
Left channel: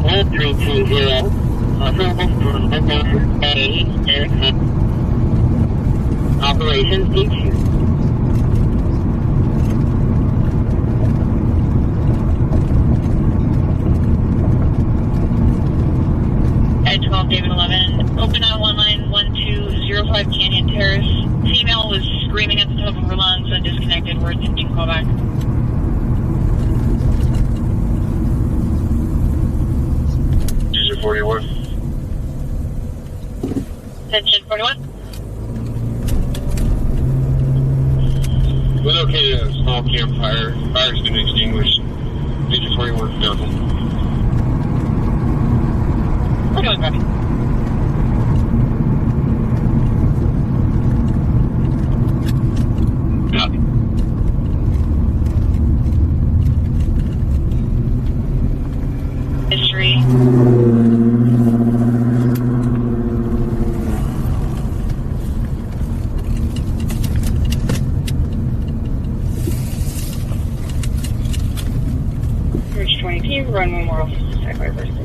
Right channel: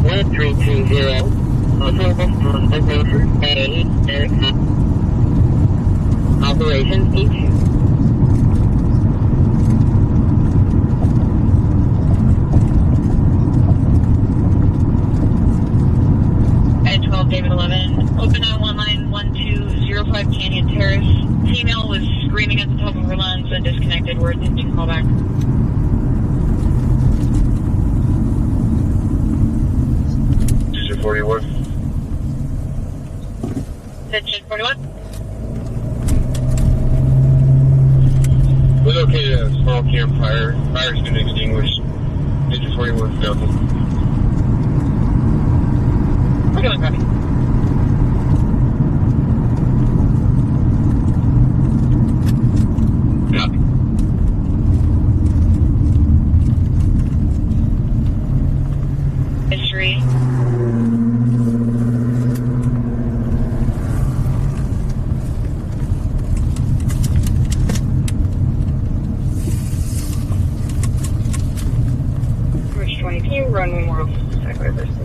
1320, operations H. At 12, David 11. Open out 1 line 1205 Canyon Terrace. Female was screaming at the top of her lungs and disconnected. We're attempting callback. User 41. Attention 41. We located a small campfire. Fire's been extinguished. Major 41 down. We're doing copy. Copy. History. Bridge 20P, run Memorial Highway versus.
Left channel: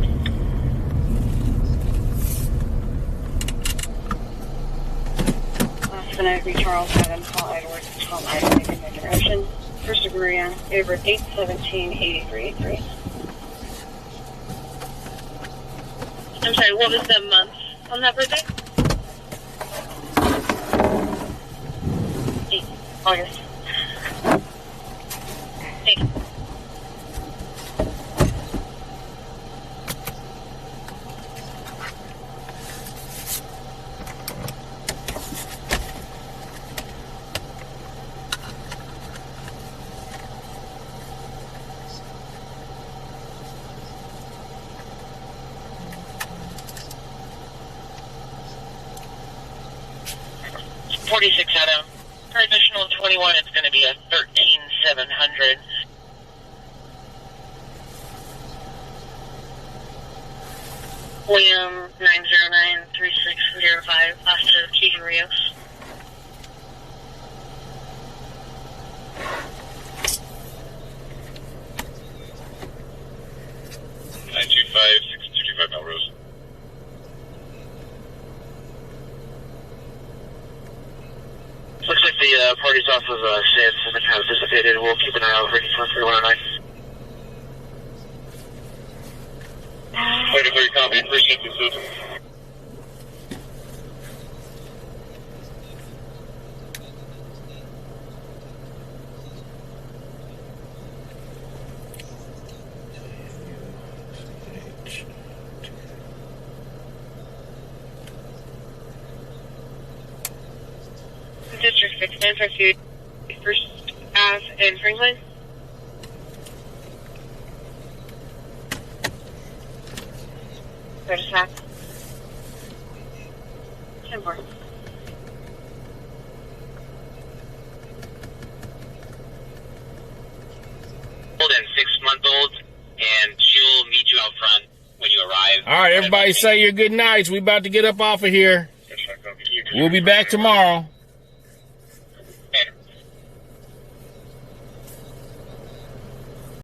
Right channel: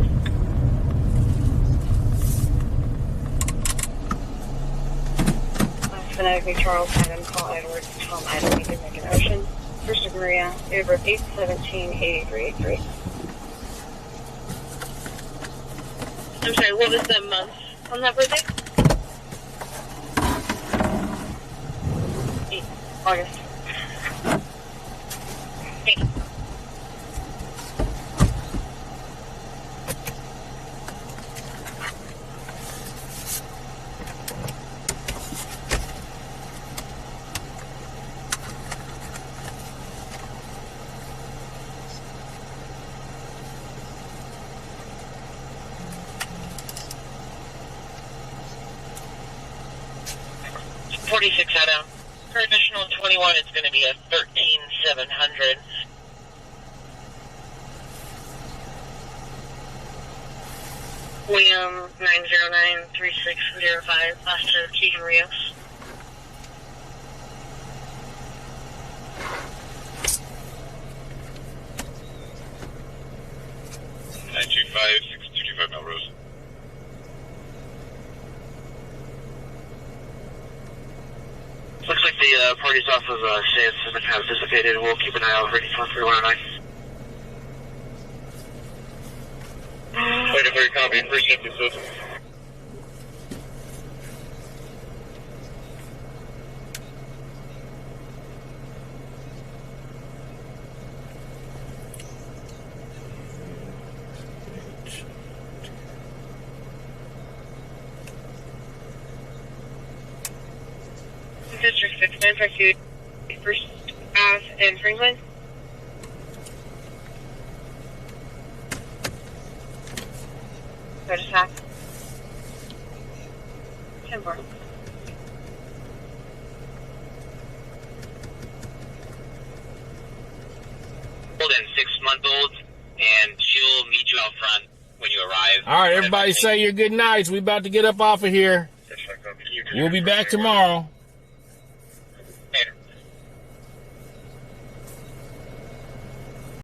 Phonetically Charles Adam Paul Edward Tom Adam Lincoln Lincoln Ocean. First of Maria, April 8, 1783. I'm sorry, what was the month on that birthday? 8 August. Thank you. Adam. For additional 21, it's going to be a 13,700. William 9093605, Officer Keegan Rios. Melrose. Looks like the party's off of Sands and kind of dissipated. We'll keep an eye out for any fun 3109. Wait for your copy. First shift is open. 952 First Ave in Franklin. Go to Sac. 10 more. And 6-month-olds, and she'll meet you out front when you arrive. All right, everybody say your good nights. We about to get up off of here. We'll be back tomorrow.